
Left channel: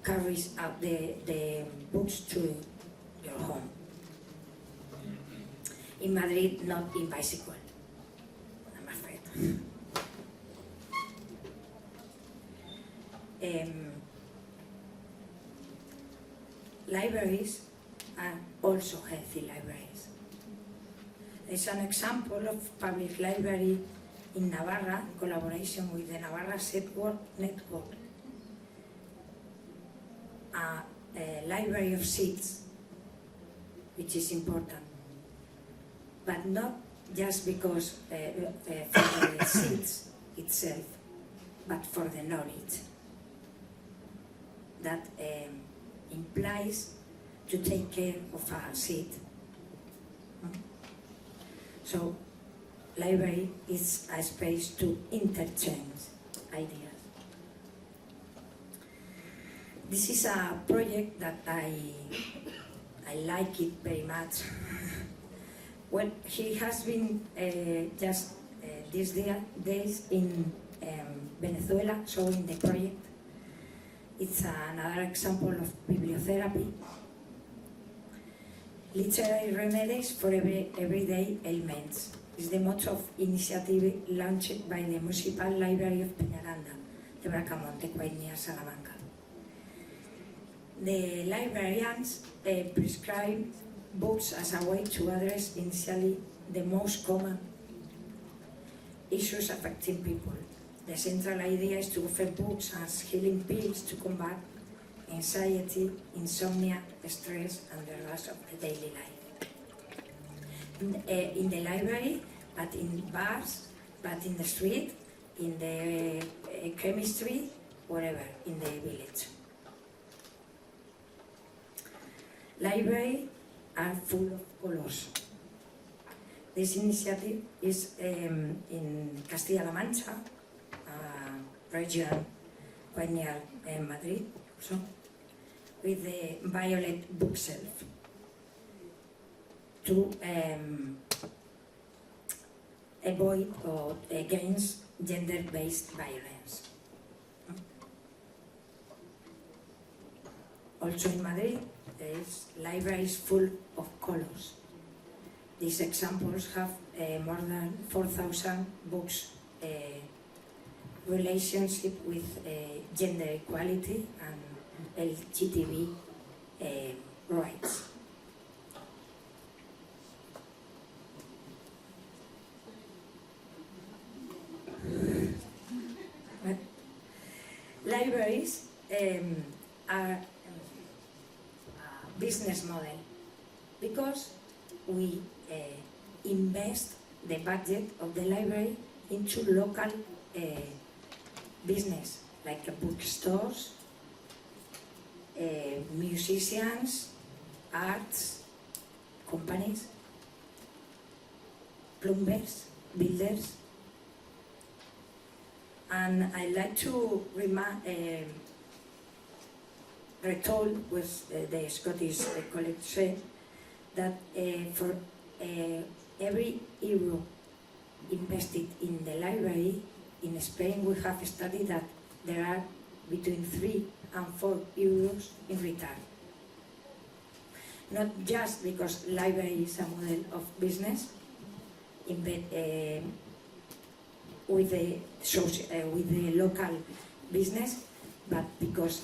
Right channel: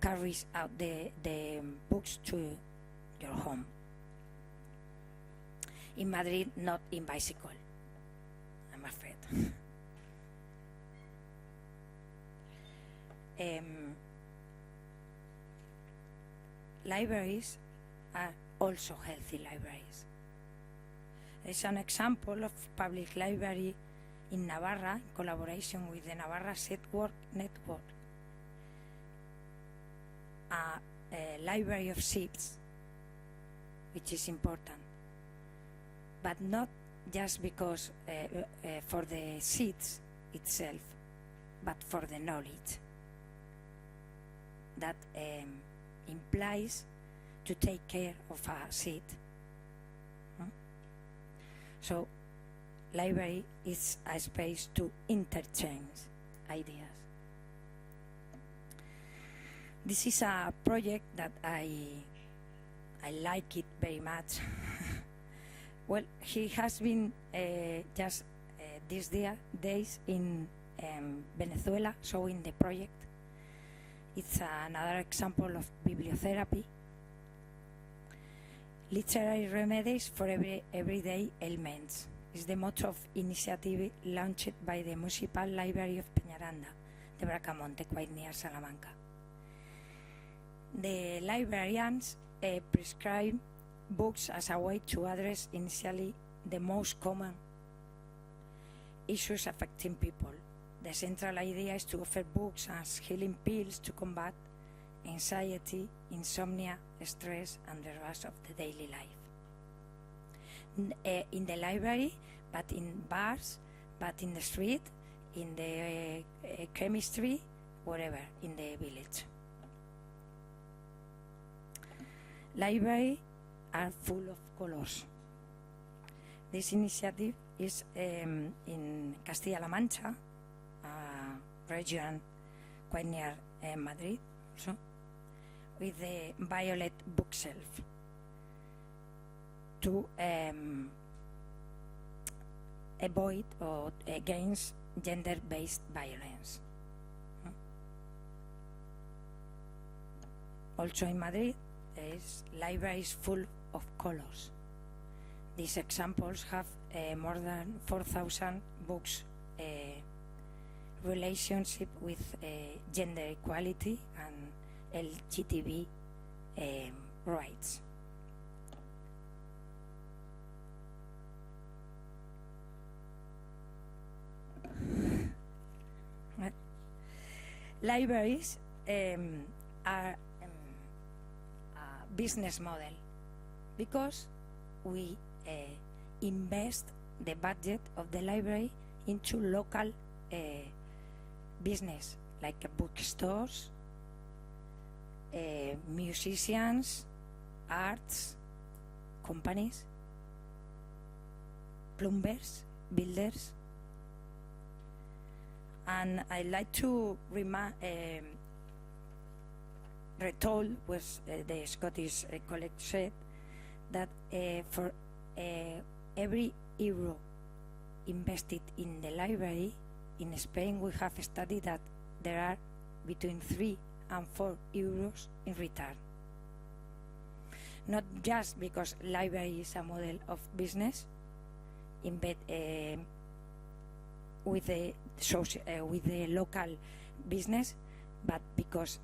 carries out the books to your home. In Madrid, not in bicycle, I'm afraid. Libraries are also healthy libraries. There's an example of public library in Navarra, in collaboration with the Navarra Network, a library of seats, which is important, but not just because for the seats itself, but for the knowledge that implies to take care of a seat. So library is a space to interchange ideas. This is a project that I like it very much. Well, he has been just these days in Venezuela showing the project. It's another example of bibliotherapy. Literary remedies for everyday ailments is the motto of initiative launched by the Municipal Library of Peñaranda, de Bracamonte, quite near Salamanca. The librarians prescribe books as a way to address initially the most common issues affecting people. The central idea is to offer books as healing pills to combat anxiety, insomnia, stress, and the rest of the daily life. In the library, but in bars, but in the street, in the chemistry, whatever, in the village. Libraries are full of colors. This initiative is in Castilla-La Mancha, region quite near Madrid, so, with the violet bookshelf to avoid or against gender-based violence. Also in Madrid, there is libraries full of colors. These examples have more than 4,000 books, relationship with gender equality and LGTB rights. Libraries are a business model because we invest the budget of the library into local business, like bookstores, musicians, arts companies, plumbers, builders. And I like to retold what the Scottish colleague said, that for every euro invested in the library, in Spain we have studied that there are between 3 and 4 euros in return. Not just because library is a model of business, with the local business, but because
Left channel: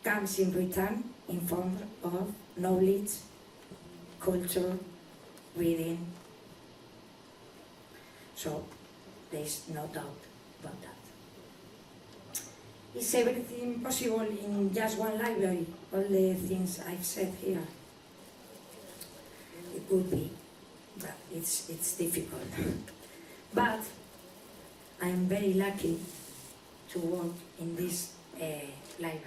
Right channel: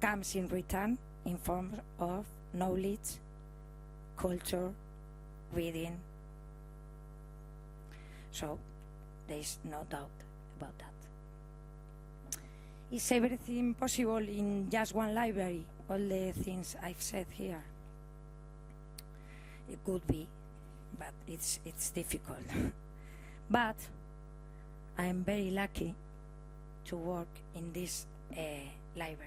comes in return in form of knowledge, culture, reading. So there is no doubt about that. Is everything possible in just one library? All the things I've said here? It could be, but it's difficult. But I'm very lucky to work in this library.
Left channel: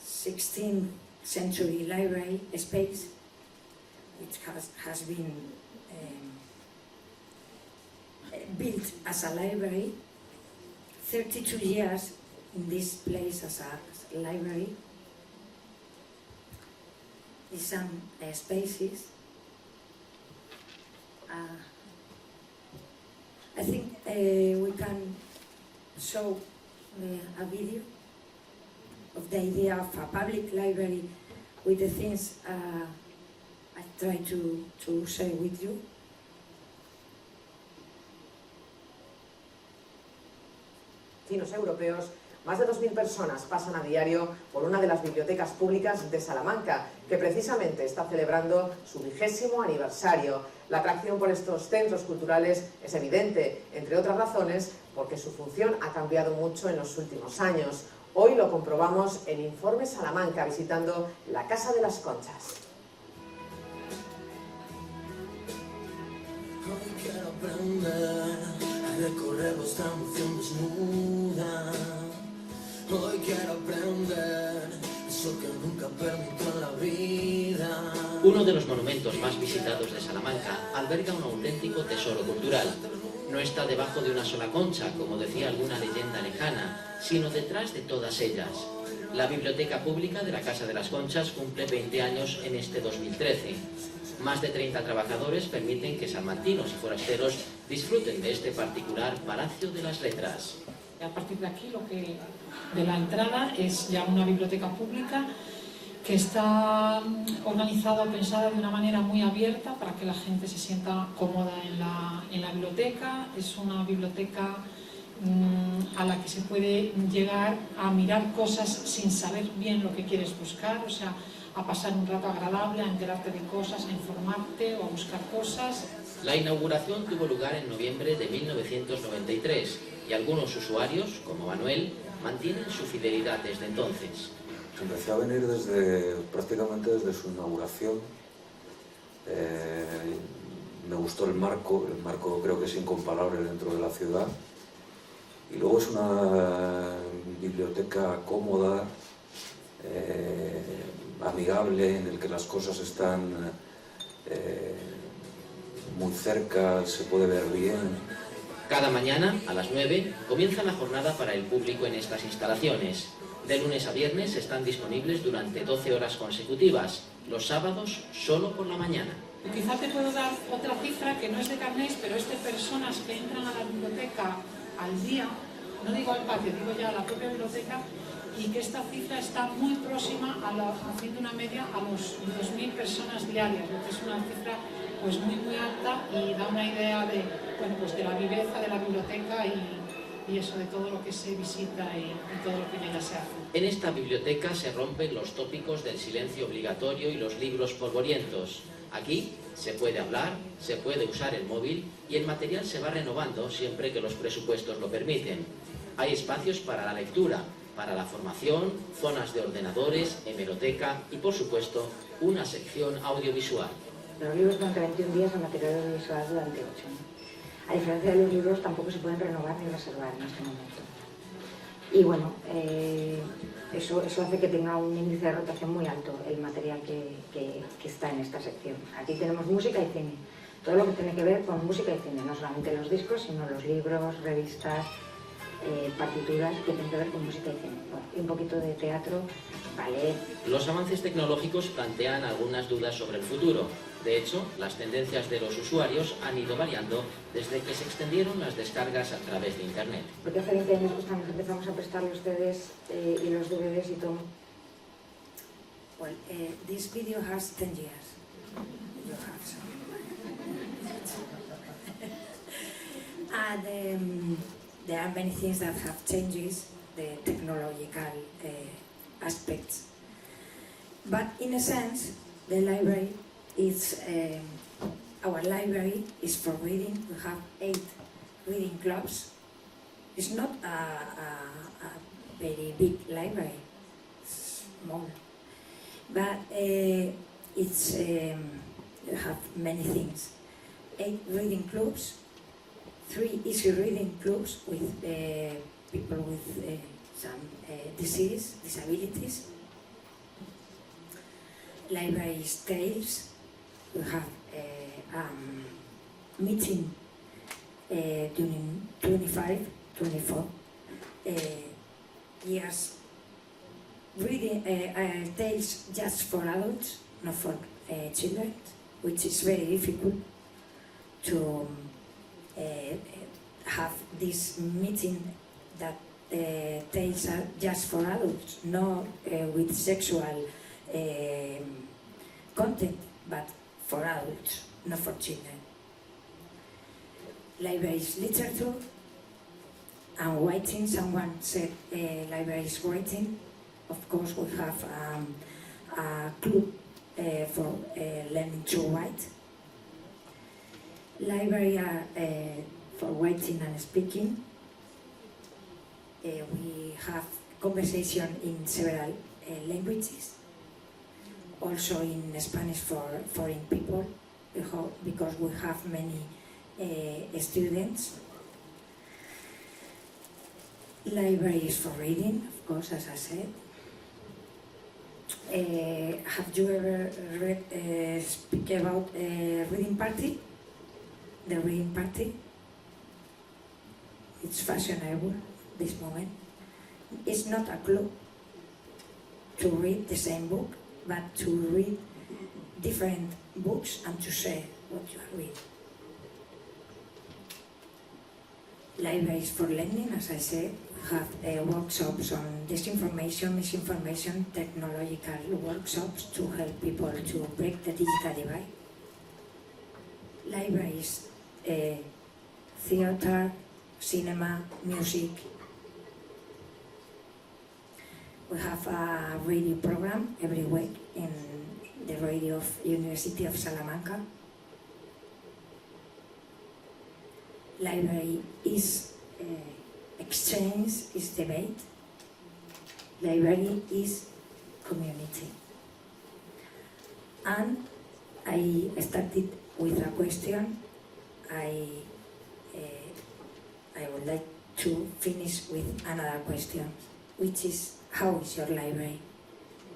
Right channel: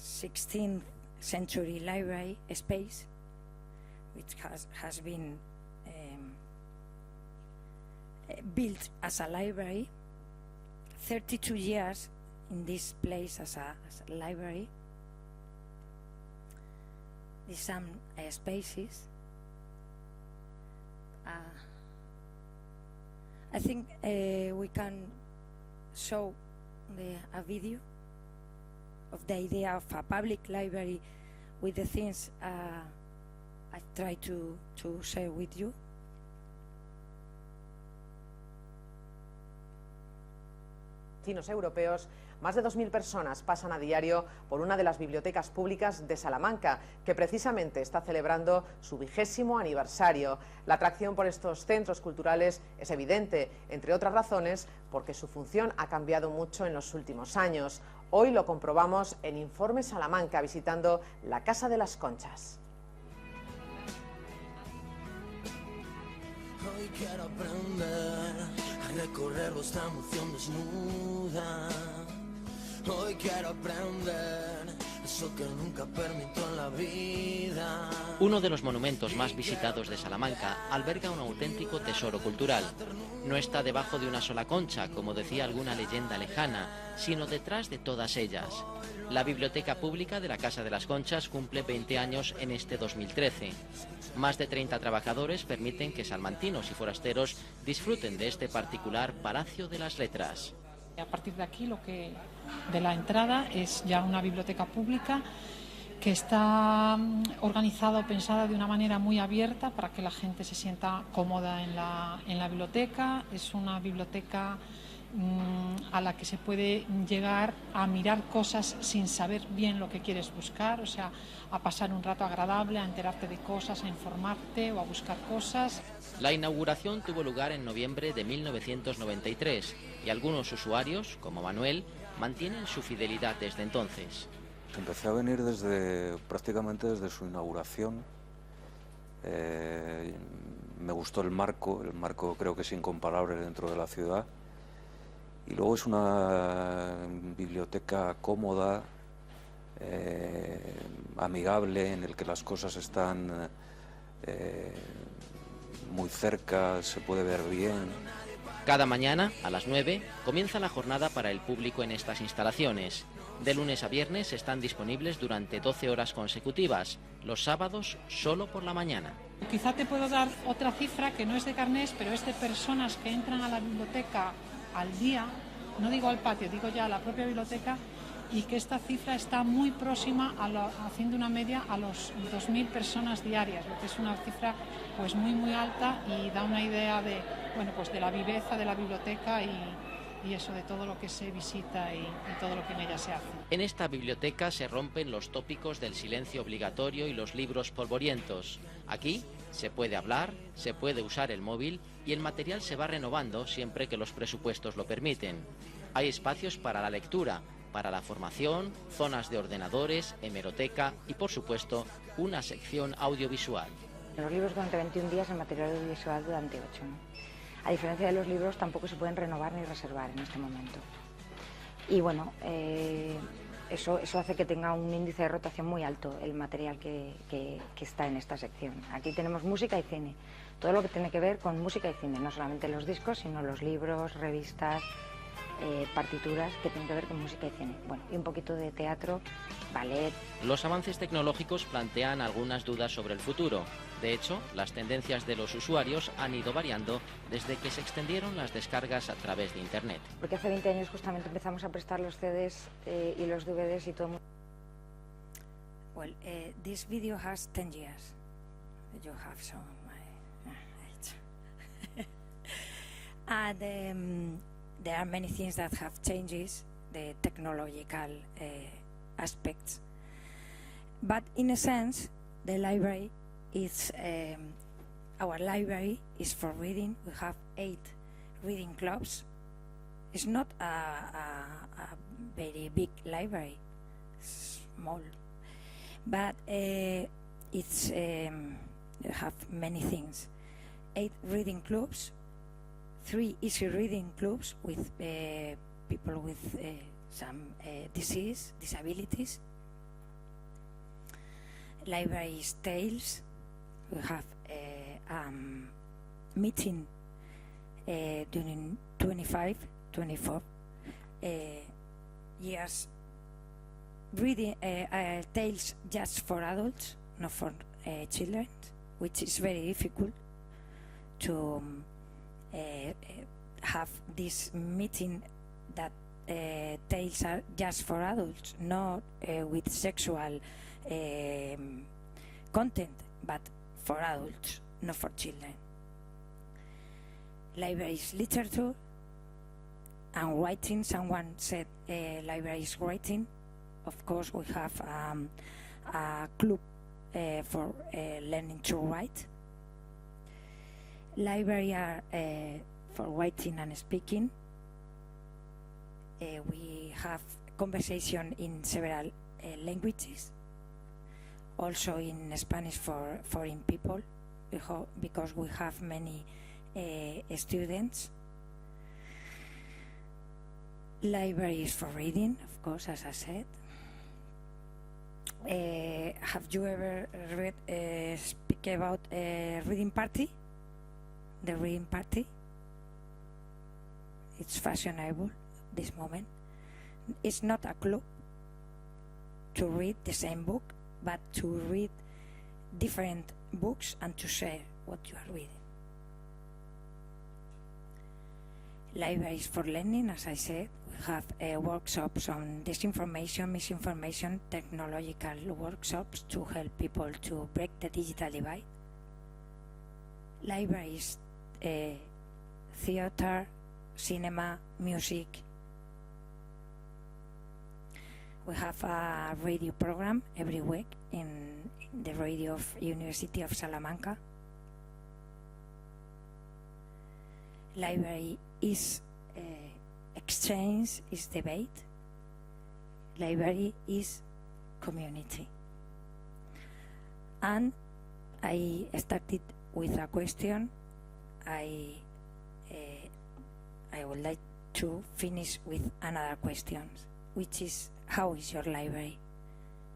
16th century library space. It has been built as a library, 32 years in this place as a library. In some spaces. I think we can show a video of the idea of a public library with the things I try to share with you. Chinos europeos, más de 2.000 personas pasan a diario por una de las bibliotecas públicas de Salamanca, que precisamente está celebrando su 20º aniversario. La atracción por estos centros culturales es evidente, entre otras razones, porque su función ha cambiado mucho en los últimos años. Hoy lo comprobamos en Informe Salamanca, visitando la Casa de las Conchas. Hoy quiero aprender a recorrer vuestra emoción desnuda. Hoy quiero aprender eso que nunca permitió la vida. Uno de visitados de Salamanca, alberga un auténtico tesoro cultural. No está debajo de una sola concha, como decía alguna leyenda lejana, sino detrás de todas ellas. La Biblioteca Pública de la Casa de las Conchas cumple 20 años en este 2013. Más de 30 trabajadores permiten que salmantinos y forasteros disfruten de este particular Palacio de las Letras. A partir de aquí, de la entrada, es ya una biblioteca pública que está organizada o pensada de una manera muy abierta para que la gente se sienta cómoda en la biblioteca. Es una biblioteca a la que se puede llegar a mirar cosas sin saber bien lo que quieres buscar, o sea, a pasar un rato agradable, a enterarte de cosas, a informarte o a buscar cosas. La inauguración tuvo lugar en noviembre de 1993 y algunos usuarios, como Manuel, mantienen su fidelidad desde entonces. Empecé a venir prácticamente desde su inauguración. Me gustó el marco creo que es incomparable dentro de la ciudad. Y luego es una biblioteca cómoda, amigable, en el que las cosas están muy cerca, se puede ver bien. Cada mañana, a las 9, comienza la jornada para el público en estas instalaciones. De lunes a viernes están disponibles durante 12 horas consecutivas, los sábados solo por la mañana. Quizá te puedo dar otra cifra que no es de carnés, pero es de personas que entran a la biblioteca al día, no digo al patio, digo ya a la propia biblioteca, y que esta cifra está muy próxima, haciendo una media, a los 2.000 personas diarias, lo que es una cifra pues muy alta y da una idea de, bueno, pues de la viveza de la biblioteca y eso, de todo lo que se visita y todo lo que en ella se hace. En esta biblioteca se rompen los tópicos del silencio obligatorio y los libros polvorientos. Aquí se puede hablar, se puede usar el móvil y el material se va renovando siempre que los presupuestos lo permiten. Hay espacios para la lectura, para la formación, zonas de ordenadores, hemeroteca y, por supuesto, una sección audiovisual. Los libros van 21 días en material audiovisual durante 8. A diferencia de los libros, tampoco se pueden renovar ni reservar en ese momento. Y bueno, eso hace que tenga un índice de rotación muy alto el material que está en esta sección. Aquí tenemos música y cine. Todo lo que tiene que ver con música y cine, no solamente los discos, sino los libros, revistas, partituras que tienen que ver con música y cine. Bueno, y un poquito de teatro, ballet. Los avances tecnológicos plantean algunas dudas sobre el futuro. De hecho, las tendencias de los usuarios han ido variando desde que se extendieron las descargas a través de Internet. Porque hace 20 años empezamos a prestar los CDs y los DVDs y todo. Well, this video has 10 years. You have some. And there are many things that have changed, the technological aspects. But in a sense, the library is, our library is for reading. We have 8 reading clubs. It's not a very big library, small. But it's, you have many things. 8 reading clubs, 3 easy reading clubs with people with some disabilities. Libraries tales. We have meeting during 25, 24 years. Reading tales just for adults, not for children, which is very difficult to have this meeting that tales are just for adults, not with sexual content, but for adults, not for children. Libraries literature and writing. Someone said libraries writing. Of course, we have a club for learning to write. Library are for writing and speaking. We have conversation in several languages. Also in Spanish for foreign people, because we have many students. Libraries for reading, of course, as I said. Have you ever speak about reading party? The reading party? It's fashionable this moment. It's not a club to read the same book, but to read different books and to share what you read. Libraries for Learning, as I said, have workshops on disinformation, misinformation, technological workshops to help people to break the digital divide. Libraries, theater, cinema, music. We have a radio program every week in the radio of University of Salamanca. Library is exchange, is debate. Library is community. And I started with a question. I would like to finish with another question, which is, how is your library?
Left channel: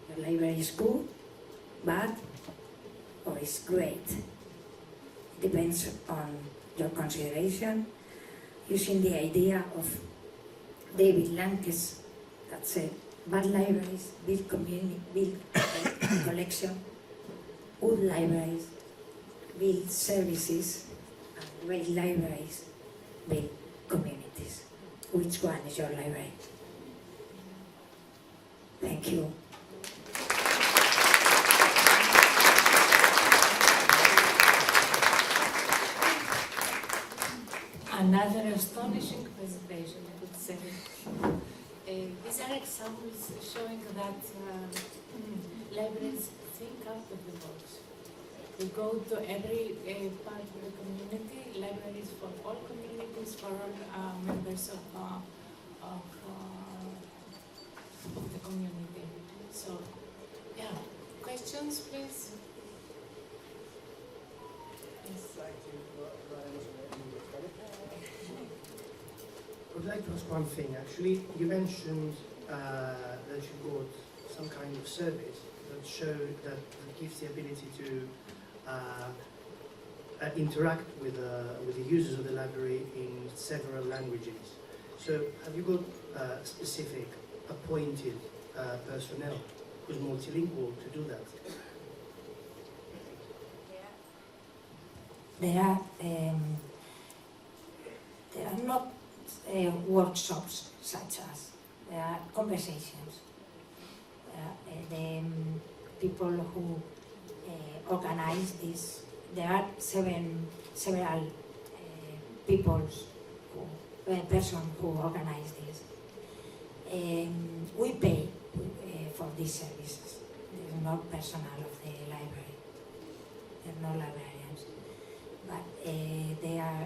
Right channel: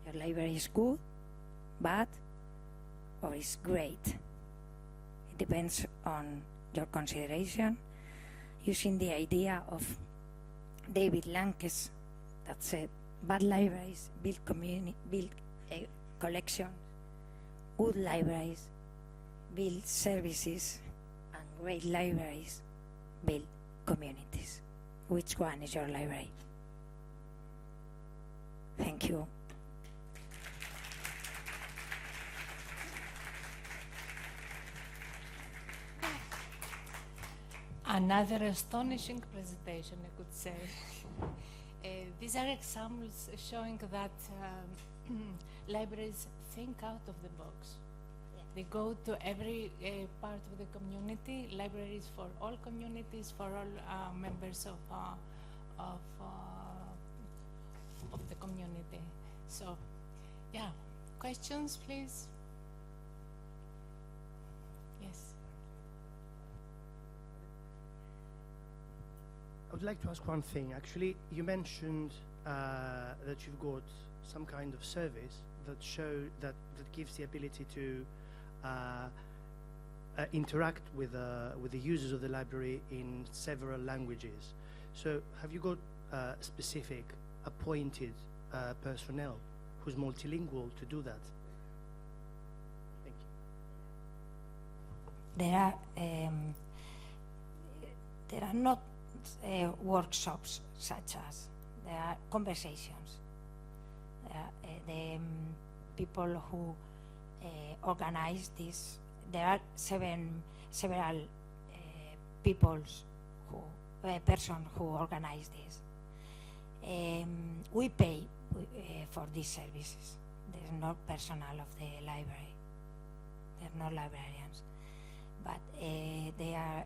Your library is good, bad, or is great? Depends on your consideration, using the idea of David Lankes that said, bad libraries build community, build collection, good libraries build services, and great libraries build communities. Which one is your library? Thank you. Another astonishing presentation, I would say. These are examples showing that libraries think out of the box. They go to every part of the community, libraries for all communities, for all members of the community. So, yeah, questions, please? I would like to ask one thing. Actually, you mentioned that you got some kind of surveys that show that gives the ability to interact with the users of the library in several languages. So, have you got specific appointed personnel who's multilingual to do that? There are not workshops such as, there are conversations. The people who organize this, there are several persons who organize this. We pay for these services. There is no personnel of the library. There are no librarians. But they are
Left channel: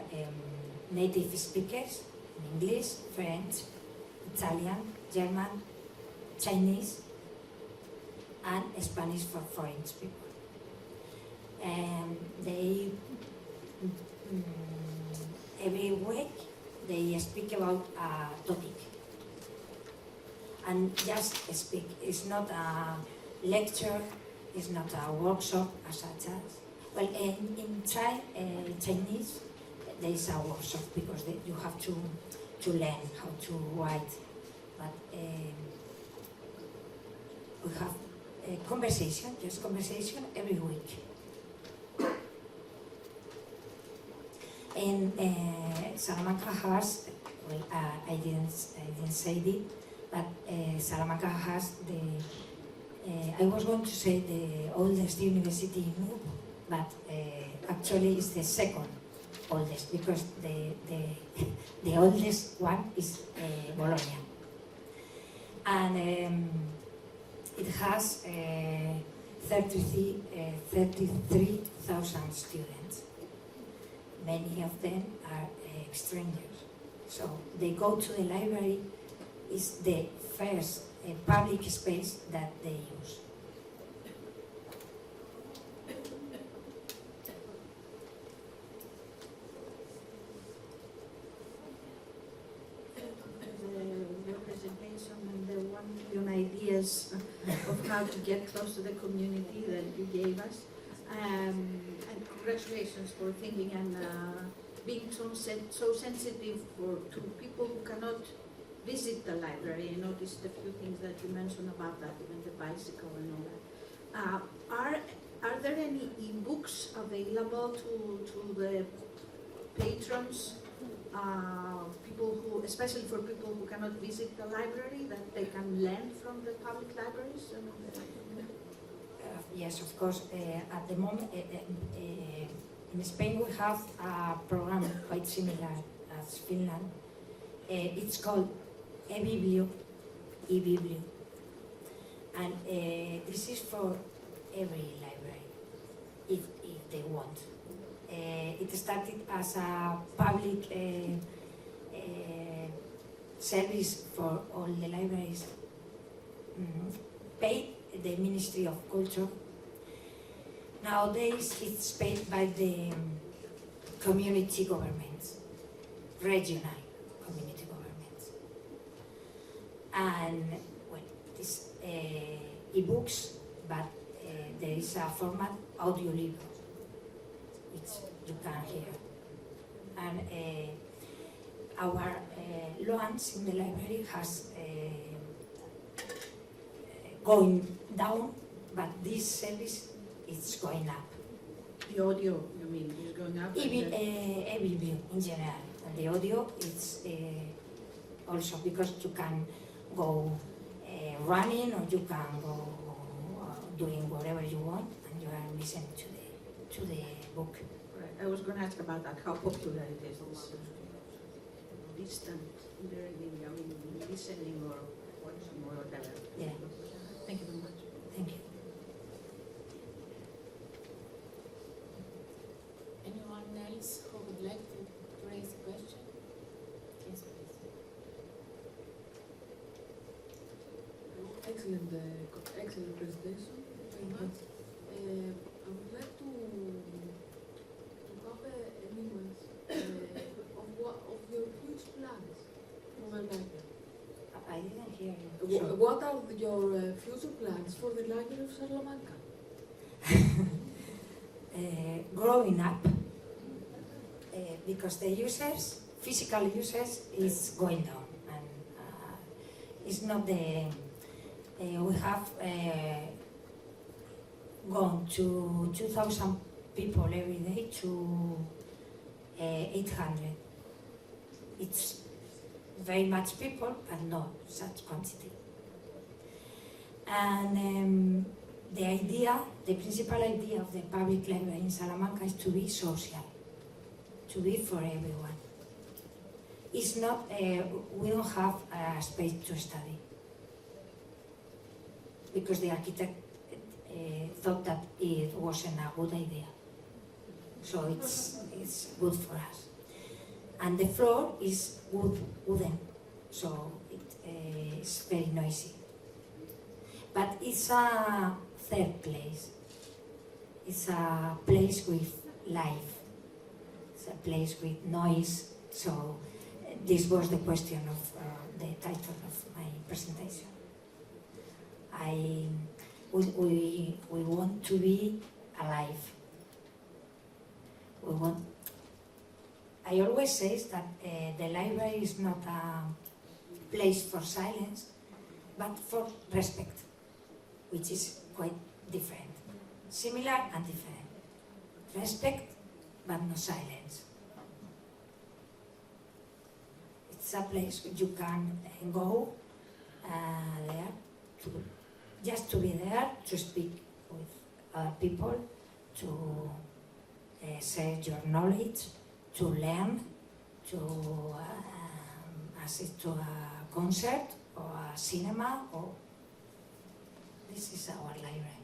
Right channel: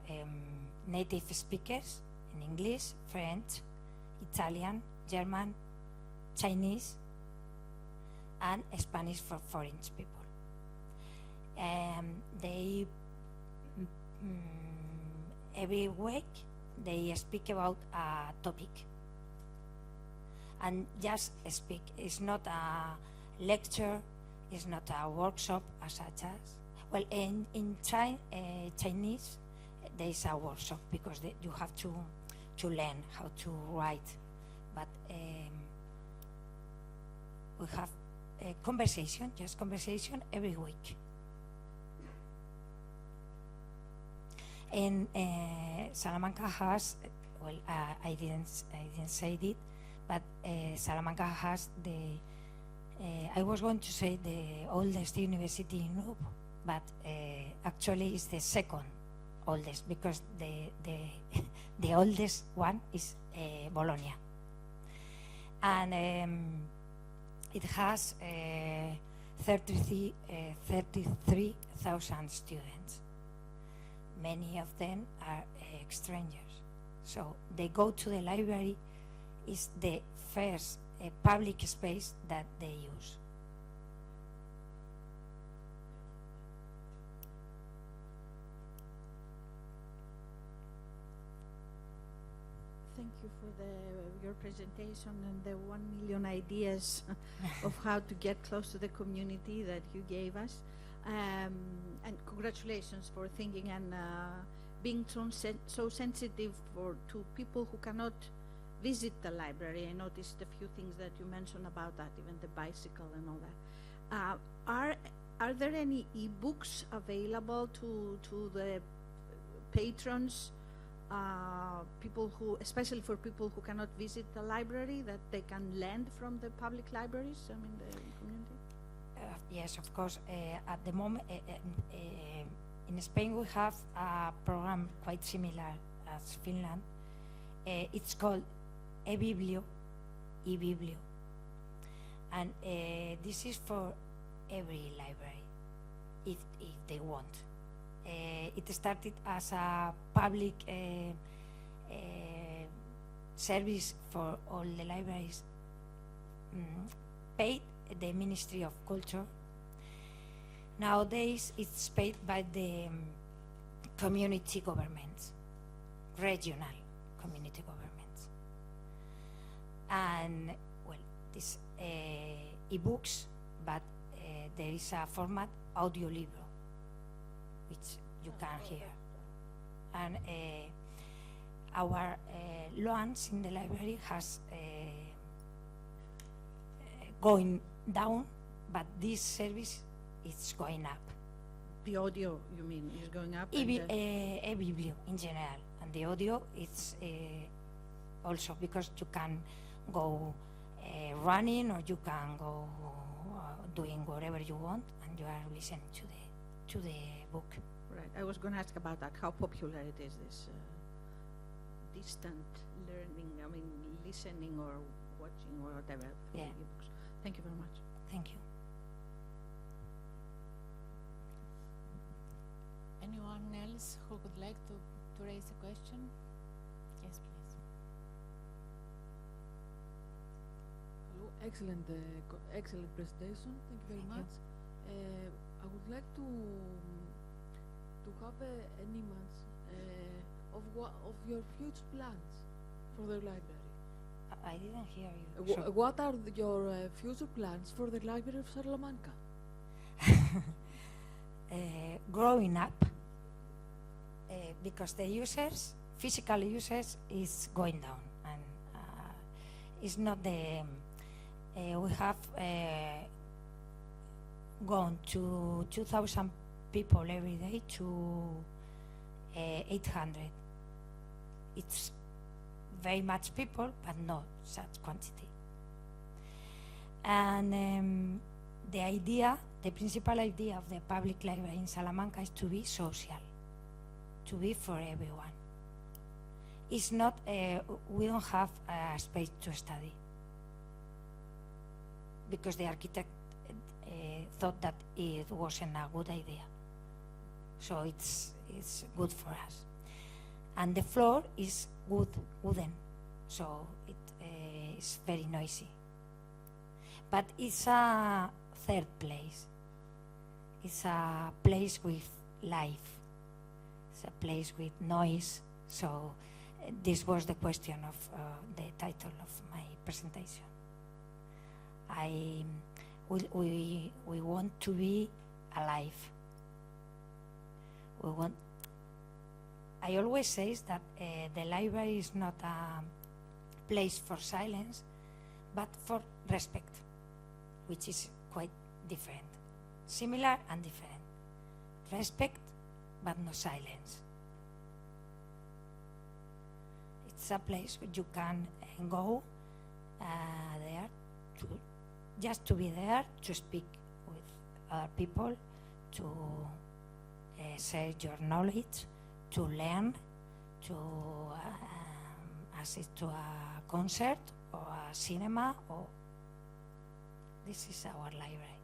native speakers in English, French, Italian, German, Chinese, and Spanish for foreign people. And they, every week, they speak about a topic. And just speak. It's not a lecture, it's not a workshop as such as. Well, in Chinese, there is a workshop because you have to learn how to write. But we have a conversation, just conversation every week. And Salamanca has, well, I didn't say it, but Salamanca has I was going to say the oldest university in Europe, but actually it's the second oldest because the oldest one is Bologna. And it has 33,000 students. Many of them are strangers. So they go to the library, it's the first public space that they use. Your presentation and the 1 million ideas of how to get close to the community that you gave us. And congratulations for thinking and being so sensitive to people who cannot visit the library. I noticed a few things that you mentioned about that, and the bicycle and all that. Are there any e-books available to the patrons, people who, especially for people who cannot visit the library, that they can learn from the public libraries? Yes, of course. At the moment, in Spain we have a program quite similar as Finland. It's called eBiblio, and this is for every library, if they want. It started as a public service for all the libraries, paid the Ministry of Culture. Nowadays it's paid by the community governments, regional community governments. And well, it's e-books, but there is a format audiolibro, which you can hear. And our launch in the library has going down, but this service is going up. The audio, you mean, is going up? EBiblio in general. And the audio is also because you can go running, or you can go doing whatever you want, and you are listening to the book. Right. I was going to ask about that, how popular it is, distant learning, I mean, listening or watching or whatever. Yeah. Thank you very much. Thank you. Anyone else who would like to raise a question? Yes, please. Excellent, excellent presentation. Very much. I would like to have an image of your huge plans for the library. I didn't hear you. What are your future plans for the Library of Salamanca? Growing up, because the users, physical users, is going down, and it's not the. We have gone to 2,000 people every day to 800. It's very much people, but not such quantity. And the principal idea of the public library in Salamanca is to be social, to be for everyone. It's not, we don't have a space to study, because the architect thought that it wasn't a good idea. So it's good for us. And the floor is wooden, so it's very noisy. But it's a third place. It's a place with life. It's a place with noise. So this was the question of the title of my presentation. We want to be alive. I always say that the library is not a place for silence, but for respect, which is quite different. Similar and different. Respect, but no silence. It's a place you can go there, just to be there, to speak with other people, to share your knowledge, to learn, to assist to a concert or a cinema. Or this is our library.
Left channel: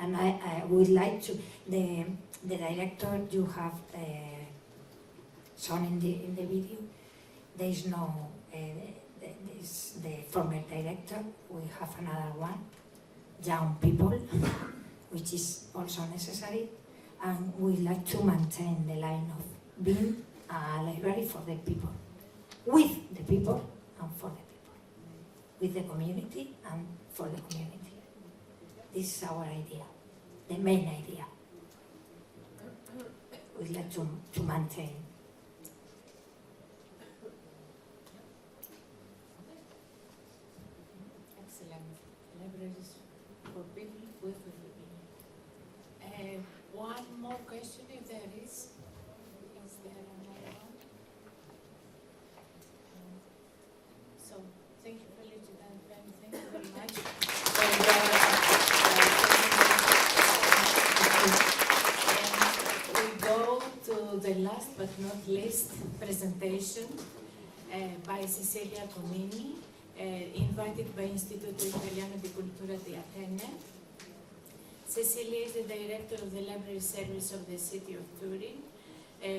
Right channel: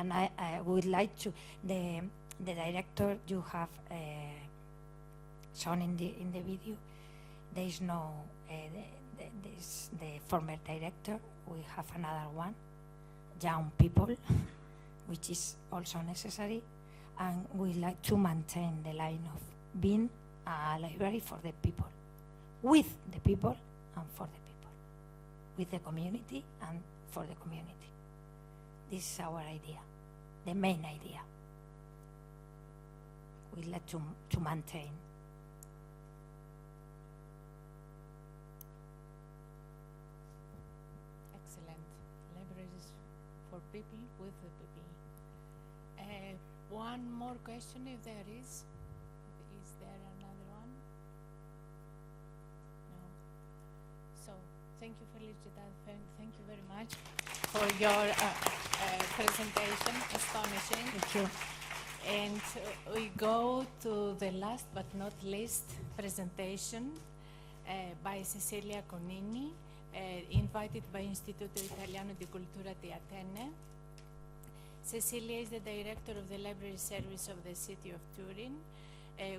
And I would like to, the director you have shown in the video, there is no, this, the former director, we have another one, young people, which is also necessary, and we like to maintain the line of being a library for the people, with the people and for the people, with the community and for the community. This is our idea, the main idea. We'd like to maintain. Excellent. Libraries for people with people. One more question if there is. Is there another one? So thank you, Felicidad, and thank you very much for your presentation. And we go to the last but not least presentation by Cecilia Cognigni, invited by Istituto Italiano di Cultura di Atene. Cecilia is the director of the Library Service of the city of Turin,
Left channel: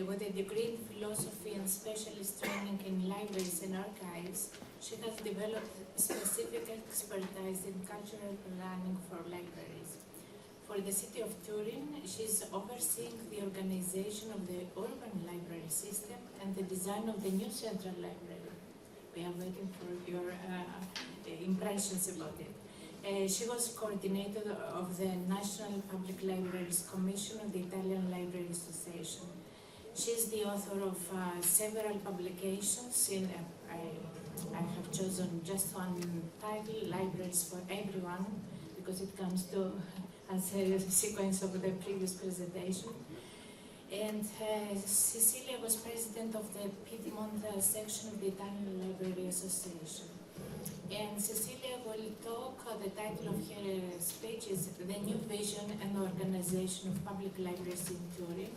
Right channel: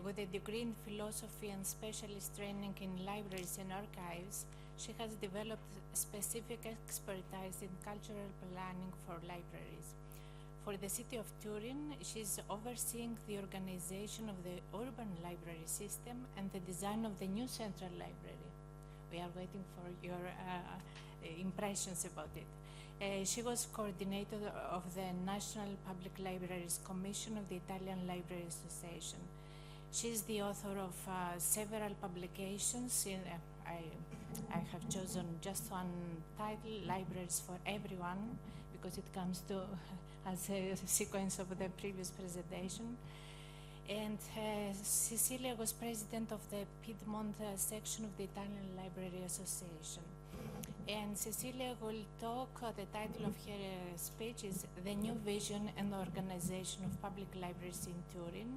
with a degree in philosophy and specialist training in libraries and archives. She has developed specific expertise in cultural planning for libraries. For the city of Turin, she is overseeing the organization of the urban library system and the design of the new central library. We are waiting for your impressions about it. She was coordinator of the National Public Libraries Commission of the Italian Library Association. She is the author of several publications. I have chosen just one title, Libraries for Everyone, because it comes to as a sequence of the previous presentation. And Cecilia was president of the Piedmont section of the Italian Library Association. And Cecilia will talk, the title of her speech is The New Vision and Organization of Public Libraries in Turin,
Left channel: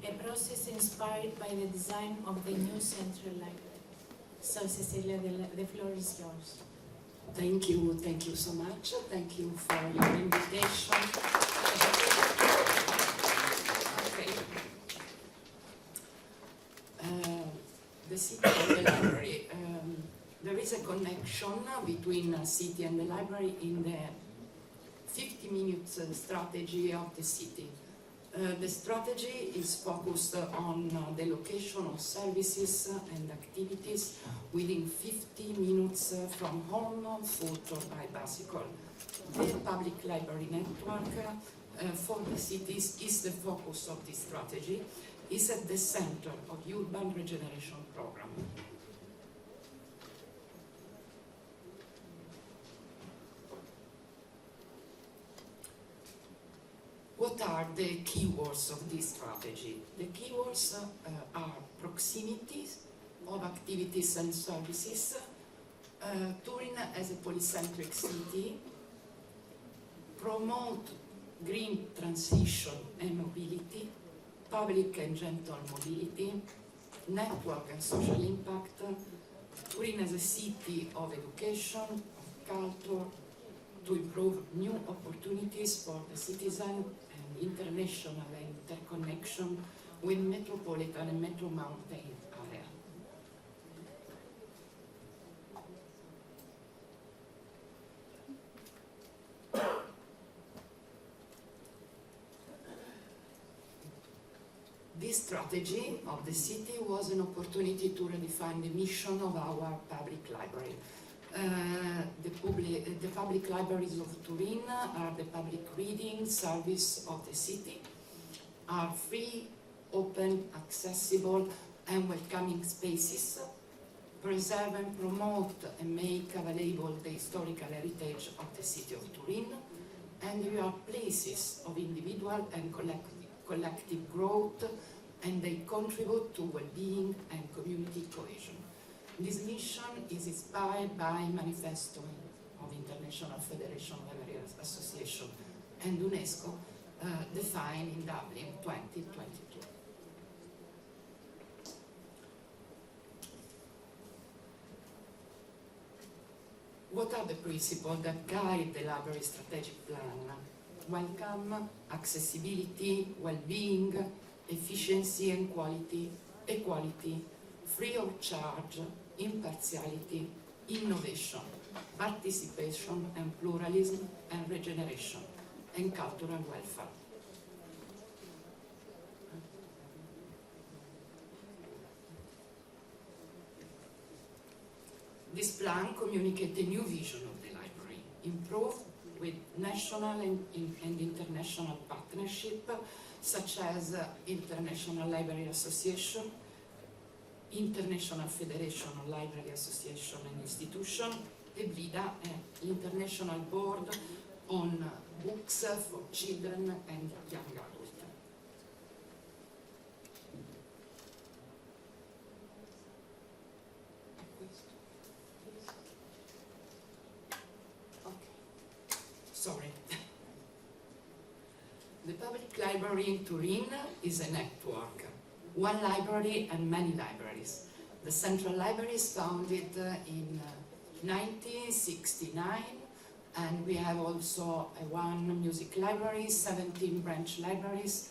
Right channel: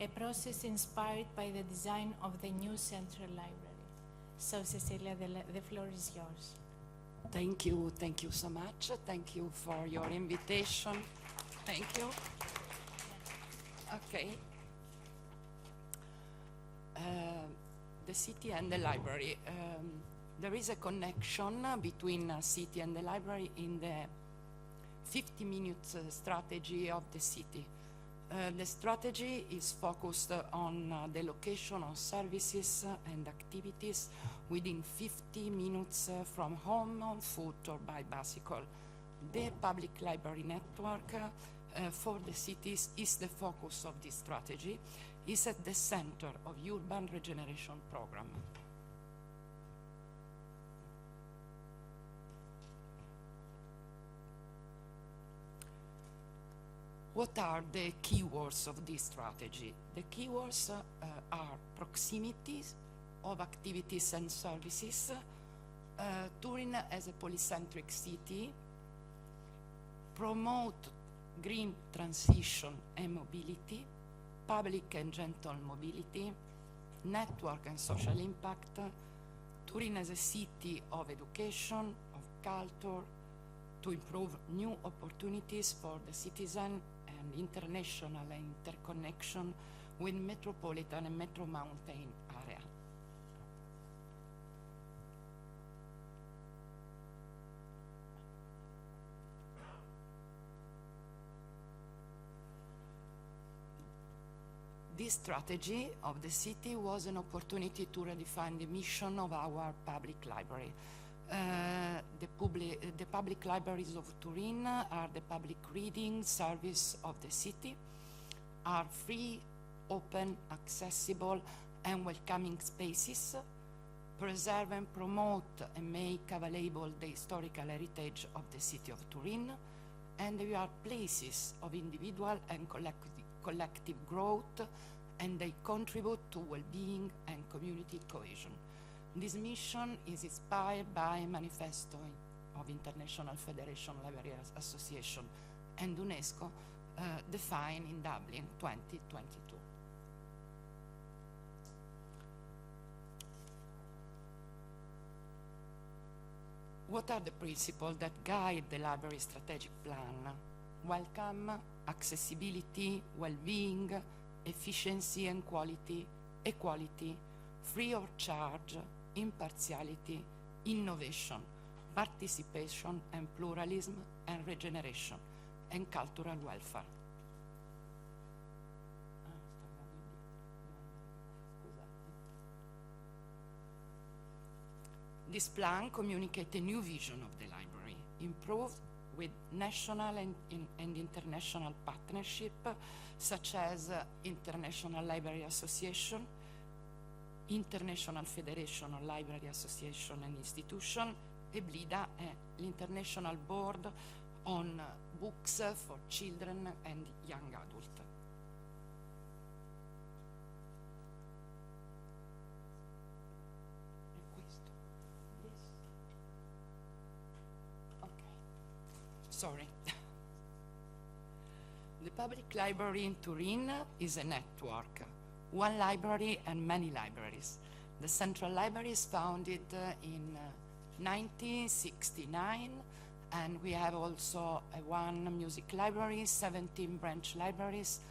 a process inspired by the design of the new central library. So Cecilia, the floor is yours. Thank you so much. Thank you for your invitation. Okay. The city and the library. There is a connection between a city and the library in the 50-minute strategy of the city. The strategy is focused on the location of services and activities within 50 minutes from home, foot or by bicycle. The public library network for the cities is the focus of this strategy, is at the center of urban regeneration program. What are the keywords of this strategy? The keywords are proximities of activities and services, Turin as a polycentric city, promote green transition and mobility, public and gentle mobility, network and social impact, Turin as a city of education, of culture, to improve new opportunities for the citizen and international interconnection with metropolitan and metro mountain area. This strategy of the city was an opportunity to redefine the mission of our public library. The public libraries of Turin are the public reading service of the city, are free, open, accessible, and welcoming spaces, preserve and promote and make available the historical heritage of the city of Turin, and they are places of individual and collective growth, and they contribute to well-being and community cohesion. This mission is inspired by Manifesto of International Federation of Librarians Association and UNESCO, defined in Dublin 2022. What are the principles that guide the library strategic plan? Welcome, accessibility, well-being, efficiency and quality, equality, free of charge, impartiality, innovation, participation and pluralism and regeneration, and cultural welfare. This plan communicates a new vision of the library, improve with national and international partnership, such as International Library Association, International Federation of Library Association and Institution, e VIDA, International Board on Books for Children and Young Adults. Sorry. The public library in Turin is a network. One library and many libraries. The Central Library is founded in 1969, and we have also one music library, 17 branch libraries,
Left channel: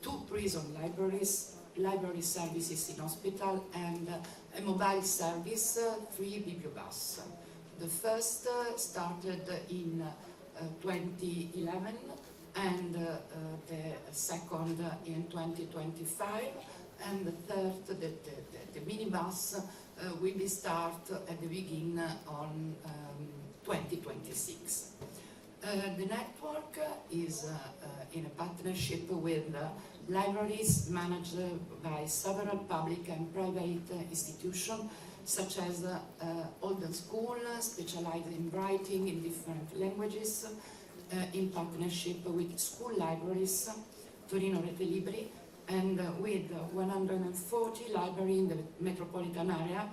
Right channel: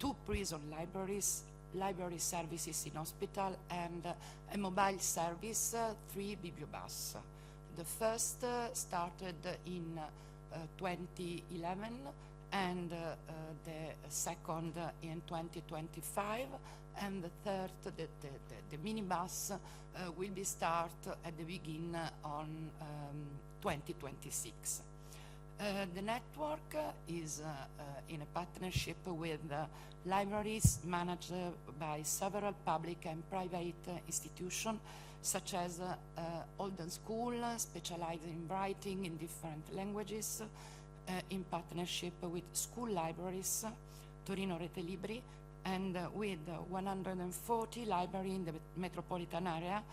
2 prison libraries, library services in hospital, and a mobile service, 3 bibliobus. The first started in 2011, and the second in 2025, and the third, the minibus, will be start at the beginning on 2026. The network is in a partnership with libraries managed by several public and private institutions, such as Olden School, specialized in writing in different languages, in partnership with school libraries, Torino Rete Libri, and with 140 libraries in the metropolitan area,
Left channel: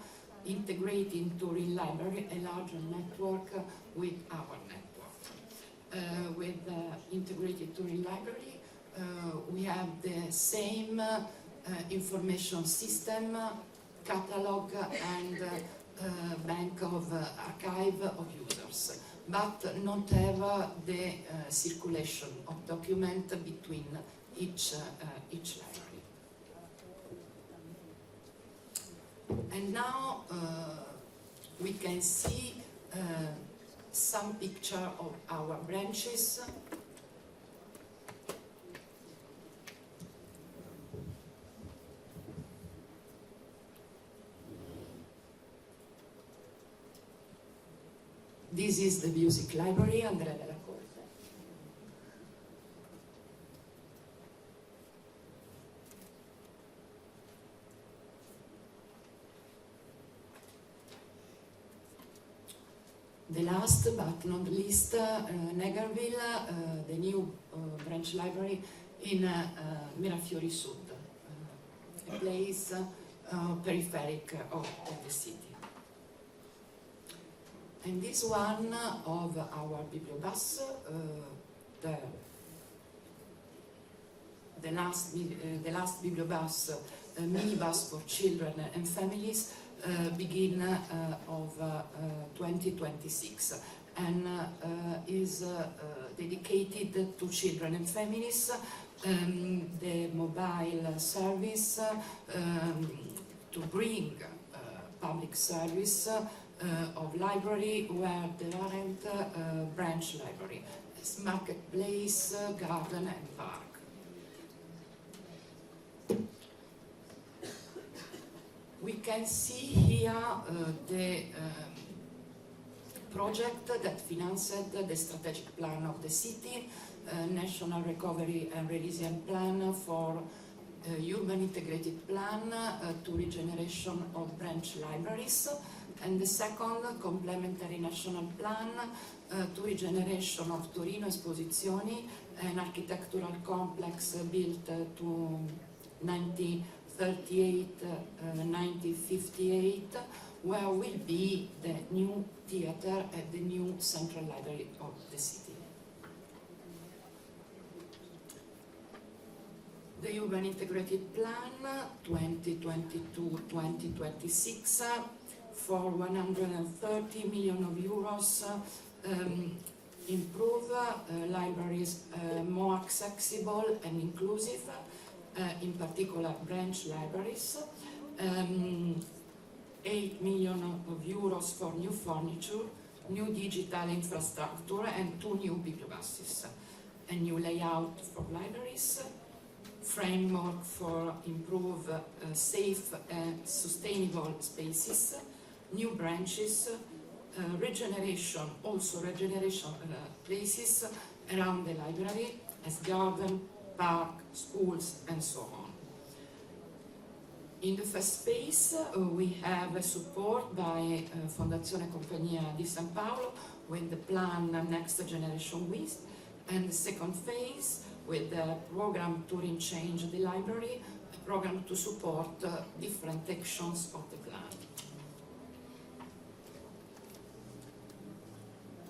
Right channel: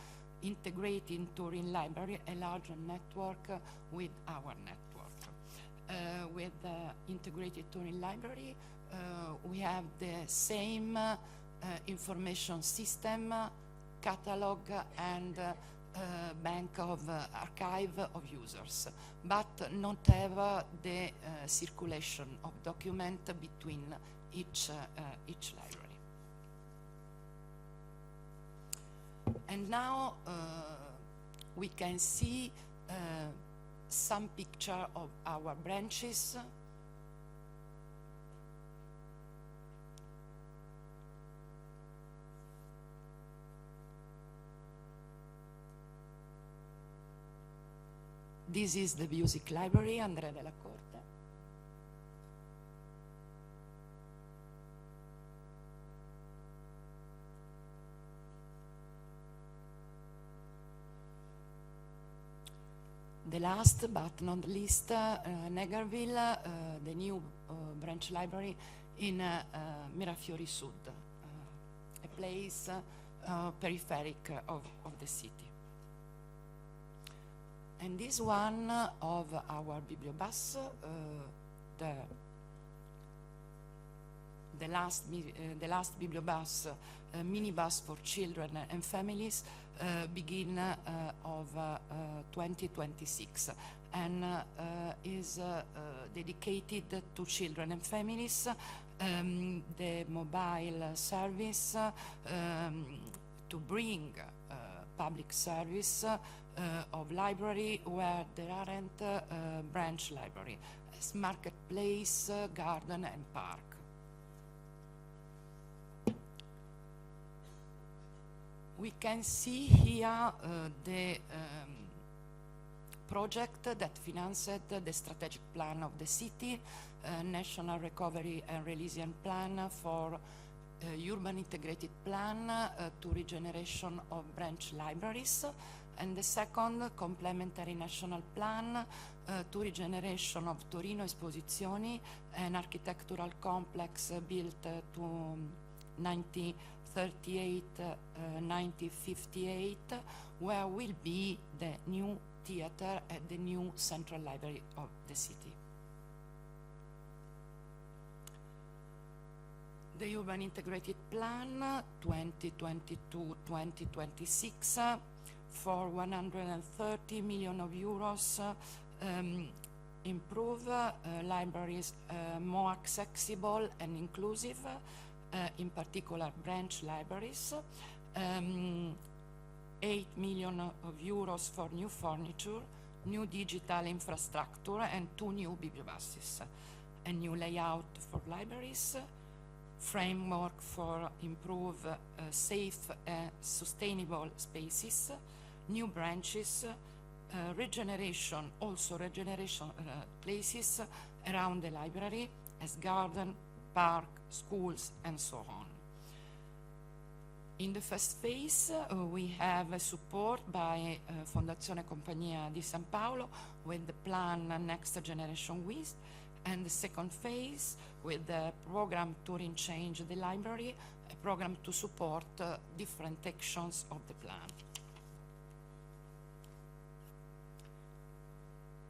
integrating Turin Library, a larger network with our network. With integrated Turin Library, we have the same information system, catalog, and bank of archive of users, but not have the circulation of document between each library. And now we can see some picture of our branches. This is the music library, Andrea. The last but not least, Negerville, the new branch library in Mirafiori Sud, a place peripheric of the city. And this one of our bibliobus, the last bibliobus, minibus for children and families, begin of 2026, and is dedicated to children and families, the mobile service to bring public service of library where there aren't branch library, as marketplace, garden and park. We can see here the project that financed the strategic plan of the city, National Recovery and Resilience Plan for Urban Integrated Plan to Regeneration of Branch Libraries, and the second Complementary National Plan to Regeneration of Torino Esposizioni, an architectural complex built to 1938-1958, where will be the new theater at the new Central Library of the city. The Urban Integrated Plan 2022-2026 for 130 million euros improve libraries more accessible and inclusive, in particular branch libraries, 8 million euros for new furniture, new digital infrastructure, and 2 new bibliobuses, a new layout for libraries, framework for improve safe and sustainable spaces, new branches, regeneration places around the library as garden, park, schools, and so on. In the first phase, we have support by Fondazione Compagnia di San Paolo with the plan Next Generation With, and the second phase with the program Turin Change the Library, a program to support different actions of the plan.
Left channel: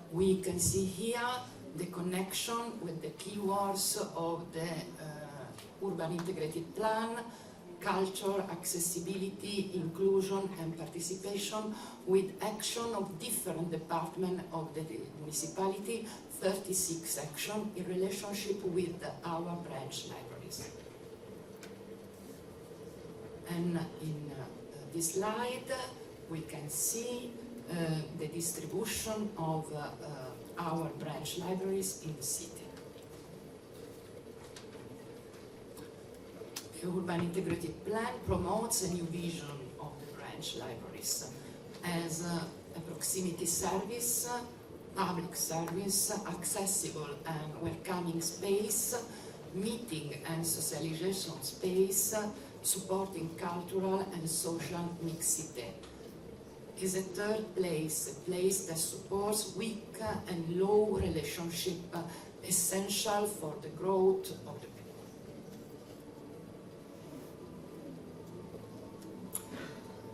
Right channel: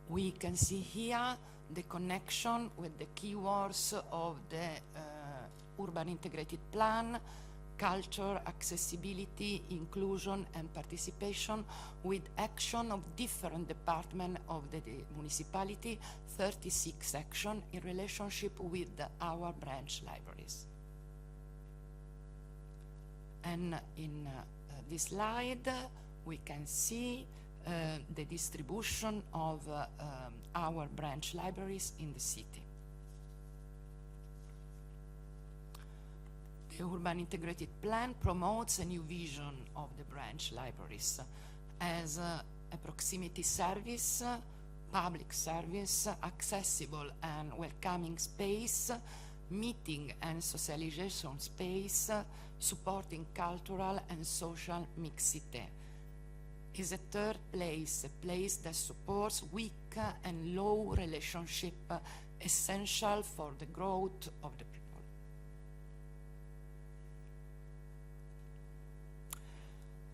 We can see here the connection with the keywords of the urban integrated plan: culture, accessibility, inclusion, and participation, with action of different departments of the municipality, 36 action in relationship with our branch libraries. And in this slide, we can see the distribution of our branch libraries in the city. The Urban Integrated Plan promotes a new vision of the branch libraries as a proximity service, public service, accessible and welcoming space, meeting and socialization space, supporting cultural and social mixity. Is a third place, a place that supports weak and low relationship, essential for the growth of the people.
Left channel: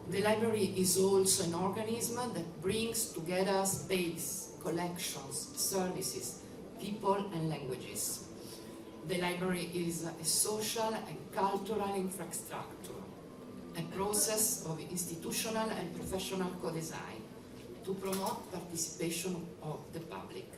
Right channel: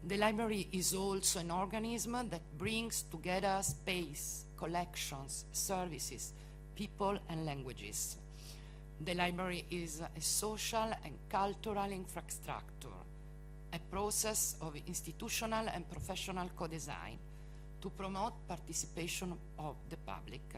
The library is also an organism that brings together space, collections, services, people and languages. The library is a social and cultural infrastructure, a process of institutional and professional co-design to promote participation of the public.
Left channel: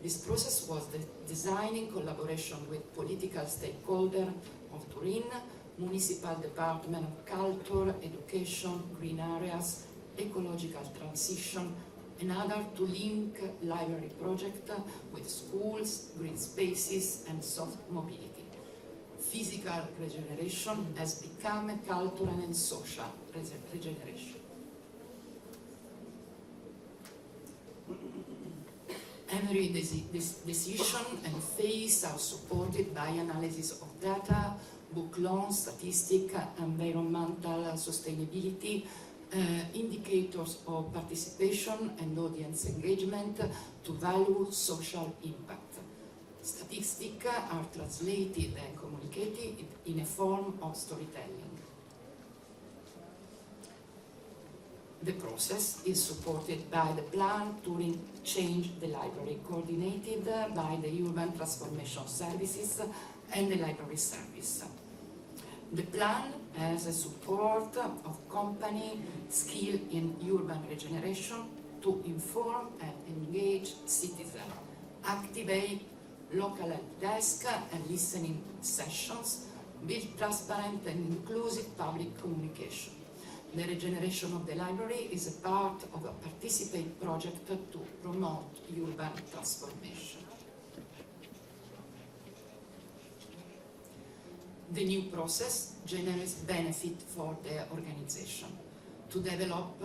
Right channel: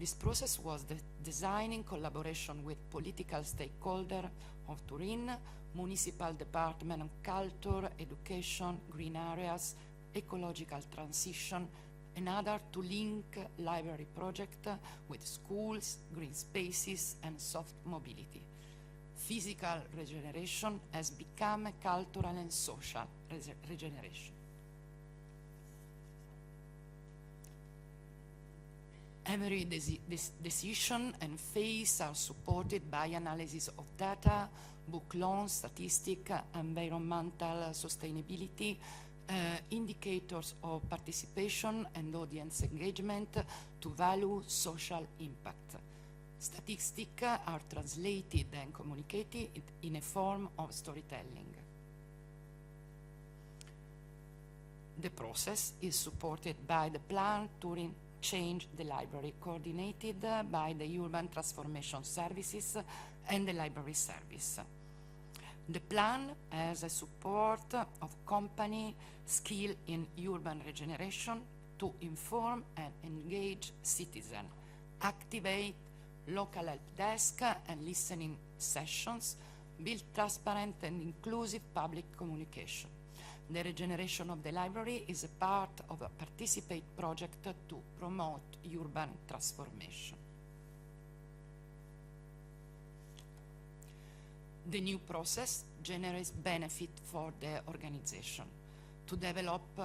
This process was designed in collaboration with political stakeholders of Turin, Municipal Department of Culture, Education, Green Areas, Ecological Transition, and other to link library project with schools, green spaces, and soft mobility. Physical regeneration has become a cultural and social regeneration. Every decision and phase are supported by analysis of data, book loans, statistic, environmental sustainability, indicators of participation and audience engagement to value social impact. Statistics are translated and communicated in a form of storytelling. The process is supported by the plan Turin Change the Library, coordinated by the Urban Transformation Services and the Library Service. The plan has a support of company skilled in urban regeneration to inform and engage citizens, activate local help desk and listening sessions, build transparent and inclusive public communication. The regeneration of the library is a part of a participate project to promote urban transformation. The new process generates benefit for the organization to develop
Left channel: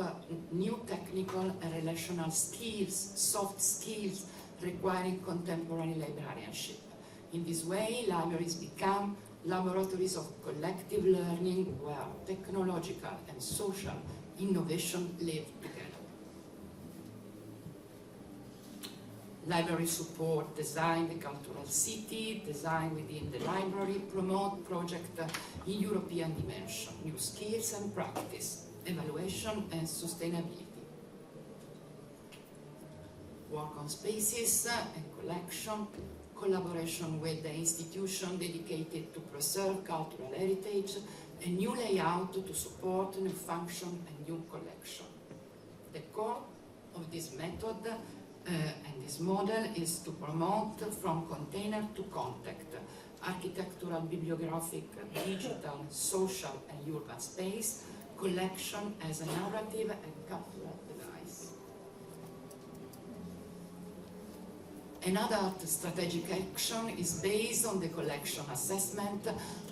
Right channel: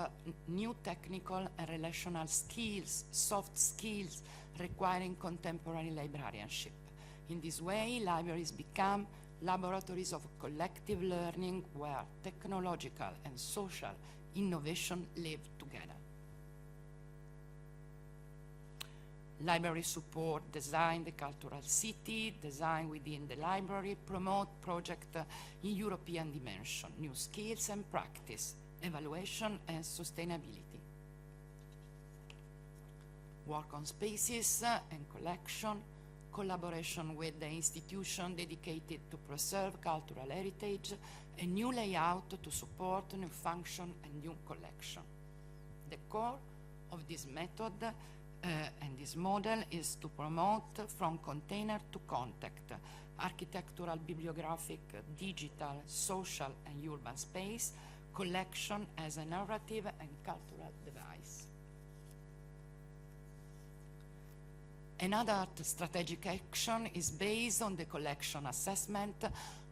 new technical and relational skills, soft skills requiring contemporary librarianship. In this way, libraries become laboratories of collective learning where technological and social innovation live together. Libraries support design the cultural city, design within the library, promote projects in European dimension, new skills and practice, evaluation and sustainability. Work on spaces and collection, collaboration with the institution dedicated to preserve cultural heritage, a new layout to support new function and new collection. The core of this method and this model is to promote from container to contact, architectural, bibliographic, digital, social and urban space, collection as a narrative and cultural device. Another strategic action is based on the collection assessment,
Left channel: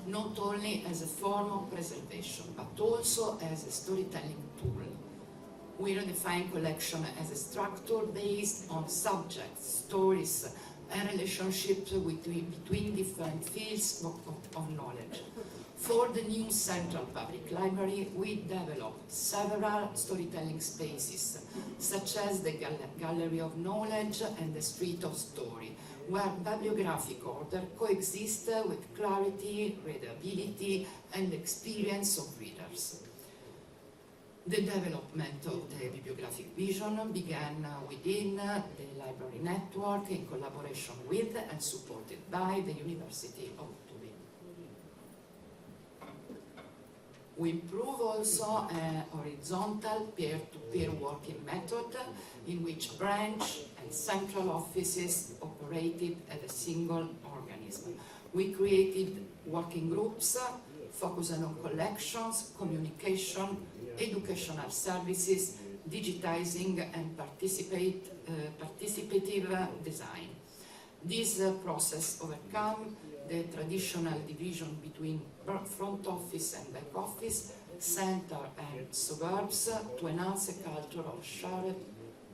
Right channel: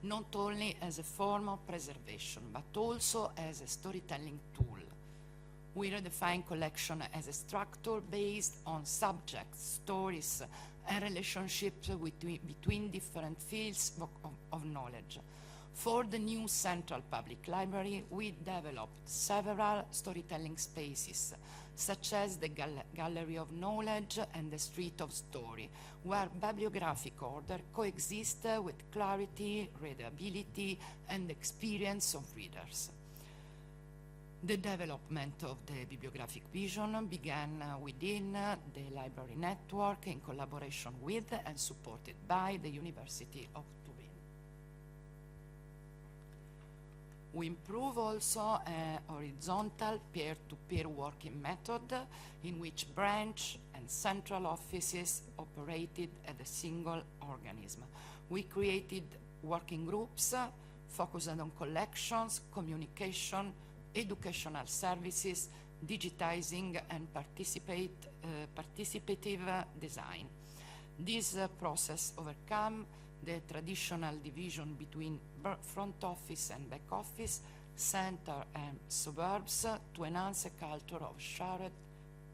not only as a form of preservation, but also as a storytelling tool. We redefine collection as a structure based on subjects, stories, and relationships between different fields of knowledge. For the new Central Public Library, we developed several storytelling spaces, such as the Gallery of Knowledge and the Street of Story, where bibliographic order coexists with clarity, readability, and experience of readers. The development of the bibliographic vision began within the library network in collaboration with and supported by the University of Turin. We improve also a horizontal peer-to-peer working method in which branch and central offices operated as a single organism. We created working groups focusing on collections, communication, educational services, digitizing, and participative design. This process overcome the traditional division between front office and back office, center and suburbs, to enhance a culture of shared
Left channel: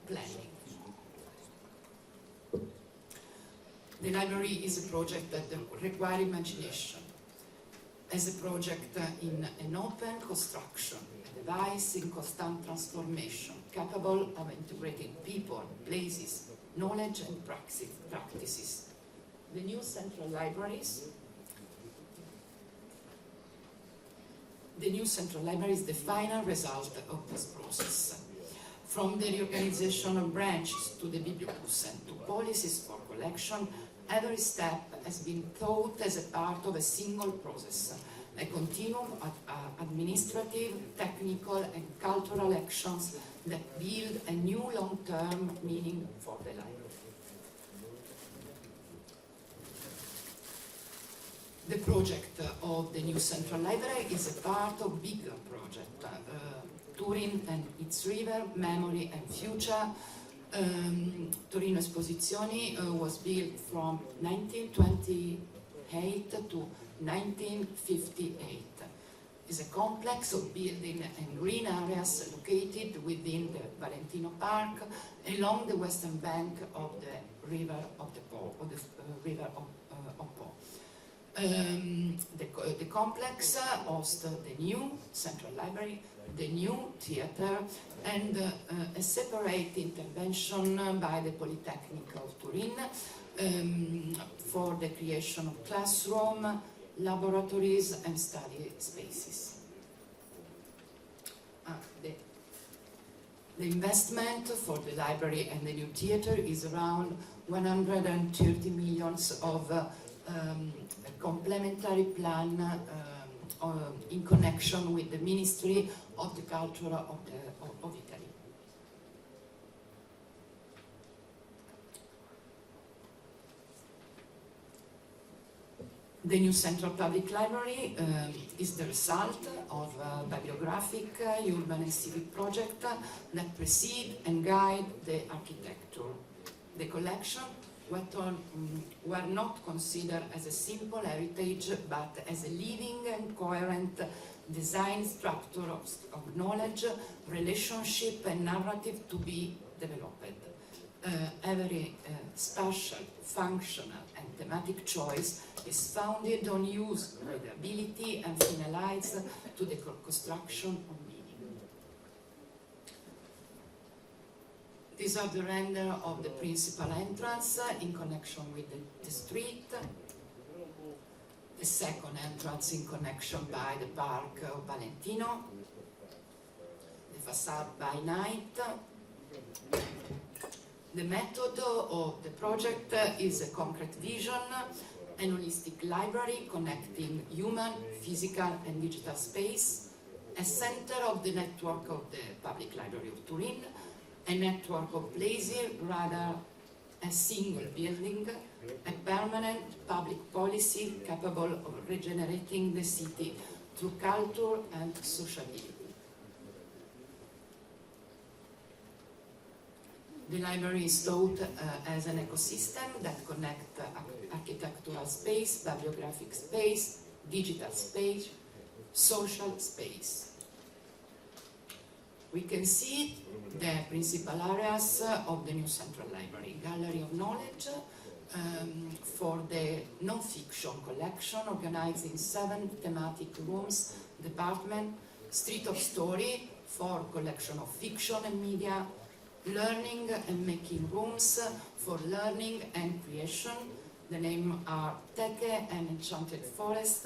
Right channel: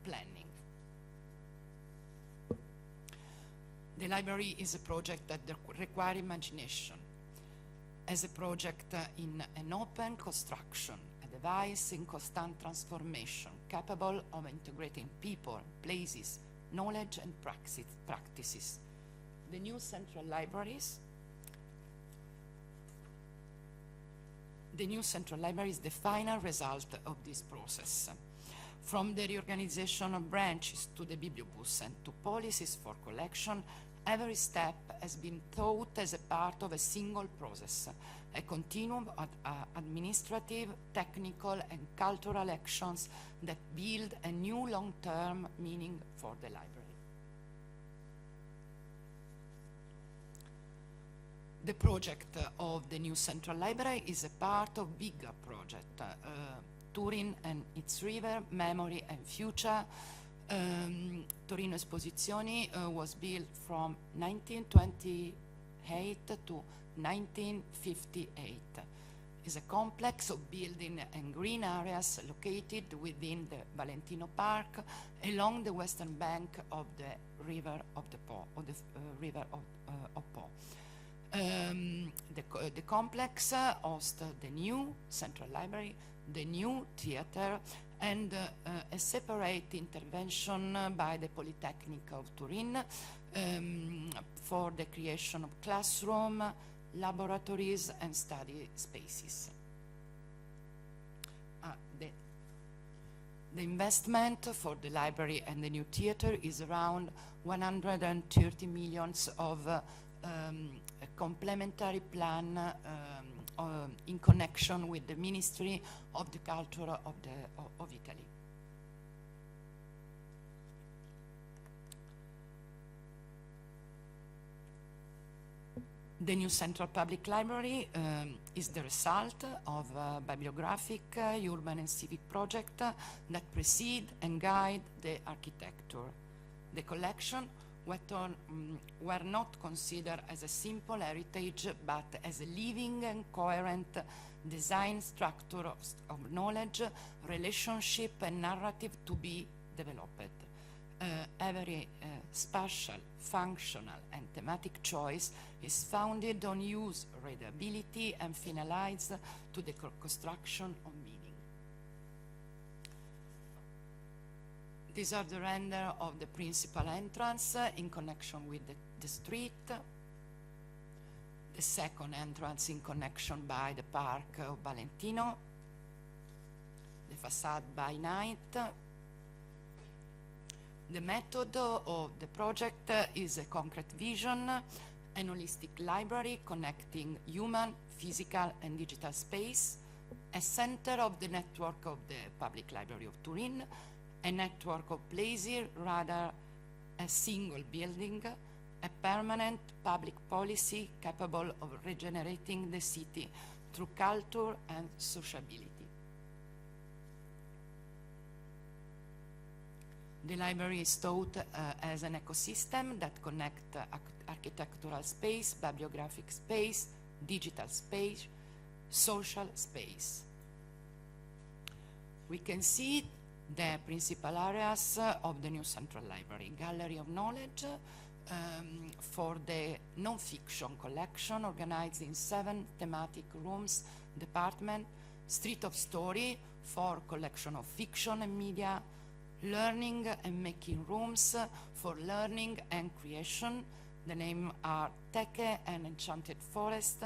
planning. The library is a project that requires imagination. As a project in an open construction, a device in constant transformation, capable of integrating people, places, knowledge and practices. The new central libraries is the final result of this process. From the reorganization of branches to the bibliocus and to policies for collection, every step has been thought as a part of a single process, a continuum of administrative, technical, and cultural actions that build a new long-term meaning for the library. The project of the new Central Library is a part of a bigger project, Turin and its river, memory and future. Turin Esposizioni was built from 1928 to 1958. It's a complex of building and green areas located within the Valentino Park along the western bank of the river of the Po, The complex hosts the new Central Library, the new theater, and a separate intervention by the Polytechnic of Turin for the creation of classroom, laboratories, and study spaces. The investment for the library and the new theater is around 130 million of a complementary plan in connection with the Ministry of the Culture of Italy. The new Central Public Library is the result of a bibliographic, urban and civic project that precede and guide the architecture. The collection were not considered as a simple heritage, but as a living and coherent design structure of knowledge, relationship, and narrative to be developed. Every spatial, functional, and thematic choice is founded on use, readability, and finalized to the construction of meaning. These are the render of the principal entrance in connection with the street, the second entrance in connection by the park of Valentino, the facade by night. The method of the project is a concrete vision, an holistic library connecting human, physical, and digital space, a center of the network of the Public Library of Turin, a network of places rather a single building, a permanent public policy capable of regenerating the city through culture and sociability. The library is thought as an ecosystem that connects architectural space, bibliographic space, digital space, social space. We can see the principal areas of the new Central Library: Gallery of Knowledge for the non-fiction collection, organized in 7 thematic rooms, department; Street of Story for collection of fiction and media; Learning and Making rooms for learning and creation. The name are Teche and Enchanted Forest;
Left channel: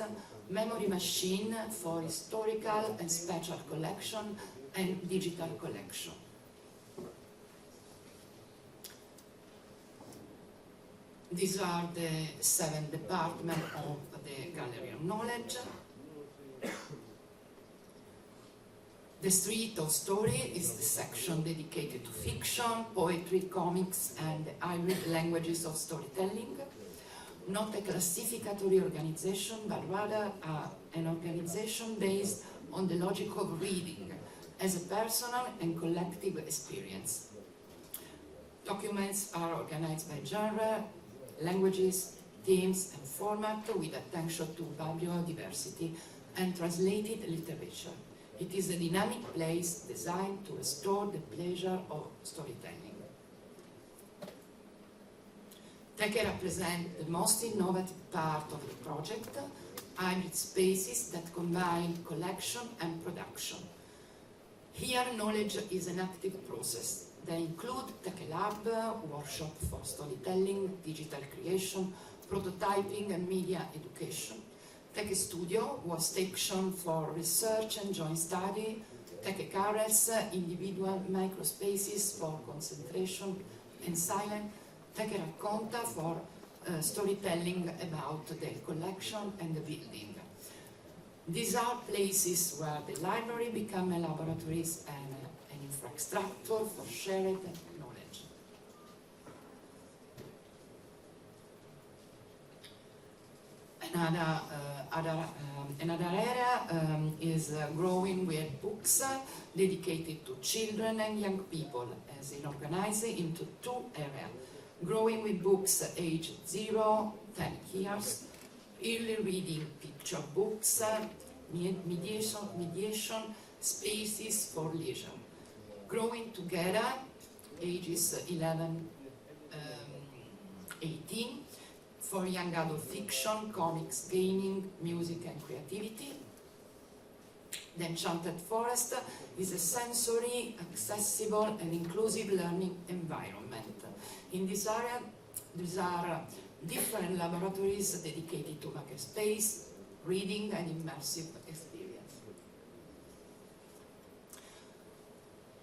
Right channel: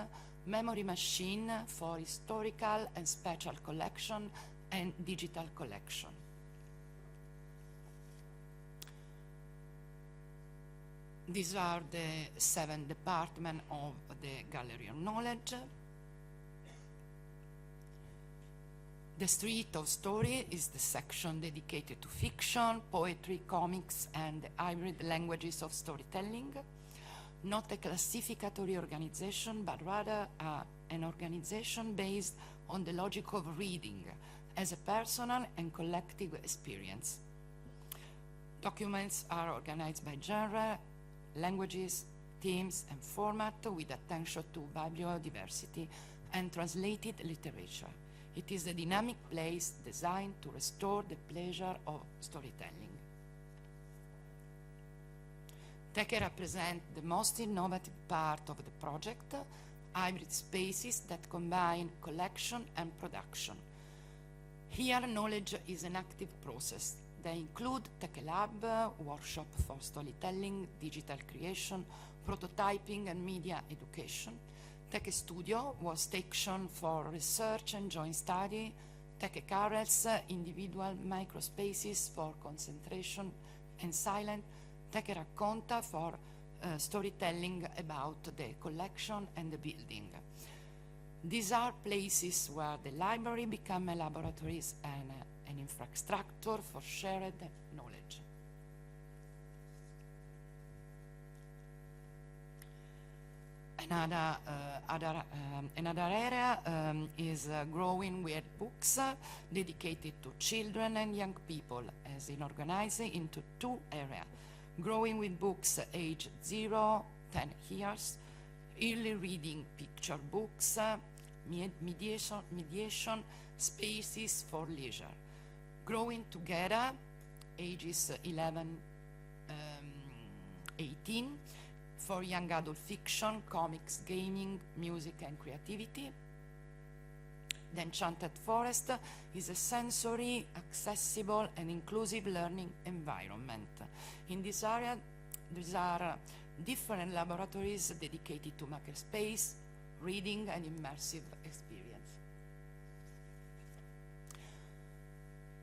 Memory Machine for historical and special collection and digital collection. These are the 7 departments of the Gallery of Knowledge. The Street of Story is the section dedicated to fiction, poetry, comics, and the hybrid languages of storytelling. Not a classificatory organization, but rather an organization based on the logic of reading as a personal and collective experience. Documents are organized by genre, languages, themes, and format, with attention to biodiversity and translated literature. It is a dynamic place designed to restore the pleasure of storytelling. Teche represents the most innovative part of the project, hybrid spaces that combine collection and production. Here, knowledge is an active process. They include Teche Lab, workshop for storytelling, digital creation, prototyping, and media education. Teche Studio was station for research and joint study. Teche Carrels, individual microspaces for concentration and silence. Teche Racconta for storytelling about the collection and the building. These are places where the library become a laboratory and an infrastructure for shared knowledge. Another area is growing with books dedicated to children and young people, as in organized into 2 areas. Growing with books aged 0 to 10 years, early reading picture books, mediation spaces for leisure. Growing together, ages 11 18, for young adult fiction, comics, gaming, music, and creativity. The Enchanted Forest is a sensory, accessible, and inclusive learning environment. In this area, there are different laboratories dedicated to makerspace, reading, and immersive experience.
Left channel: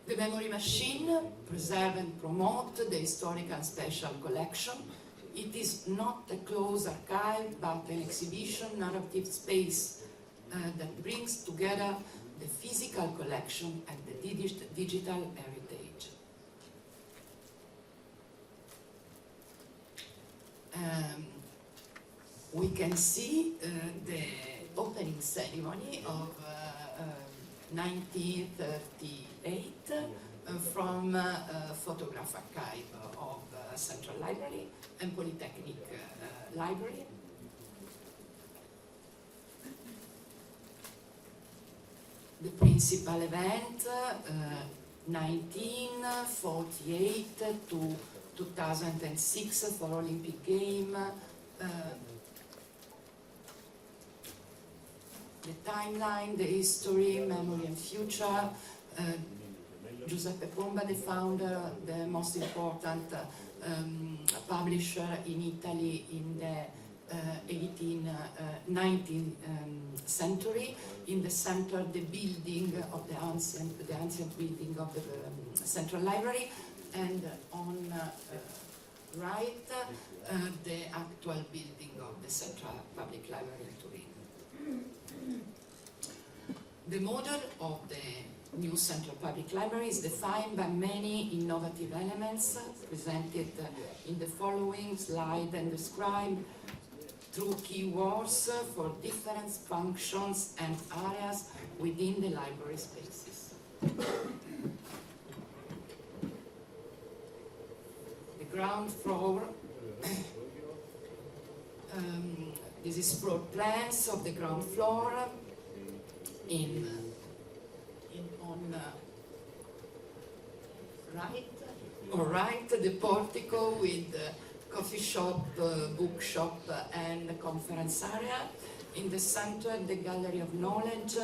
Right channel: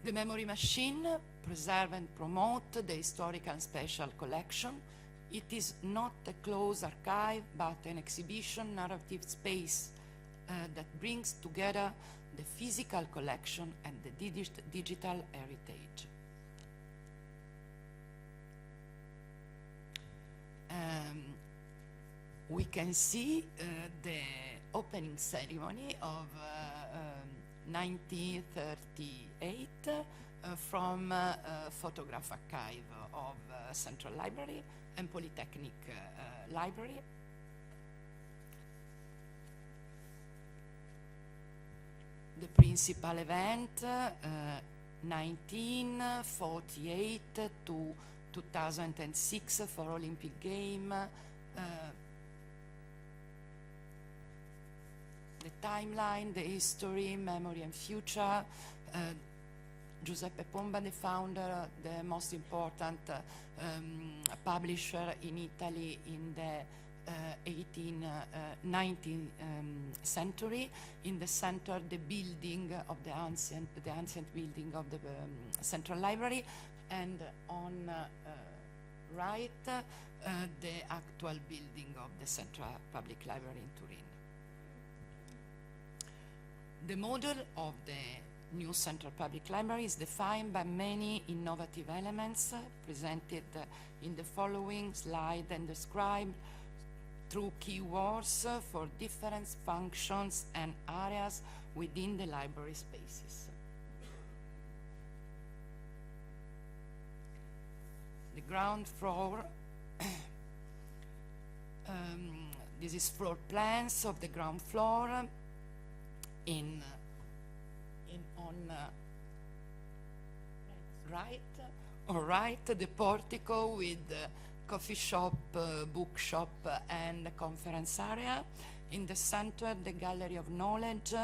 The Memory Machine preserve and promote the historical and special collection. It is not a closed archive, but an exhibition narrative space that brings together the physical collection and the digital heritage. We can see the opening ceremony of 1938 from photograph archive of Central Library and Polytechnic Library. The principal event, 1948 to 2006 for Olympic Game. The timeline, the history, memory and future. Giuseppe Pomba, the founder, the most important publisher in Italy in the 19th century. In the center, the building of the ancient building of the Central Library, and on right, the actual building of the Central Public Library in Turin. The model of the new Central Public Library is defined by many innovative elements presented in the following slide and described through keywords for different functions and areas within the library spaces. The ground floor, this is floor plans of the ground floor on right, the portico with coffee shop, bookshop, and conference area. In the center, the Gallery of Knowledge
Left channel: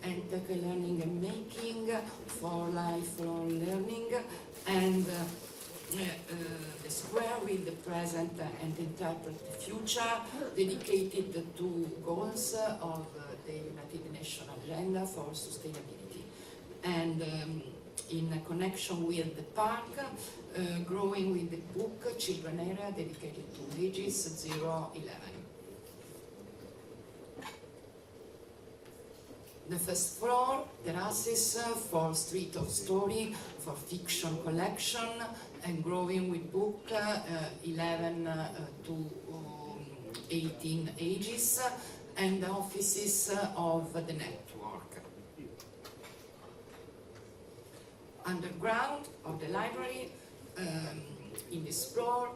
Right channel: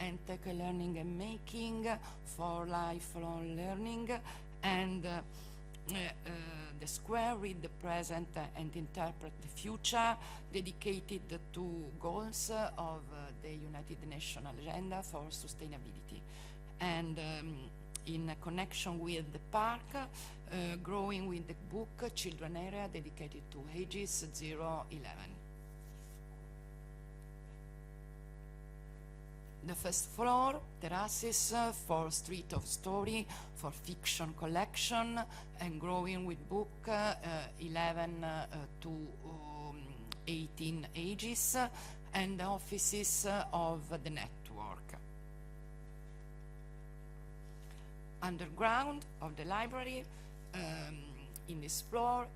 and Tech Learning and Making for lifelong learning, and the square with the present and interpreted future, dedicated to goals of the United Nations Agenda for Sustainability. And in connection with the park, growing with the book children area dedicated to ages 0-11. The first floor, terraces for street of story, for fiction collection, and growing with book 11 to 18 ages, and the offices of the network. Underground of the library, in this floor,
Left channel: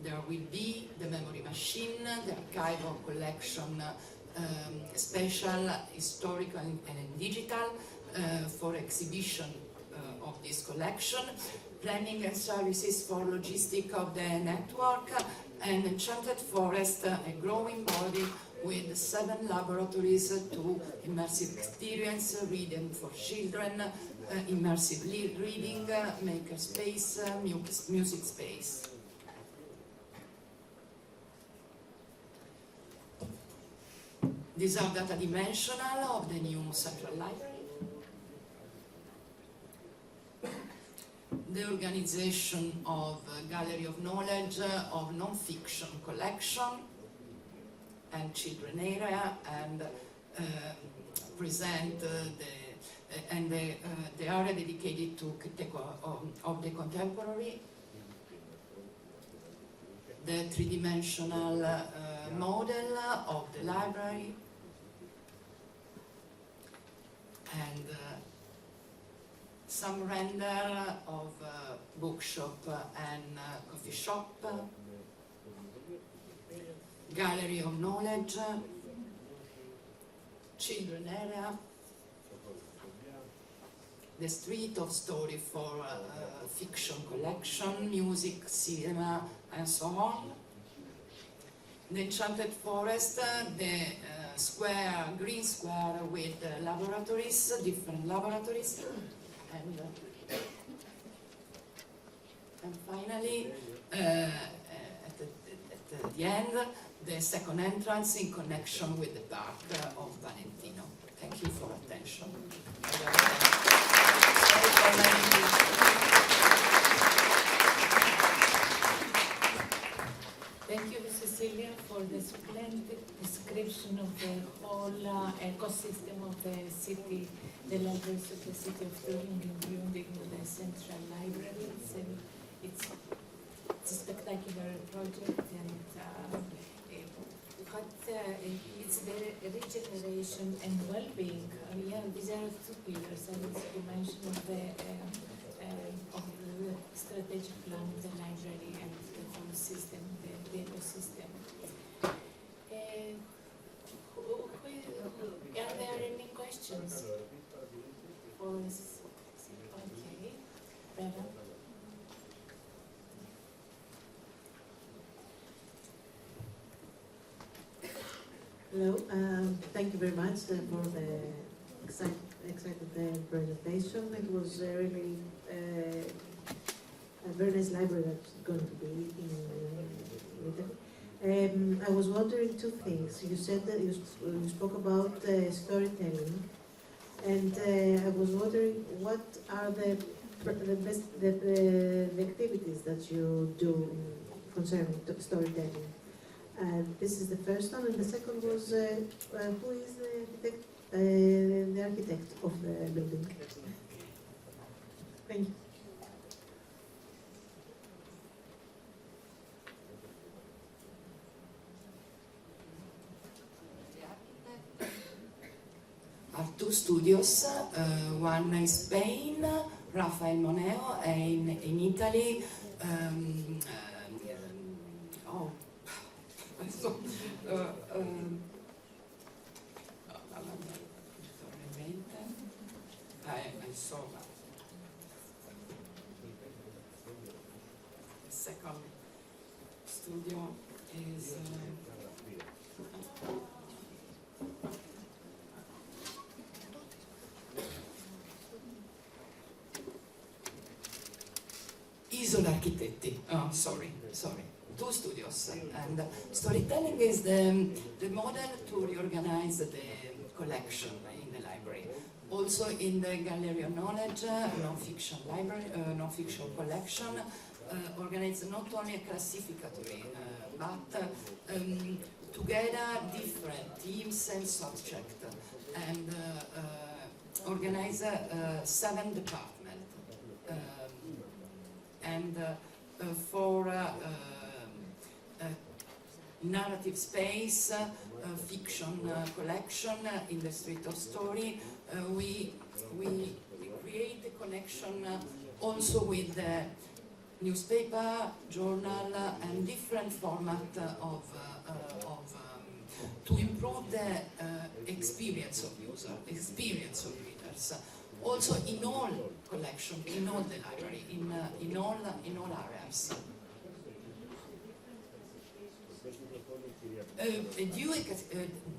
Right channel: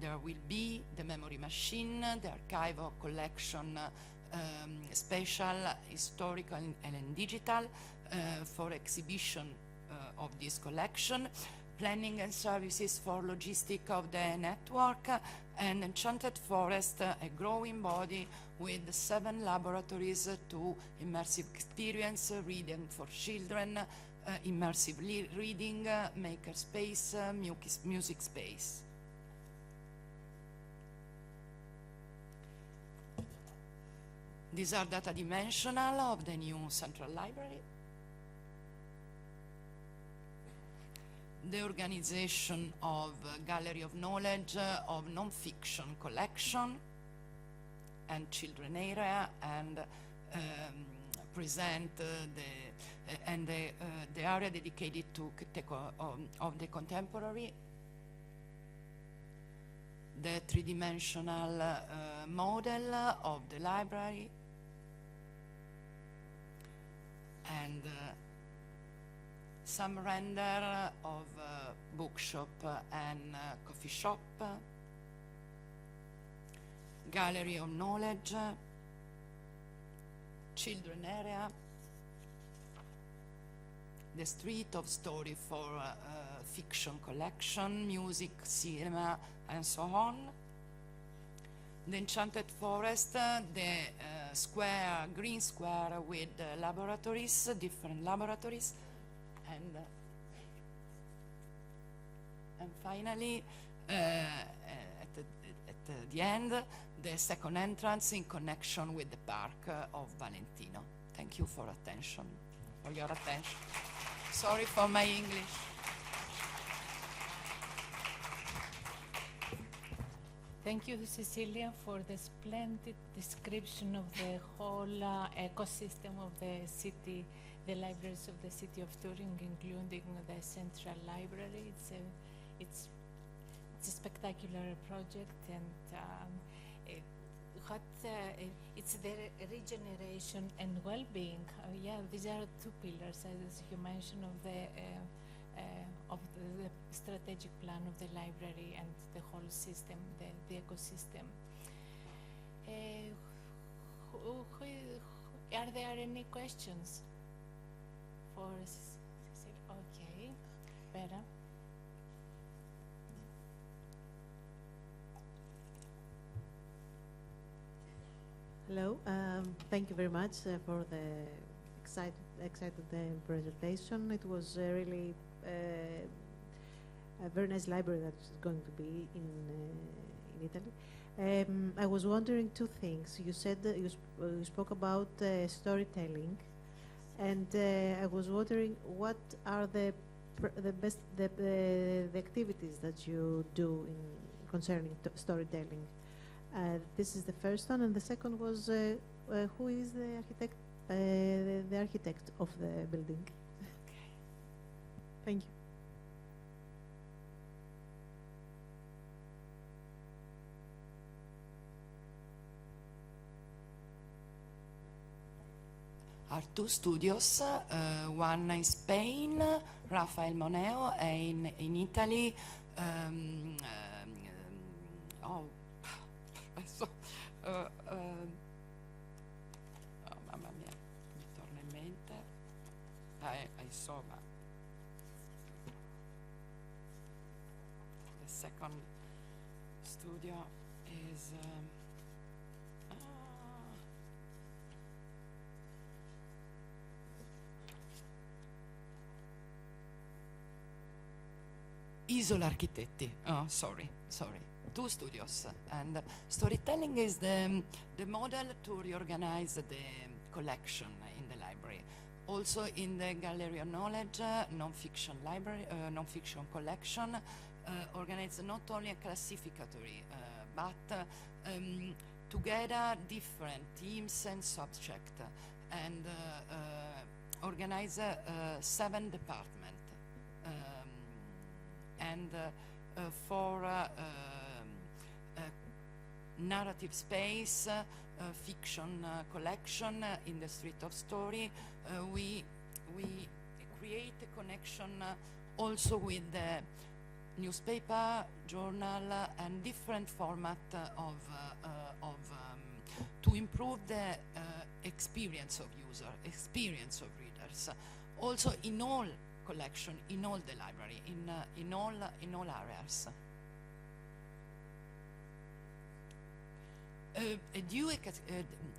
there will be the memory machine, the archival collection, special, historical, and digital for exhibition of this collection, planning and services for logistics of the network, and Enchanted Forest, a growing body with 7 laboratories to immersive experience, reading for children, immersive reading, maker space, music space. These are data dimensional of the new Central Library. The organization of Gallery of Knowledge, of non-fiction collection, and children area, and present the area dedicated to of the contemporary, the three-dimensional model of the library, and some render of bookshop and coffee shop, Gallery of Knowledge, children area, the street of story for fiction collection, music, cinema, and so on. The Enchanted Forest, the square, green square with laboratories, different laboratories, and finally, at the end, the second entrance in connection with the park of Valentino. Thank you for attention. Thank you, Cecilia, for the splendid description of the whole ecosystem of the city, the libraries of the city of Turin, including the Central Library. It's a spectacular project, and it's the regeneration and well-being. Yeah, these are 2 pillars that you mentioned of the strategic plan of the library and the whole system, the ecosystem. Are there any questions? Or is okay? Bella? Hello, thank you very much for the exciting presentation. It was really a very nice library that's going to be in I was wondering 2 things. You said that you spoke about storytelling, and I was wondering what are the activities that you do concerning storytelling. And this is the first one, and the second was who is the architect of the building? Thank you. Are 2 studios, one in Spain, Rafael Moneo, and in Italy, Isola Architetti. Oh, sorry. 2 studios. And storytelling is the model to reorganize the collection in the library. Also in the Gallery of Knowledge, non-fiction library, non-fiction collection, organize not only a classificatory, but together different themes and subjects, and organize 7 departments. And for narrative space, fiction collection in the Street of Story, we create a connection also with the newspaper, journal, and different format to improve the experience of user, experience of readers. Also in all collection, in all the library, in all areas.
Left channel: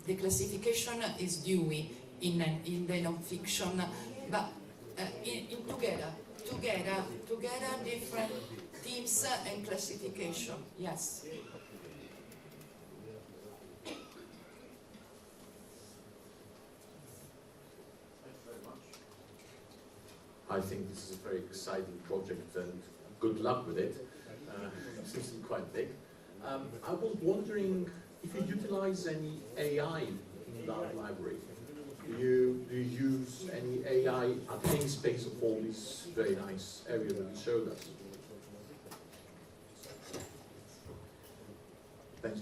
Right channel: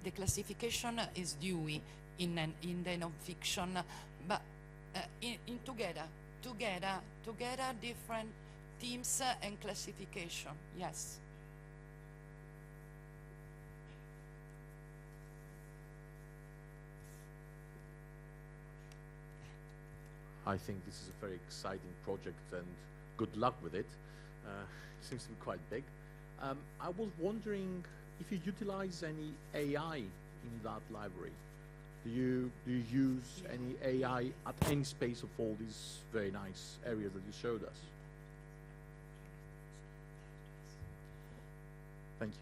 The classification is Dewey in the non-fiction, but in together different themes and classification. Yes. I think this is a very exciting project and good luck with it. It seems to be quite big. I was wondering if you utilize any AI in the library. Do you use any AI at any space of all this very nice area that you showed us? Thank you.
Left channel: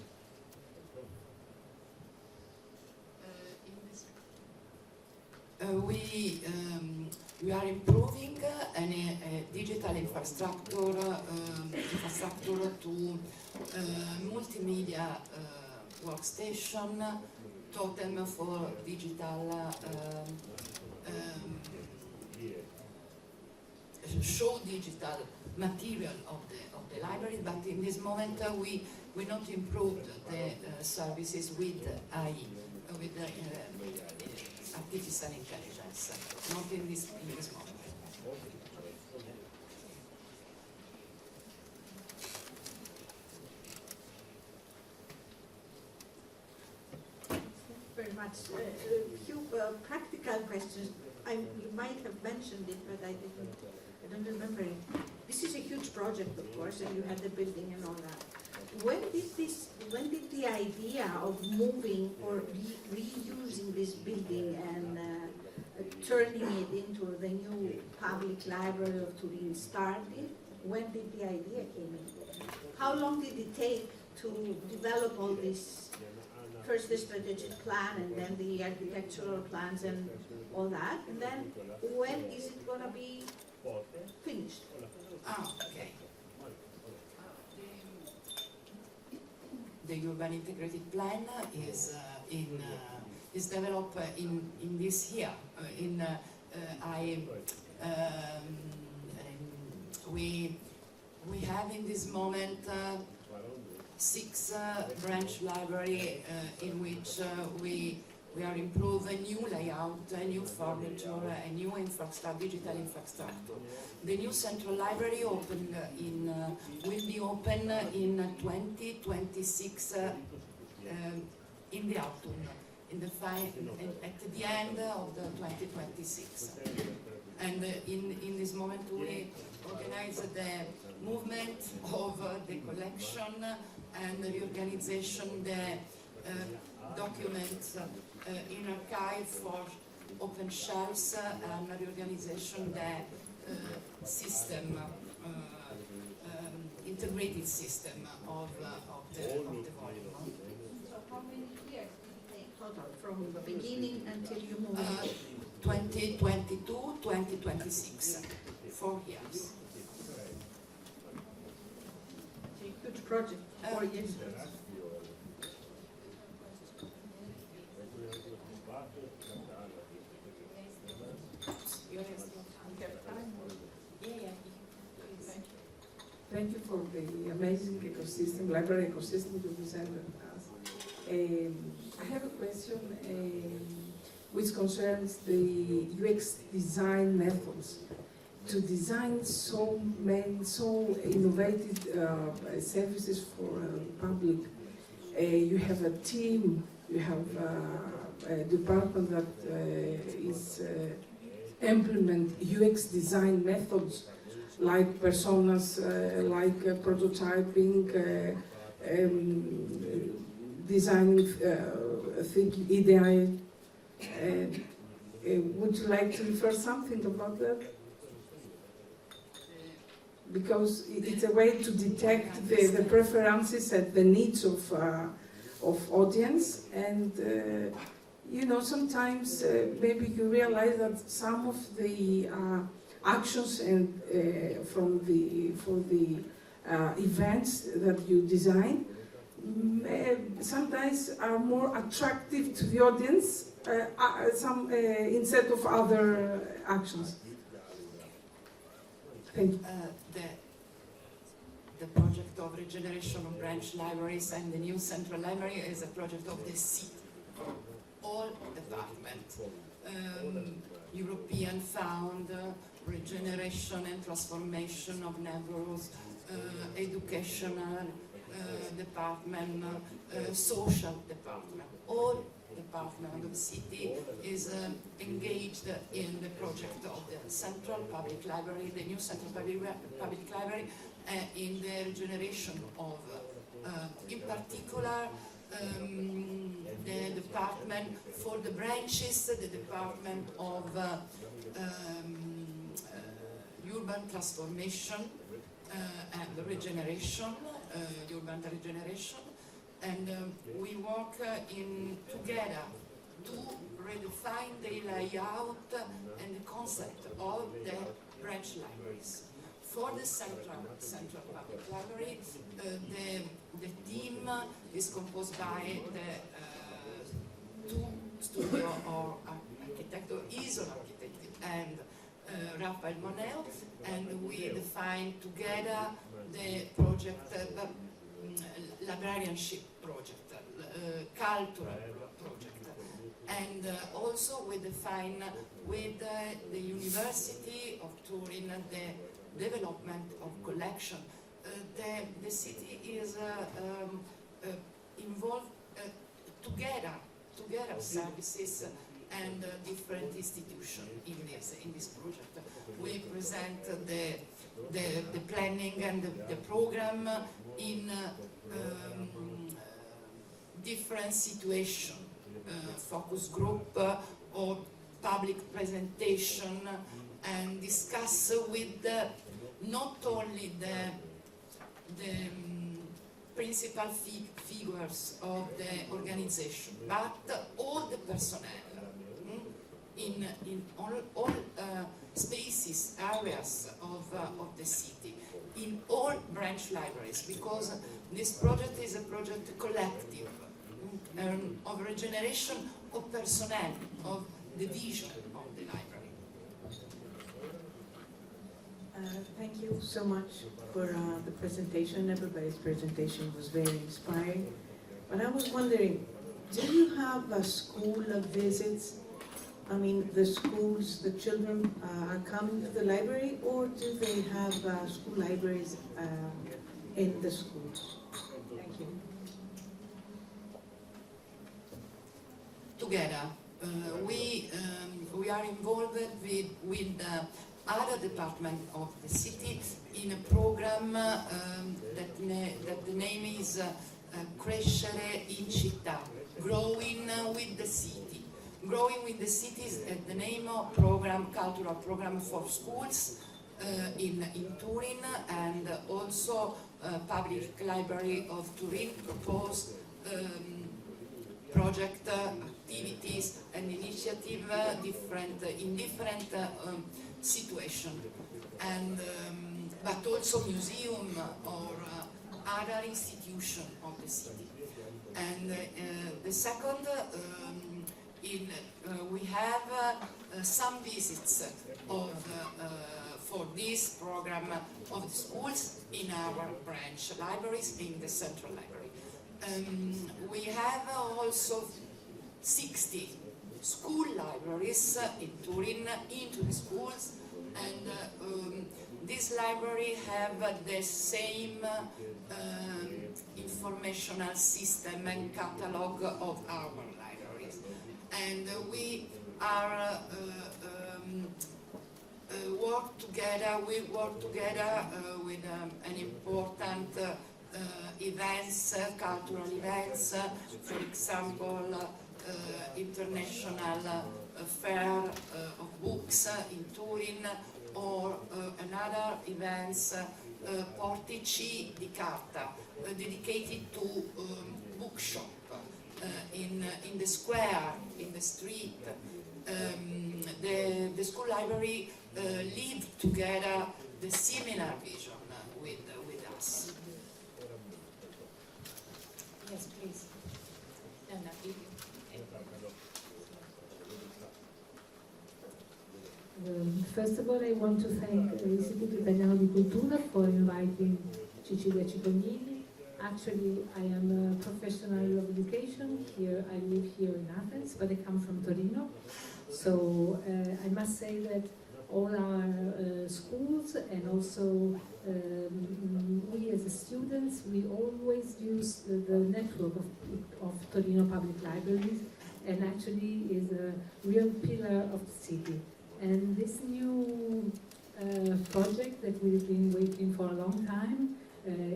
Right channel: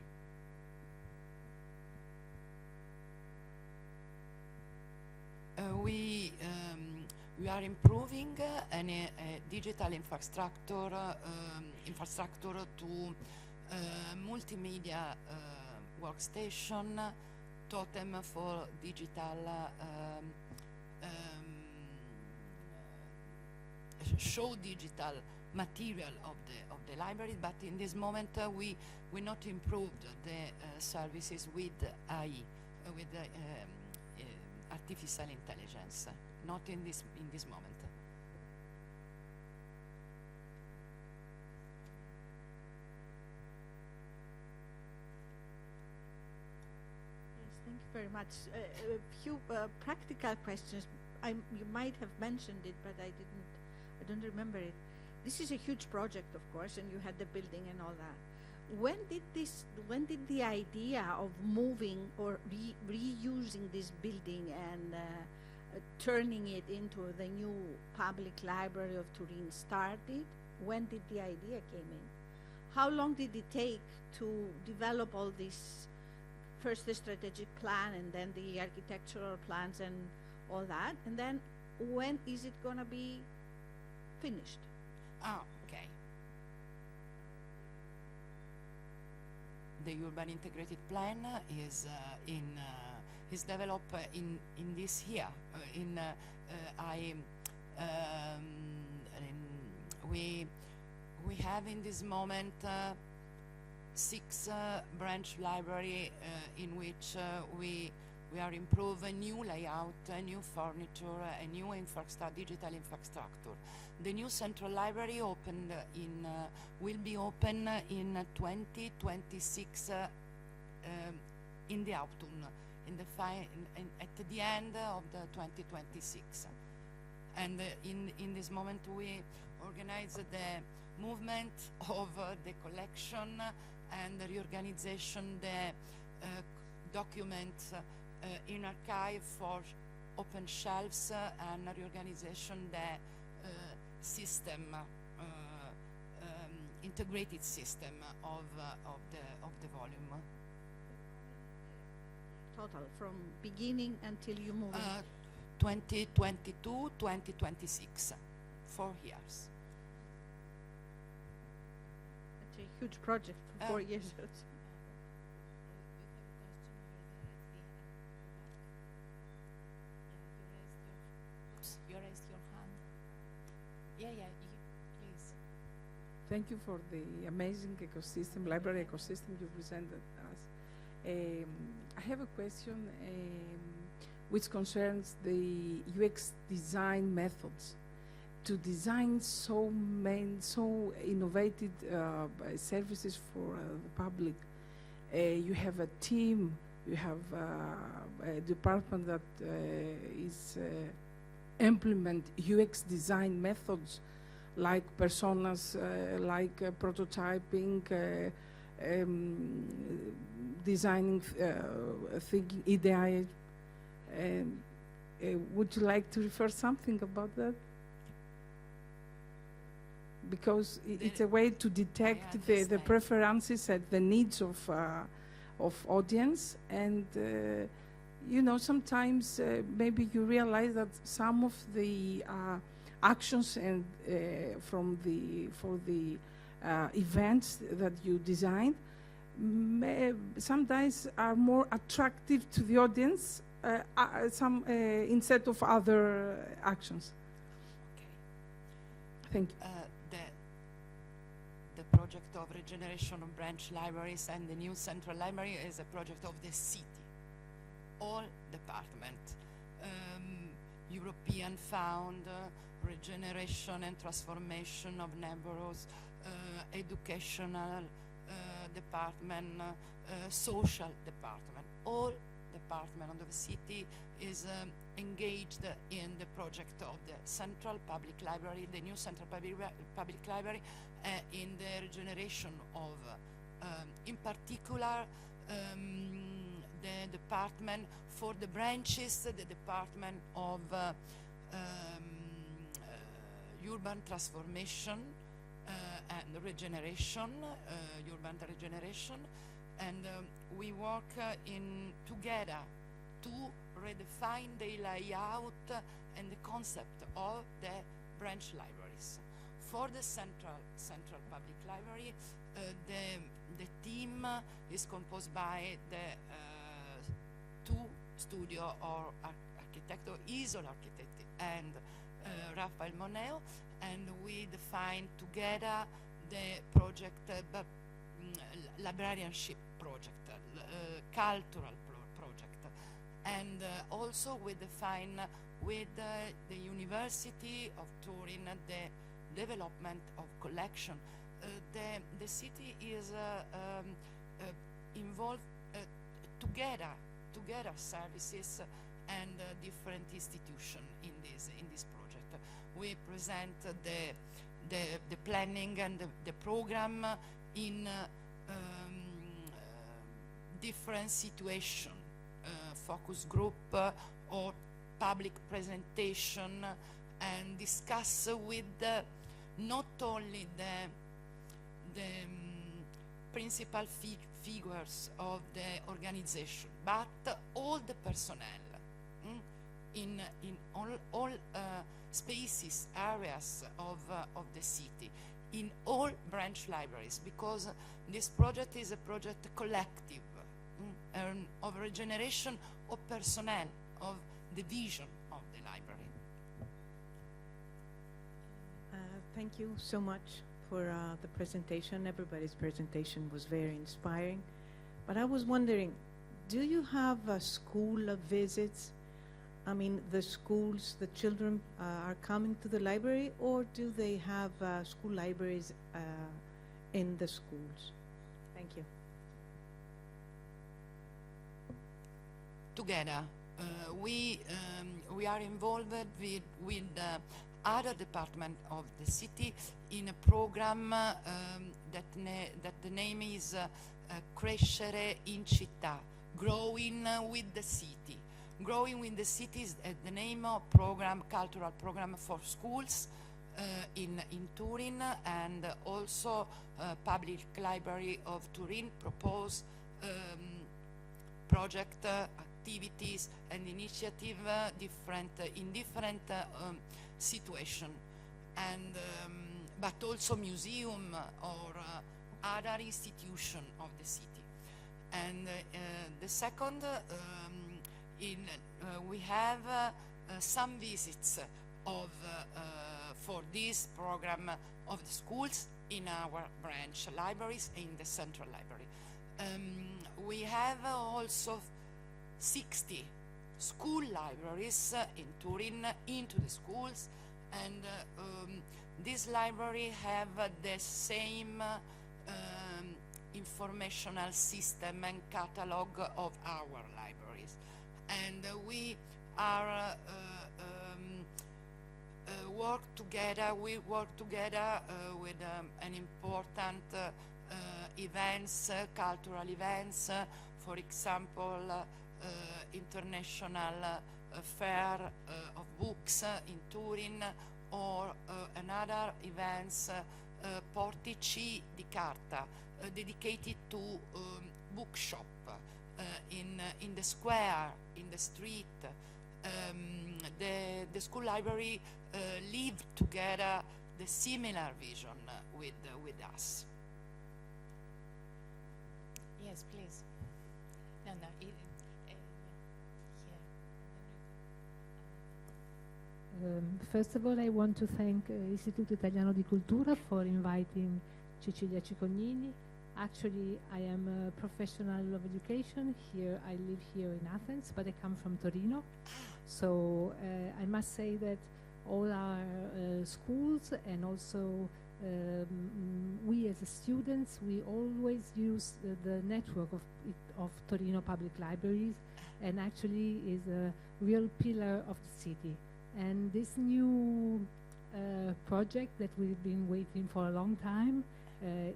We are improving a digital infrastructure to multimedia workstation, totem for digital show digital material of the library, but in this moment we not improved the services with AI, with artificial intelligence, not in this moment. Very much. A few practical questions. You might have mentioned it, but I don't remember it. This is a huge project, of course, and you had the building and all that. When did the idea of moving or reusing this building and turning it into the new public library of Turin started? When did the idea came in? How long did it take to develop all this, first the strategic plan and then the architectural plans and all that? And then when is it going to be finished? Okay. The urban integrated plan is developed in this year. We have in this moment 6 branch library in which we are improving a new layout, a new furniture, a new digital infrastructure. The new central library opened will be open in 2026 in the autumn, at the end of the 2026. And in this moment we organize the movement of the collection and the reorganization the documents in archive for open shelves and reorganization the system, integrated system of the volume. So how many years did it take from the beginning until you moved? 2022, 2026, 4 years. A huge project, 4 years. Thank you for the amazing ecosystem, library ecosystem you presented us. I have a question which concerns the UX design methods. to design so innovative services for the public. You have a team, you have a department that is implement UX design methods like personas, like prototyping, design thinking, EDI. Would you like to refer something about that? Because it's a way to detect the preferences and the needs of audience, and you know, sometimes maybe you realize that some of the actions and for the events that you design sometimes are more attractive to the audience instead of other actions. Thank you. The project of regeneration of branch libraries and the new central library is a project of the city, all departments, European Fund, regeneration and transformation of neighborhoods, educational department, social department, all department of the city is engaged in the project of the central public library, the new central public library, in the regeneration of, in particular, the department for the branches, the department of urban transformation and regeneration, urban regeneration, and we work together to redefine the layout and the concept of the branch libraries. For the central public library, the team is composed by the two studio or architect or is an architect and Raphael Monel, and we define together the project, librarianship project, cultural project, and also we define with the University of Turin the development of collection. The city is involved together services and different institutions in this project. We present the planning and the program in different situations, focus group or public presentation, and discuss with not only the principal figures of the organization, but all the personnel in all spaces, areas of the city, in all branch libraries, because this project is a project collective of regeneration of personnel, of the vision of the library. Thank you so much for the presentation. Everybody's presentation was very inspiring. But I was wondering, do you have school visits? I mean, the schools, the children are coming to the library, or do they have school libraries in the schools? Thank you. Together, we are involved with other departments of the city in a program that the name is Crescere in Città, Growing with the City. Growing with the City is the name of program, cultural program for schools in Turin, and also Public Library of Turin proposed project activities and initiative in different situations, and but also museum or other institution of the city. And the second, we have some visits for this program of the schools in our branch libraries in the central library. We have also 60 school libraries in Turin into the schools, And this library have the same informational system and catalog of our libraries. And we are work together with an important events, cultural events, for example, international fair of books in Turin, or another events, Portici di Carta, dedicated to bookshop in the square, in the street. The school library live together the similar vision with us. Yes, please. First of all, I want to thank l'Istituto Italiano di Cultura for inviting Cecilia Cognigni. Actually, I am a professional of education. Here, I live here in Athens, but I come from Torino. So I must say that all our schools and also we as students, we always use the network of Torino Public Libraries, and actually is a real pillar of the city. And this new project that we've been waiting for a long time,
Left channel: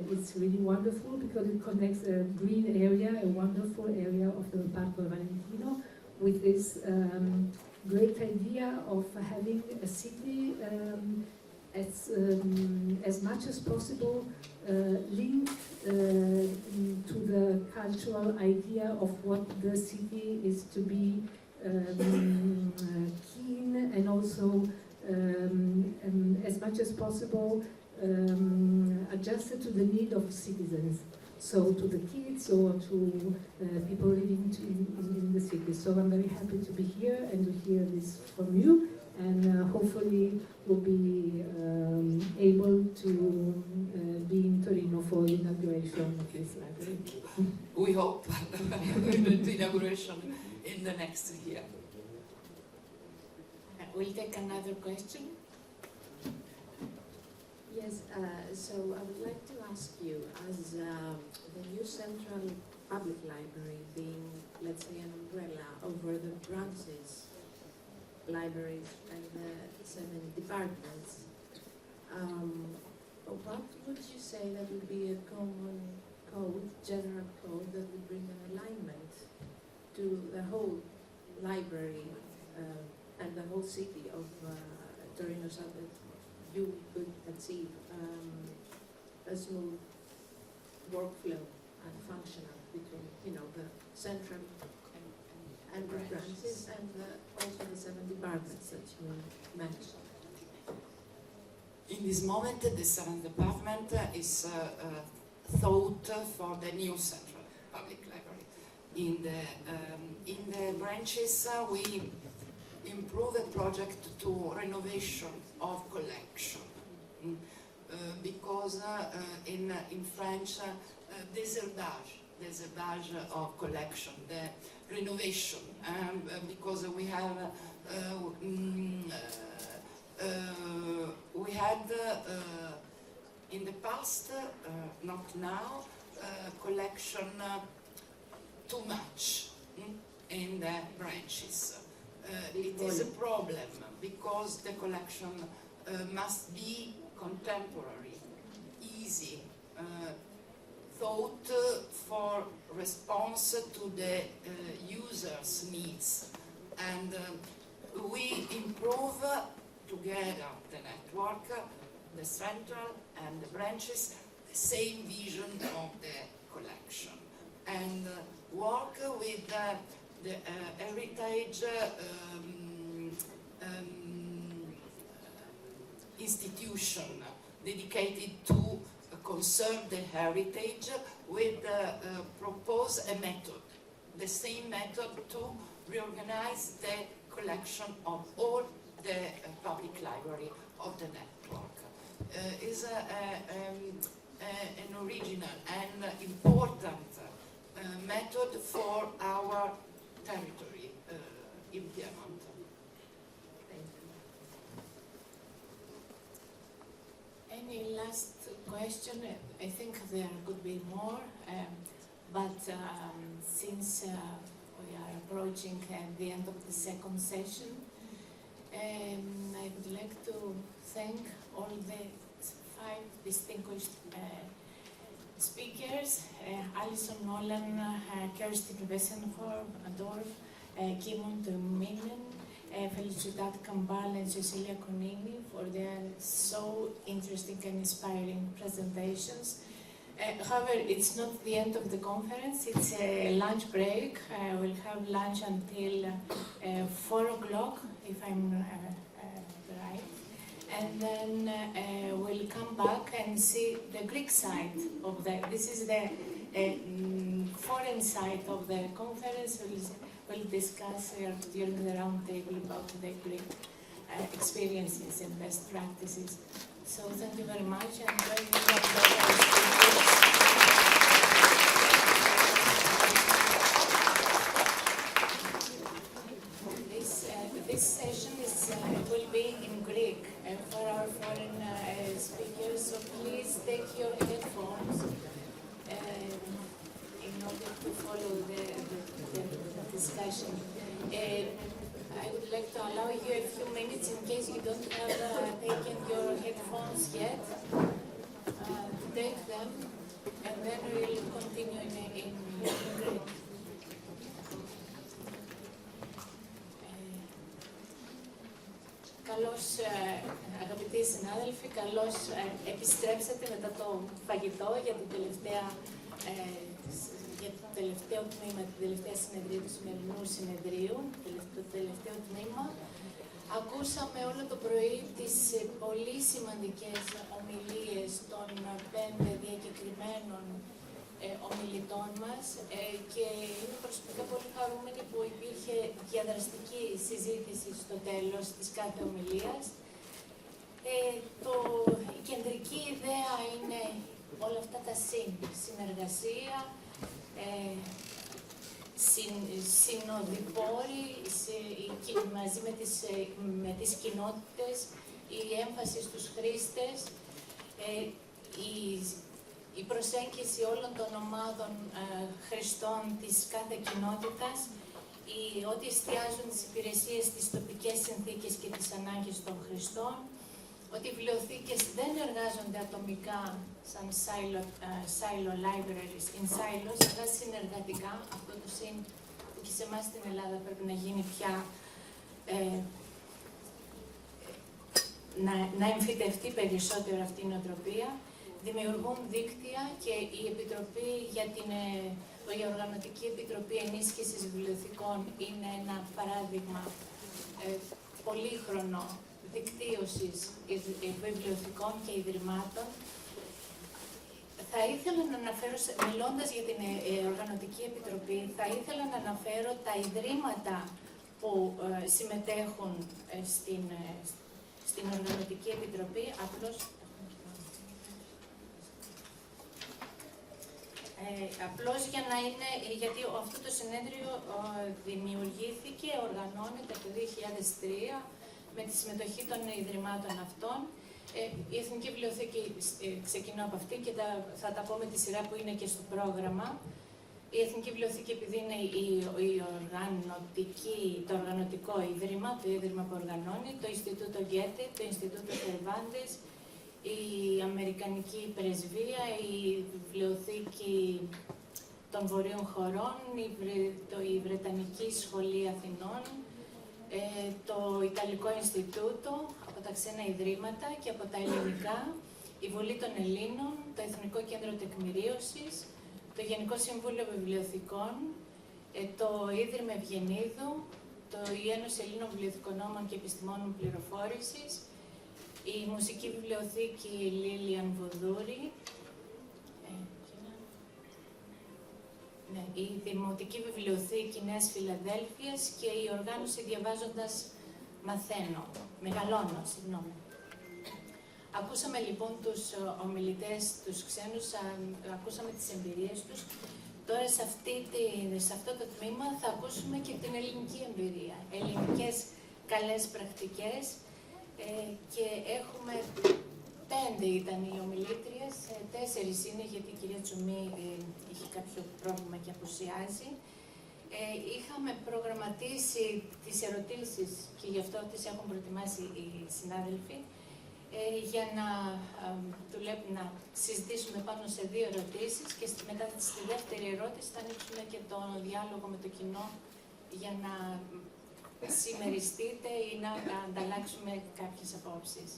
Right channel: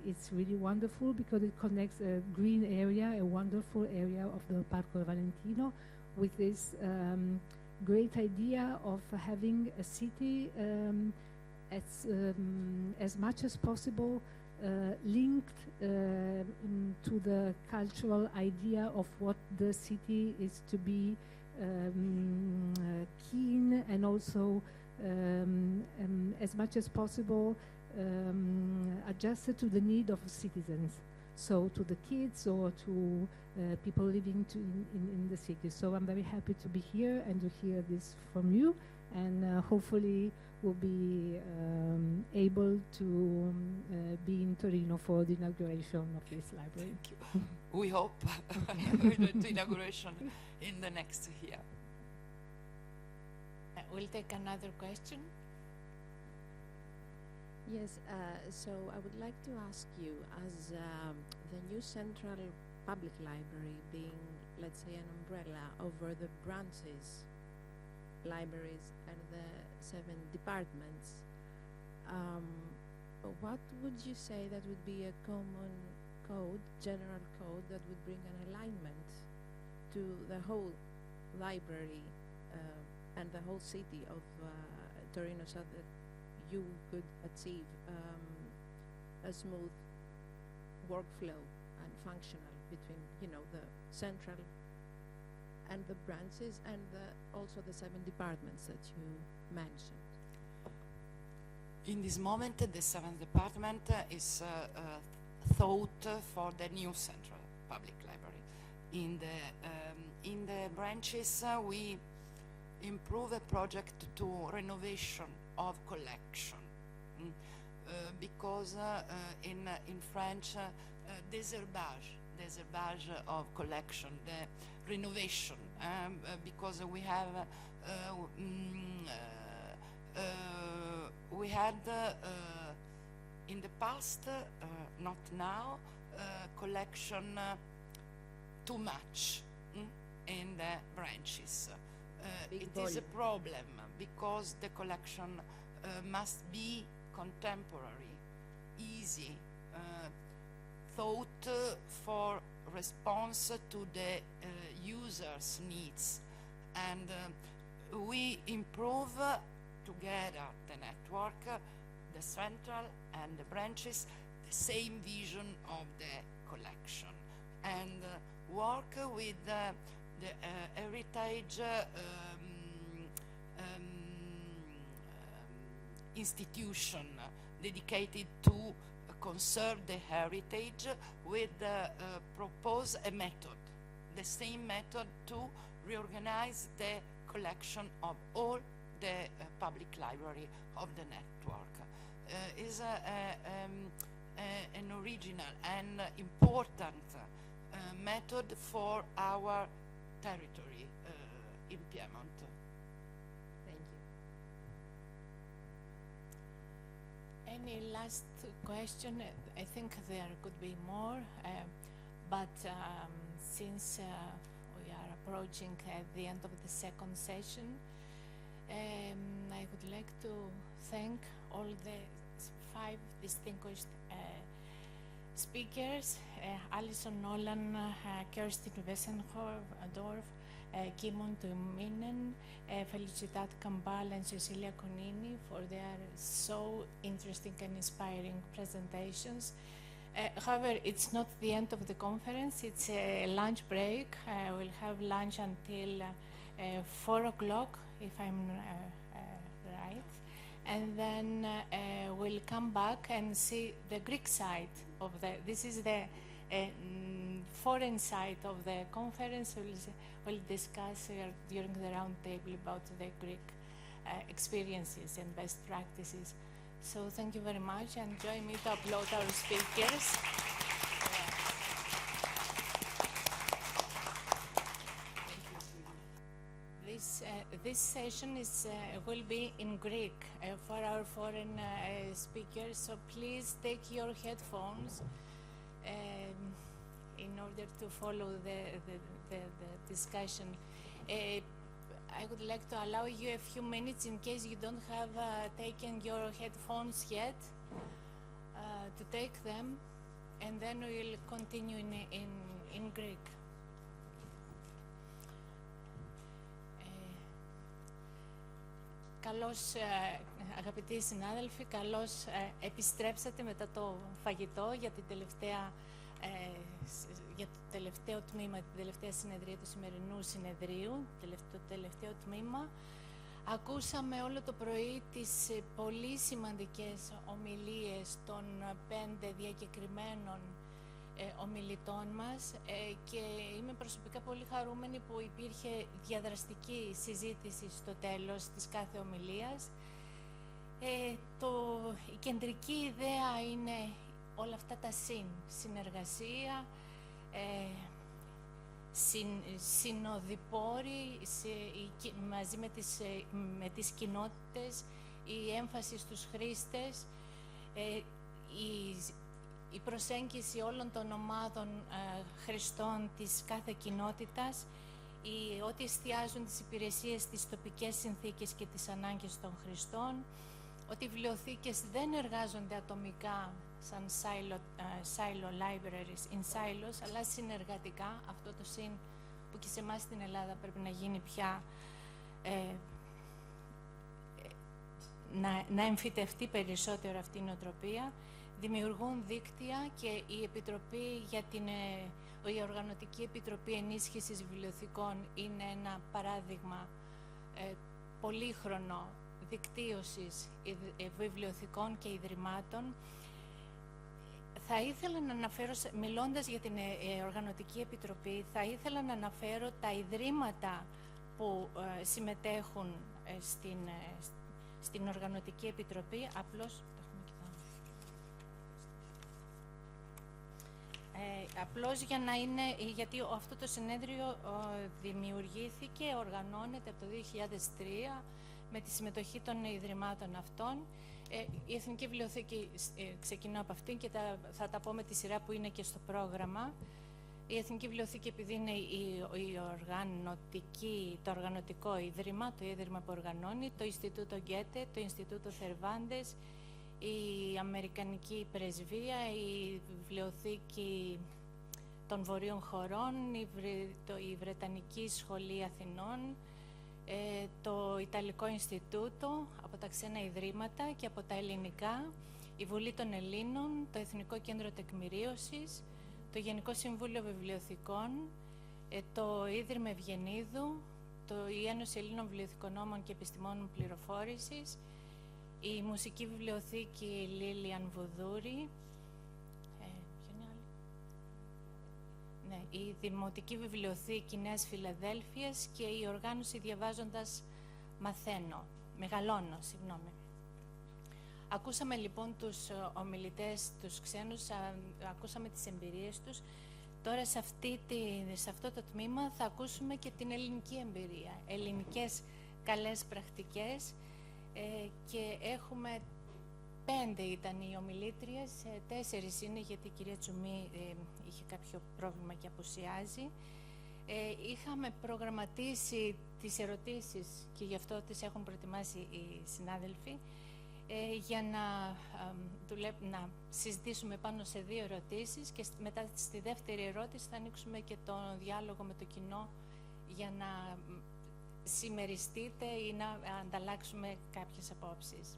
it's really wonderful because it connects a green area, a wonderful area of the Parco Valentino, with this great idea of having a city as much as possible linked to the cultural idea of what the city is to be keen, and also as much as possible adjusted to the need of citizens, so to the kids or to people living in the city. So I'm very happy to be here and to hear this from you, and hopefully we'll be able to be in Torino for the inauguration of this library. We hope the inauguration in the next year. We'll take another question. Yes, so I would like to ask you, as the new Central Public Library being, let's say, an umbrella over the branches, libraries, and the 7 departments, what would you say that would be a common code, general code, that would bring an alignment to the whole library and the whole city of Torino, so that you could achieve a smooth workflow and functional between, the central and the branches, and also the 7 departments that you mentioned? In this moment, the 7th department is thought for the new Central Public Library. In the branches, we improve the project to renovation of collection, because in French, désherbage of collection, the renovation, because we have we had in the past, not now, collection too much in the branches. It is a problem because the collection must be contemporary, easy, thought for response to the user's needs. And we improve together the network, the central and the branches, the same vision of the collection, and work with the heritage institution dedicated to conserve the heritage, with propose a method, the same method to reorganize the collection of all the public library of the network. Is an original and important method for our territory in Piedmont. last question. I think there could be more, but since we are approaching the end of the second session, I would like to thank all the 5 distinguished speakers, Alison, Nolan, Kerstin, Wesendorf, Kimmo Tuominen, Felicidad, Campal, and Cecilia Cognigni for their so interesting and inspiring presentations. However, it's not the end of the conference, it's a lunch break. We'll have lunch until 4 o'clock, if I'm right. And then we'll come back and see the Greek side of this is the foreign side of the conference. We'll discuss during the round table about the Greek experiences and best practices. So thank you very much, and join me for our speakers. This session will be in Greek for our foreign speakers, so please take your headphones in order to follow the discussion. I would like to allow you a few minutes in case you don't have taken your headphones yet. Take them, and then we'll continue in Greek. Καλώς, αγαπητοί συνάδελφοι, καλώς επιστρέψατε μετά το φαγητό για το τελευταίο τμήμα, την τελευταία συνεδρία του σημερινού συνεδρίου, το τελευταίο τμήμα. Ακούσαμε όλο το πρωί τις πολύ σημαντικές ομιλίες των 5 διακεκριμένων ομιλητών μας και είμαι προσωπικά πολύ χαρούμενη που υπήρχε διαδραστική συζήτηση στο τέλος της κάθε ομιλίας. Η κεντρική ιδέα είναι όλα αυτά τα συνεργασία, συνοδοιπόροι μαζί με τις κοινότητες, η έμφαση στους χρήστες, η προσέγγιση όλων των ομάδων χρηστών της κάθε κοινότητας, ότι εστιάζουν τις υπηρεσίες στις τοπικές συνθήκες και τις ανάγκες των χρηστών, ότι οι βιβλιοθήκες δεν εργάζονται ατομικά σαν silo libraries in silos, αλλά συνεργατικά, αυτό το συν που και σε εμάς στην Ελλάδα πρέπει να γίνει πια, να εμφυτευτεί περισσότερο αυτή η νοοτροπία, δημιουργούν δίκτυα και η Οργανωτική Επιτροπή Ενίσχυσης Βιβλιοθηκών είναι ένα παράδειγμα πολύχρονο δικτύωσης βιβλιοθηκών και ιδρυμάτων. Θα ήθελα να αναφέρω, μιλώντας για την Οργανωτική Επιτροπή, θα ήθελα να αναφέρω τα ιδρύματα που συμμετέχουν στην Οργανωτική Επιτροπή. Απλώς για να είναι, γιατί αυτό το συνέδριο δημιουργήθηκε, οργανώνεται το 2003 με τη συμμετοχή των ιδρυμάτων αυτών. Η Εθνική Βιβλιοθήκη ξεκινά από αυτή και θα τα πω με τη σειρά που είναι και στο πρόγραμμα. Η Εθνική Βιβλιοθήκη, επειδή είναι το οργανωτικό ίδρυμα, το ίδρυμα που οργανώνει, το Ινστιτούτο Goethe, το Ινστιτούτο Cervantes, η Αμερικανική Πρεσβεία, η Βιβλιοθήκη των Βορείων Χωρών, η Βρετανική Σχολή Αθηνών, το Ιταλικό Ινστιτούτο, από τα ξένα ιδρύματα και από τα ελληνικά, η Βουλή των Ελλήνων, το Εθνικό Κέντρο Τεκμηρίωσης, το Γενικό Συμβούλιο Βιβλιοθηκών, το Ίδρυμα Ευγενίδου, η Ένωση Ελλήνων Βιβλιοθηκονόμων και Επιστημόνων Πληροφόρησης, η Μουσική Βιβλιοθήκη Λίλιαν Βουδούρη, η Δημοτική Βιβλιοθήκη Νέας Φιλαδέλφειας και η οργάνωση Διαβάζοντας Μεγαλώνω. Ακούσαμε λοιπόν τους ομιλητές, τους ξένους, ακούσαμε τις εμπειρίες τους. Τώρα σε αυτό το τμήμα θα ακούσουμε και την ελληνική εμπειρία, ελληνικές καλές πρακτικές και έχουμε 5 ήταν οι ομιλίες πρόβλημα και απουσιάζει. Είχαμε προγραμματίσει τις ερωτήσεις και γι' αυτό τις έχουν προετοιμάσει οι συνάδελφοι για να συζητήσουμε πάνω σε 2 ερωτήσεις και μετά στη δεύτερη ερώτηση θα ανοίξουμε και το διάλογο με το κοινό για να συμμεριστείτε ή να ανταλλάξουμε κάποιες απόψεις.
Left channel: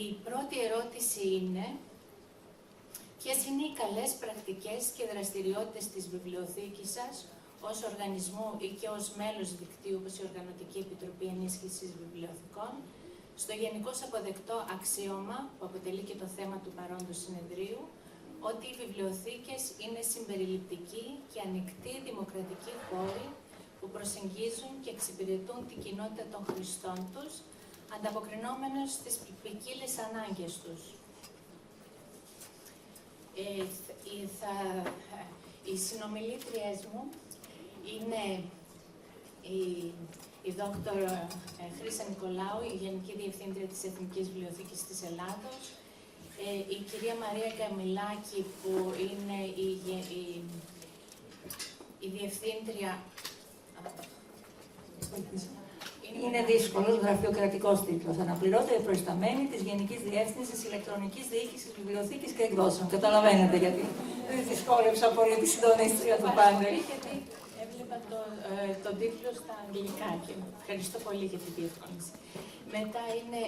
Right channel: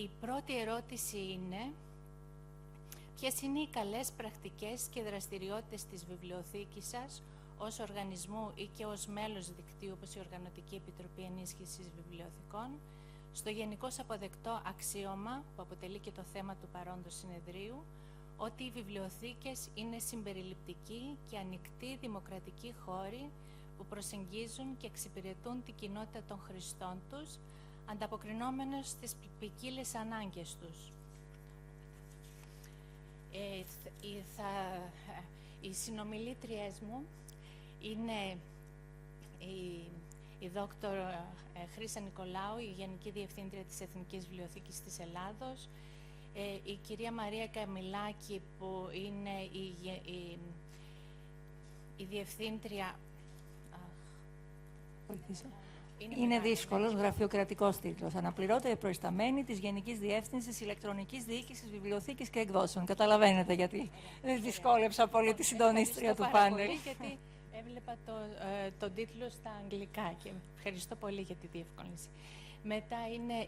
Η πρώτη ερώτηση είναι ποιες είναι οι καλές πρακτικές και δραστηριότητες της βιβλιοθήκης σας ως οργανισμού ή και ως μέλος δικτύου όπως η Οργανωτική Επιτροπή Ενίσχυσης Βιβλιοθηκών στο γενικώς αποδεκτό αξίωμα που αποτελεί και το θέμα του παρόντος συνεδρίου ότι οι βιβλιοθήκες είναι συμπεριληπτικοί και ανοιχτοί δημοκρατικοί χώροι που προσεγγίζουν και εξυπηρετούν την κοινότητα των χρηστών τους ανταποκρινόμενος στις ποικίλες ανάγκες τους. Οι συνομιλήτριές μου είναι η δόκτωρ Chrysa Nikolaou, η Γενική Διευθύντρια της Εθνικής Βιβλιοθήκης της Ελλάδος, η κυρία Μαρία Καμιλάκη που είναι η Διευθύντρια. Είναι δύσκολος γραφειοκρατικός τίτλος. Αναπληρώτρια προϊσταμένη της Γενικής Διεύθυνσης Ηλεκτρονικής Διοίκησης Βιβλιοθήκης και Εκδόσεων. Καταλαβαίνετε γιατί δεν δυσκόλεψα πολύ τη συντονίστρια του πάνελ. Γιατί έβλεπα τον τίτλο στα αγγλικά και ευχαριστώ πολύ για την διευκόλυνση. Μετά είναι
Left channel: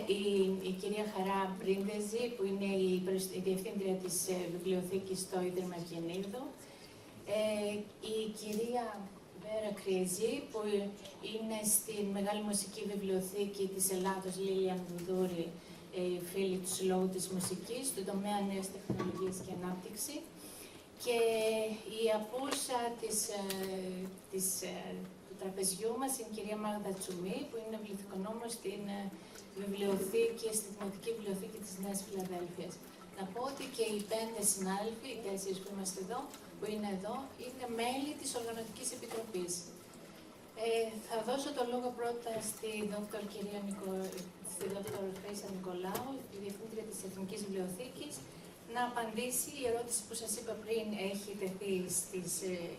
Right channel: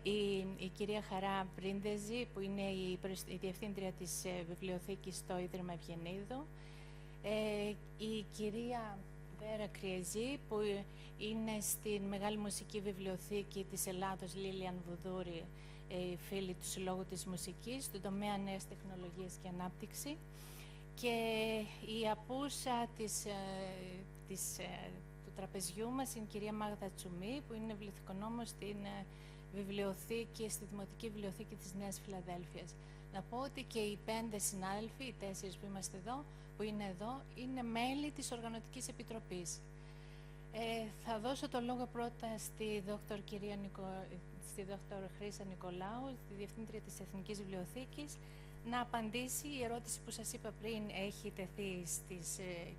η κυρία Χαρά Πρίντεζη, που είναι η Διευθύντρια της Βιβλιοθήκης στο Ίδρυμα Γεννήδου. Η κυρία Βέρα Κρυεζή, που είναι στην Μεγάλη Μουσική Βιβλιοθήκη της Ελλάδος Λίλια Μδούρη, φίλη του Συλλόγου της Μουσικής, του τομέα Νέες Τεχνολογίες και Ανάπτυξη. Και η απούσα του τραπεζιού μας είναι η κυρία Μάγδα Τσουμή, που είναι βιβλιοθηκονόμος στην βιβλιοθήκη, στη Δημοτική Βιβλιοθήκη της Νέας Φιλαδέλφειας. Να πω ότι και οι 5 συνάδελφοι, οι 4 που είμαστε εδώ, που είναι εδώ, είναι μέλη της Οργανωτικής Επιτροπής. Θα δώσω το λόγο πρώτα στη δόκτωρ Chrysa Nikolaou, τη Διευθύντρια της Εθνικής Βιβλιοθήκης, να απαντήσει η ερώτηση που σας είπα πριν έχει τεθεί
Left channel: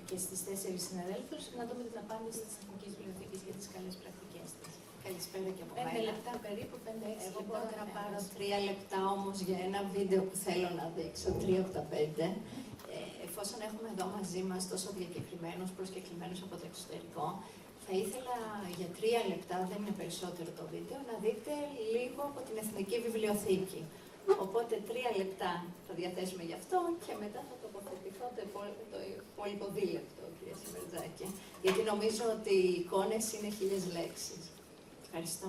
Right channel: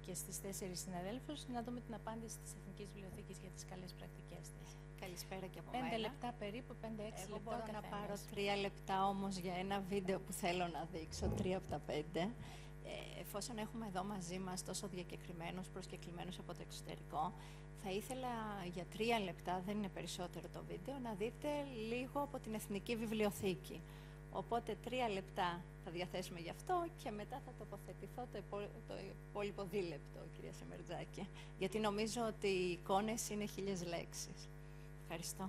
και στις 4 συναδέλφους, να δούμε την απάντηση της Εθνικής Βιβλιοθήκης για τις καλές πρακτικές της. Καλησπέρα και από 5 λεπτά περίπου, 5-6 Εγώ μπορώ να πάρω 3 λεπτά όμως για ένα βίντεο που θέλω να δείξω, 3 από τα 5. Εφόσον έχουμε εδώ μαζί μας τόσο διακεκριμένους προσκεκλημένους από το εξωτερικό, θα ήθελα για 3 λεπτά, δεν είναι περισσότερο το βίντεο, να δείτε λίγο από την Εθνική Βιβλιοθήκη. Οπότε 3 λεπτά θα διαθέσουμε γι' αυτό και μετά θα τοποθετηθώ το υπόλοιπο δίλεπτο, κυρία Σεμερτζάκη. Γιατί νομίζω ότι οι εικόνες είναι 1000 λέξεις. Ευχαριστώ.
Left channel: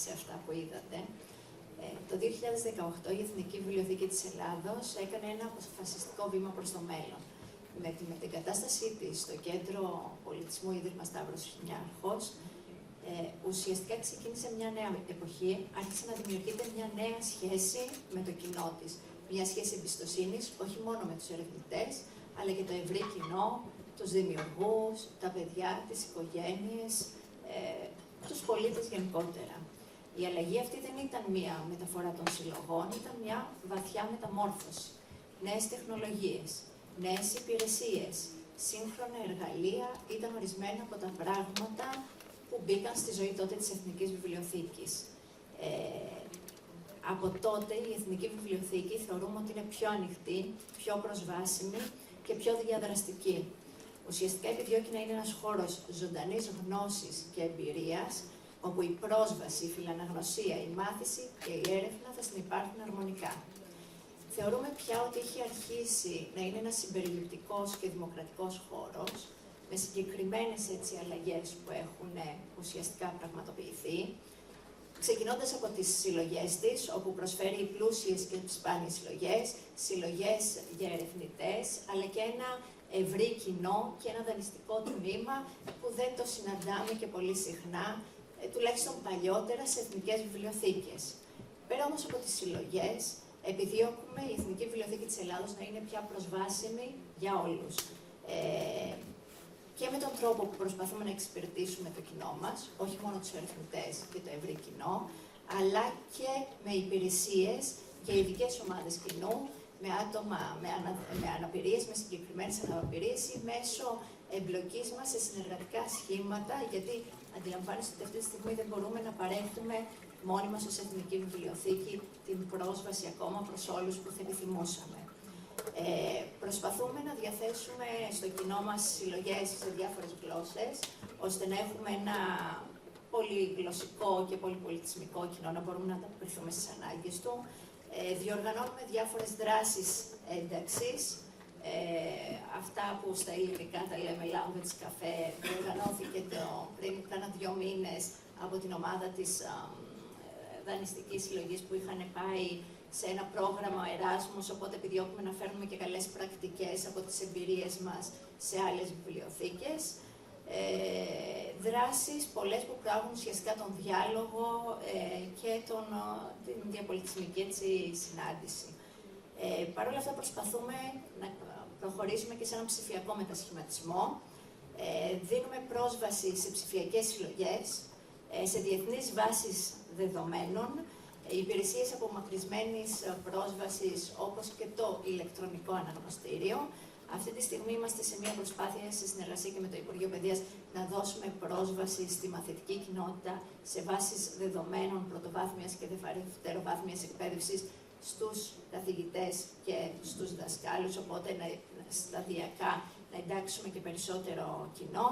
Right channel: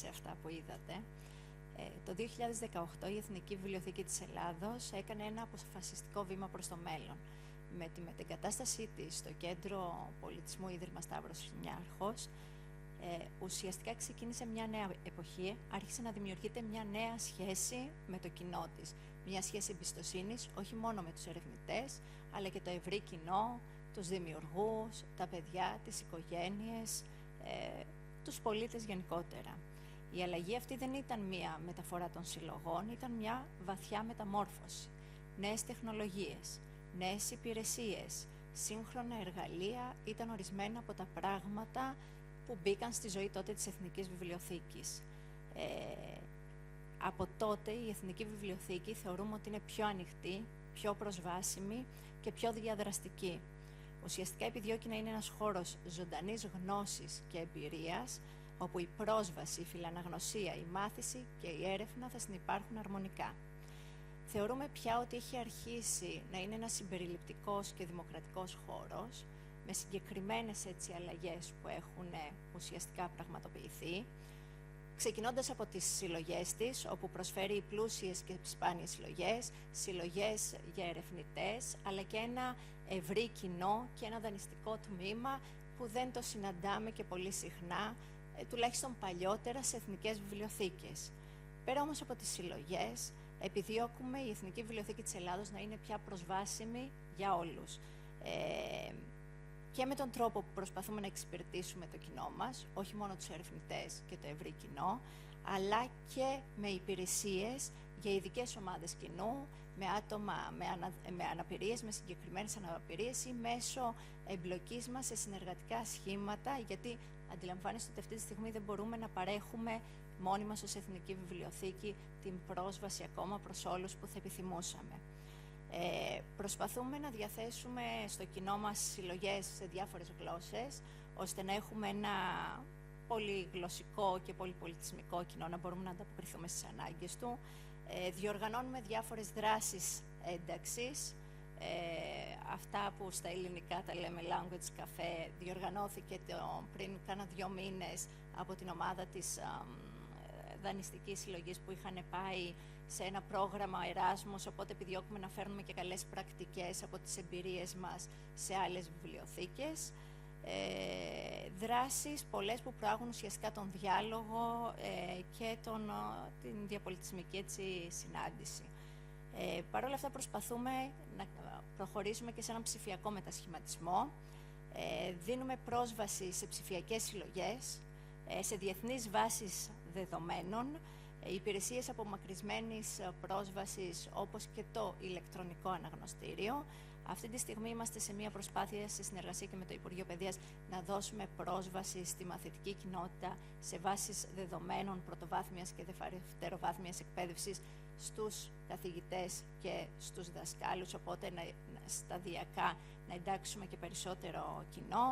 σε αυτά που είδατε. Το 2018 η Εθνική Βιβλιοθήκη της Ελλάδος έκανε ένα αποφασιστικό βήμα προς το μέλλον. Με την μετεγκατάστασή της στο Κέντρο Πολιτισμού Ίδρυμα Stavros Niarchos, ουσιαστικά ξεκίνησε μια νέα εποχή, άρχισε να δημιουργείται μια νέα σχέση με το κοινό της. Μια σχέση εμπιστοσύνης, όχι μόνο με τους ερευνητές, αλλά και το ευρύ κοινό, τους δημιουργούς, τα παιδιά, τις οικογένειες, τους πολίτες γενικότερα. Η αλλαγή αυτή δεν ήταν μια μεταφορά των συλλογών, ήταν μια βαθιά μεταμόρφωση. Νέες τεχνολογίες, νέες υπηρεσίες, σύγχρονα εργαλεία ήταν ορισμένα από τα πράγματα που μπήκαν στη ζωή τότε της Εθνικής Βιβλιοθήκης. Από τότε η Εθνική Βιβλιοθήκη θεωρούμε ότι είναι πιο ανοιχτή, πιο προσβάσιμη και πιο διαδραστική. Ουσιαστικά επιδιώκει να είναι ένας χώρος ζωντανής γνώσης και εμπειρίας, όπου η πρόσβαση, η φιλαναγνωσία, η μάθηση και η έρευνα θα συνυπάρχουν αρμονικά. Θεωρούμε πια ότι έχει αρχίσει να είναι ένας συμπεριληπτικός και δημοκρατικός χώρος, με συγκεκριμένες αλλαγές που έχουν ουσιαστικά πραγματοποιηθεί, ξεκινώντας από τις συλλογές της, όπου προσφέρει πλούσιες και σπάνιες συλλογές για ερευνητές, αλλά και ένα ευρύ κοινό και ένα δανειστικό τμήμα που δεν το συναντάμε και πολύ συχνά, τουλάχιστον παλιότερα σε εθνικές βιβλιοθήκες. Πέρα όμως από τις συλλογές, επιδιώκουμε η Εθνική Βιβλιοθήκη της Ελλάδος να είναι πια προσβάσιμη για όλους. Και με τον τρόπο που προσπαθούμε να εξυπηρετήσουμε το κοινό μας, όχι μόνο τους ερευνητές και το ευρύ κοινό, αλλά και με υπηρεσίες για ειδικές ομάδες κοινού, με άτομα με αναπηρίες, με συγκεκριμένες αναπηρίες ή μέσω εμπλοκής μας σε συνεργατικά σχήματα, γιατί αντιλαμβάνεστε ότι αυτή τη στιγμή δεν μπορούμε να παρέχουμε μόνοι μας ως Εθνική Βιβλιοθήκη την πρόσβαση ακόμα προς όλους που θα επιθυμούσαμε. Προσπαθούμε να διαθέσουμε στο κοινό μας συλλογές σε διάφορες γλώσσες, ώστε να έχουμε ένα πολυγλωσσικό και πολυπολιτισμικό κοινό, να μπορούμε να ανταποκριθούμε στις ανάγκες του. Διοργανώνουμε διάφορες δράσεις ένταξης, αυτά που στα ελληνικά τα λέμε lounge καφέ, διοργανώθηκε πριν κάνα 2 μήνες από την ομάδα της δανειστικής συλλογής που είχαν πάει σε ένα πρόγραμμα Εράσμους, οπότε επιδιώκουμε να φέρνουμε και καλές πρακτικές από τις εμπειρίες μας σε άλλες βιβλιοθήκες. Δράσεις πολλές που κάνουν ουσιαστικά τον διάλογο και την διαπολιτισμική συνάντηση. Παρ' όλα αυτά προσπαθούμε να προχωρήσουμε και σε έναν ψηφιακό μετασχηματισμό. Δίνουμε πρόσβαση σε ψηφιακές συλλογές, σε διεθνείς βάσεις δεδομένων, υπηρεσίες απομακρυσμένης πρόσβασης όπως και το ηλεκτρονικό αναγνωστήριο. Αυτή τη στιγμή είμαστε σε μια προσπάθεια σε συνεργασία και με το Υπουργείο Παιδείας να δώσουμε πρόσβαση στη μαθητική κοινότητα σε βάσεις δεδομένων πρωτοβάθμιας και δευτεροβάθμιας εκπαίδευσης στους καθηγητές και στους δασκάλους, οπότε σταδιακά να εντάξουμε και περισσότερο κοινό.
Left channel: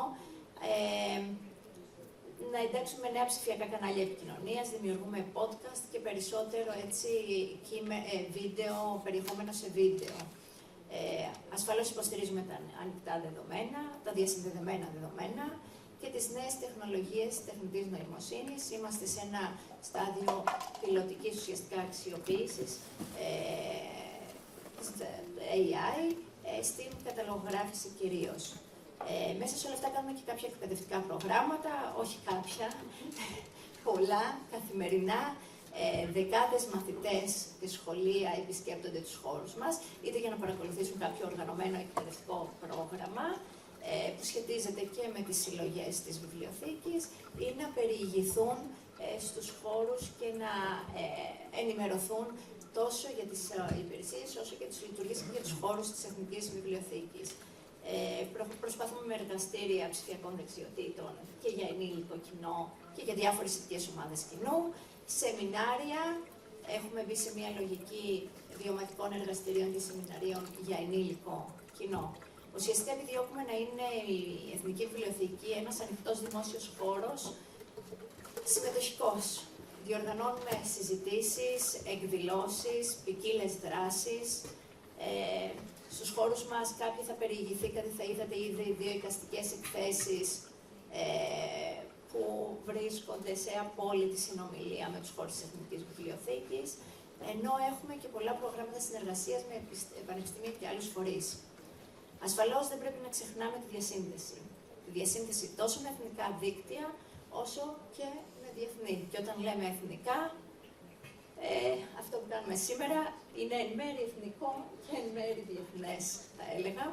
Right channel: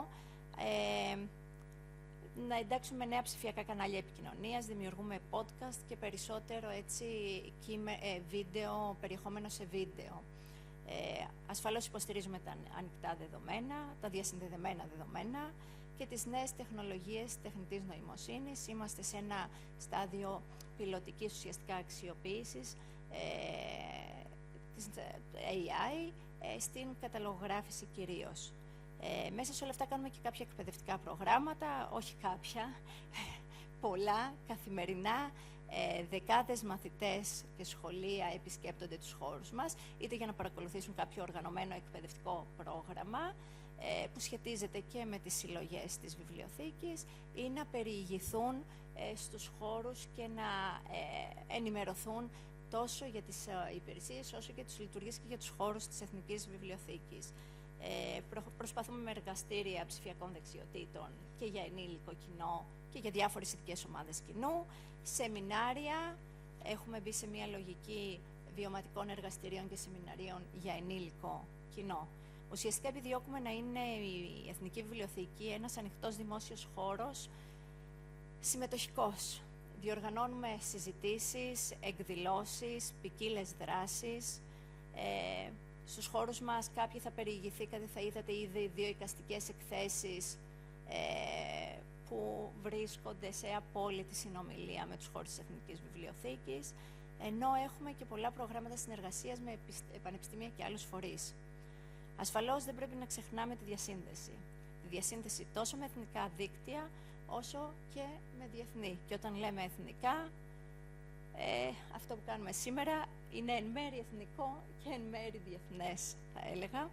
Να εντάξουμε νέα ψηφιακά κανάλια επικοινωνίας, δημιουργούμε podcast και περισσότερο βίντεο, περιεχόμενο σε βίντεο. Ασφαλώς υποστηρίζουμε τα ανοιχτά δεδομένα, τα διασυνδεδεμένα δεδομένα και τις νέες τεχνολογίες τεχνητής νοημοσύνης. Είμαστε σε ένα στάδιο πιλωτικής ουσιαστικά αξιοποίησης AI στην καταλογογράφηση κυρίως. Μέσα σε όλα αυτά κάνουμε και κάποια εκπαιδευτικά προγράμματα, όχι κάποια, πολλά, καθημερινά. Δεκάδες μαθητές και σχολεία επισκέπτονται τους χώρους μας, είτε για να παρακολουθήσουν κάποιο οργανωμένο εκπαιδευτικό πρόγραμμα που σχετίζεται και με τις συλλογές της βιβλιοθήκης ή να περιηγηθούν στους χώρους και να ενημερωθούν τόσο για τις υπηρεσίες όσο και τις λειτουργίες και τους χώρους της Εθνικής Βιβλιοθήκης. Προσπαθούμε με εργαστήρια ψηφιακών δεξιοτήτων και για ενήλικο κοινό και για διάφορες ειδικές ομάδες κοινού. Σεμινάρια, έχουμε μπει σε μια λογική βιωματικών εργαστηρίων και σεμιναρίων για ενήλικο κοινό. Ουσιαστικά επιδιώκουμε να είναι η Εθνική Βιβλιοθήκη ένας ανοιχτός δημόσιος χώρος, συμμετοχικός. Διοργανώνουμε συζητήσεις, εκδηλώσεις, ποικίλες δράσεις. Στους χώρους μας κάποιοι θα περιηγηθήκατε, θα είδατε ήδη 2 εικαστικές εκθέσεις που έρχονται σε απόλυτη συνομιλία με τους χώρους της Εθνικής Βιβλιοθήκης, ενώ έχουμε και πολλά προγράμματα συνεργασίας με πανεπιστήμια και άλλους φορείς. Ασφαλώς δεν πρέπει να ξεχνάμε τη διασύνδεση. Τη διασύνδεση τόσο με εθνικά δίκτυα, όσο και με διεθνή. Και όταν λέμε εθνικά, αυτό που κάνουμε σήμερα είναι εν μέρει εθνικό και εν μέρει διεθνές, θα έλεγα.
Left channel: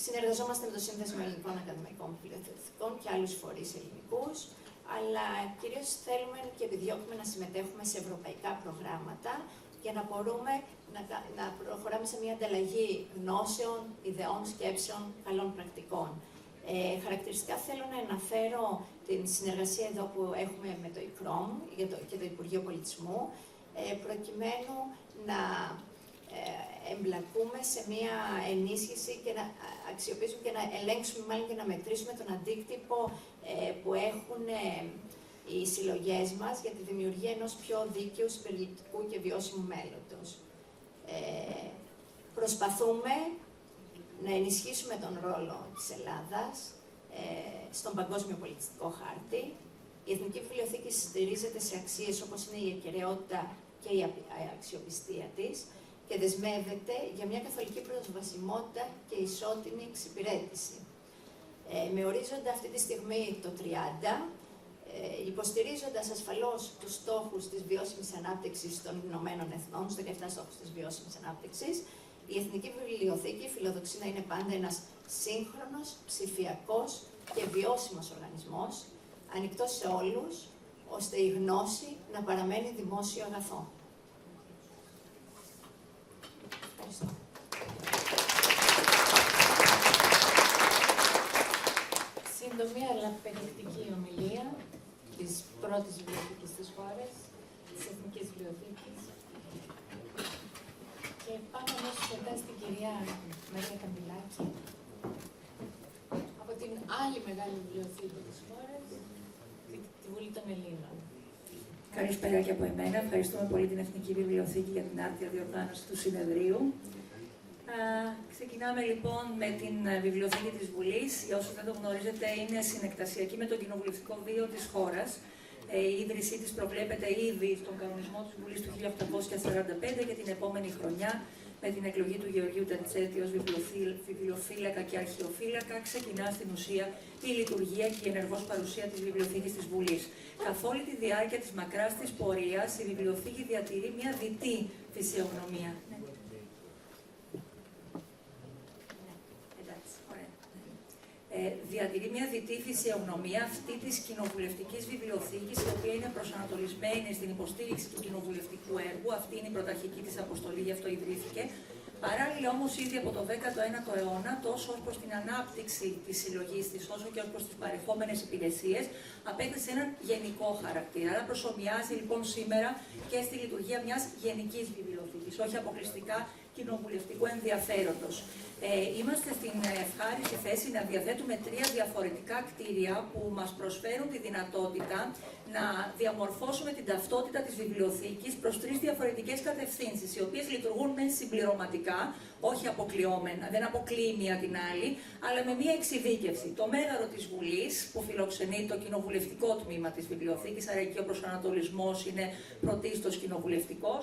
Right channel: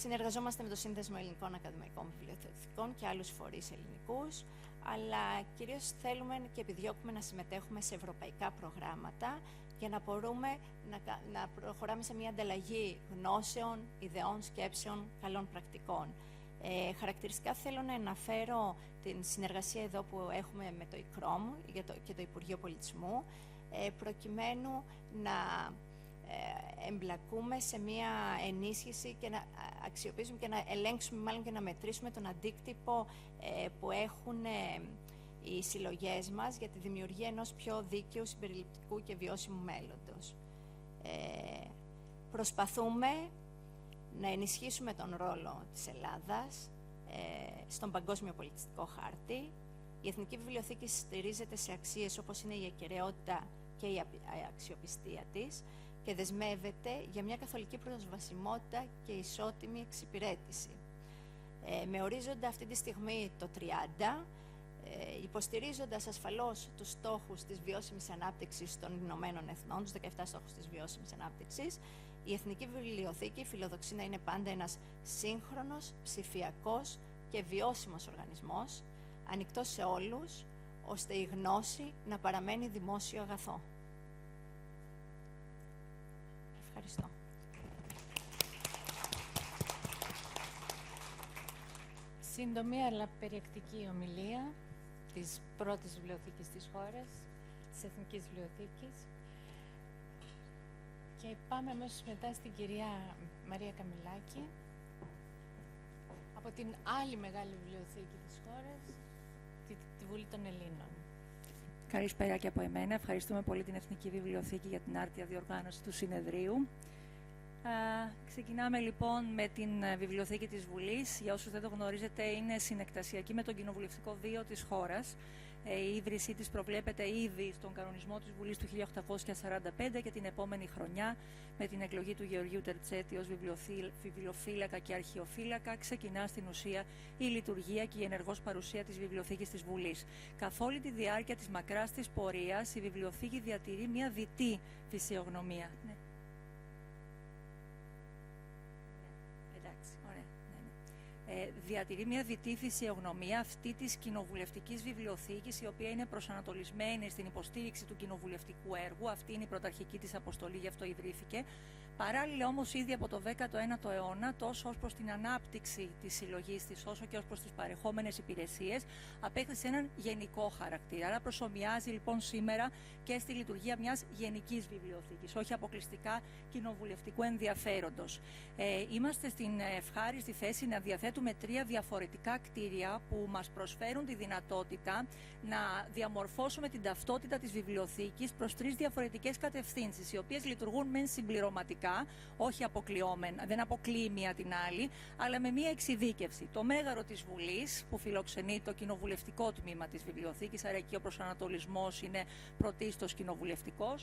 Συνεργαζόμαστε με το Σύνδεσμο Ελληνικών Ακαδημαϊκών Βιβλιοθηκών και άλλους φορείς ελληνικούς, αλλά κυρίως θέλουμε και επιδιώκουμε να συμμετέχουμε σε ευρωπαϊκά προγράμματα για να μπορούμε να προχωράμε σε μια ανταλλαγή γνώσεων, ιδεών, σκέψεων, καλών πρακτικών. Χαρακτηριστικά θέλω να αναφέρω την συνεργασία εδώ που έχουμε με το ΙΚΡΟΜ και το Υπουργείο Πολιτισμού, προκειμένου να εμπλακούμε σε μια ενίσχυση και να αξιοποιήσουμε και να ελέγξουμε μάλλον και να μετρήσουμε τον αντίκτυπο που έχουν οι συλλογές μας για τη δημιουργία ενός πιο δίκαιου, συμπεριληπτικού και βιώσιμου μέλλοντος. Προσπαθούμε να ενισχύσουμε τον ρόλο της Ελλάδας στον παγκόσμιο πολιτιστικό χάρτη. Η Εθνική Βιβλιοθήκη στηρίζεται σε αξίες όπως είναι η ακεραιότητα και η αξιοπιστία της και δεσμεύεται για μια καθολική προσβασιμότητα και ισότιμη εξυπηρέτηση. Με ορίζοντα αυτή τη στιγμή το 30, υποστηρίζοντας ασφαλώς τους στόχους της βιώσιμης ανάπτυξης των Ηνωμένων Εθνών, στους 17 στόχους της βιώσιμης ανάπτυξης, η Εθνική Βιβλιοθήκη φιλοδοξεί να είναι πάντα ένας σύγχρονος, ψηφιακός και βιώσιμος οργανισμός, ανοιχτός σε όλους, ώστε η γνώση να παραμένει δημόσιο αγαθό. Ευχαριστώ. Σύντομη αλλά περιεκτική ομιλία της πρώτης βιβλιοθήκης της χώρας, της Εθνικής Βιβλιοθήκης. Και πάμε αμέσως μετά στην κυρία Μαρία Καμπυλάκη, από την άλλη μεγάλη βιβλιοθήκη της χώρας, τη Βουλή των Ελλήνων. Καλησπέρα και από εμένα. Ευχαριστούμε πολύ την Εθνική Βιβλιοθήκη για την άρτια διοργάνωση του συνεδρίου. Ξεκινάμε λοιπόν με την Βιβλιοθήκη της Βουλής. Για όσους δεν το γνωρίζετε, είναι συνεκτασιακή με το κοινοβουλευτικό βίο της χώρας. Η ίδρυσή της προβλέπεται ήδη στον κανονισμό της Βουλής του 1845 και την επόμενη χρονιά, με την εκλογή του Γεωργίου Τατσέτη ως βιβλιοφύλακα και αρχαιοφύλακα, ξεκινά στην ουσία η λειτουργία και η ενεργός παρουσία της Βιβλιοθήκης της Βουλής. Καθ' όλη τη διάρκεια της μακράς της πορείας, η Βιβλιοθήκη διατηρεί μια διτή φυσιογνωμία. Διατηρεί μια διτή φυσιογνωμία αυτή της κοινοβουλευτικής βιβλιοθήκης, η οποία είναι προσανατολισμένη στην υποστήριξη του κοινοβουλευτικού έργου. Αυτή είναι η πρωταρχική της αποστολή, γι' αυτό ιδρύθηκε. Παράλληλα όμως, ήδη από το 19ο αιώνα, τόσο ως προς την ανάπτυξη της συλλογής της, όσο και ως προς τις παρεχόμενες υπηρεσίες, απέκτησε έναν γενικό χαρακτήρα. Άρα προσομοιάζει λοιπόν σήμερα και στη λειτουργία μιας γενικής βιβλιοθήκης, όχι αποκλειστικά κοινοβουλευτικού ενδιαφέροντος. Είμαστε στην ευχάριστη θέση να διαθέτουμε 3 διαφορετικά κτίρια που μας προσφέρουν τη δυνατότητα να διαμορφώσουμε την ταυτότητα της βιβλιοθήκης προς 3 διαφορετικές κατευθύνσεις, οι οποίες λειτουργούν μεν συμπληρωματικά, όχι αποκλειόμενα, δεν αποκλείει μία την άλλη, αλλά με μία εξειδίκευση. Το μέγαρο της Βουλής, που φιλοξενεί το κοινοβουλευτικό τμήμα της βιβλιοθήκης, άρα εκεί ο προσανατολισμός είναι πρωτίστως κοινοβουλευτικός.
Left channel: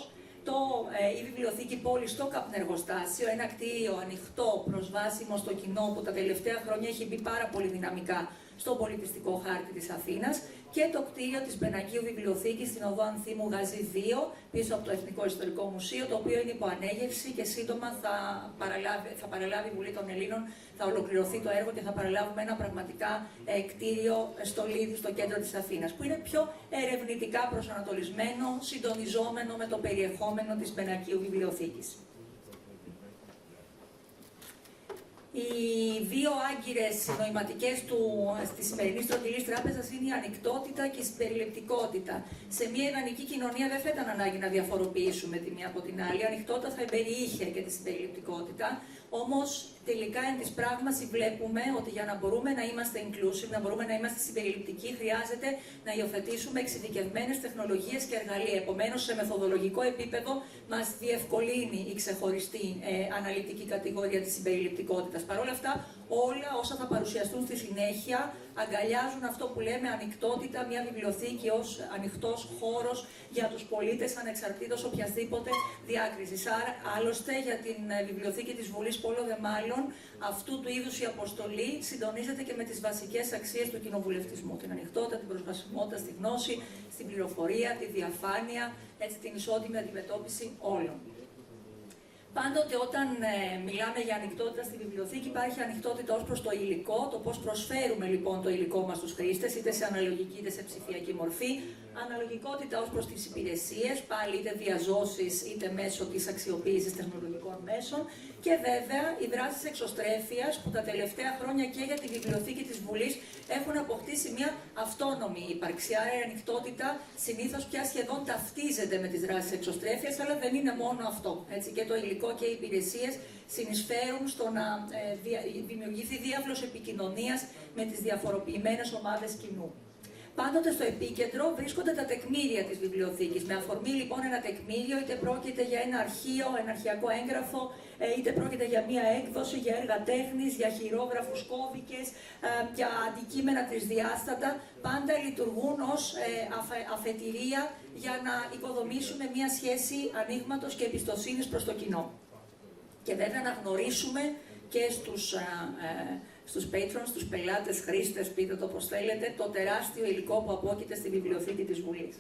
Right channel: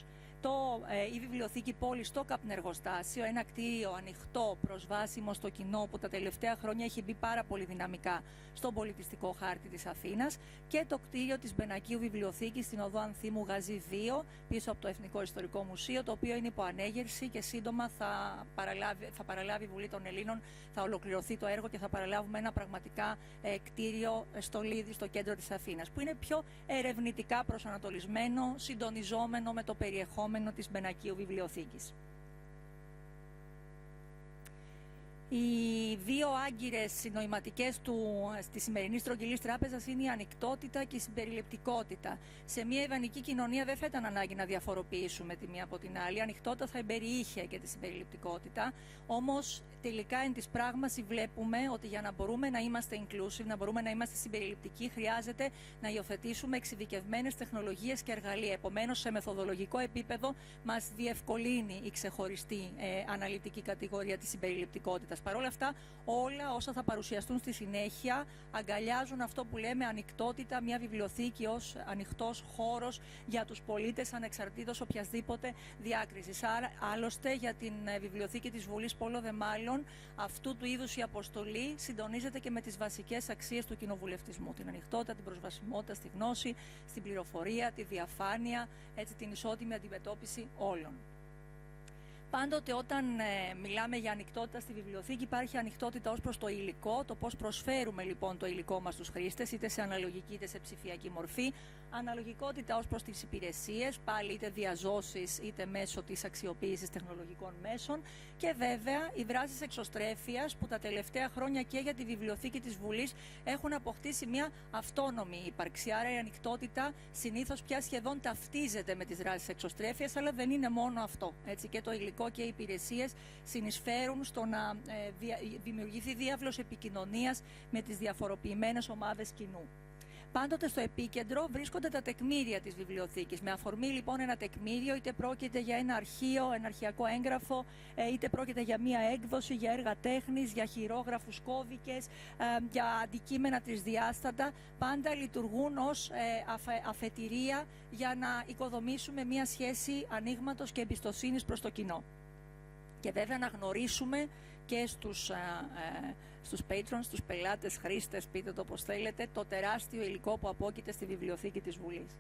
Η Βιβλιοθήκη Πόλης στο Καπνεργοστάσιο, ένα κτίριο ανοιχτό, προσβάσιμο στο κοινό που τα τελευταία χρόνια έχει μπει πάρα πολύ δυναμικά στο πολιτιστικό χάρτη της Αθήνας, και το κτίριο της Μπενακίου Βιβλιοθήκης στην οδό Ανθή Γαζή 2, πίσω από το Εθνικό Ιστορικό Μουσείο, το οποίο είναι υπό ανέγερση και σύντομα θα παραλάβει η Βουλή των Ελλήνων, θα ολοκληρωθεί το έργο και θα παραλάβουμε ένα πραγματικά κτίριο στο Λίδι, στο κέντρο της Αθήνας, που είναι πιο ερευνητικά προσανατολισμένο, συντονιζόμενο με το περιεχόμενο της Μπενακίου Βιβλιοθήκης. Οι 2 άγκυρες συνοηματικές της σημερινής τροτιλής τράπεζας είναι η ανοιχτότητα και η συμπεριληπτικότητα. Σε μια ιδανική κοινωνία δεν θα ήταν ανάγκη να διαφοροποιήσουμε τη μία από την άλλη. Η ανοιχτότητα θα εμπεριείχε για τη συμπεριληπτικότητα. Όμως, τελικά, εν της πράγμαση βλέπουμε ότι για να μπορούμε να είμαστε inclusive, να μπορούμε να είμαστε συμπεριληπτικοί, χρειάζεται να υιοθετήσουμε εξειδικευμένες τεχνολογίες και εργαλεία. Επομένως, σε μεθοδολογικό επίπεδο, μας διευκολύνει η ξεχωριστή αναλυτική κατηγορία της συμπεριληπτικότητας. Παρ' όλα αυτά, όλα όσα θα παρουσιαστούν στη συνέχεια αγκαλιάζουν αυτό που λέμε ανοιχτότητα, μια βιβλιοθήκη ως ανοιχτός χώρος για τους πολίτες ανεξαρτήτως οποιασδήποτε διάκρισης. Άρα, άλλωστε, για την βιβλιοθήκη της Βουλής, πολλό δε μάλλον, αυτού του είδους η αποστολή συντονίζεται και με τις βασικές αξίες του κοινοβουλευτισμού. Την ανοιχτότητα, την προσβασιμότητα στη γνώση, στην πληροφορία, τη διαφάνεια, την ισότιμη αντιμετώπιση όλων. Πάντοτε όταν μιλάμε για ανοιχτότητα στη βιβλιοθήκη, υπάρχει ανοιχτότητα ως προς το υλικό, το πώς προσφέρουμε λοιπόν το υλικό μας στους χρήστες, είτε σε αναλογική είτε σε ψηφιακή μορφή. Αναλογικότητα ως προς τις υπηρεσίες, πάλι είτε διαζώσεις είτε μέσω της αξιοποίησης τεχνολογικών μέσων. Και βέβαια οι δράσεις εξωστρέφειας που τα τελευταία χρόνια και για τη βιβλιοθήκη της Βουλής έχουν αποκτήσει μια αυτόνομη ύπαρξη. Άρα η ανοιχτότητα συνήθως πια σχεδόν ταυτίζεται με τις δράσεις εξωστρέφειας, αλλά δεν είναι μόνο αυτό. Έτσι, και το υλικό και οι υπηρεσίες συνεισφέρουν στο να δημιουργηθεί διάβλος επικοινωνίας με τις διαφοροποιημένες ομάδες κοινού. Πάντοτε στο επίκεντρο βρίσκονται τα τεκμήρια της βιβλιοθήκης. Με αφορμή λοιπόν ένα τεκμήριο, είτε πρόκειται για ένα αρχείο, ένα αρχειακό έγγραφο, είτε πρόκειται για μία έκδοση, για έργα τέχνης, για χειρόγραφους, κώδικες, για αντικείμενα τρισδιάστατα, πάντα λειτουργούν ως αφετηρία για να οικοδομήσουμε μία σχέση ανοίγματος και εμπιστοσύνης προς το κοινό. Και βέβαια να γνωρίσουμε και στους patrons, στους πελάτες, χρήστες, πείτε το όπως θέλετε, το τεράστιο υλικό που απόκειται στη βιβλιοθήκη της Βουλής.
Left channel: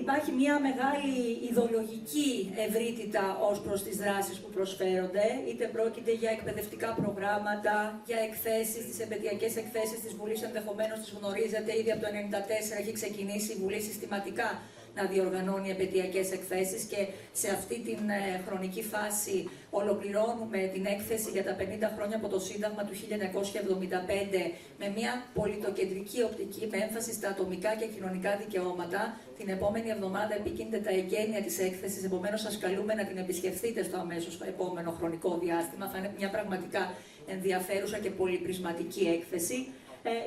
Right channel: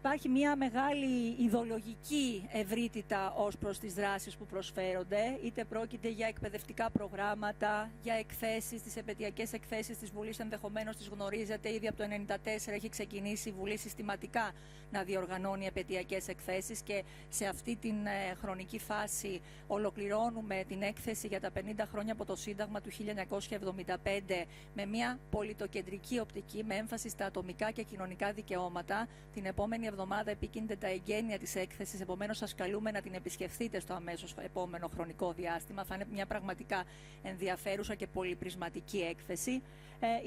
Υπάρχει μια μεγάλη ιδεολογική ευρύτητα ως προς τις δράσεις που προσφέρονται, είτε πρόκειται για εκπαιδευτικά προγράμματα, για εκθέσεις, τις επαιτειακές εκθέσεις της Βουλής, ενδεχομένως τις γνωρίζετε, ήδη από το 1994 έχει ξεκινήσει η Βουλή συστηματικά να διοργανώνει επαιτειακές εκθέσεις και σε αυτή την χρονική φάση ολοκληρώνουμε την έκθεση για τα 50 χρόνια από το Σύνταγμα του 1975 με μια πολιτοκεντρική οπτική με έμφαση στα ατομικά και κοινωνικά δικαιώματα. Την επόμενη εβδομάδα επικίνδυνται τα εγγένεια της έκθεσης, επομένως σας καλούμε να την επισκεφθείτε στο αμέσως επόμενο χρονικό διάστημα. Θα είναι μια πραγματικά ενδιαφέρουσα και πολυπρισματική έκθεση.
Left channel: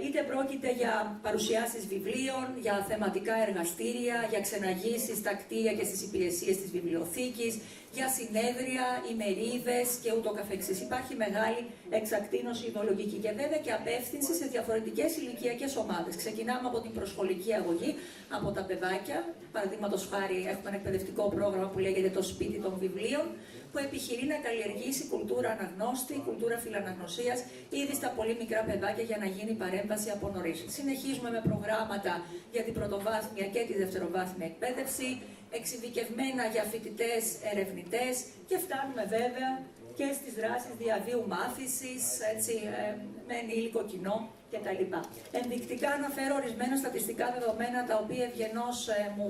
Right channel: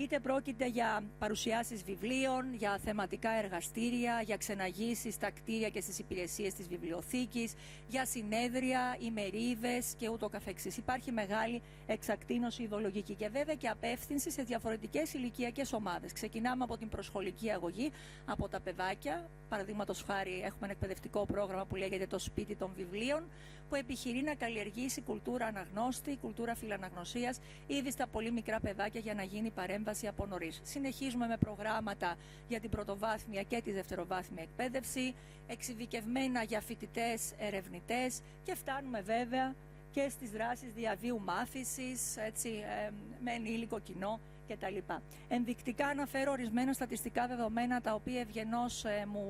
Είτε πρόκειται για παρουσιάσεις βιβλίων, για θεματικά εργαστήρια, για ξεναγήσεις στα κτίρια και στις υπηρεσίες της βιβλιοθήκης, για συνέδρια, ημερίδες και ούτω καθεξής. Υπάρχει μεγάλη εξακτίνωση ιδεολογική και βέβαια και απεύθυνση σε διαφορετικές ηλικιακές ομάδες. Ξεκινάμε από την προσχολική αγωγή, από τα παιδάκια. Παραδείγματος χάρη, έχουμε ένα εκπαιδευτικό πρόγραμμα που λέγεται το Σπίτι των Βιβλίων, που επιχειρεί να καλλιεργήσει κουλτούρα αναγνώστη, κουλτούρα φιλαναγνωσίας ήδη στα πολύ μικρά παιδάκια για να γίνει παρέμβαση από νωρίς. Συνεχίζουμε με προγράμματα για την πρωτοβάθμια και τη δευτεροβάθμια εκπαίδευση, εξειδικευμένα για φοιτητές, ερευνητές και φτάνουμε βέβαια και στις δράσεις διαβίου μάθησης, με ενήλικο κοινό κτλ. Ενδεικτικά αναφέρω ορισμένα στατιστικά δεδομένα τα οποία ευγενώς μου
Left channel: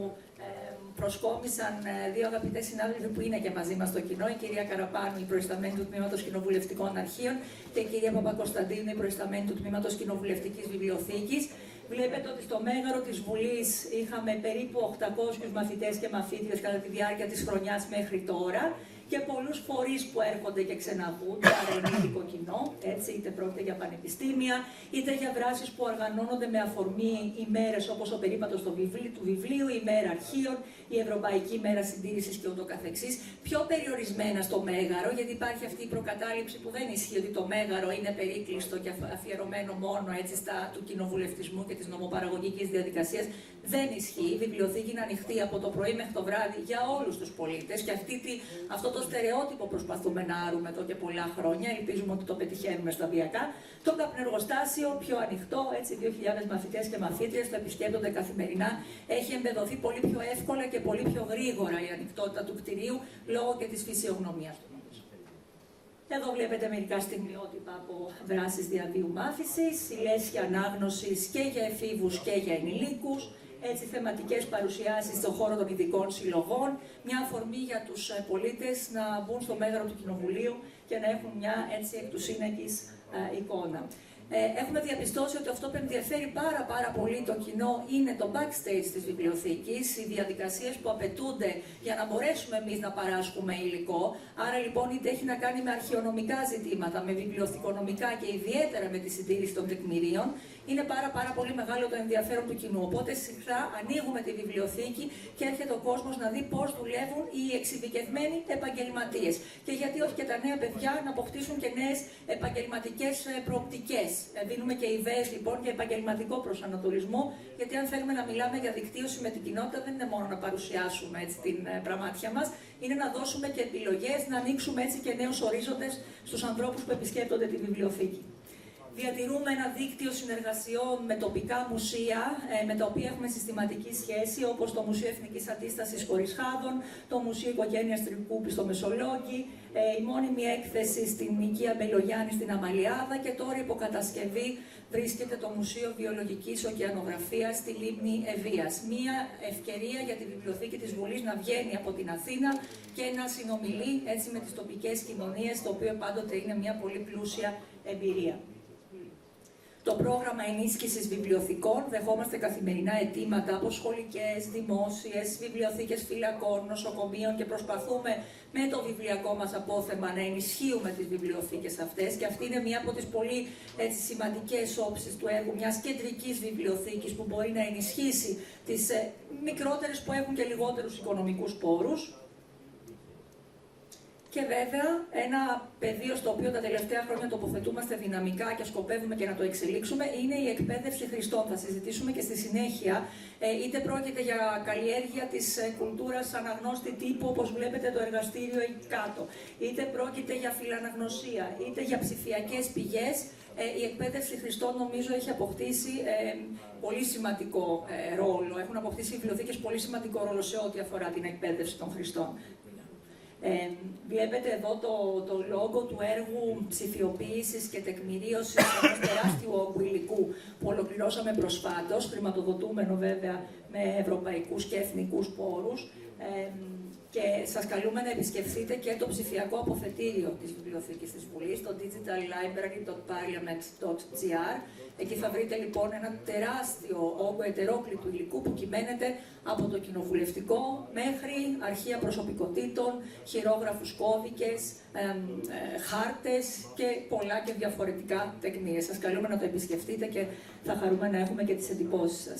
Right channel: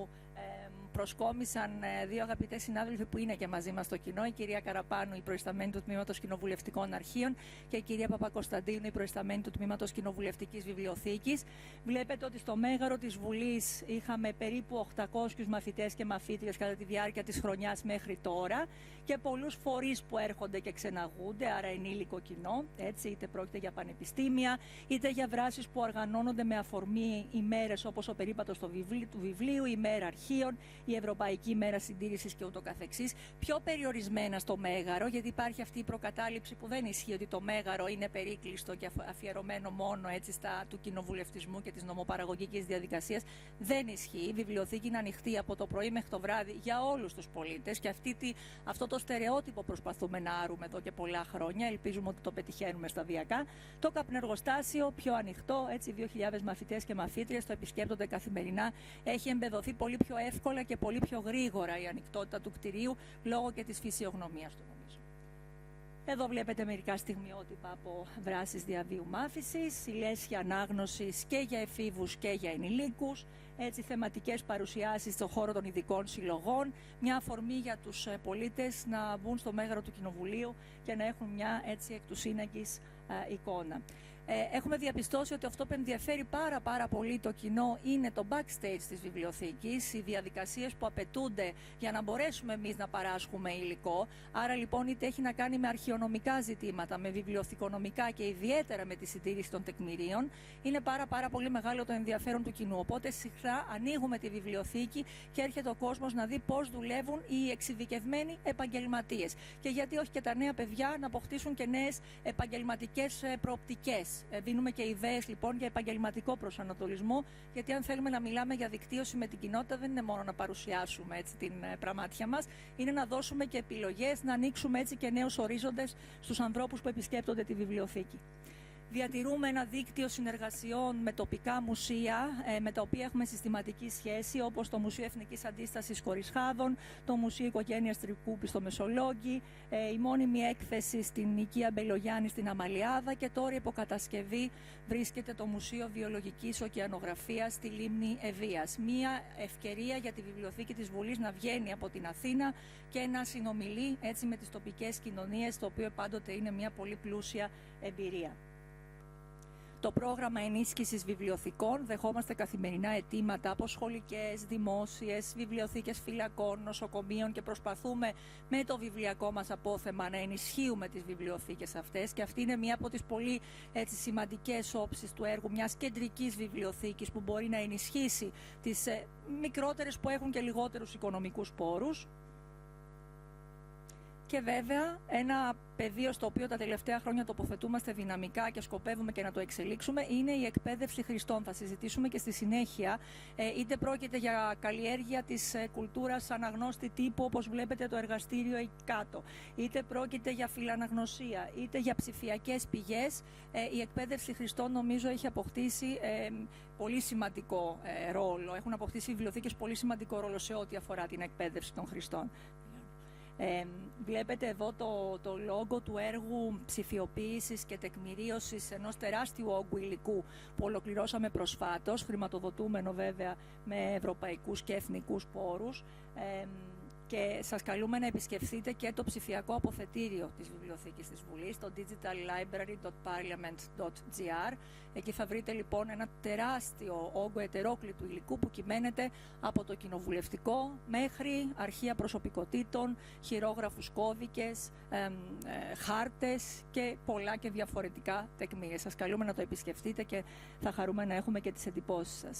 προσκόμισαν δύο αγαπητές συνάδελφοι που είναι και μαζί μας στο κοινό, η κυρία Καραπάνου, η προϊσταμένη του Τμήματος Κοινοβουλευτικών Αρχείων και η κυρία Παπακοσταντίνου, η προϊσταμένη του Τμήματος Κοινοβουλευτικής Βιβλιοθήκης. Βλέπετε ότι στο μέγαρο της Βουλής είχαμε περίπου 800 μαθητές και μαθήτριες κατά τη διάρκεια της χρονιάς μέχρι τώρα και πολλούς φορείς που έρχονται και ξεναγούνται, αλλά ενήλικο κοινό, έτσι, είτε πρόκειται για πανεπιστήμια, είτε για δράσεις που οργανώνονται με αφορμή ημέρες όπως ο περίπατος του βιβλίου, η ημέρα αρχείων, η Ευρωπαϊκή Μέρα Συντήρησης και ούτω καθεξής, πιο περιορισμένα στο μέγαρο, γιατί υπάρχει αυτή η προκατάληψη που δεν ισχύει ότι το μέγαρο είναι περίκλειστο και αφιερωμένο μόνο έτσι του κοινοβουλευτισμού και της νομοπαραγωγικής διαδικασίας. Δεν ισχύει. Η βιβλιοθήκη είναι ανοιχτή από το πρωί μέχρι το βράδυ για όλους τους πολίτες και αυτό το στερεότυπο προσπαθούμε να άρουμε εδώ και πολλά χρόνια. Ελπίζουμε ότι το πετυχαίνουμε σταδιακά. Το καπνεργοστάσιο πιο ανοιχτό, έτσι 2.000 μαθητές και μαθήτριες το επισκέπτονται καθημερινά. Έχει εμπεδοθεί πολύ πιο εύκολα και πολύ πιο γρήγορα η ανοιχτότητα του κτηρίου λόγω και της φυσιογνωμίας του. Εδώ βλέπετε μερικά στιγμιότυπα από δράσεις διαβίου μάθησης, λέσχη ανάγνωσης και για εφήβους και για ενηλίκους, έτσι θεματικές παρουσιάσεις στον χώρο των ειδικών συλλογών, μια αφορμή για τους πολίτες να μπουν στο μέγαρο του Κοινοβουλίου και να έχουν μια έτσι εκ του σύνεγγυς εικόνα. Έχουμε διαπιστώσει ότι αυτό που ενδιαφέρει πάρα πολύ το κοινό είναι το backstage της βιβλιοθήκης, οι διαδικασίες που απαιτούνται για να μπορέσουμε εμείς να παράσχουμε υλικό. Άρα λοιπόν είτε έχει να κάνει με αρχαιονομικά ζητήματα, με βιβλιοθηκονομικά και ιδιαίτερα με τη συντήρηση των τεκμηρίων, είναι πάρα πολύ μεγάλο το ενδιαφέρον του κοινού. Οπότε συχνά ανοίγουμε τη βιβλιοθήκη και έρχεται ο κόσμος να δει πώς δουλεύουν οι εξειδικευμένοι επαγγελματίες. Και γιατί όχι και τα νέα παιδιά να αποκτήσουν και νέες επαγγελματικές προοπτικές. Δίνουμε και ιδέες λοιπόν για επαγγελματικό προσανατολισμό, γιατί αν θέλουμε να μιλάμε για δικτύωση με την κοινότητα, δεν είναι μόνο να παρουσιάσουμε έτσι, την πραμάτια μας, είναι να δώσουμε και επιλογές, να ανοίξουμε έτσι και νέους ορίζοντες στους ανθρώπους που επισκέπτονται τη βιβλιοθήκη. Διατηρούμε ένα δίκτυο συνεργασιών με τοπικά μουσεία, με τα οποία έχουμε συστηματική σχέση, όπως το Μουσείο Εθνικής Αντίστασης Χωρισχάδων, το Μουσείο Οικογένειας Τρικούπη στο Μεσολόγγι, η μόνιμη έκθεση στην Οικία Μπελογιάννη στην Αμαλιάδα και τώρα υποκατασκευή βρίσκεται το Μουσείο Βιολογικής Ωκεανογραφίας στη Λίμνη Ευβοίας. Μία ευκαιρία για τη Βιβλιοθήκη της Βουλής να βγαίνει από την Αθήνα και να συνομιλεί έτσι με τις τοπικές κοινωνίες, το οποίο πάντοτε είναι μια πολύ πλούσια εμπειρία. Το πρόγραμμα ενίσχυσης βιβλιοθηκών, δεχόμαστε καθημερινά αιτήματα από σχολικές, δημόσιες, βιβλιοθήκες φυλακών, νοσοκομείων και προσπαθούμε με το βιβλιακό μας απόθεμα να ενισχύουμε τις βιβλιοθήκες αυτές και αυτή είναι μια από τις πολύ σημαντικές όψεις του έργου μιας κεντρικής βιβλιοθήκης που μπορεί να ενισχύσει τις μικρότερες που έχουν και λιγότερους οικονομικούς πόρους. Και βέβαια, ένα πεδίο στο οποίο τα τελευταία χρόνια τοποθετούμαστε δυναμικά και σκοπεύουμε και να το εξελίξουμε είναι η εκπαίδευση χρηστών. Θα συζητήσουμε και στη συνέχεια, είτε πρόκειται για καλλιέργεια της κουλτούρας αναγνώστη τύπου, όπως βλέπετε το εργαστήριο εκεί κάτω, είτε πρόκειται για φιλαναγνωσία, είτε για ψηφιακές πηγές. Η εκπαίδευση χρηστών νομίζω έχει αποκτήσει πολύ σημαντικό ρόλο. Έχουν αποκτήσει οι βιβλιοθήκες πολύ σημαντικό ρόλο σε ό,τι αφορά την εκπαίδευση των χρηστών. Βλέπετε εδώ το λόγο του έργου ψηφιοποίησης και τεκμηρίωσης ενός τεράστιου όγκου υλικού που ολοκληρώσαμε προσφάτως, χρηματοδοτούμενο βέβαια με ευρωπαϊκούς και εθνικούς πόρους. Και σας καλούμε να επισκεφθείτε και το ψηφιακό αποθετήριο της Βιβλιοθήκης της Βουλής, το digitallibrary.parliament.gr. Εκεί θα βρείτε λοιπόν ένα τεράστιο όγκο ετερόκλητου υλικού που κυμαίνεται από το κοινοβουλευτικό μέχρι αρχεία προσωπικότητων, χειρόγραφους κώδικες, χάρτες και πολλά και διαφορετικά τεκμήρια. Σας καλούμε να το επισκεφτείτε και θα χαρούμε να έχουμε και τις εντυπώσεις σας.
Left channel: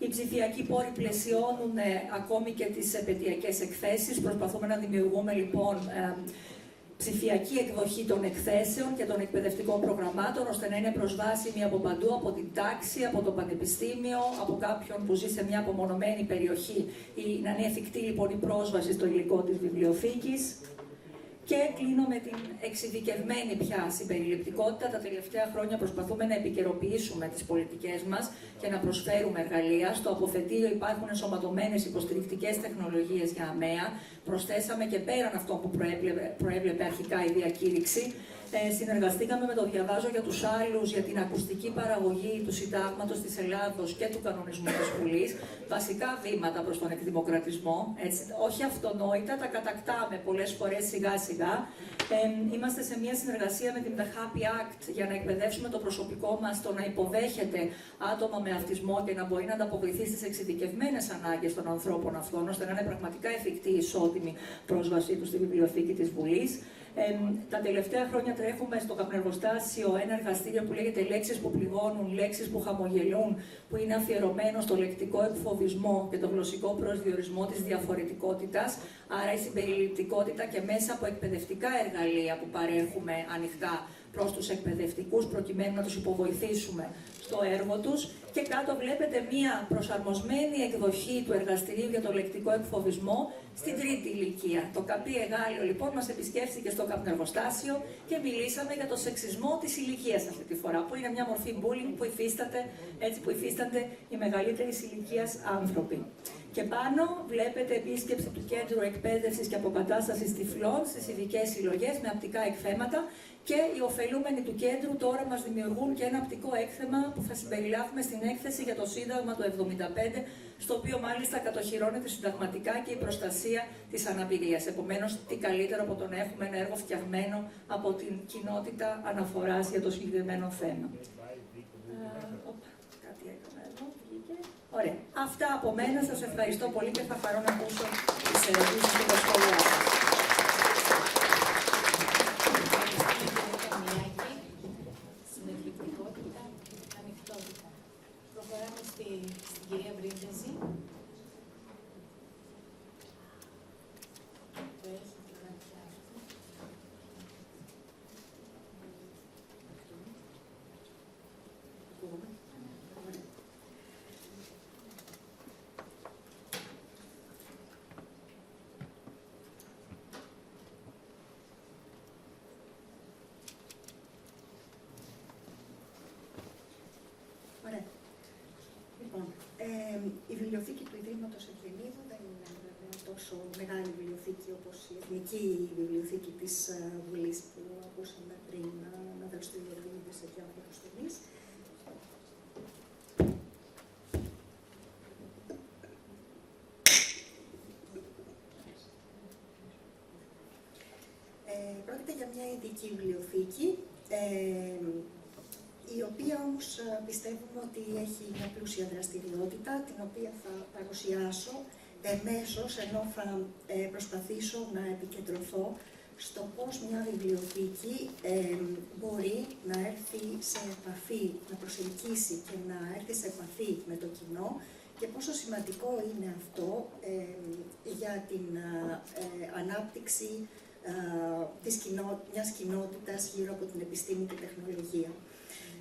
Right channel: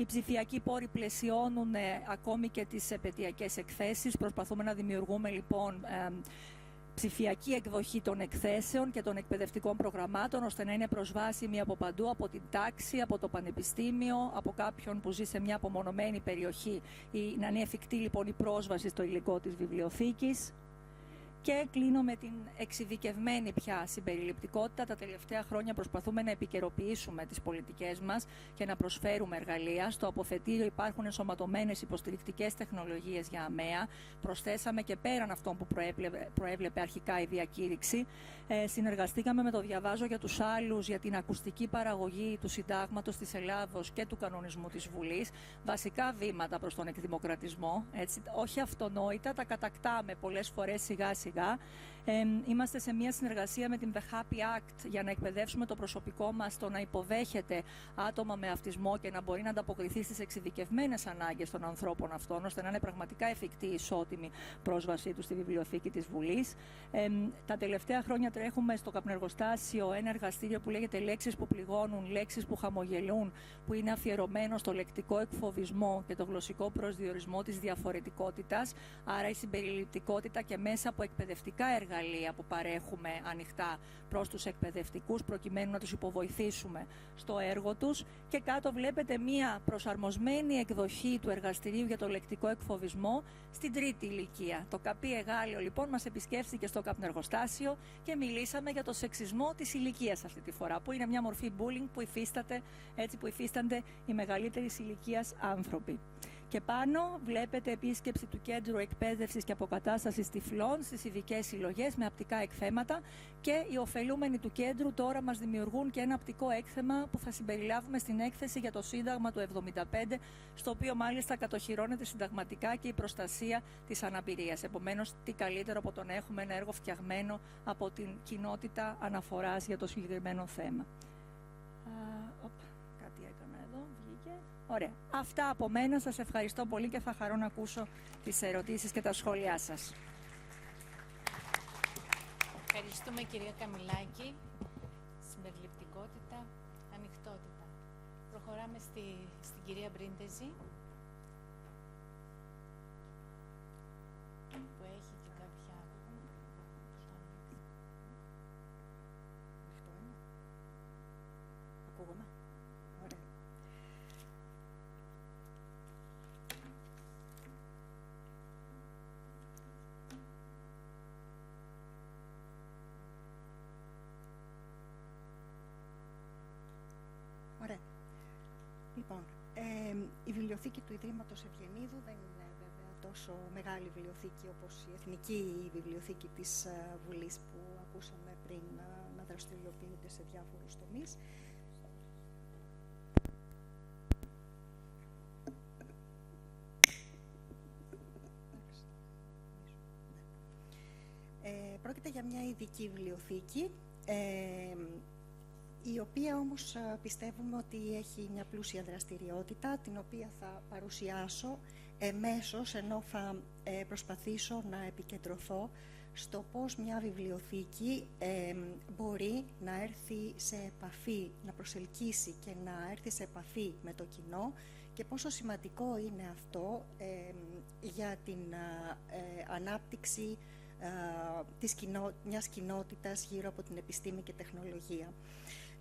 Οι ψηφιακοί πόροι πλαισιώνουν ακόμη και τις επαιτειακές εκθέσεις. Προσπαθούμε να δημιουργούμε λοιπόν ψηφιακή εκδοχή των εκθέσεων και των εκπαιδευτικών προγραμμάτων, ώστε να είναι προσβάσιμη από παντού, από την τάξη, από το πανεπιστήμιο, από κάποιον που ζει σε μια απομονωμένη περιοχή, ή να είναι εφικτή λοιπόν η πρόσβαση στο υλικό της βιβλιοθήκης. Και κλείνω με την εξειδικευμένη πια συμπεριληπτικότητα. Τα τελευταία χρόνια προσπαθούμε να επικαιροποιήσουμε τις πολιτικές μας και να προσφέρουμε εργαλεία. Στο αποθετήριο υπάρχουν ενσωματωμένες υποστηρικτικές τεχνολογίες για ΑΜΕΑ. Προσθέσαμε και πέραν αυτό που προέβλεπε αρχικά η διακήρυξη. Συνεργαστήκαμε με το διαβάζω για τους άλλους για την ακουστική παραγωγή του Συντάγματος της Ελλάδος και του κανονισμού της Βουλής. Βασικά βήματα προς τον εκδημοκρατισμό. Όχι αυτονόητα, τα κατακτάμε πολλές φορές σιγά σιγά. Είμαστε σε μια συνεργασία με την The Happy Act για να εκπαιδεύσουμε το προσωπικό μας στο να υποδέχεται άτομα με αυτισμό και να μπορεί να ανταποκριθεί στις εξειδικευμένες ανάγκες των ανθρώπων αυτών, ώστε να είναι πραγματικά εφικτή η ισότιμη πρόσβασή τους στη βιβλιοθήκη της Βουλής. Τα τελευταία χρόνια τρέχουμε στο καπνεργοστάσιο ένα εργαστήριο που λέγεται «Λέξεις που πληγώνουν, λέξεις που χαμογελούν», που είναι αφιερωμένο στο λεκτικό εκφοβισμό και τον γλωσσικό προσδιορισμό της διαφορετικότητας, άρα η συμπεριληπτικότητα και μέσα από εκπαιδευτικά εργαλεία που παρέχουμε ανοιχτά προς τους εκπαιδευτικούς, προκειμένου να τους υποβοηθήσουμε στο έργο τους. Και κάτω βλέπετε μία προσαρμοσμένη εκδοχή του εργαστηρίου για το λεκτικό εκφοβισμό στην τρίτη ηλικία. Το καπί Εγάλιο λοιπόν μας επισκέφθηκε στο καπνεργοστάσιο και μιλήσαμε για το σεξισμό της ηλικίας αυτή τη φορά, που είναι μια μορφή bullying που υφίστανται οι μεγαλύτερης ηλικίας άνθρωποι. Και πάνω βλέπετε επίσκεψη του Κέντρου Εκπαίδευσης και Αποκατάστασης Τυφλών στις ειδικές συλλογές με απτικά εκθέματα Και οι ωφελούμενοι του κέντρου τώρα μας δημιουργούν και ένα οπτικό έκθεμα που θα συμπεριλάβουμε στην έκθεση για το Σύνταγμα του 1975, στο οποίο μάλιστα κατοχυρώνεται συνταγματικά και η προστασία της αναπηρίας. Επομένως, τι καλύτερο από το να έχουμε ένα έργο φτιαγμένο από την κοινότητα αναφοράς για το συγκεκριμένο θέμα. Ωραία. Αυτά από μένα. Σας ευχαριστώ πολύ και θα χαρώ να ακούσω τις ερωτήσεις και τα σχόλιά σας. Προχωράμε στην κυρία Βρύντεζη. Η βιβλιοθήκη του Ιδρύματος Ευγενίδου δεν είναι μια τόσο μεγάλη βιβλιοθήκη όπως η Εθνική Βιβλιοθήκη της Βουλής που ακούσαμε πριν να δραστηριοποιείται σε διάφορους τομείς. Πρόκειται για μια ειδική βιβλιοθήκη, η οποία όμως πιστεύουμε ότι έχει μια πλούσια δραστηριότητα, την οποία θα παρουσιάσω εμέσως, ενώ θα προσπαθήσω να επικεντρωθώ στο πώς μια βιβλιοθήκη μπορεί να έρθει σε επαφή, να προσελκύσει και να έρθει σε επαφή με το κοινό και πόσο σημαντικό είναι αυτό για την ανάπτυξη μιας κοινότητας γύρω από την επιστήμη και τεχνολογία.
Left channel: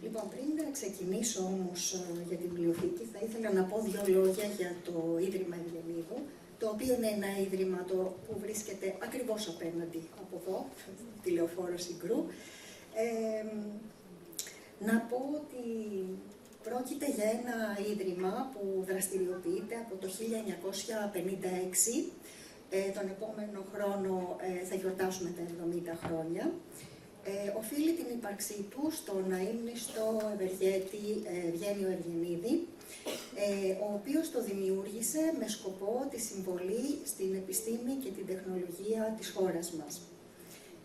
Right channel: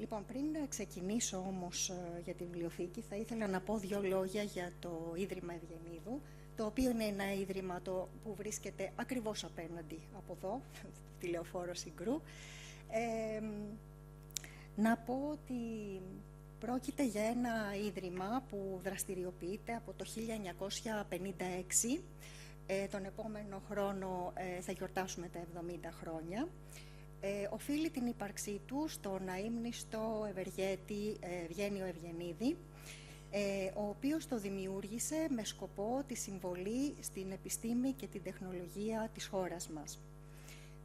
Λοιπόν, πριν ξεκινήσω όμως για την βιβλιοθήκη, θα ήθελα να πω δύο λόγια για το Ίδρυμα Ευγενίδου, το οποίο είναι ένα ίδρυμα που βρίσκεται ακριβώς απέναντι από εδώ, τη Λεωφόρο Συγκρού. Να πω ότι πρόκειται για ένα ίδρυμα που δραστηριοποιείται από το 1956. Τον επόμενο χρόνο θα γιορτάσουμε τα 70 χρόνια. Οφείλει την ύπαρξή του στον αείμνηστο ευεργέτη Ευγένιο Ευγενίδη, ο οποίος το δημιούργησε με σκοπό τη συμβολή στην επιστήμη και την τεχνολογία της χώρας μας.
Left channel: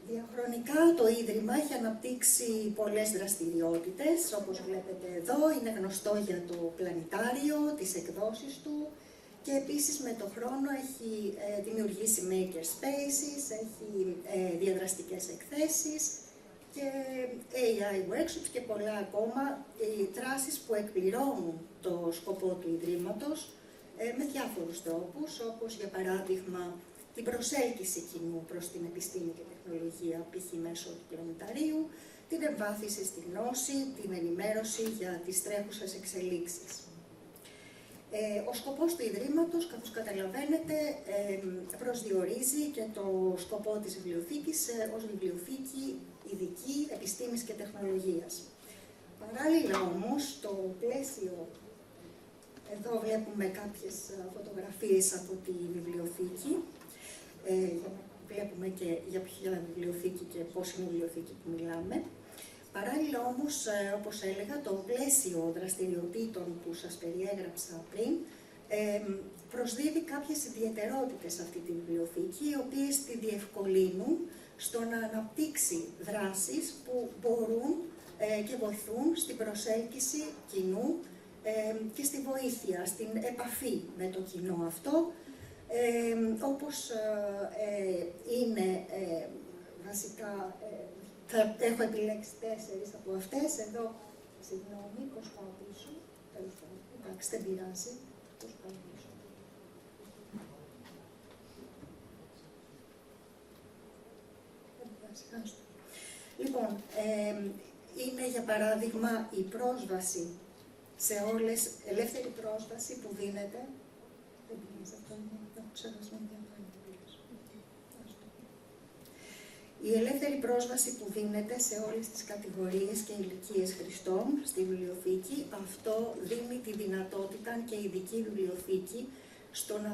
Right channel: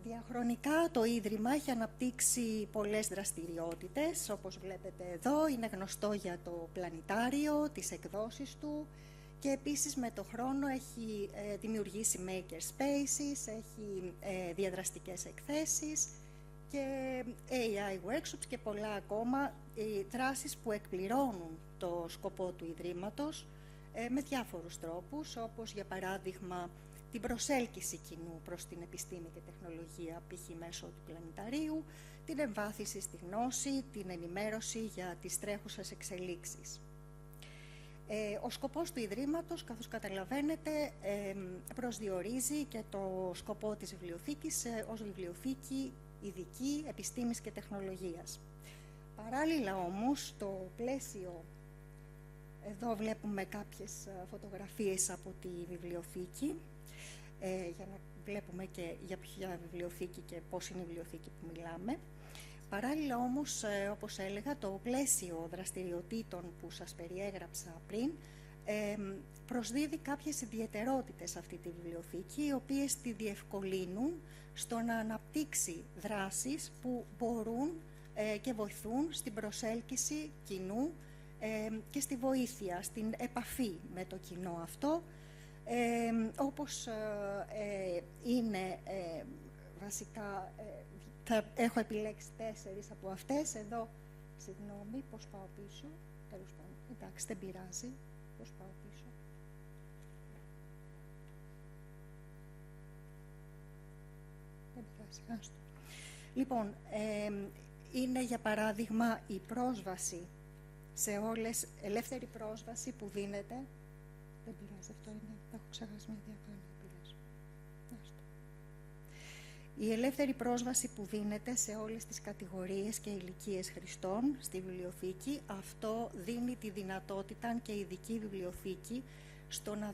Διαχρονικά το Ίδρυμα έχει αναπτύξει πολλές δραστηριότητες, όπως βλέπετε εδώ, είναι γνωστό για το πλανητάριο, τις εκδόσεις του και επίσης με τον χρόνο έχει δημιουργήσει maker spaces, έχει διαδραστικές εκθέσεις και AI workshops και πολλά ακόμα, δράσεις που εκπληρώνουν το σκοπό του Ιδρύματος με διάφορους τρόπους, όπως για παράδειγμα την προσέλκυση κοινού προς την επιστήμη και τεχνολογία, π.χ. μέσω του πλανηταρίου, την εμβάθυνση στη γνώση, την ενημέρωση για τις τρέχουσες εξελίξεις. Ο σκοπός του Ιδρύματος, καθώς καταλαβαίνετε, προσδιορίζει και το σκοπό της βιβλιοθήκης ως βιβλιοθήκη ειδική επιστήμης και τεχνολογίας. Παράλληλα όμως, το πλαίσιο, εδώ βλέπουμε κάποιες φωτογραφίες από τη βιβλιοθήκη, βλέπουμε και για ποια βιβλιοθήκη και πόση βιβλιοθήκη που μιλάμε. Παράλληλα όμως, όπως έλεγα, το πλαίσιο δραστηριοτήτων που σας περιέγραψα πριν προσδίδει κάποιες ιδιαιτερότητες σε αυτή τη βιβλιοθήκη, οι οποίες τη διευκολύνουν στο να αναπτύξει δράσεις που μπορούν και βοηθούν στην προσέλκυση κοινού και στη βοήθεια, στην επαφή με το κοινό αυτό, όπως είναι βασικά. Έχω επιλέξει 4 από αυτές. Εδώ, συγγνώμη, πώς πάω πίσω. Εντάξει, δεν πειράζει. Πώς πάω πίσω. Λοιπόν, είναι για παράδειγμα η πρόσβαση σε όλες, ελεύθερη πρόσβαση που δίνεται. Δεν πειράζει, αυτό είναι ξεχασμένη διαφορά. Η ελεύθερη πρόσβαση που δίνεται σε όλες τις κατηγορίες και ηλικίες χρηστών στη βιβλιοθήκη, αυτό δίνει τη δυνατότητα και η ειδική βιβλιοθήκη στο να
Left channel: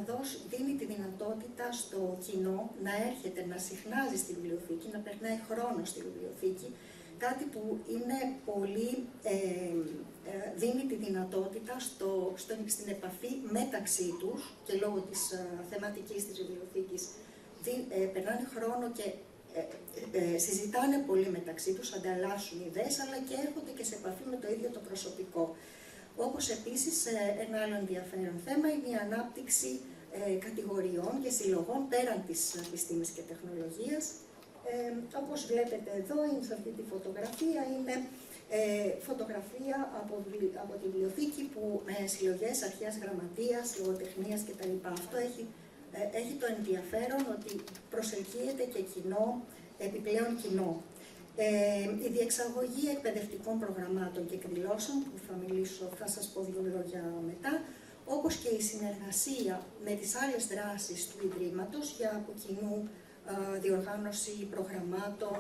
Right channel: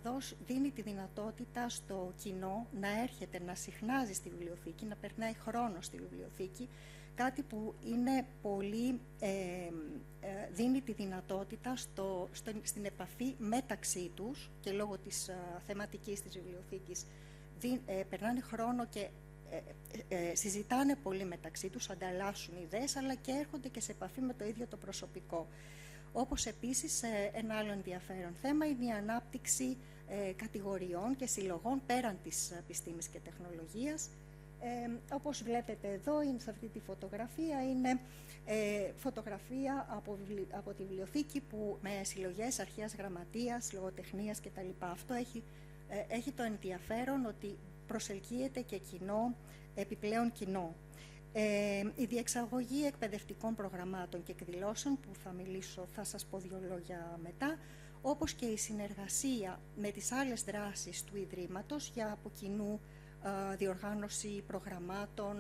δίνει τη δυνατότητα στο κοινό να έρχεται, να συχνάζει στη βιβλιοθήκη, να περνάει χρόνο στη βιβλιοθήκη κάτι που είναι πολύ, δίνει τη δυνατότητα στην επαφή μεταξύ τους και λόγω της θεματικής της βιβλιοθήκης περνάνε χρόνο και συζητάνε πολύ μεταξύ τους, ανταλλάσσουν ιδέες, αλλά και έρχονται και σε επαφή με το ίδιο το προσωπικό. Όπως επίσης ένα άλλο ενδιαφέρον θέμα είναι η ανάπτυξη κατηγοριών και συλλογών πέραν της επιστήμης και τεχνολογίας. Όπως βλέπετε εδώ, σε αυτή τη φωτογραφία, είναι φωτογραφία από τη βιβλιοθήκη που με συλλογές αρχαίας γραμματείας, λογοτεχνίας κτλ. Αυτό έχει το ενδιαφέρον ότι προσελκύεται και κοινό, επιπλέον κοινό. Η διεξαγωγή εκπαιδευτικών προγραμμάτων και εκδηλώσεων, που θα σας πω δύο λόγια μετά, όπως και η συνεργασία με τις άλλες δράσεις του Ιδρύματος για από κοινού διοργάνωση προγραμμάτων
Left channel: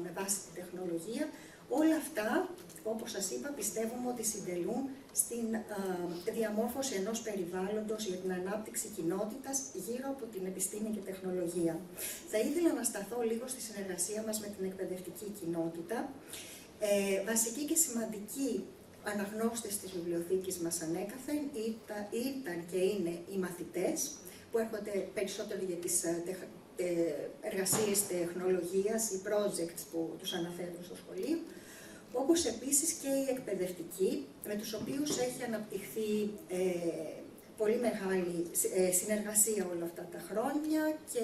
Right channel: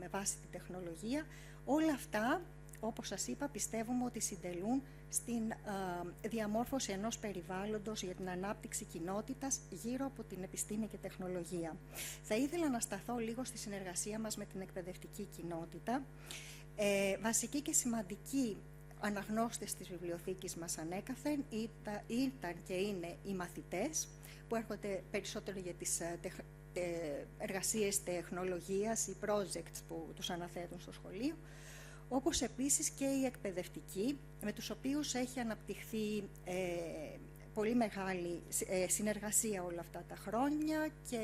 με βάση τη τεχνολογία, όλα αυτά, όπως σας είπα, πιστεύουμε ότι συντελούν στην διαμόρφωση ενός περιβάλλοντος για την ανάπτυξη κοινότητας γύρω από την επιστήμη και τεχνολογία. Θα ήθελα να σταθώ λίγο στη συνεργασία μας με την εκπαιδευτική κοινότητα. Βασική και σημαντική αναγνώστες της βιβλιοθήκης μας ανέκαθεν ήταν και είναι οι μαθητές, που έρχονται περισσότερο για τις εργασίες τεχνολογίας, οι projects που τους αναφέρουν στο σχολείο, όπως επίσης και οι εκπαιδευτικοί, με τους οποίους έχει αναπτυχθεί πολύ μεγάλη συνεργασία όλα αυτά τα χρόνια και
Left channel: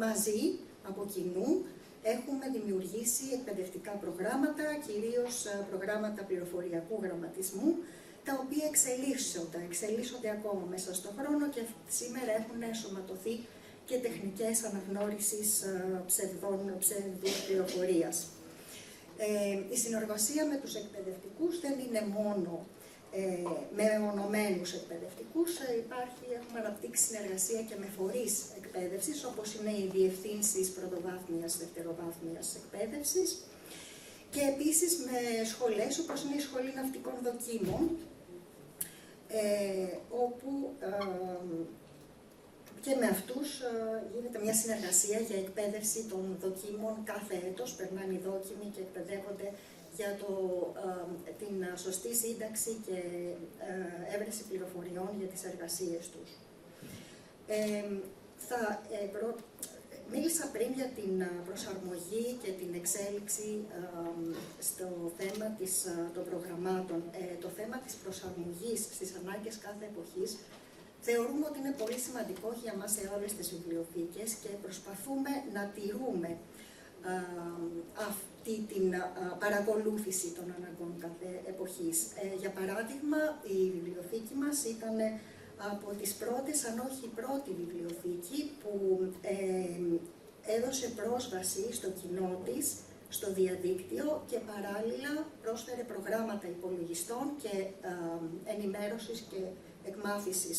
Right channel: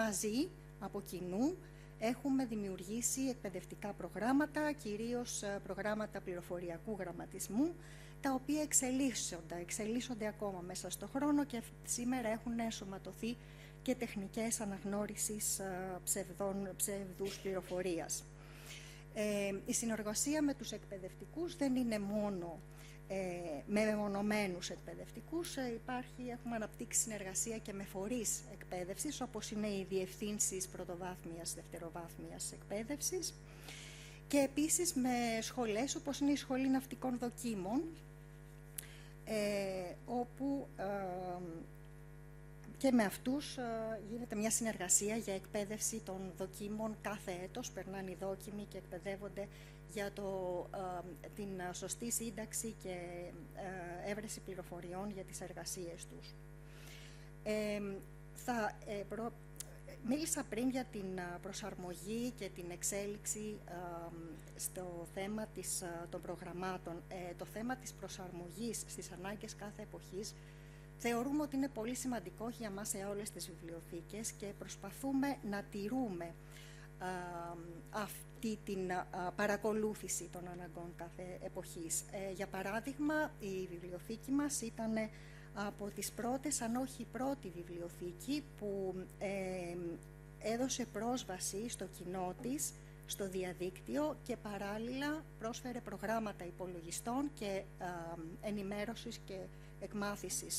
μαζί, από κοινού, έχουμε δημιουργήσει εκπαιδευτικά προγράμματα, κυρίως προγράμματα πληροφοριακού γραμματισμού, τα οποία εξελίσσονται ακόμα μέσα στον χρόνο και σήμερα έχουν ενσωματωθεί και τεχνικές αναγνώρισης ψευδούς πληροφορίας. Η συνεργασία με τους εκπαιδευτικούς δεν είναι μόνο με μεμονωμένους εκπαιδευτικούς, έχουμε αναπτύξει συνεργασία και με φορείς εκπαίδευσης, όπως είναι οι διευθύνσεις πρωτοβάθμιας, δευτεροβάθμιας εκπαίδευσης, και επίσης με σχολές, όπως είναι η Σχολή Ναυτικών Δοκίμων, όπου και με αυτούς γίνεται μια συνεργασία για εκπαίδευση των δοκίμων κάθε έτος. Περνάνε οι δόκιμοι και εκπαιδεύονται για την σωστή σύνταξη και έβρεση πληροφοριών για τις εργασίες τους. Μίλησα πριν για την προσαρμογή και την εξέλιξη στο θέμα των προγραμμάτων. Το θέμα της προσαρμογής στις ανάγκες κάθε εποχής θεωρούμε ότι είναι πολύ σημαντικό για μας σε όλες τις βιβλιοθήκες και προσπαθούμε να τηρούμε αυτή την παρακολούθηση των αναγκών κάθε εποχής. Για παράδειγμα, η βιβλιοθήκη μας ήταν από τις πρώτες, αν όχι η πρώτη βιβλιοθήκη που έδωσε πρόσβαση στο κοινό της, στο διαδίκτυο και παράλληλα πρόσφερε προγράμματα υπολογιστών και ενημέρωσης και εκμάθησης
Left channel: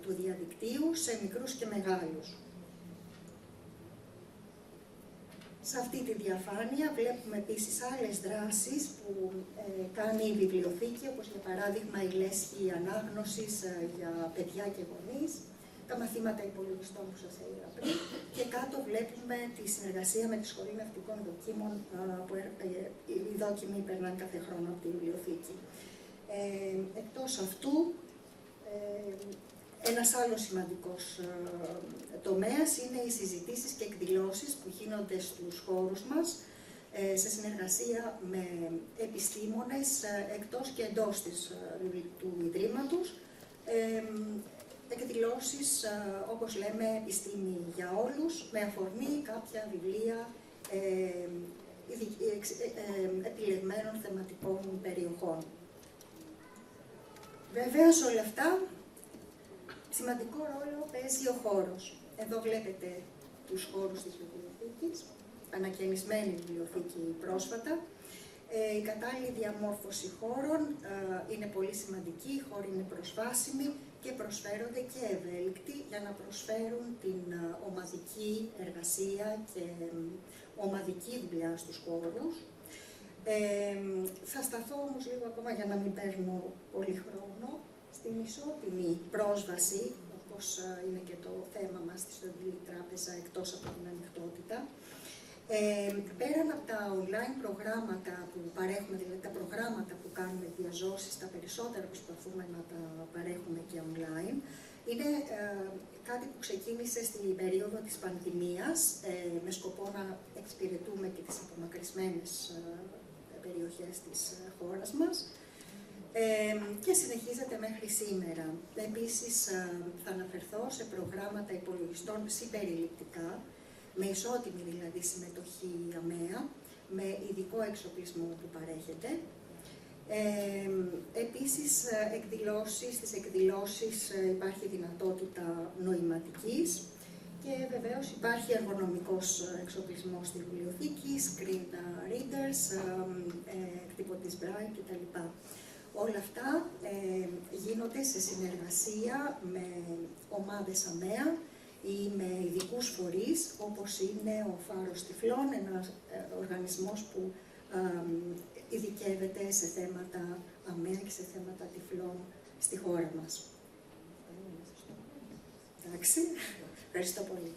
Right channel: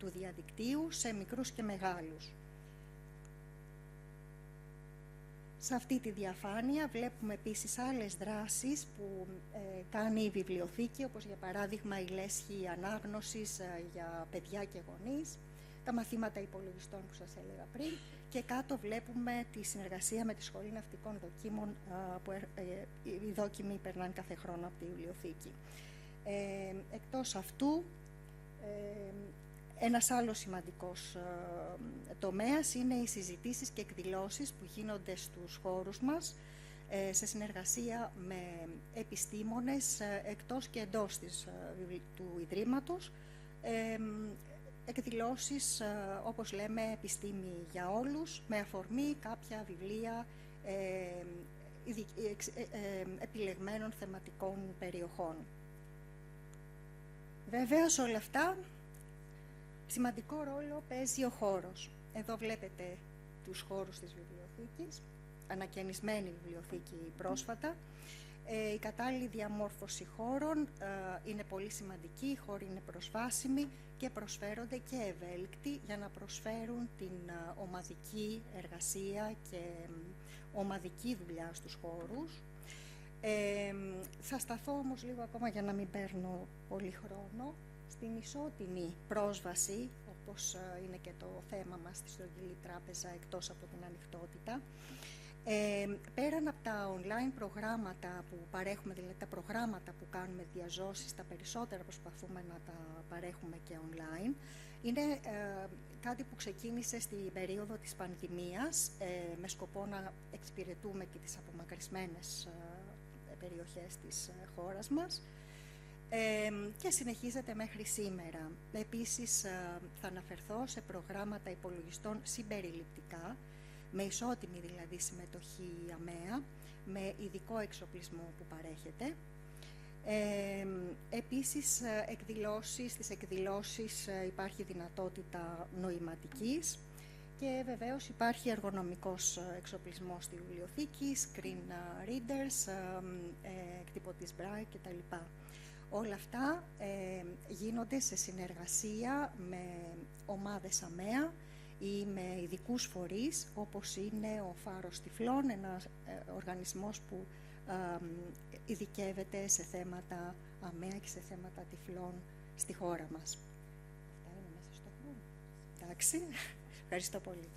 του διαδικτύου σε μικρούς και μεγάλους. Σε αυτή τη διαφάνεια βλέπουμε επίσης άλλες δράσεις που κάνει η βιβλιοθήκη, όπως για παράδειγμα η λέσχη ανάγνωσης για παιδιά και γονείς, τα μαθήματα υπολογιστών που σας έλεγα πριν, και κάτω βλέπουμε τη συνεργασία με τη Σχολή Ναυτικών Δοκίμων, που οι δόκιμοι περνάνε κάθε χρόνο από τη βιβλιοθήκη. Εκτός αυτού, ένας άλλος σημαντικός τομέας είναι οι συζητήσεις και εκδηλώσεις που γίνονται στους χώρους μας σε συνεργασία με επιστήμονες εκτός και εντός του Ιδρύματος. Εκδηλώσεις, όπως λέμε, επιστήμη για όλους, με αφορμή κάποια βιβλία επιλεγμένων θεματικών περιοχών. Βεβαίως όλα αυτά, σημαντικό ρόλο παίζει ο χώρος. Εδώ βλέπετε τους χώρους της βιβλιοθήκης, ανακαινισμένη βιβλιοθήκη πρόσφατα. Η κατάλληλη διαμόρφωση χώρων είναι πολύ σημαντική, οι χώροι είναι προσβάσιμοι και προσφέρονται και ευέλικτοι για να προσφέρουν την ομαδική εργασία και ομαδική δουλειά στους χώρους. Θα σταθώ όμως λίγο ακόμα για να μην παίρνω πολύ χρόνο στην ισότιμη πρόσβαση, όπως είναι και το θέμα μας στη Στοντική Τράπεζα, εκτός από την ανοιχτότητα. Πέραν από τα online online προγράμματα που παρέχουμε, δηλαδή τα προγράμματα που κάνουμε διαζώσεις, τα περισσότερα προσπαθούμε να τα παρέχουμε και online. Είναι κάτι που ξεκίνησε στην περίοδο της πανδημίας με σκοπό να εξυπηρετούμε και τις απομακρυσμένες περιοχές της χώρας μας και συνεχίζεται μέχρι σήμερα. Επίσης θα αναφερθώ σε προγράμματα υπολογιστών συμπεριληπτικά, με ισότιμη δηλαδή συμμετοχή αμαία, με ειδικό εξοπλισμό που παρέχεται. Επίσης, στις εκδηλώσεις υπάρχει δυνατότητα νοηματικής και βεβαίως υπάρχει εργονομικός εξοπλισμός στη βιβλιοθήκη, screen readers, εκτυπωτής braille κτλ. Όλα αυτά γίνονται σε συνεργασία με ομάδες αμαία ή με ειδικούς φορείς, όπως είναι ο Φάρος Τυφλών, ένας οργανισμός που ειδικεύεται σε θέματα αμαία και σε θέματα τυφλών στη χώρα μας. Εντάξει, ευχαριστώ πολύ.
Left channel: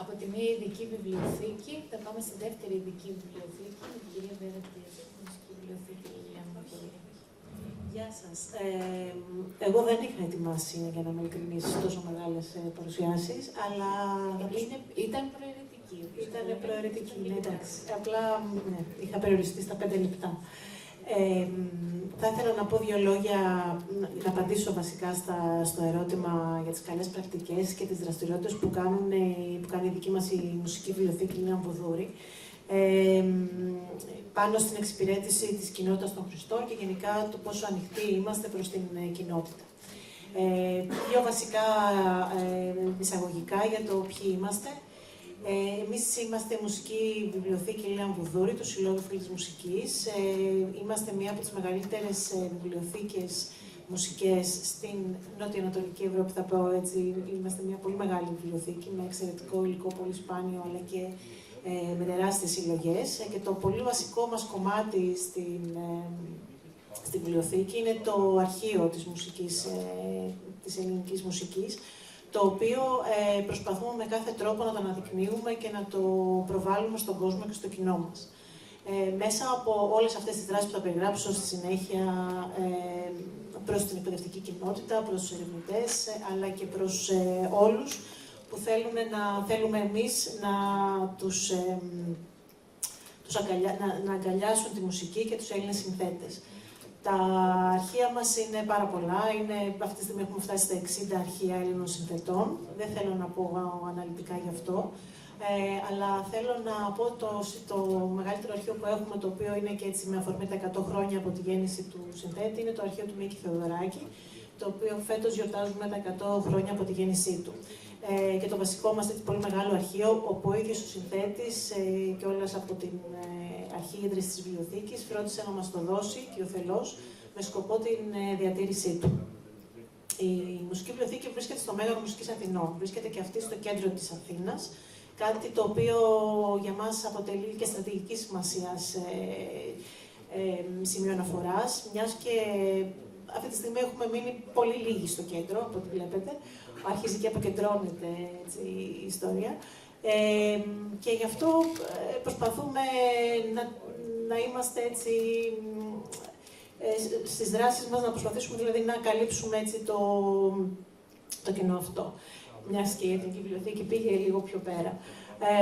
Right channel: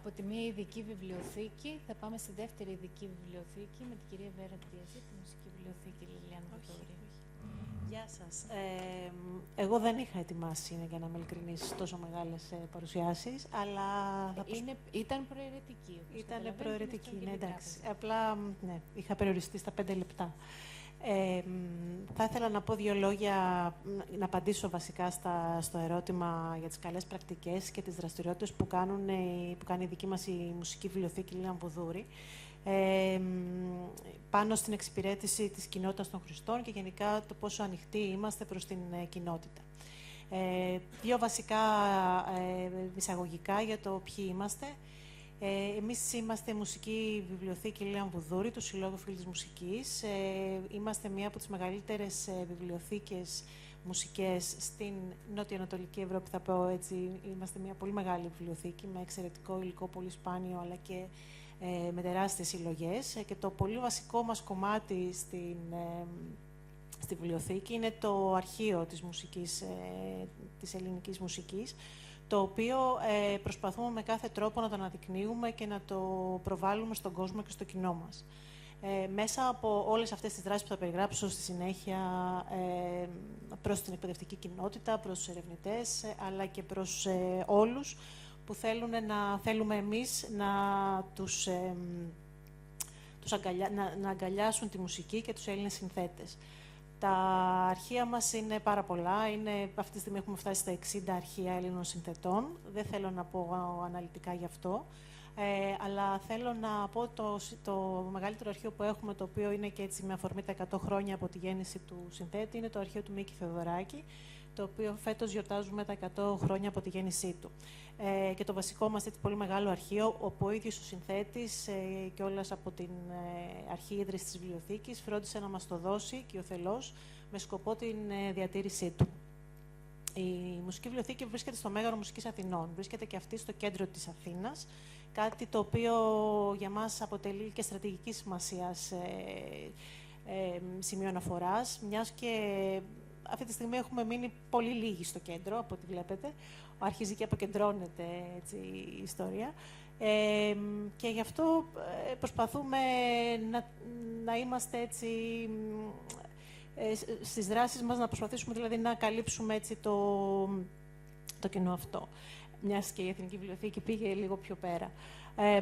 Από τη μία ειδική βιβλιοθήκη θα πάμε στη δεύτερη ειδική βιβλιοθήκη, η κυρία βιβλιοθήκη Λιανοχή. Γεια σας. Εγώ δεν είχα ετοιμάσει, για να είμαι ειλικρινής, τόσο μεγάλες παρουσιάσεις, αλλά ήταν προαιρετική. Ήταν προαιρετική, ναι, εντάξει. Απλά ναι, είχα περιοριστεί στα 5 λεπτά. Θα ήθελα να πω δύο λόγια, να απαντήσω βασικά στο ερώτημα για τις καλές πρακτικές και τις δραστηριότητες που κάνει η δική μας η μουσική βιβλιοθήκη Λίνα Βουδούρη, πάνω στην εξυπηρέτηση της κοινότητας των Χριστών και γενικά το πόσο ανοιχτοί είμαστε προς την κοινότητα. Δύο βασικά εισαγωγικά για το ποιοι είμαστε. Εμείς είμαστε η Μουσική Βιβλιοθήκη Λίνα Βουδούρη, του Συλλόγου Φίλης Μουσικής. Είμαστε μία από τις μεγαλύτερες βιβλιοθήκες μουσικές στην νότιο-ανατολική Ευρώπη, θα πω έτσι. Είμαστε μια πολύ μεγάλη βιβλιοθήκη με εξαιρετικό υλικό, πολύ σπάνιο, αλλά και με τεράστιες συλλογές. Και το πολύ βασικό μας κομμάτι στην βιβλιοθήκη είναι το αρχείο της μουσικής, της ελληνικής μουσικής, το οποίο προσπαθούμε με κάθε τρόπο να το αναδεικνύουμε και να το προβάλλουμε στον κόσμο και στο κοινό μας. Μέσα από όλες αυτές τις δράσεις που θα περιγράψω στη συνέχεια προς την εκπαιδευτική κοινότητα, προς τους ερευνητές, αλλά και προς όλους που θέλουμε εμείς να αγκαλιάσουν τη μουσική και τους Έλληνες συνθέτες. Τα αρχεία μας είναι πάρα πολλά. Αυτή τη στιγμή έχουμε φτάσει στα 60 αρχεία Έλληνων συνθετών. Δεν θέλω να πω αναλυτικά γι' αυτό. Αλλά θέλω να πω το μεγαλύτερο αρχείο που έχουμε, το οποίο είναι και έτσι με αφορμή τα 100 χρόνια από τη γέννηση του συνθέτη, είναι το αρχείο του Μίκη Θεοδωράκη, το οποίο φέτος γιορτάζουμε τα 100 χρόνια από τη γέννησή του. Και το βασικό μας πολύ μεγάλο αρχείο, όπου ο ίδιος ο συνθέτης και όλας από την αρχή ίδρυσης της βιβλιοθήκης φρόντισε να μας το δώσει και ο θελός με σκοπό την διατήρησή του. Η μουσική βιβλιοθήκη βρίσκεται στο Μέγαρο Μουσικής Αθηνών. Βρίσκεται και αυτή στο κέντρο της Αθήνας. Κάτι το οποίο για μας αποτελεί και στρατηγική σημασίας σημείο αναφοράς, μιας και αυτή τη στιγμή έχουμε μείνει πολύ λίγοι στο κέντρο, από ό,τι βλέπετε. Αρχίζει και αποκεντρώνεται έτσι, η ιστορία. Και γι' αυτό προσπαθούμε να είμαστε έτσι, στις δράσεις μας, να προσπαθήσουμε δηλαδή να καλύψουμε έτσι, το κοινό αυτό. Μιας και η Εθνική Βιβλιοθήκη πήγε λίγο πιο πέρα.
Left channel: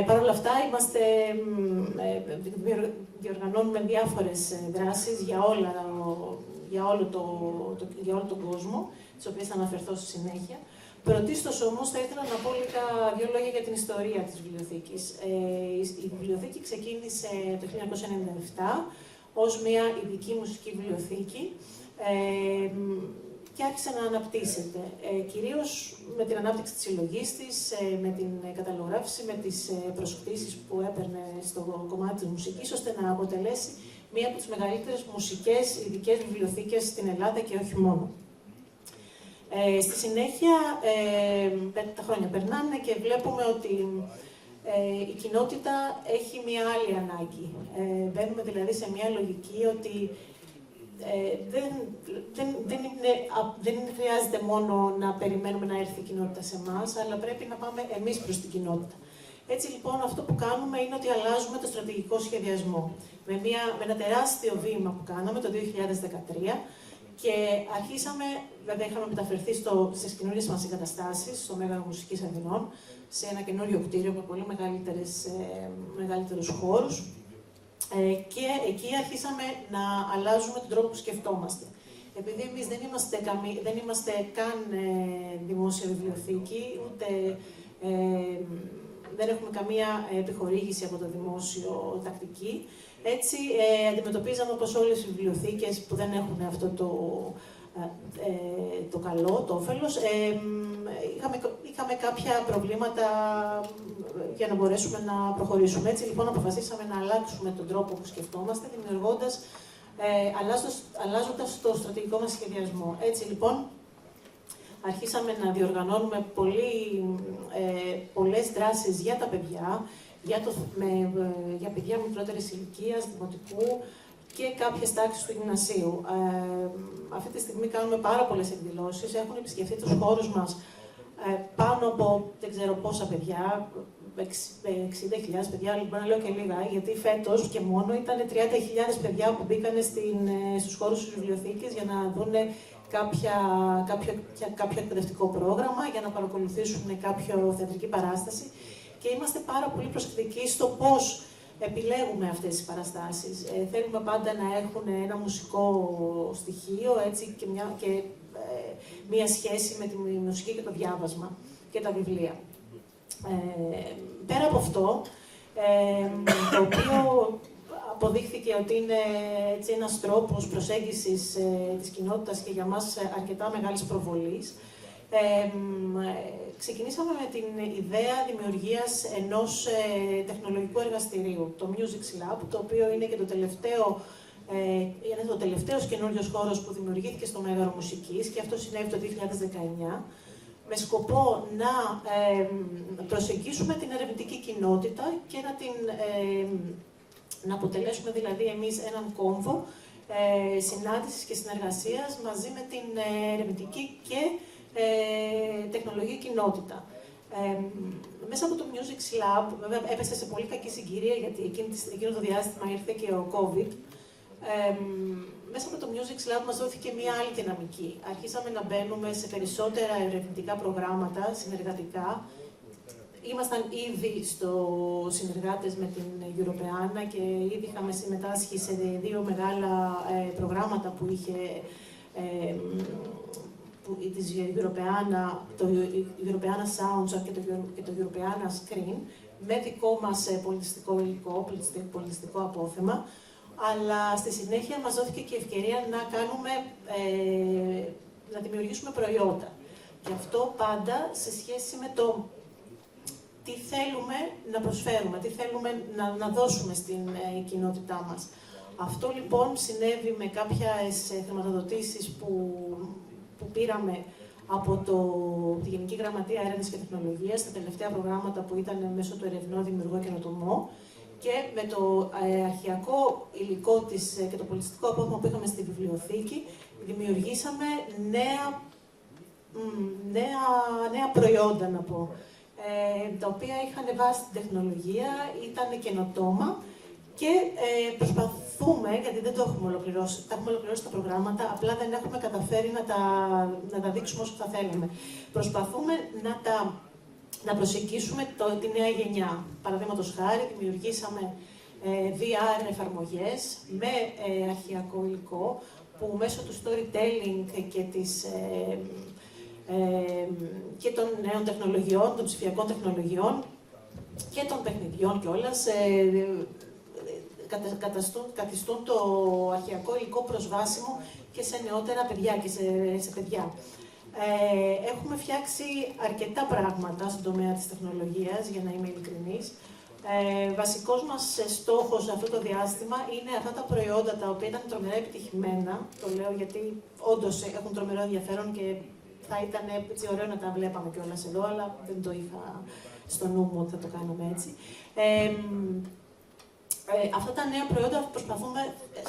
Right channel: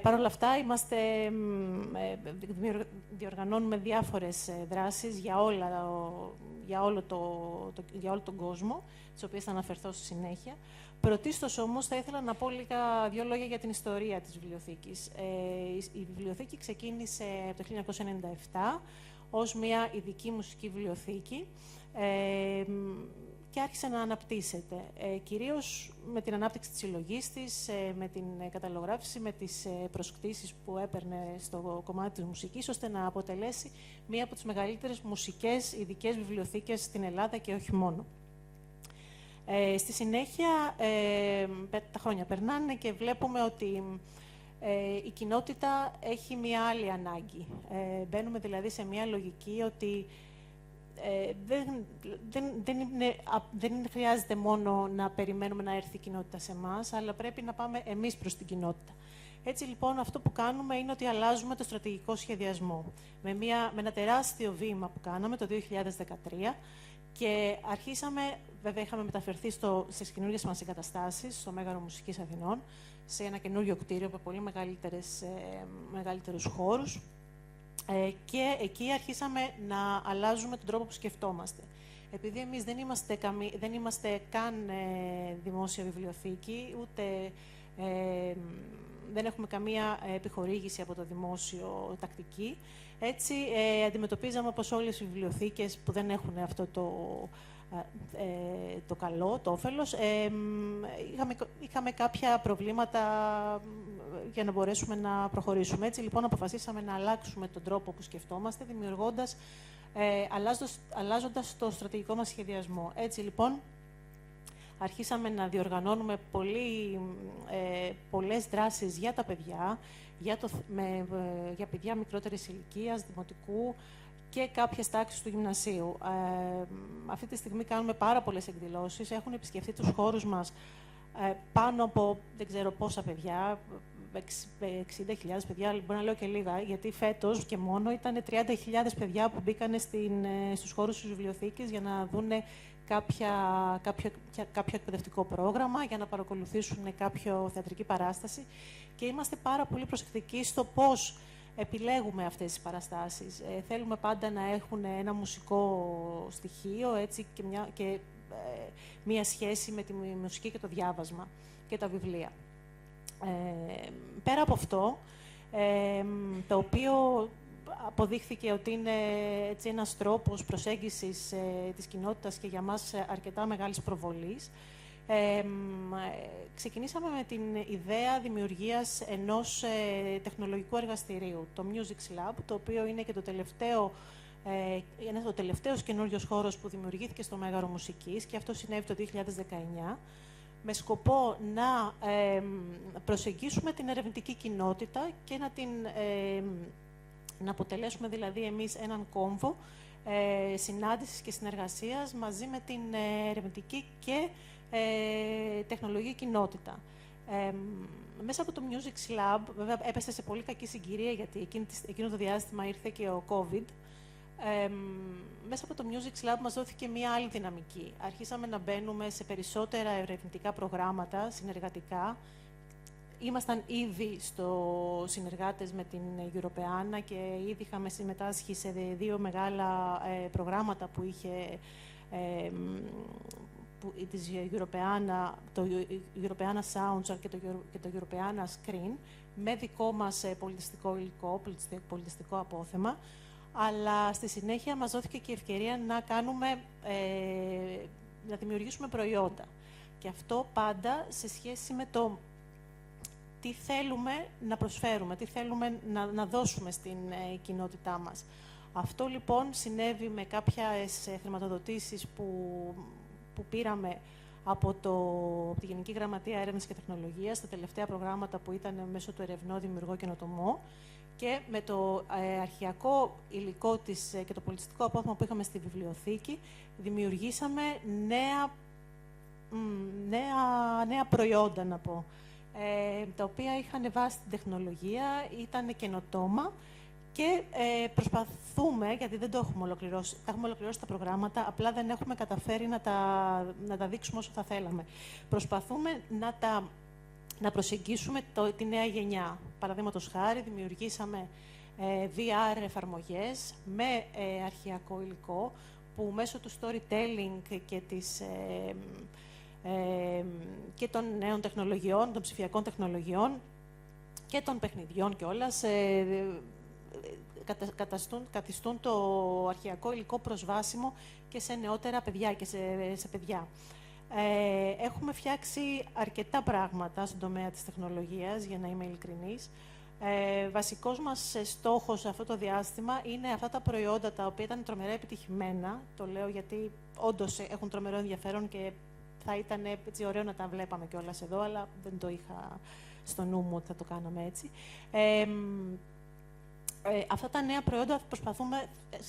Παρ' όλα αυτά, διοργανώνουμε διάφορες δράσεις για όλο τον κόσμο, τις οποίες θα αναφερθώ στη συνέχεια. Πρωτίστως όμως θα ήθελα να πω δύο λόγια για την ιστορία της βιβλιοθήκης. Η βιβλιοθήκη ξεκίνησε το 1997 ως μια ειδική μουσική βιβλιοθήκη και άρχισε να αναπτύσσεται. Κυρίως με την ανάπτυξη της συλλογής της, με την καταλογράφηση, με τις προσωπήσεις που έπαιρνε στο κομμάτι της μουσικής, ώστε να αποτελέσει μία από τις μεγαλύτερες μουσικές ειδικές βιβλιοθήκες στην Ελλάδα και όχι μόνο. Στη συνέχεια, τα χρόνια περνάνε και βλέπουμε ότι η κοινότητα έχει μία άλλη ανάγκη. Μπαίνουμε δηλαδή σε μία λογική ότι δεν χρειάζεται μόνο να περιμένουμε να έρθει η κοινότητα σε εμάς, αλλά πρέπει να πάμε εμείς προς την κοινότητα. Έτσι λοιπόν αυτό που κάνουμε είναι ότι αλλάζουμε το στρατηγικό σχεδιασμό. Με ένα τεράστιο βήμα που κάναμε το 2013 και αρχίσαμε, βέβαια είχαμε μεταφερθεί στις καινούριες μας εγκαταστάσεις, στο Μέγαρο Μουσικής Αθηνών, σε ένα καινούριο κτίριο με πολύ μεγαλύτερους χώρους. Και εκεί αρχίσαμε να αλλάζουμε τον τρόπο που σκεφτόμαστε. Επειδή εμείς δεν είμαστε καν δημόσια βιβλιοθήκη, ούτε δεν έχουμε καμία επιχορήγηση από το δημόσιο τακτική, έτσι αντιμετωπίζαμε όπως όλες οι βιβλιοθήκες που δεν έχουν αυτό το καλό, το όφελος. Είχαμε κάποια προβλήματα για να μπορέσουμε να προχωρήσουμε. Έτσι λοιπόν αποφασίσαμε να αλλάξουμε τον τρόπο που σκεφτόμαστε, αλλάζοντας το στρατηγικό μας σχεδιασμό. Έτσι λοιπόν αρχίσαμε να διοργανώνουμε πολλές δράσεις για τα παιδιά, για παιδιά μικρότερης ηλικίας, δημοτικού και κάποιες τάξεις του γυμνασίου. Αυτή τη στιγμή κάνουμε πάρα πολλές εκδηλώσεις, έχουμε επισκεφτεί τους χώρους μας πάνω από δεν ξέρω πόσα παιδιά, 60.000 παιδιά, λοιπόν να λέω και λίγα, γιατί φέτος και μόνο ήταν 30.000 παιδιά που μπήκαν στους χώρους της βιβλιοθήκης για να δουν κάποιο εκπαιδευτικό πρόγραμμα, για να παρακολουθήσουν κάποια θεατρική παράσταση. Και είμαστε πάρα πολύ προσεκτικοί στο πώς επιλέγουμε αυτές τις παραστάσεις. Θέλουμε πάντα να έχουν ένα μουσικό στοιχείο, έτσι, και μία σχέση με τη μουσική και το διάβασμα και τα βιβλία. Πέρα από αυτό, το οποίο αποδείχθηκε ότι είναι έτσι, ένας τρόπος προσέγγισης της κοινότητας και για μας αρκετά μεγάλης προβολής, ξεκινήσαμε με την ιδέα δημιουργίας ενός τεχνολογικού εργαστηρίου, το Music Lab, το οποίο είναι και το τελευταίος καινούριος χώρος που δημιουργήθηκε στο Μέγαρο Μουσικής και αυτό συνέβη το 2019, με σκοπό να προσεγγίσουμε την ερευνητική κοινότητα και να αποτελέσουμε δηλαδή εμείς έναν κόμβο συνάντησης και συνεργασίας μαζί με την ερευνητική και τεχνολογική κοινότητα. Μέσα από το Music Lab, βέβαια έπεσε σε πολύ κακή συγκυρία, γιατί εκείνο το διάστημα ήρθε και ο COVID. Μέσα από το Music Lab μας δόθηκε μια άλλη δυναμική. Αρχίσαμε να μπαίνουμε σε περισσότερα ερευνητικά προγράμματα, συνεργατικά. Ήμασταν ήδη συνεργάτες με την Europeana και ήδη είχαμε συμμετάσχει σε δύο μεγάλα προγράμματα που είχε της Europeana, το Europeana Soundtrack και το Europeana Screen, με δικό μας πολιτιστικό υλικό, πολιτιστικό απόθεμα, αλλά στη συνέχεια μας δόθηκε και η ευκαιρία να δημιουργήσουμε προϊόντα. Και αυτό πάντα σε σχέση με το τι θέλουμε να προσφέρουμε, τι θέλουμε να δώσουμε στην κοινότητά μας. Αυτό λοιπόν συνέβη με κάποιες χρηματοδοτήσεις που πήραμε από τη Γενική Γραμματεία Έρευνας και Τεχνολογίας, τα τελευταία προγράμματα που ήταν μέσω του Ερευνό Δημιουργό Καινοτομό, και με το αρχαιακό υλικό και το πολιτιστικό απόθεμα που είχαμε στη βιβλιοθήκη, δημιουργήσαμε νέα προϊόντα, να πω, τα οποία είχαν βάσει την τεχνολογία, ήταν καινοτόμα και προσπαθούμε, γιατί δεν το έχουμε ολοκληρώσει, έχουμε ολοκληρώσει τα προγράμματα, απλά δεν έχουμε καταφέρει να τα δείξουμε όσο θα θέλουμε. Προσπαθούμε να προσεγγίσουμε τη νέα γενιά. Παραδείγματος χάρη, δημιουργήσαμε VR εφαρμογές με αρχαιακό υλικό, που μέσω του storytelling και των νέων τεχνολογιών, των ψηφιακών τεχνολογιών και των παιχνιδιών κιόλας, καθιστούν το αρχαιακό υλικό προσβάσιμο και σε νεότερα παιδιά και σε παιδιά. Έχουμε φτιάξει αρκετά πράγματα στον τομέα της τεχνολογίας, για να είμαι ειλικρινής. Βασικός μας στόχος σε αυτό το διάστημα είναι αυτά τα προϊόντα τα οποία ήταν τρομερά επιτυχημένα. Το λέω γιατί όντως έχουν τρομερό ενδιαφέρον και θα ήταν έτσι ωραίο να τα βλέπαμε κιόλας εδώ, αλλά δεν το είχα στο νου μου ότι θα το κάνουμε έτσι. Αυτά τα νέα προϊόντα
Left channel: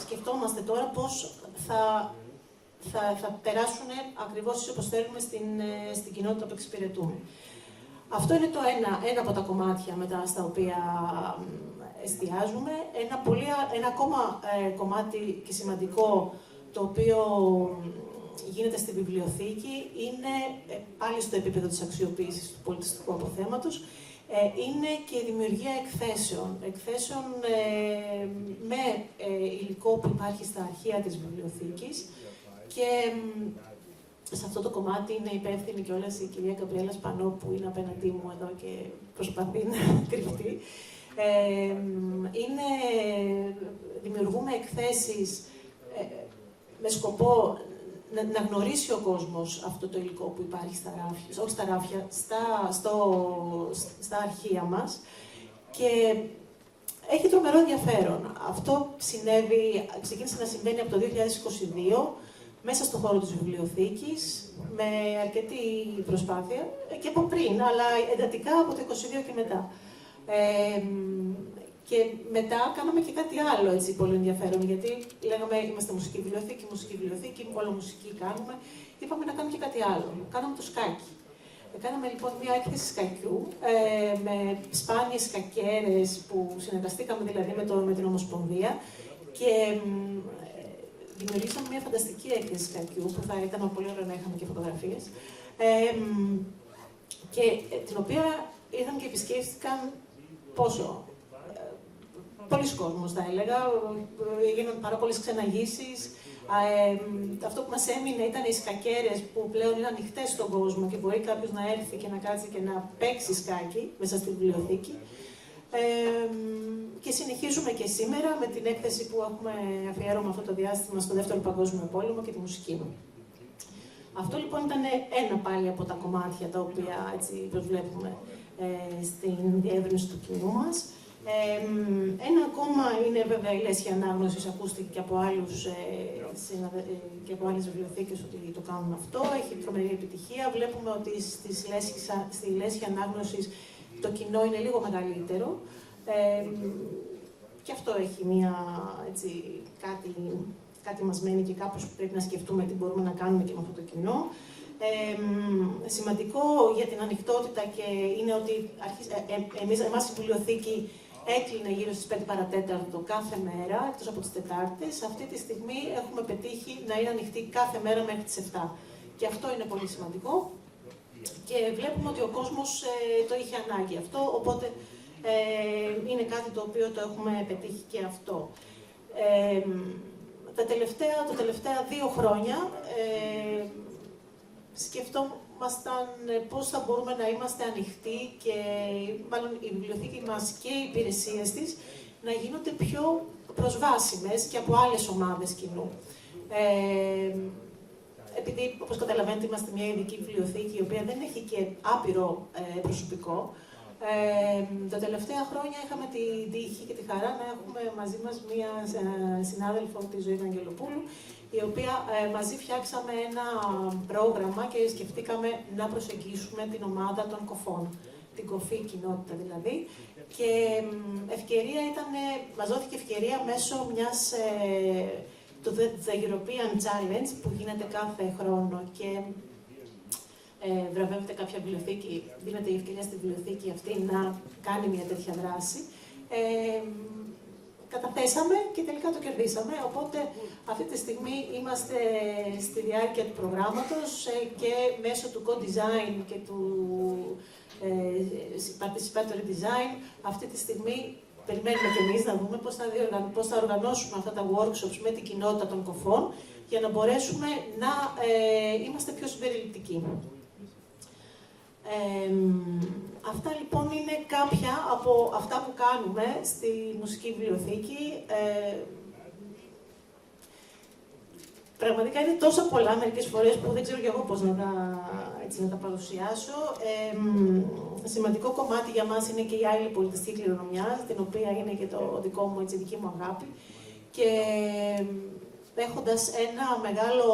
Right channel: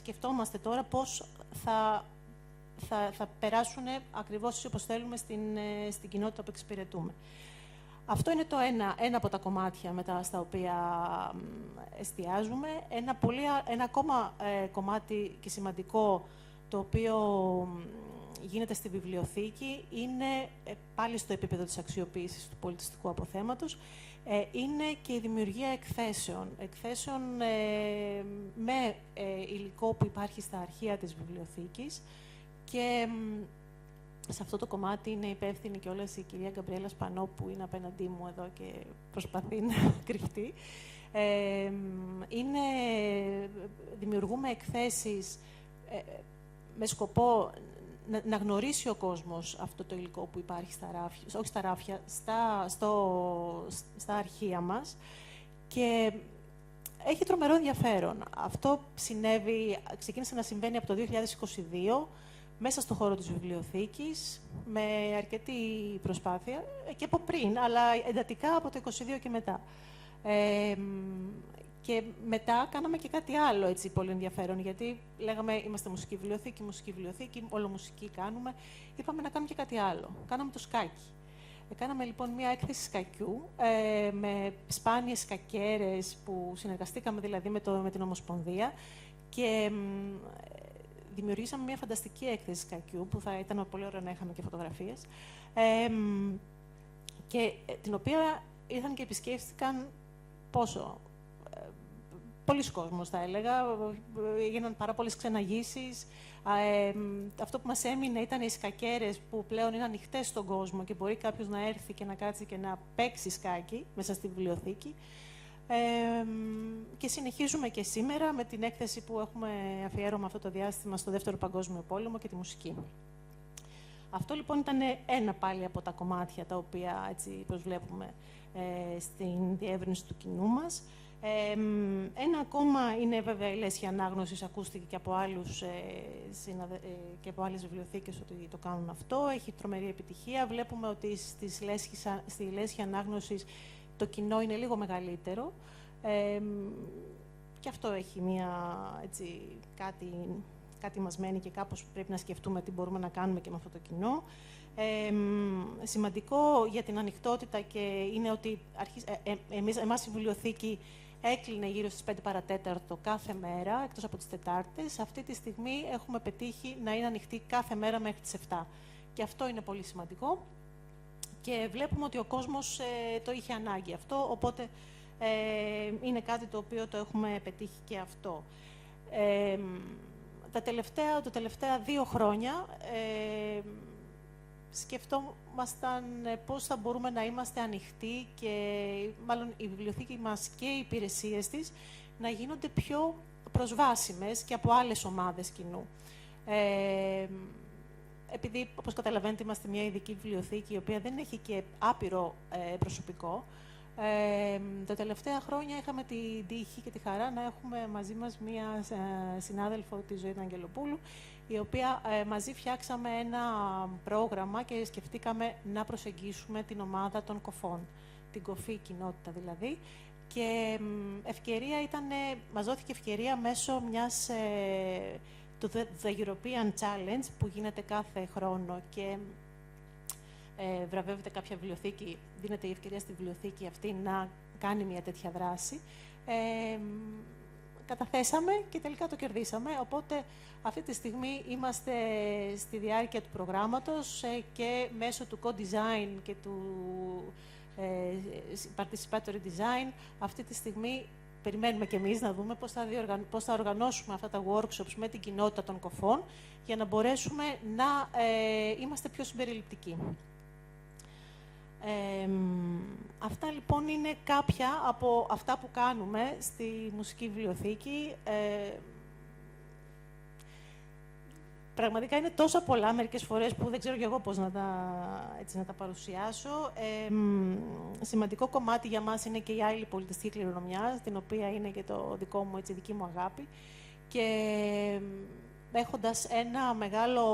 σκεφτόμαστε τώρα πώς θα περάσουν ακριβώς όπως θέλουμε στην κοινότητα που εξυπηρετούμε. Αυτό είναι το ένα από τα κομμάτια μετά στα οποία εστιάζουμε. Ένα ακόμα κομμάτι και σημαντικό, το οποίο γίνεται στη βιβλιοθήκη, είναι πάλι στο επίπεδο της αξιοποίησης του πολιτιστικού αποθέματος, είναι και η δημιουργία εκθέσεων με υλικό που υπάρχει στα αρχεία της βιβλιοθήκης, και σε αυτό το κομμάτι είναι υπεύθυνη κιόλας η κυρία Καμπριέλα Σπανό, που είναι απέναντί μου εδώ και προσπαθεί να κρυφτεί. Δημιουργούμε εκθέσεις με σκοπό να γνωρίσει ο κόσμος αυτό το υλικό που υπάρχει στα ράφια, όχι στα ράφια, στα αρχεία μας, και έχει τρομερό ενδιαφέρον. Αυτό ξεκίνησε να συμβαίνει από το 2022, μέσα στον χώρο της βιβλιοθήκης, με αρκετή προσπάθεια, και από πριν, αλλά εντατικά από το 2022 και μετά. Και μετά κάναμε και κάτι άλλο έτσι, πολύ ενδιαφέρον, γιατί λέγαμε είμαστε μουσική βιβλιοθήκη, όλο μουσική κάνουμε. Είπαμε να κάνουμε και κάτι άλλο. Κάναμε το σκάκι. Κάναμε λοιπόν μια έκθεση σκακιού με σπάνιες σκακέρες που συνεργαστήκαμε δηλαδή με την Ομοσπονδία, και δημιουργήσαμε μια φανταστική έκθεση σκακιού που θα ήταν πολύ ωραία να είχαμε και φωτογραφίες, και την οποία ήρθαν και επισκέφτηκαν πολλοί κόσμος, θα έλεγα. Έγιναν πάρα πολλές ξεναγήσεις. Αυτό που μας έμεινε ήταν οι σκακέρες που πλέον είναι ανοιχτές στον κόσμο και μπορεί κάποιος να έρθει και να κάτσει και να παίξει σκάκι μέσα στην βιβλιοθήκη. Και συνεχίζουμε και σήμερα με την έκθεση που έχουμε αφιέρωμα αυτό το διάστημα στο Δεύτερο Παγκόσμιο Πόλεμο και τη μουσική. Αυτό λοιπόν ήταν ένα πάλι από τα κομμάτια τα οποία έτσι προσβλέπουμε στην διεύρυνση του κοινού μας. Ένα ακόμα είναι βέβαια η λέσχη ανάγνωσης, ακούστηκε και από και από άλλες βιβλιοθήκες ότι το κάνουν αυτό. Έχει τρομερή επιτυχία. Βλέπουμε ότι στη λέσχη ανάγνωσης το κοινό είναι λίγο μεγαλύτερο. Και αυτό έχει κάτι μας μένει και κάπως πρέπει να σκεφτούμε τι μπορούμε να κάνουμε και με αυτό το κοινό. Σημαντικό για την ανοιχτότητα και είναι ότι εμάς η βιβλιοθήκη έκλεινε γύρω στις 5 παρατέταρτο κάθε μέρα, εκτός από τις Τετάρτες. Αυτή τη στιγμή έχουμε πετύχει να είναι ανοιχτή κάθε μέρα μέχρι τις 7. Και αυτό είναι πολύ σημαντικό. Και βλέπουμε ότι ο κόσμος το είχε ανάγκη αυτό, οπότε είναι κάτι το οποίο το έχουμε πετύχει και αυτό. Τα τελευταία 2 χρόνια σκεφτόμασταν πώς θα μπορούμε να είμαστε ανοιχτοί και μάλλον η βιβλιοθήκη μας και οι υπηρεσίες της να γίνονται πιο προσβάσιμες και από άλλες ομάδες κοινού. Επειδή, όπως καταλαβαίνετε, είμαστε μια ειδική βιβλιοθήκη, η οποία δεν έχει και άπειρο προσωπικό, τα τελευταία χρόνια είχαμε την τύχη και τη χαρά να έχουμε μαζί μας μια συνάδελφο της Ζωής Αγγελοπούλου, η οποία μαζί φτιάξαμε ένα πρόγραμμα και σκεφτήκαμε να προσεγγίσουμε την ομάδα των κοφών, την κοφή κοινότητα δηλαδή. Και μας δόθηκε ευκαιρία μέσω του The European Challenge που γίνεται κάθε χρόνο και βραβεύεται κάποια βιβλιοθήκη, δίνεται η ευκαιρία στη βιβλιοθήκη αυτή να κάνει μια τέτοια δράση. Καταθέσαμε και τελικά το κερδίσαμε, οπότε αυτή τη στιγμή είμαστε στη διάρκεια του προγράμματος και μέσω του co-design και του participatory design αυτή τη στιγμή περιμένουμε και εμείς να δούμε πώς θα οργανώσουμε αυτά τα workshops με την κοινότητα των κοφών για να μπορέσουμε να είμαστε πιο συμπεριληπτικοί. Αυτά λοιπόν είναι κάποια από αυτά που κάνουμε στη μουσική βιβλιοθήκη. Πραγματικά είναι τόσο πολλά μερικές φορές που δεν ξέρω και εγώ πώς να τα παρουσιάσω. Σημαντικό κομμάτι για μας είναι και η άλλη πολιτιστική κληρονομιά, την οποία είναι και το δικό μου, η δική μου αγάπη. Και έχοντας ένα μεγάλο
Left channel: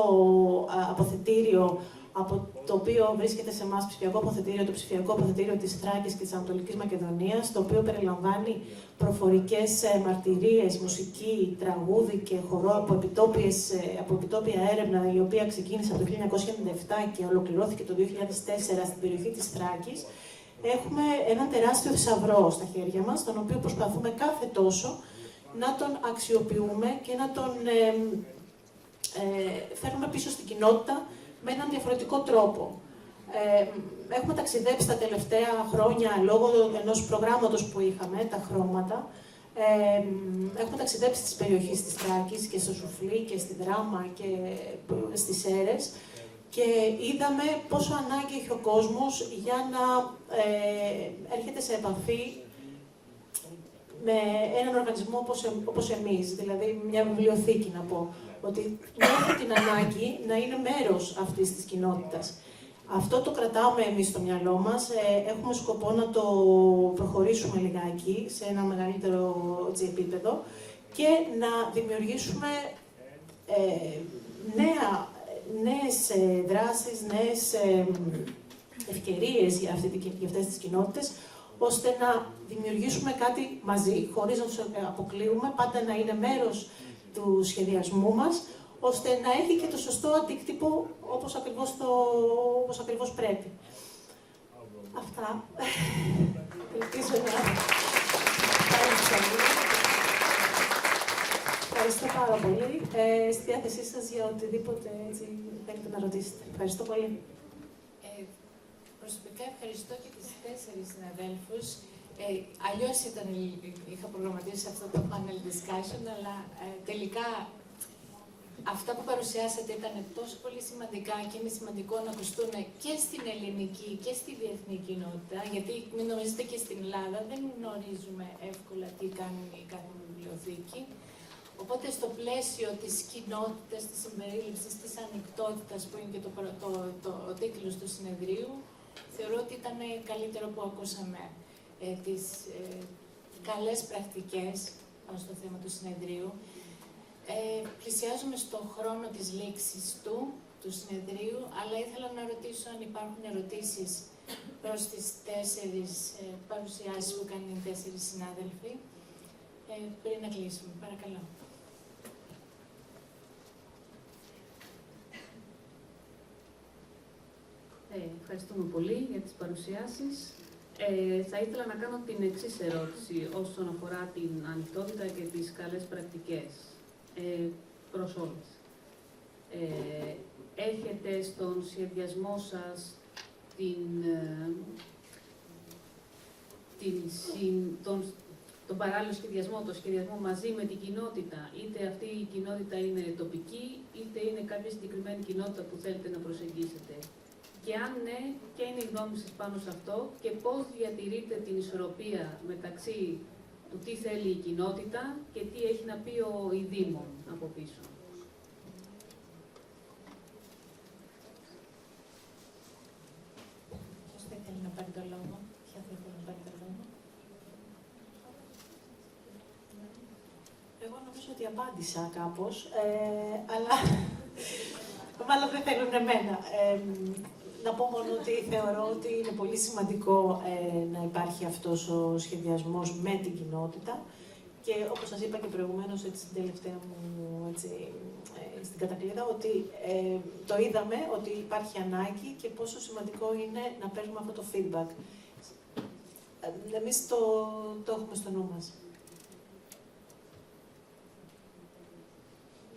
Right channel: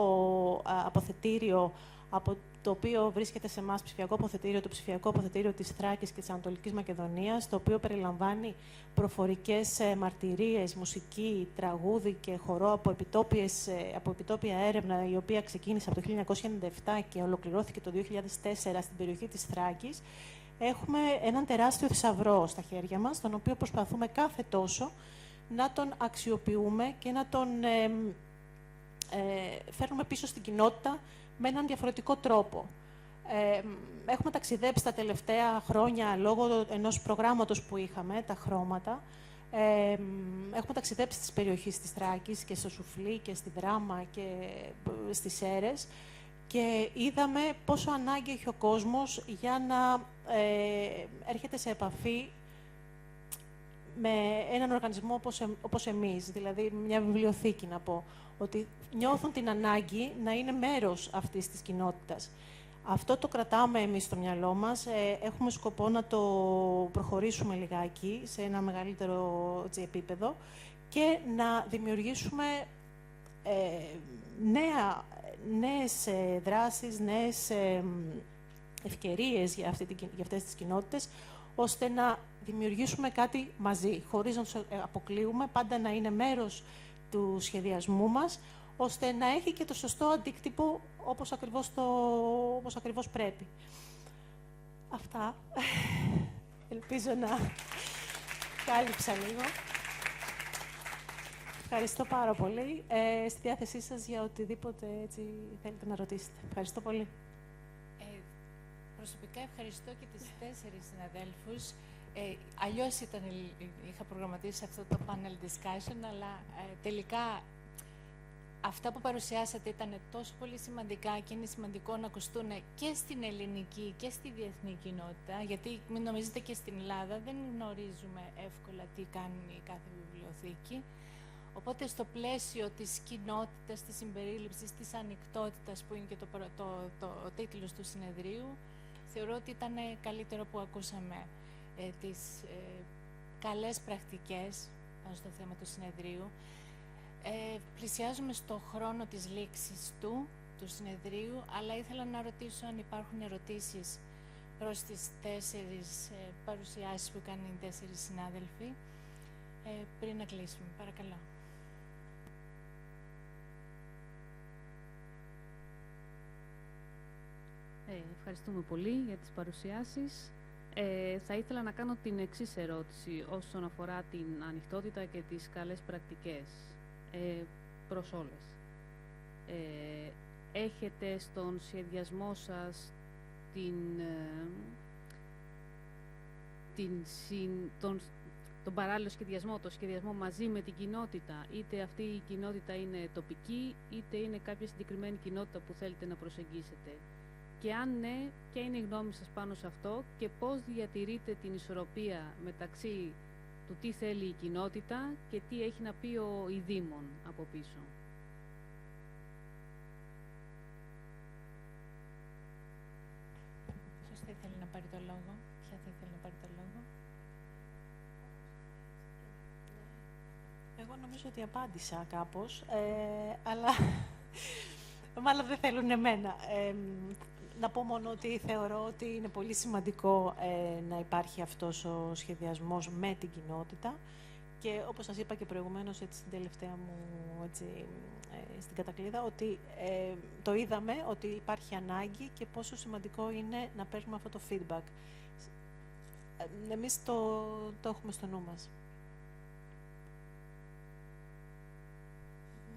αποθετήριο από το οποίο βρίσκεται σε εμάς ψηφιακό αποθετήριο, το ψηφιακό αποθετήριο της Θράκης και της Ανατολικής Μακεδονίας, το οποίο περιλαμβάνει προφορικές μαρτυρίες, μουσική, τραγούδι και χορό από επιτόπια έρευνα, η οποία ξεκίνησε από το 1997 και ολοκληρώθηκε το 2004 στην περιοχή της Θράκης. Έχουμε ένα τεράστιο θησαυρό στα χέρια μας, τον οποίο προσπαθούμε κάθε τόσο να τον αξιοποιούμε και να τον φέρουμε πίσω στην κοινότητα με έναν διαφορετικό τρόπο. Έχουμε ταξιδέψει τα τελευταία χρόνια λόγω ενός προγράμματος που είχαμε, τα χρώματα. Έχουμε ταξιδέψει στις περιοχές της Θράκης και στο Σουφλί και στη Δράμα και στις Σέρες και είδαμε πόσο ανάγκη έχει ο κόσμος για να έρχεται σε επαφή με έναν οργανισμό όπως εμείς, δηλαδή μια βιβλιοθήκη να πω, ότι νιώθει την ανάγκη να είναι μέρος αυτής της κοινότητας. Αυτό το κρατάμε εμείς στο μυαλό μας, έχουμε σκοπό να το προχωρήσουμε λιγάκι σε ένα μεγαλύτερο επίπεδο και να δημιουργήσουμε νέες δράσεις, νέες ευκαιρίες για αυτές τις κοινότητες, ώστε να δημιουργήσουμε κάτι μαζί, χωρίς να τους αποκλείουμε, πάντα να είναι μέρος του σχεδιασμού μας, ώστε να έχει και το σωστό αντίκτυπο όπως ακριβώς πρέπει. Αυτά. Ελπίζω να... Ευχαριστώ πάρα πολύ. Στη διάθεσή σας για οτιδήποτε έτσι θέλετε να ρωτήσετε. Ευχαριστώ πολύ. Προσωπικά ευχαριστώ και τις 4 συναδέλφους. Αλλιώς είχα προγραμματίσει αυτό το panel discussion, αλλά τελικά αυτά που παρουσιάσατε ήταν τόσο πολύ σημαντικά και είναι σημαντικό να ακουστούν και στην ελληνική και στη διεθνή κοινότητα, γιατί μην νομίζετε και στην Ελλάδα δεν γνωρίζουμε εύκολα τι κάνει κάθε βιβλιοθήκη. Οπότε στο πλαίσιο της κοινότητας, της συμπερίληψης, της ανοιχτότητας που είναι και ο τίτλος του συνεδρίου, θεωρώ ότι ήταν καλύτερο που ακούσαμε τις καλές πρακτικές στο θέμα του συνεδρίου. Πλησιάζουμε στον χρόνο της λήξης του συνεδρίου, αλλά ήθελα να ρωτήσω αν υπάρχουν ερωτήσεις προς τις 4 παρουσιάσεις που κάνουν οι 4 συνάδελφοι, πριν να κλείσουμε. Παρακαλώ. Ευχαριστούμε πολύ για τις παρουσιάσεις. Θα ήθελα να κάνω την εξής ερώτηση όσον αφορά την ανοιχτότητα και τις καλές πρακτικές προς όλες. Έχετε στον σχεδιασμό σας τον παράλληλο σχεδιασμό, τον σχεδιασμό μαζί με την κοινότητα, είτε αυτή η κοινότητα είναι τοπική, είτε είναι κάποια συγκεκριμένη κοινότητα που θέλετε να προσεγγίσετε. Και αν ναι, ποια είναι η γνώμη σας πάνω σε αυτό και πώς διατηρείτε την ισορροπία μεταξύ του τι θέλει η κοινότητα και τι έχει να πει η Δήμον από πίσω. Ποιος δεν θέλει να πάρει το λόγο? Ποια δεν θέλει να πάρει το λόγο? Εγώ νομίζω ότι απάντησα κάπως, αλλά μάλλον δεν θέλουν εμένα. Να πω μόνο ότι θεωρώ ότι είναι πολύ σημαντικό να υπάρχει αυτός ο σχεδιασμός με την κοινότητα και όπως σας είπα και προηγουμένως στην τελευταία μου στην κατακλείδα, ότι το είδαμε ότι υπάρχει ανάγκη και πόσο σημαντικό είναι να παίρνουμε αυτό το feedback. Εμείς το έχουμε στο νου μας.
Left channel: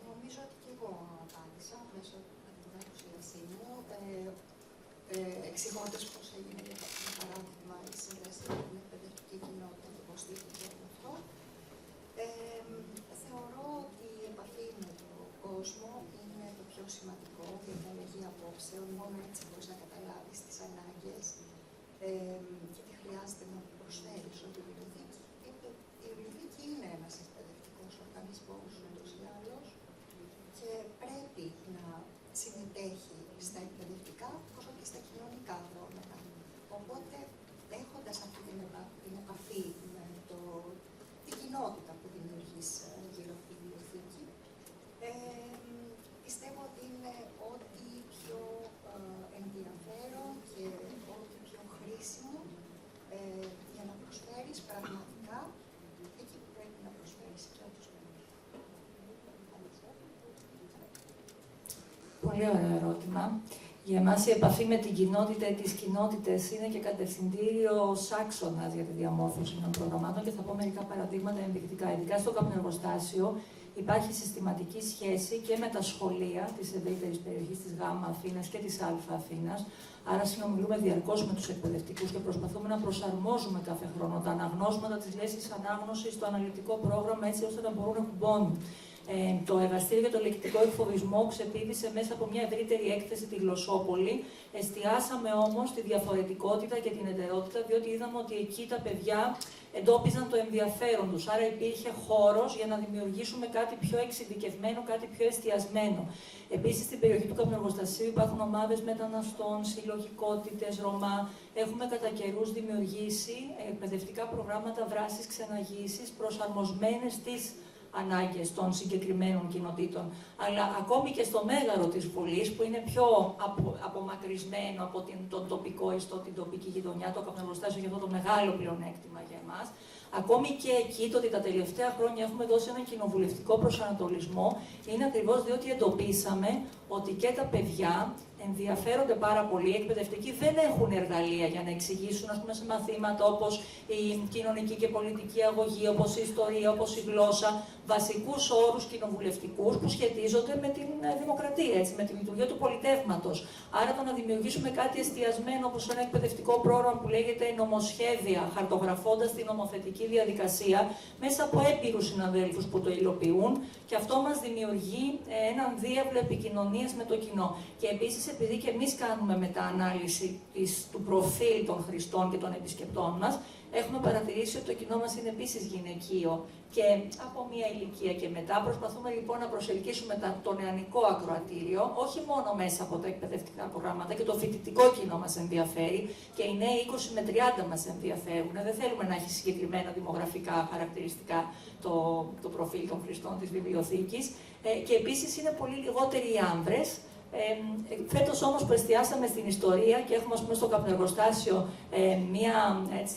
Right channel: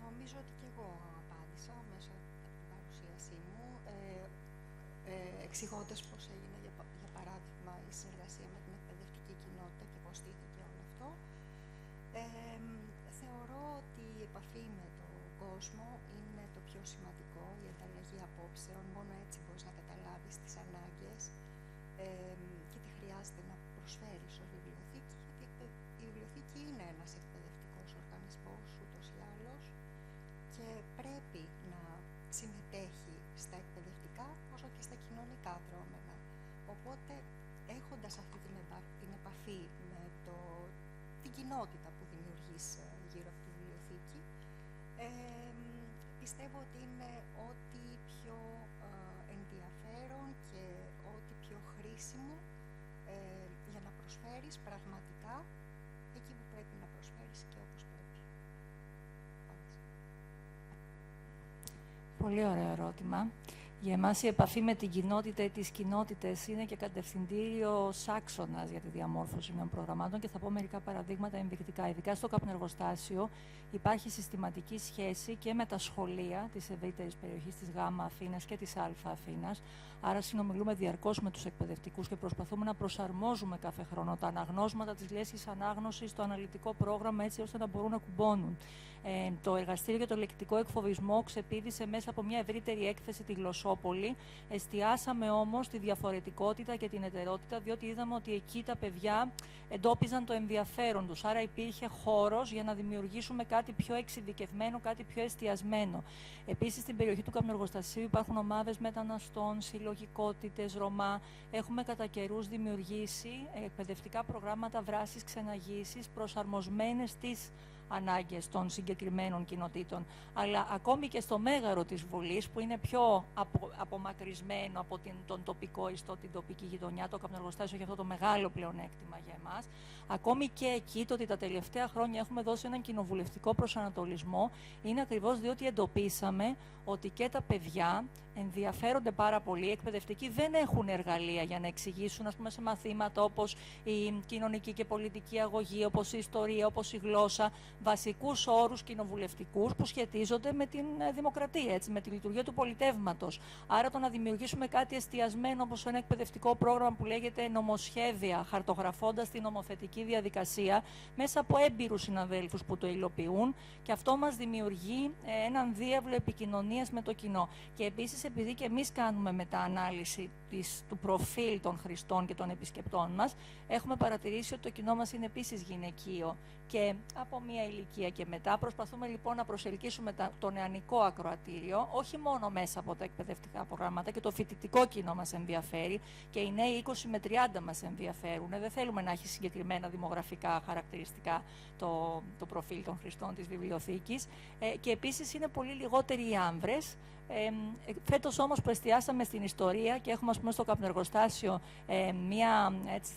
Νομίζω ότι και εγώ απάντησα μέσω από την παρουσίασή μου, εξηγώντας πώς έγινε το παράδειγμα η συνεργασία με την παιδευτική κοινότητα και πώς στήθηκε αυτό. Θεωρώ ότι η επαφή με τον κόσμο είναι το πιο σημαντικό για την αλλαγή απόψεων. Μόνο έτσι μπορείς να καταλάβεις τις ανάγκες και τι χρειάζεται να προσφέρεις ότι η Για εμάς η επαφή με την κοινότητα ή τις κοινότητες είναι και κατευθυντήριο άξονας για τη διαμόρφωση των προγραμμάτων και θα πω μερικά παραδείγματα εμπειρικά. Ειδικά στο καπνεργοστάσιο υπάρχει συστηματική σχέση και με τα σχολεία της ευρύτερης περιοχής της Γ' Αθήνας και της Α' Αθήνας. Άρα συνομιλούμε διαρκώς με τους εκπαιδευτικούς και προσπαθούμε να προσαρμόζουμε κάθε χρόνο τα αναγνώσματα της λέσχης ανάγνωσης στο αναλυτικό πρόγραμμα έτσι ώστε να μπορούν να κουμπώνουν. Το εργαστήριο το λεκτικό εκφοβισμό ξεπήδησε μέσα από μια ευρύτερη έκθεση τη Γλωσσόπολη. Εστιάσαμε όμως τη διαφορετικότητα και την εταιρεότητα, διότι είδαμε ότι εκεί τα παιδιά εντόπιζαν το ενδιαφέρον τους. Άρα υπήρχε χώρος για να δημιουργήσουμε κάτι πιο εξειδικευμένο, κάτι πιο εστιασμένο. Επίσης, στην περιοχή του καπνεργοστασίου υπάρχουν ομάδες μεταναστών, συλλογικότητες, Ρωμά. Έχουμε κατά καιρούς δημιουργήσει εκπαιδευτικά προγράμματα δράσης ξεναγήσεις προσαρμοσμένες στις ανάγκες των συγκεκριμένων κοινοτήτων. Αλλά ακόμη και στο μέγαρο της Βουλής, που είναι πιο απομακρυσμένο από τον τοπικό ιστό, την τοπική γειτονιά, το καπνεργοστάσιο έχει αυτό το μεγάλο πλεονέκτημα για εμάς. Ακόμη και εκεί, το ότι τα τελευταία χρόνια έχουμε δώσει έναν κοινοβουλευτικό προσανατολισμό, είναι ακριβώς διότι εντοπίσαμε ότι και τα παιδιά ενδιαφέρονται πάρα πολύ. Οι εκπαιδευτικοί δεν έχουν εργαλεία για να εξηγήσουν, ας πούμε, σε μαθήματα όπως η κοινωνική και πολιτική αγωγή, όπως η ιστορία, όπως η γλώσσα, βασικούς όρους κοινοβουλευτικούς που σχετίζονται με την δημοκρατία, έτσι, με τη λειτουργία του πολιτεύματος. Άρα, το να δημιουργήσουμε κάτι εστιασμένο όπως ένα εκπαιδευτικό πρόγραμμα που λέγεται η νομοσχέδια, χαρτογραφώντας την νομοθετική διαδικασία μέσα από έμπειρους συναδέλφους που το υλοποιούν, και αυτό μας δημιουργεί έναν διάβλο επικοινωνίας με το κοινό. Και επίσης, επειδή και εμείς κάνουμε μεταανάλυση του προφίλ των χρηστών και των επισκεπτών μας, έχουμε παρατηρήσει ότι το κοινό μας είναι επίσης γυναικείο. Και από μια ηλικία και μετά προσπαθούμε λοιπόν να προσελκύσουμε το νεανικό ακροατήριο, όχι μόνο μέσα από τα εκπαιδευτικά προγράμματα, και το φοιτητικό κοινό μας ενδιαφέρει και οι νέοι 20 με 30 μας ενδιαφέρουν. Δεν θέλουμε να έχει συγκεκριμένα δημογραφικά χαρακτηριστικά το προφίλ των χρηστών της βιβλιοθήκης. Και επίσης είναι πολύ λιγότεροι οι άνδρες. Φέτος όμως που εστιάσαμε στην ιστορία και έχουμε, ας πούμε, στο καπνεργοστάσιο μια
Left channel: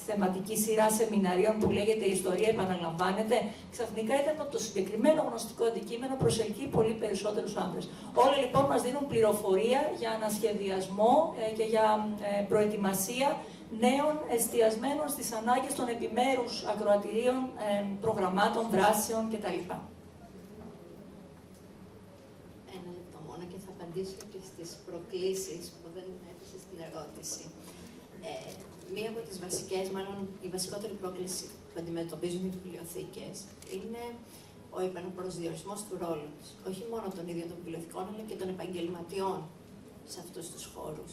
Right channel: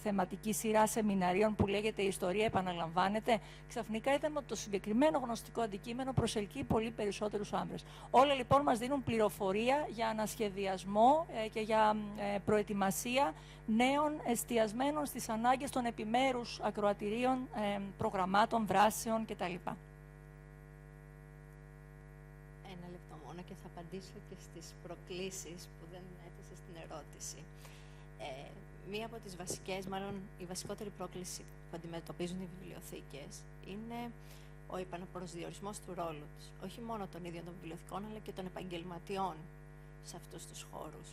θεματική σειρά σεμιναρίων που λέγεται «Η ιστορία επαναλαμβάνεται», ξαφνικά είδαμε ότι το συγκεκριμένο γνωστικό αντικείμενο προσελκύει πολύ περισσότερους άντρες. Όλοι λοιπόν μας δίνουν πληροφορία για ανασχεδιασμό και για προετοιμασία νέων εστιασμένων στις ανάγκες των επιμέρους ακροατηρίων, προγραμμάτων, δράσεων κτλ. Και στις προκλήσεις που δεν έθεσε στην ερώτηση. Μία από τις βασικές, μάλλον η βασικότερη πρόκληση που αντιμετωπίζουν οι βιβλιοθήκες είναι ο επαναπροσδιορισμός του ρόλου τους. Όχι μόνο των ίδιων των βιβλιοθηκών, αλλά και των επαγγελματιών σε αυτούς τους χώρους.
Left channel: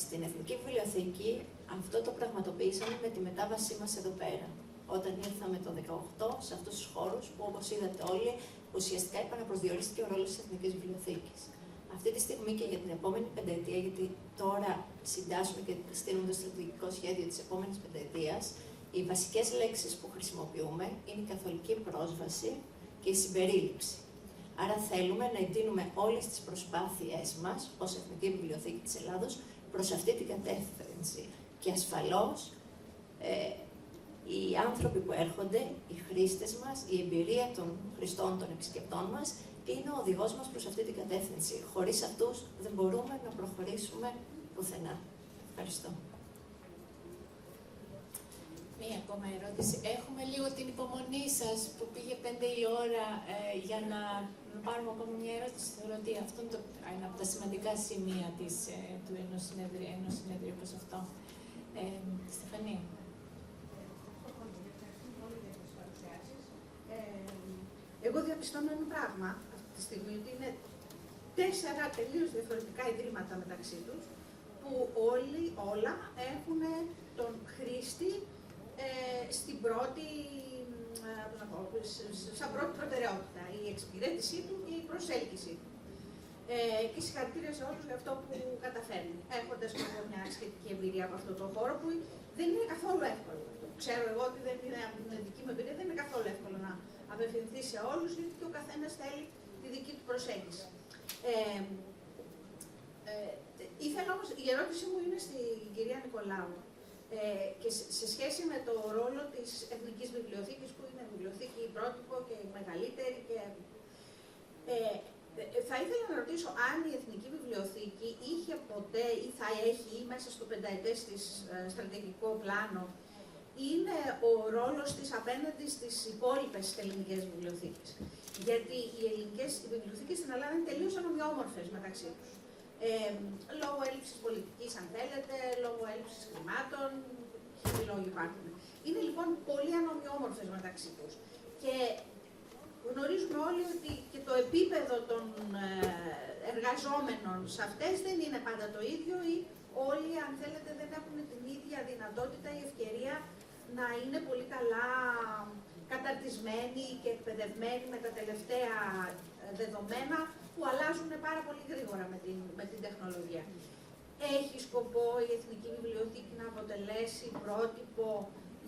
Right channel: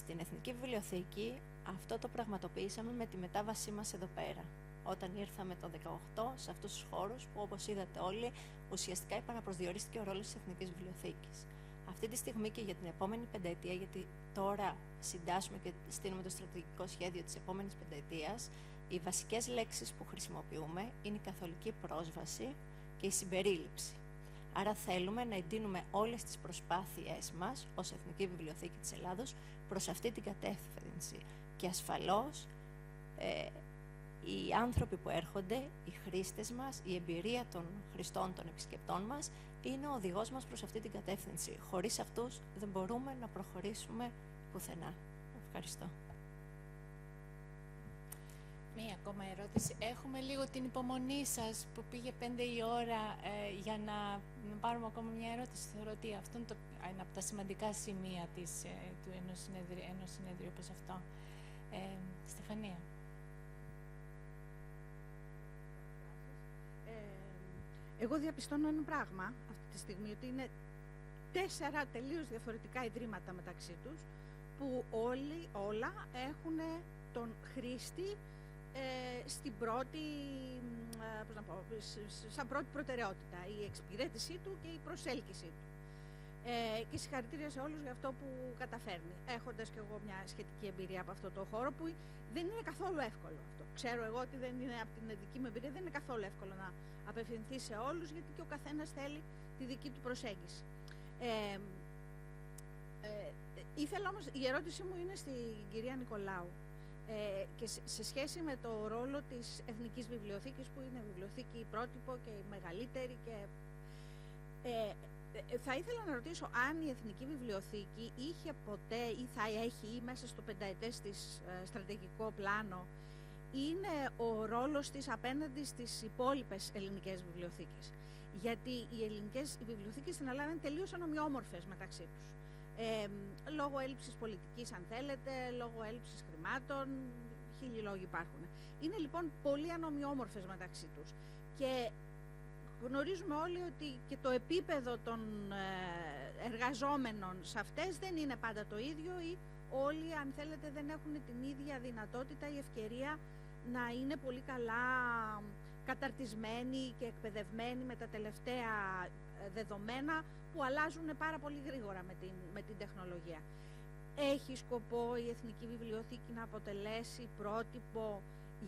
Στην Εθνική Βιβλιοθήκη αυτό το πραγματοποιήσαμε με τη μετάβασή μας εδώ πέρα. Όταν ήρθαμε το 2018 σε αυτούς τους χώρους που, όπως είδατε όλοι, ουσιαστικά επαναπροσδιορίστηκε ο ρόλος της Εθνικής Βιβλιοθήκης. Αυτή τη στιγμή και για την επόμενη πενταετία, γιατί τώρα συντάσσουμε και στείλουμε το στρατηγικό σχέδιο της επόμενης πενταετίας, οι βασικές λέξεις που χρησιμοποιούμε είναι η καθολική πρόσβαση και η συμπερίληψη. Άρα θέλουμε να εντείνουμε όλες τις προσπάθειές μας ως Εθνική Βιβλιοθήκη της Ελλάδος προς αυτή την κατεύθυνση. Και ασφαλώς οι άνθρωποι που έρχονται, οι χρήστες μας, η εμπειρία των χρηστών, των επισκεπτών μας, είναι ο οδηγός μας προς αυτή την κατεύθυνση. Χωρίς αυτούς δεν μπορούμε να προχωρήσουμε πουθενά. Ευχαριστώ. Μία ακόμα ερώτηση. Έχουμε λίγο την υπομονή σας που πήγε 5 η ώρα για να πάρουμε ακόμα μια ερώτηση. Θεωρώ ότι αυτό είναι ένα από τα σημαντικά σημεία του ενός συνέδριου όπως αυτό. Στεφανία. Εγώ διαπιστώνω ένα πράγμα αυτή τη στιγμή, ότι είναι 4 τελείως διαφορετικά ιδρύματα μεταξύ τους, που όλα έχουν τον χρήστη στην πρώτη, σαν πρώτη προτεραιότητα, η εξυπηρέτησή του και η προσέλκυσή του. Και συγχαρητήρια σε όλους για αυτό που καταφέρνει, έχοντας μια σχετική εμπειρία από αυτόν τον χώρο που δεν είναι καθόλου εύκολο. Ξέρω εγώ ότι δεν είναι, από την δική μου εμπειρία δεν είναι καθόλου εύκολο να απευθυνθεί σε όλους, γιατί και ο καθένας θέλει τη δική του προσέγγιση. Ήθελα όμως, η ερώτησή μου είναι στην κυρία Νικολάου και σε σχέση με το ρόλο της Εθνικής Βιβλιοθήκης, που είναι βιβλιοθήκη πρότυπο και η μεγαλύτερη. Θα ήθελα να ρωτήσω αν η Εθνική Βιβλιοθήκη μελέτες, της στρατηγικό πλάνο, είναι ο ρόλος της απέναντι στις υπόλοιπες ελληνικές βιβλιοθήκες. Γιατί οι ελληνικές βιβλιοθήκες στην Ελλάδα είναι τελείως ανομοιόμορφες μεταξύ τους. Λόγω έλλειψης πολιτικής, αν θέλετε, λόγω έλλειψης χρημάτων, χίλιοι λόγοι υπάρχουν. Είναι λοιπόν πολύ ανομοιόμορφες μεταξύ τους. Και γνωρίζουμε όλοι ότι και το επίπεδο των εργαζόμενων σε αυτές δεν είναι πάντα το ίδιο ή όλοι, αν θέλετε, δεν έχουν την ίδια δυνατότητα ή ευκαιρία να είναι πολύ καλά καταρτισμένοι και εκπαιδευμένοι με τα τελευταία δεδομένα που αλλάζουν πάρα πολύ γρήγορα με την τεχνολογία. Έχει σκοπό η Εθνική Βιβλιοθήκη να αποτελέσει πρότυπο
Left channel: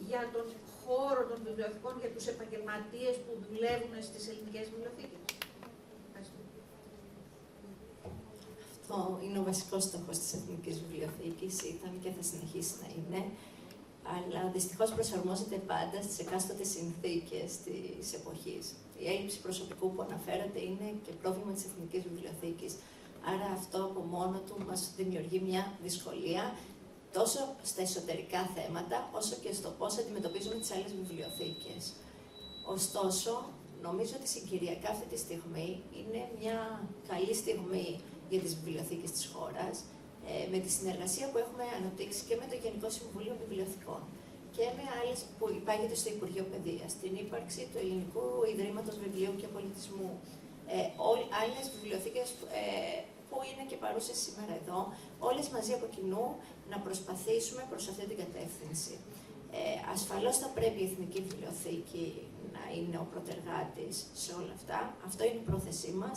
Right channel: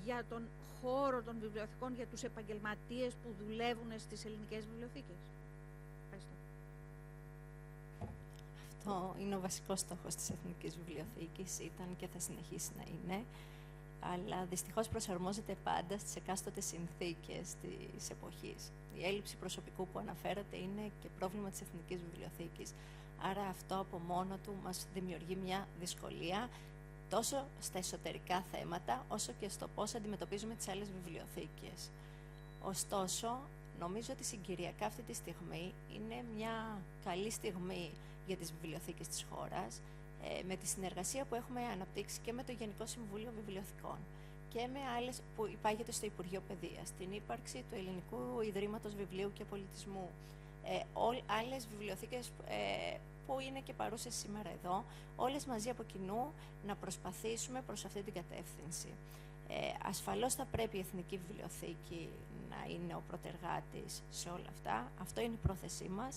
για τον χώρο των βιβλιοθηκών για τους επαγγελματίες που δουλεύουν στις ελληνικές βιβλιοθήκες? Αυτό είναι ο βασικός στόχος της Εθνικής Βιβλιοθήκης, ήταν και θα συνεχίσει να είναι, αλλά δυστυχώς προσαρμόζεται πάντα στις εκάστοτε συνθήκες της εποχής. Η έλλειψη προσωπικού που αναφέρατε είναι και πρόβλημα της Εθνικής Βιβλιοθήκης, άρα αυτό από μόνο του μας δημιουργεί μια δυσκολία τόσο στα εσωτερικά θέματα, όσο και στο πώς αντιμετωπίζουμε τις άλλες βιβλιοθήκες. Ωστόσο, νομίζω ότι συγκυριακά αυτή τη στιγμή είναι μια καλή στιγμή για τις βιβλιοθήκες της χώρας, με τη συνεργασία που έχουμε αναπτύξει και με το Γενικό Συμβούλιο Βιβλιοθηκών και με άλλες που υπάγεται στο Υπουργείο Παιδείας, την ύπαρξη του Ελληνικού Ιδρύματος Βιβλίου και Πολιτισμού, άλλες βιβλιοθήκες που είναι και παρούσες σήμερα εδώ, όλες μαζί από κοινού να προσπαθήσουμε προς αυτή την κατεύθυνση. Ασφαλώς θα πρέπει η Εθνική Βιβλιοθήκη να είναι ο πρωτεργάτης σε όλα αυτά, αυτό είναι η πρόθεσή μας,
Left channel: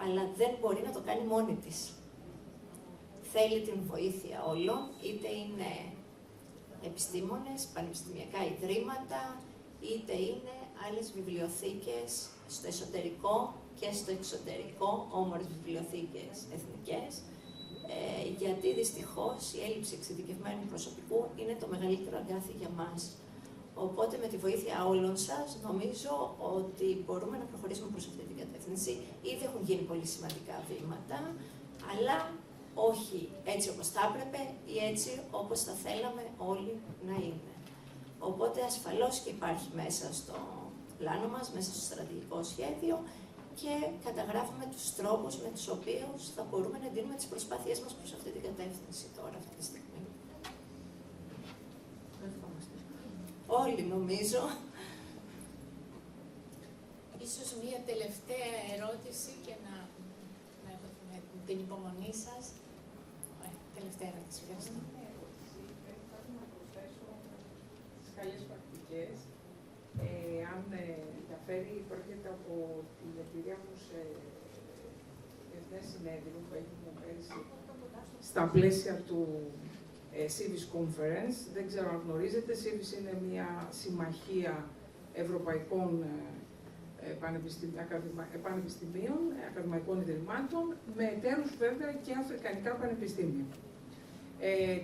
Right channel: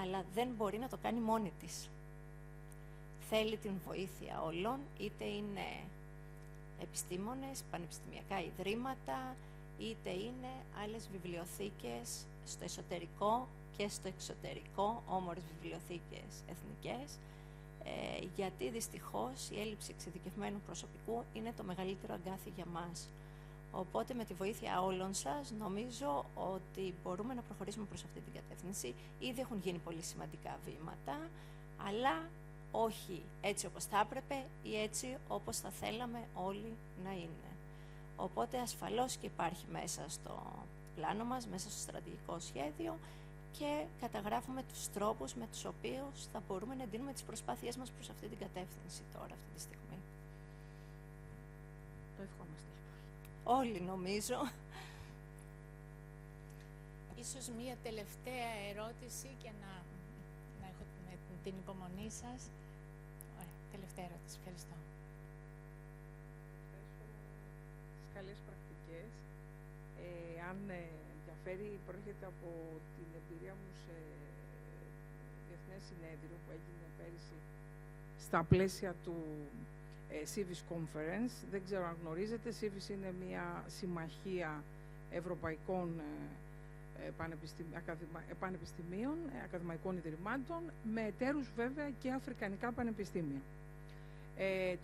αλλά δεν μπορεί να το κάνει μόνη της. Θέλει την βοήθεια όλων, είτε είναι επιστήμονες, πανεπιστημιακά ιδρύματα, είτε είναι άλλες βιβλιοθήκες στο εσωτερικό και στο εξωτερικό, όμορφες βιβλιοθήκες εθνικές, γιατί δυστυχώς η έλλειψη εξειδικευμένου προσωπικού είναι το μεγαλύτερο αγκάθι για μας. Οπότε με τη βοήθεια όλων σας νομίζω ότι μπορούμε να προχωρήσουμε προς αυτή την κατεύθυνση. Ήδη έχουν γίνει πολύ σημαντικά βήματα, αλλά όχι έτσι όπως θα έπρεπε ή έτσι όπως θα θέλαμε όλοι να είναι. Οπότε ασφαλώς και υπάρχει μέσα στο πλάνο μας, μέσα στο στρατηγικό σχέδιο και καταγράφουμε τους τρόπους με τους οποίους θα μπορούμε να δίνουμε τις προσπάθειές μας προς αυτή την κατεύθυνση τώρα αυτή τη στιγμή. Όλοι νομίζω. Ίσως μία τελευταία ερώτηση και να έχω την υπομονή σας. Τελευταία ερώτηση, Kerstin. Τις καλές πρακτικές, αν διαφέρει, πρόκειται από την εμπειρία μου σε εθνές συνέδριο που έγινε πέρυσι στα πλαίσια του Civis Conference. Δεν ξέρω αν γνωρίζετε, Civis είναι μια συμμαχία ευρωπαϊκών πανεπιστημίων, ακαδημαϊκών ιδρυμάτων, με εταίρους βέβαια και αφρικανικά πανεπιστήμια.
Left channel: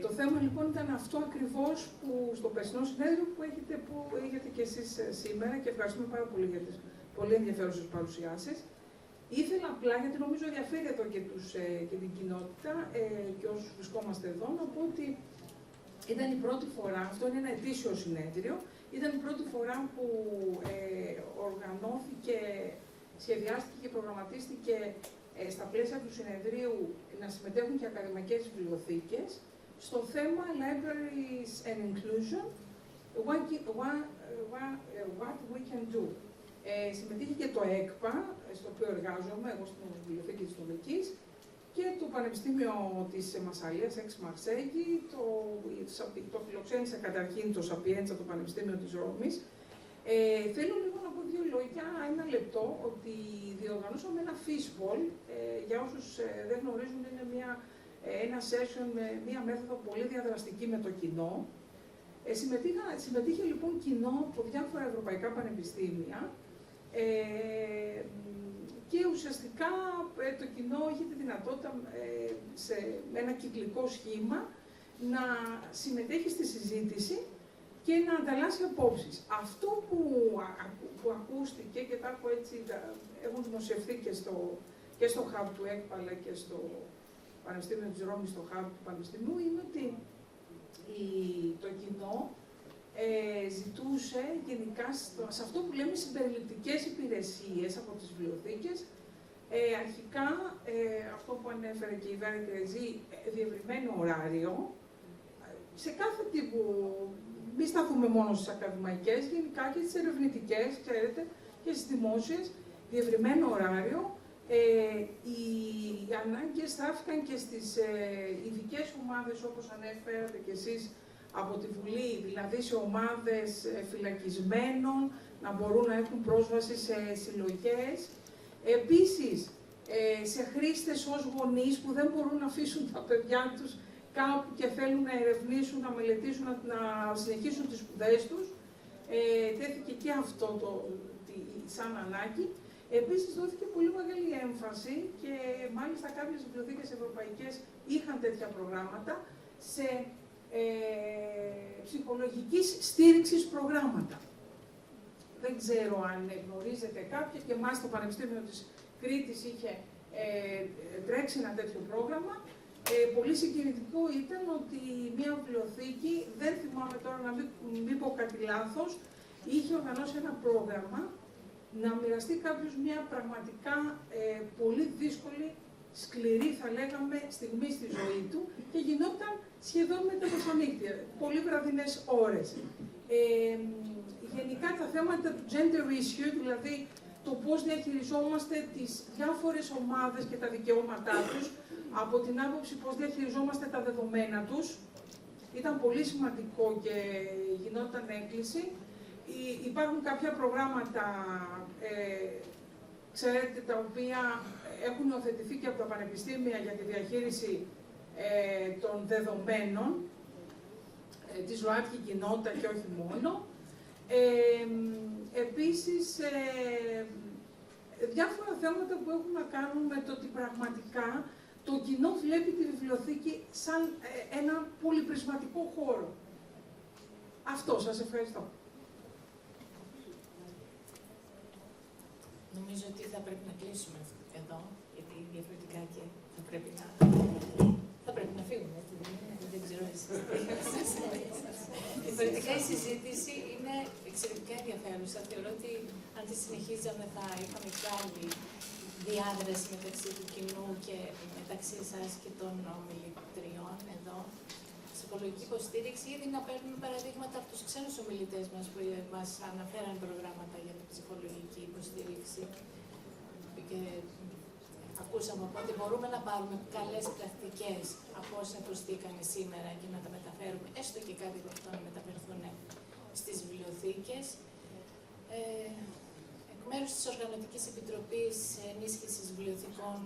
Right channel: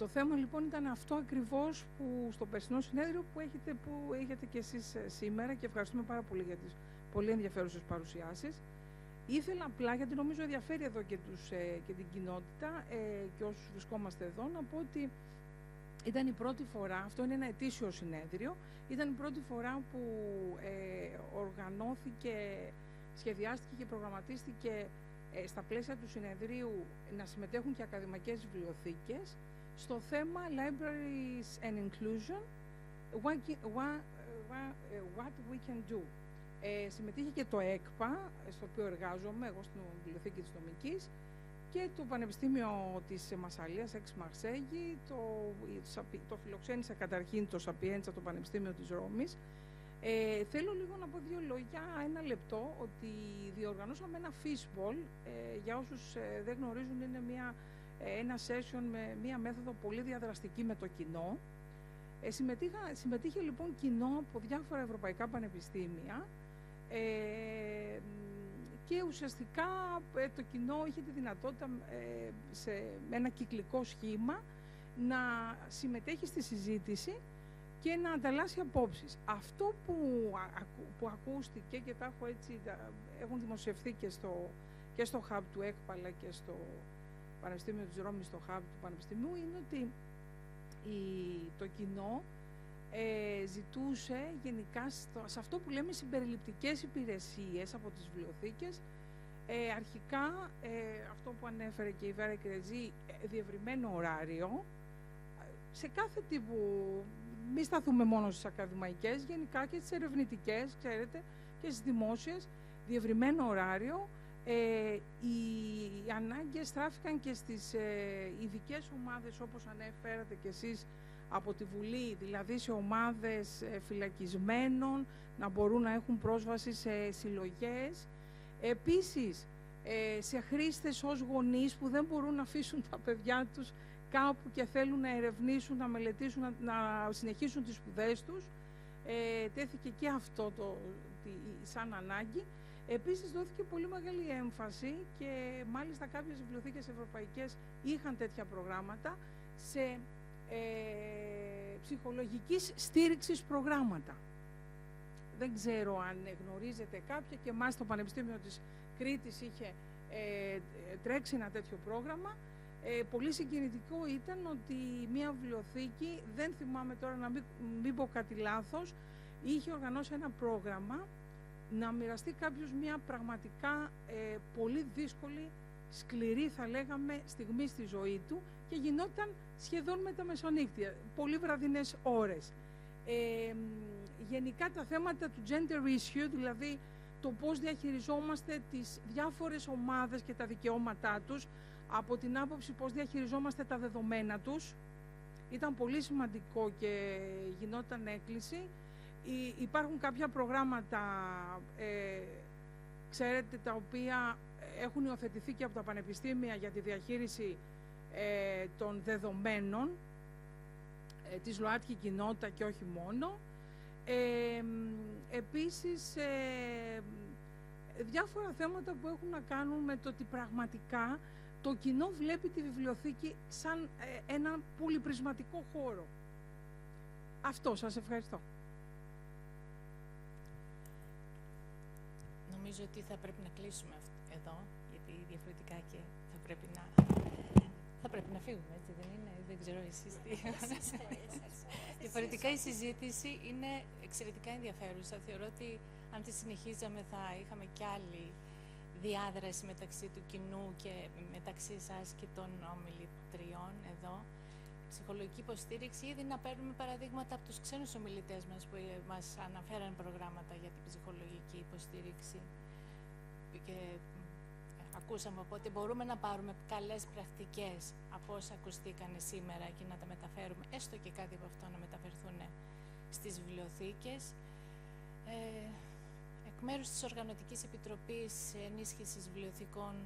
Το θέμα λοιπόν ήταν αυτό ακριβώς που στο περσινό συνέδριο που είχατε και εσείς σήμερα και ευχαριστούμε πάρα πολύ για τις πολύ ενδιαφέρουσες παρουσιάσεις. Ήθελα απλά, γιατί νομίζω ενδιαφέρει εδώ και την κοινότητα και όσους βρισκόμαστε εδώ, να πω ότι ήταν η πρώτη φορά, αυτό είναι ένα ετήσιο συνέδριο, ήταν η πρώτη φορά που οργανώθηκε, σχεδιάστηκε και προγραμματίστηκε στα πλαίσια του συνεδρίου να συμμετέχουν και ακαδημαϊκές βιβλιοθήκες στο θέμα Libraries and Inclusion, what we can do. Συμμετείχε και το ΕΚΠΑ, στο οποίο εργάζομαι, εγώ στην Βιβλιοθήκη της Νομικής, και το Πανεπιστήμιο της Μασσαλίας, εξ Μαρσέγγι, το φιλοξένησε καταρχήν το Σαπιέντσα, το Πανεπιστήμιο της Ρώμης. Θέλω λίγο να πω δύο λόγια, ένα λεπτό, ότι διοργανώσαμε ένα fishbowl, για όσους δεν γνωρίζουν, είναι ένα session με μια μέθοδο πολύ διαδραστική με το κοινό. Συμμετείχε λοιπόν κοινό από διάφορα ευρωπαϊκά πανεπιστήμια και ουσιαστικά το κοινό έχει τη δυνατότητα σε ένα κυκλικό σχήμα να συμμετέχει στη συζήτηση και να ανταλλάσσει απόψεις. Αυτό που ακούστηκε και τα έχω έτσι, έχουν δημοσιευθεί και στο hub του ΕΚΠΑ και στο Πανεπιστήμιο της Ρώμης, στο hub του Πανεπιστημίου, είναι ότι το κοινό ζητούσε γενικά σε αυτό που λέμε συμπεριληπτικές υπηρεσίες από τις βιβλιοθήκες. Αρχικά, αυτό που ανέφερε και η Βέρα Γκρεζή, διευρυμένο ωράριο, σε κάθε τύπου, μη σταθούμε μόνο στις ακαδημαϊκές, γενικά και στις ερευνητικές, ξέρετε, και στις δημόσιες, διευρυμένο ωράριο. Οι ανάγκες στράφηκαν και στις ειδικές ομάδες, όπως ανέφερατε και εσείς από τη Βουλή, δηλαδή σε ομάδες φυλακισμένων, να μπορούν να έχουν πρόσβαση σε συλλογές. Επίσης, σε χρήστες ως γονείς που δεν μπορούν να αφήσουν τα παιδιά τους κάπου και θέλουν να ερευνήσουν, να μελετήσουν, να συνεχίσουν τις σπουδές τους. Τέθηκε και αυτό σαν ανάγκη. Επίσης, δόθηκε πολύ μεγάλη έμφαση και μάλιστα κάποιες βιβλιοθήκες ευρωπαϊκές είχαν τέτοια προγράμματα σε ψυχολογικής στήριξης προγράμματα. Δεν ξέρω αν γνωρίζετε κάποια, και εμάς το Πανεπιστήμιο της Κρήτης είχε τρέξει ένα τέτοιο πρόγραμμα. Πολύ συγκινητικό ήταν ότι μια βιβλιοθήκη, δεν θυμάμαι τώρα να μην πω κάτι λάθος, είχε οργανώσει ένα πρόγραμμα να μοιραστεί κάποιος μια πραγματικά πολύ δύσκολη, σκληρή θα λέγαμε, στιγμή στη ζωή του και γινόταν σχεδόν με τα μεσονύχτια, πολύ βραδινές ώρες. Γενικά τα θέματα του gender issue, δηλαδή το πώς διαχειριζόμαστε τις διάφορες ομάδες και τα δικαιώματά τους, από την άποψη πώς διαχειριζόμαστε τα δεδομένα τους, ήταν πολύ σημαντικό και γινόταν έκκληση. Υπάρχουν κάποια προγράμματα, ξέρετε, τα οποία έχουν υιοθετηθεί και από τα πανεπιστήμια για τη διαχείριση των δεδομένων, της ΛΟΑΤΚΙ κοινότητα και όχι μόνο. Επίσης, διάφορα θέματα που έχουν να κάνουν με το ότι πραγματικά το κοινό βλέπει τη βιβλιοθήκη σαν ένα πολυπρισματικό χώρο. Αυτό, σας ευχαριστώ. Νομίζω ότι θα πρέπει να κλείσουμε εδώ, γιατί διαφορετικά και θα πρέπει να φύγουμε. Δεν ξέρω εσείς. Διαφορετικά η συζήτηση είναι εξαιρετικά ενδιαφέρουσα. Θεωρώ ότι αν τη συνεχίζαμε θα είχαμε πάλι διάδραση μεταξύ του κοινού και μεταξύ σας και των ομιλητριών εδώ. Ψυχολογική υποστήριξη, ήδη να παίρνουμε παραδείγματα από τους ξένους ομιλητές μας που μας αναφέραν προγράμματα για την ψυχολογική υποστήριξη. Και ακούσαμε ότι μπορούμε να πάρουμε καλές πρακτικές από όσα ακουστήκαν σήμερα και να τα μεταφέρουμε, έστω και κάτι από αυτό να μεταφερθούν στις βιβλιοθήκες. Εκ μέρους της Οργανωτικής Επιτροπής Ενίσχυσης Βιβλιοθηκών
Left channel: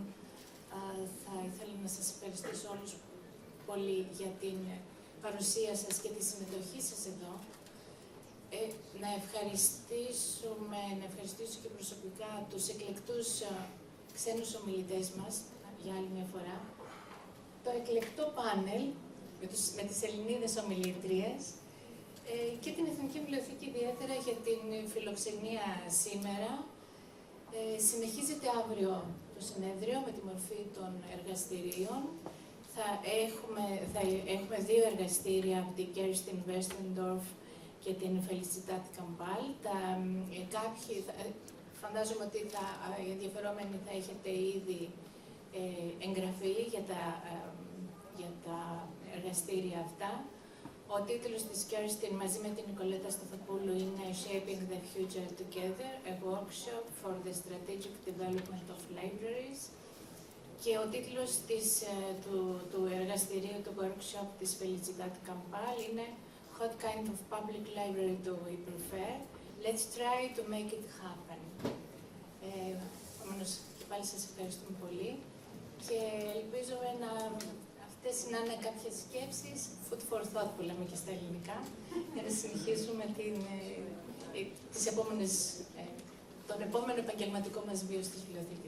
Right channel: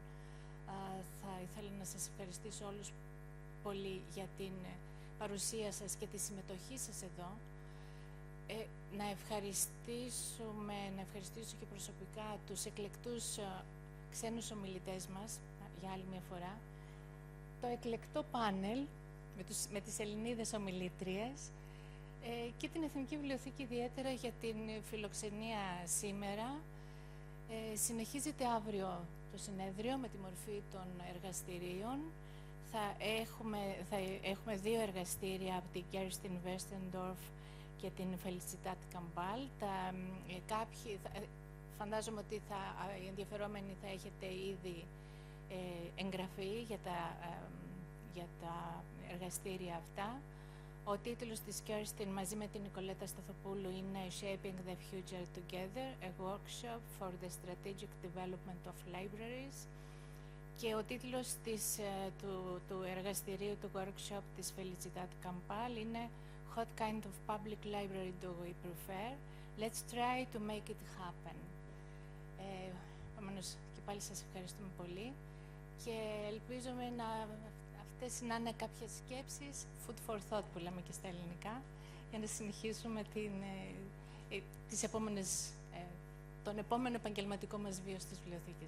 θα ήθελα να σας ευχαριστήσω όλους πολύ για την παρουσία σας και τη συμμετοχή σας εδώ. Να ευχαριστήσω και προσωπικά τους εκλεκτούς ξένους ομιλητές μας για άλλη μια φορά, το εκλεκτό πάνελ με τις Ελληνίδες ομιλήτριες και την Εθνική Βιβλιοθήκη ιδιαίτερα για την φιλοξενία σήμερα. Συνεχίζεται αύριο το συνέδριο με τη μορφή των εργαστηρίων. Θα έχουμε δύο εργαστήρια από την Kerstin Wesendorf και την Felicidad Campal. Κάποιοι φαντάζομαι ότι οι ενδιαφερόμενοι θα έχετε ήδη εγγραφεί για τα εργαστήρια αυτά. Ο τίτλος της Kerstin μαζί με την Νικολέτα Σταθοπούλου είναι Shaping the Future Together, a workshop for the strategic development of libraries. Και ο τίτλος του εργαστηρίου του workshop της Felicidad Campal είναι What kind of public library do we prefer? Let's try to make it happen. Επομένως, και πάλι σας ευχαριστούμε πολύ και ελπίζουμε αυτές να είναι κάποιες σκέψεις, food for thought που λέμε και στα ελληνικά, για να συνεχίσουμε τον επόμενο επαγγελματικό μας βίο στις βιβλιοθήκες.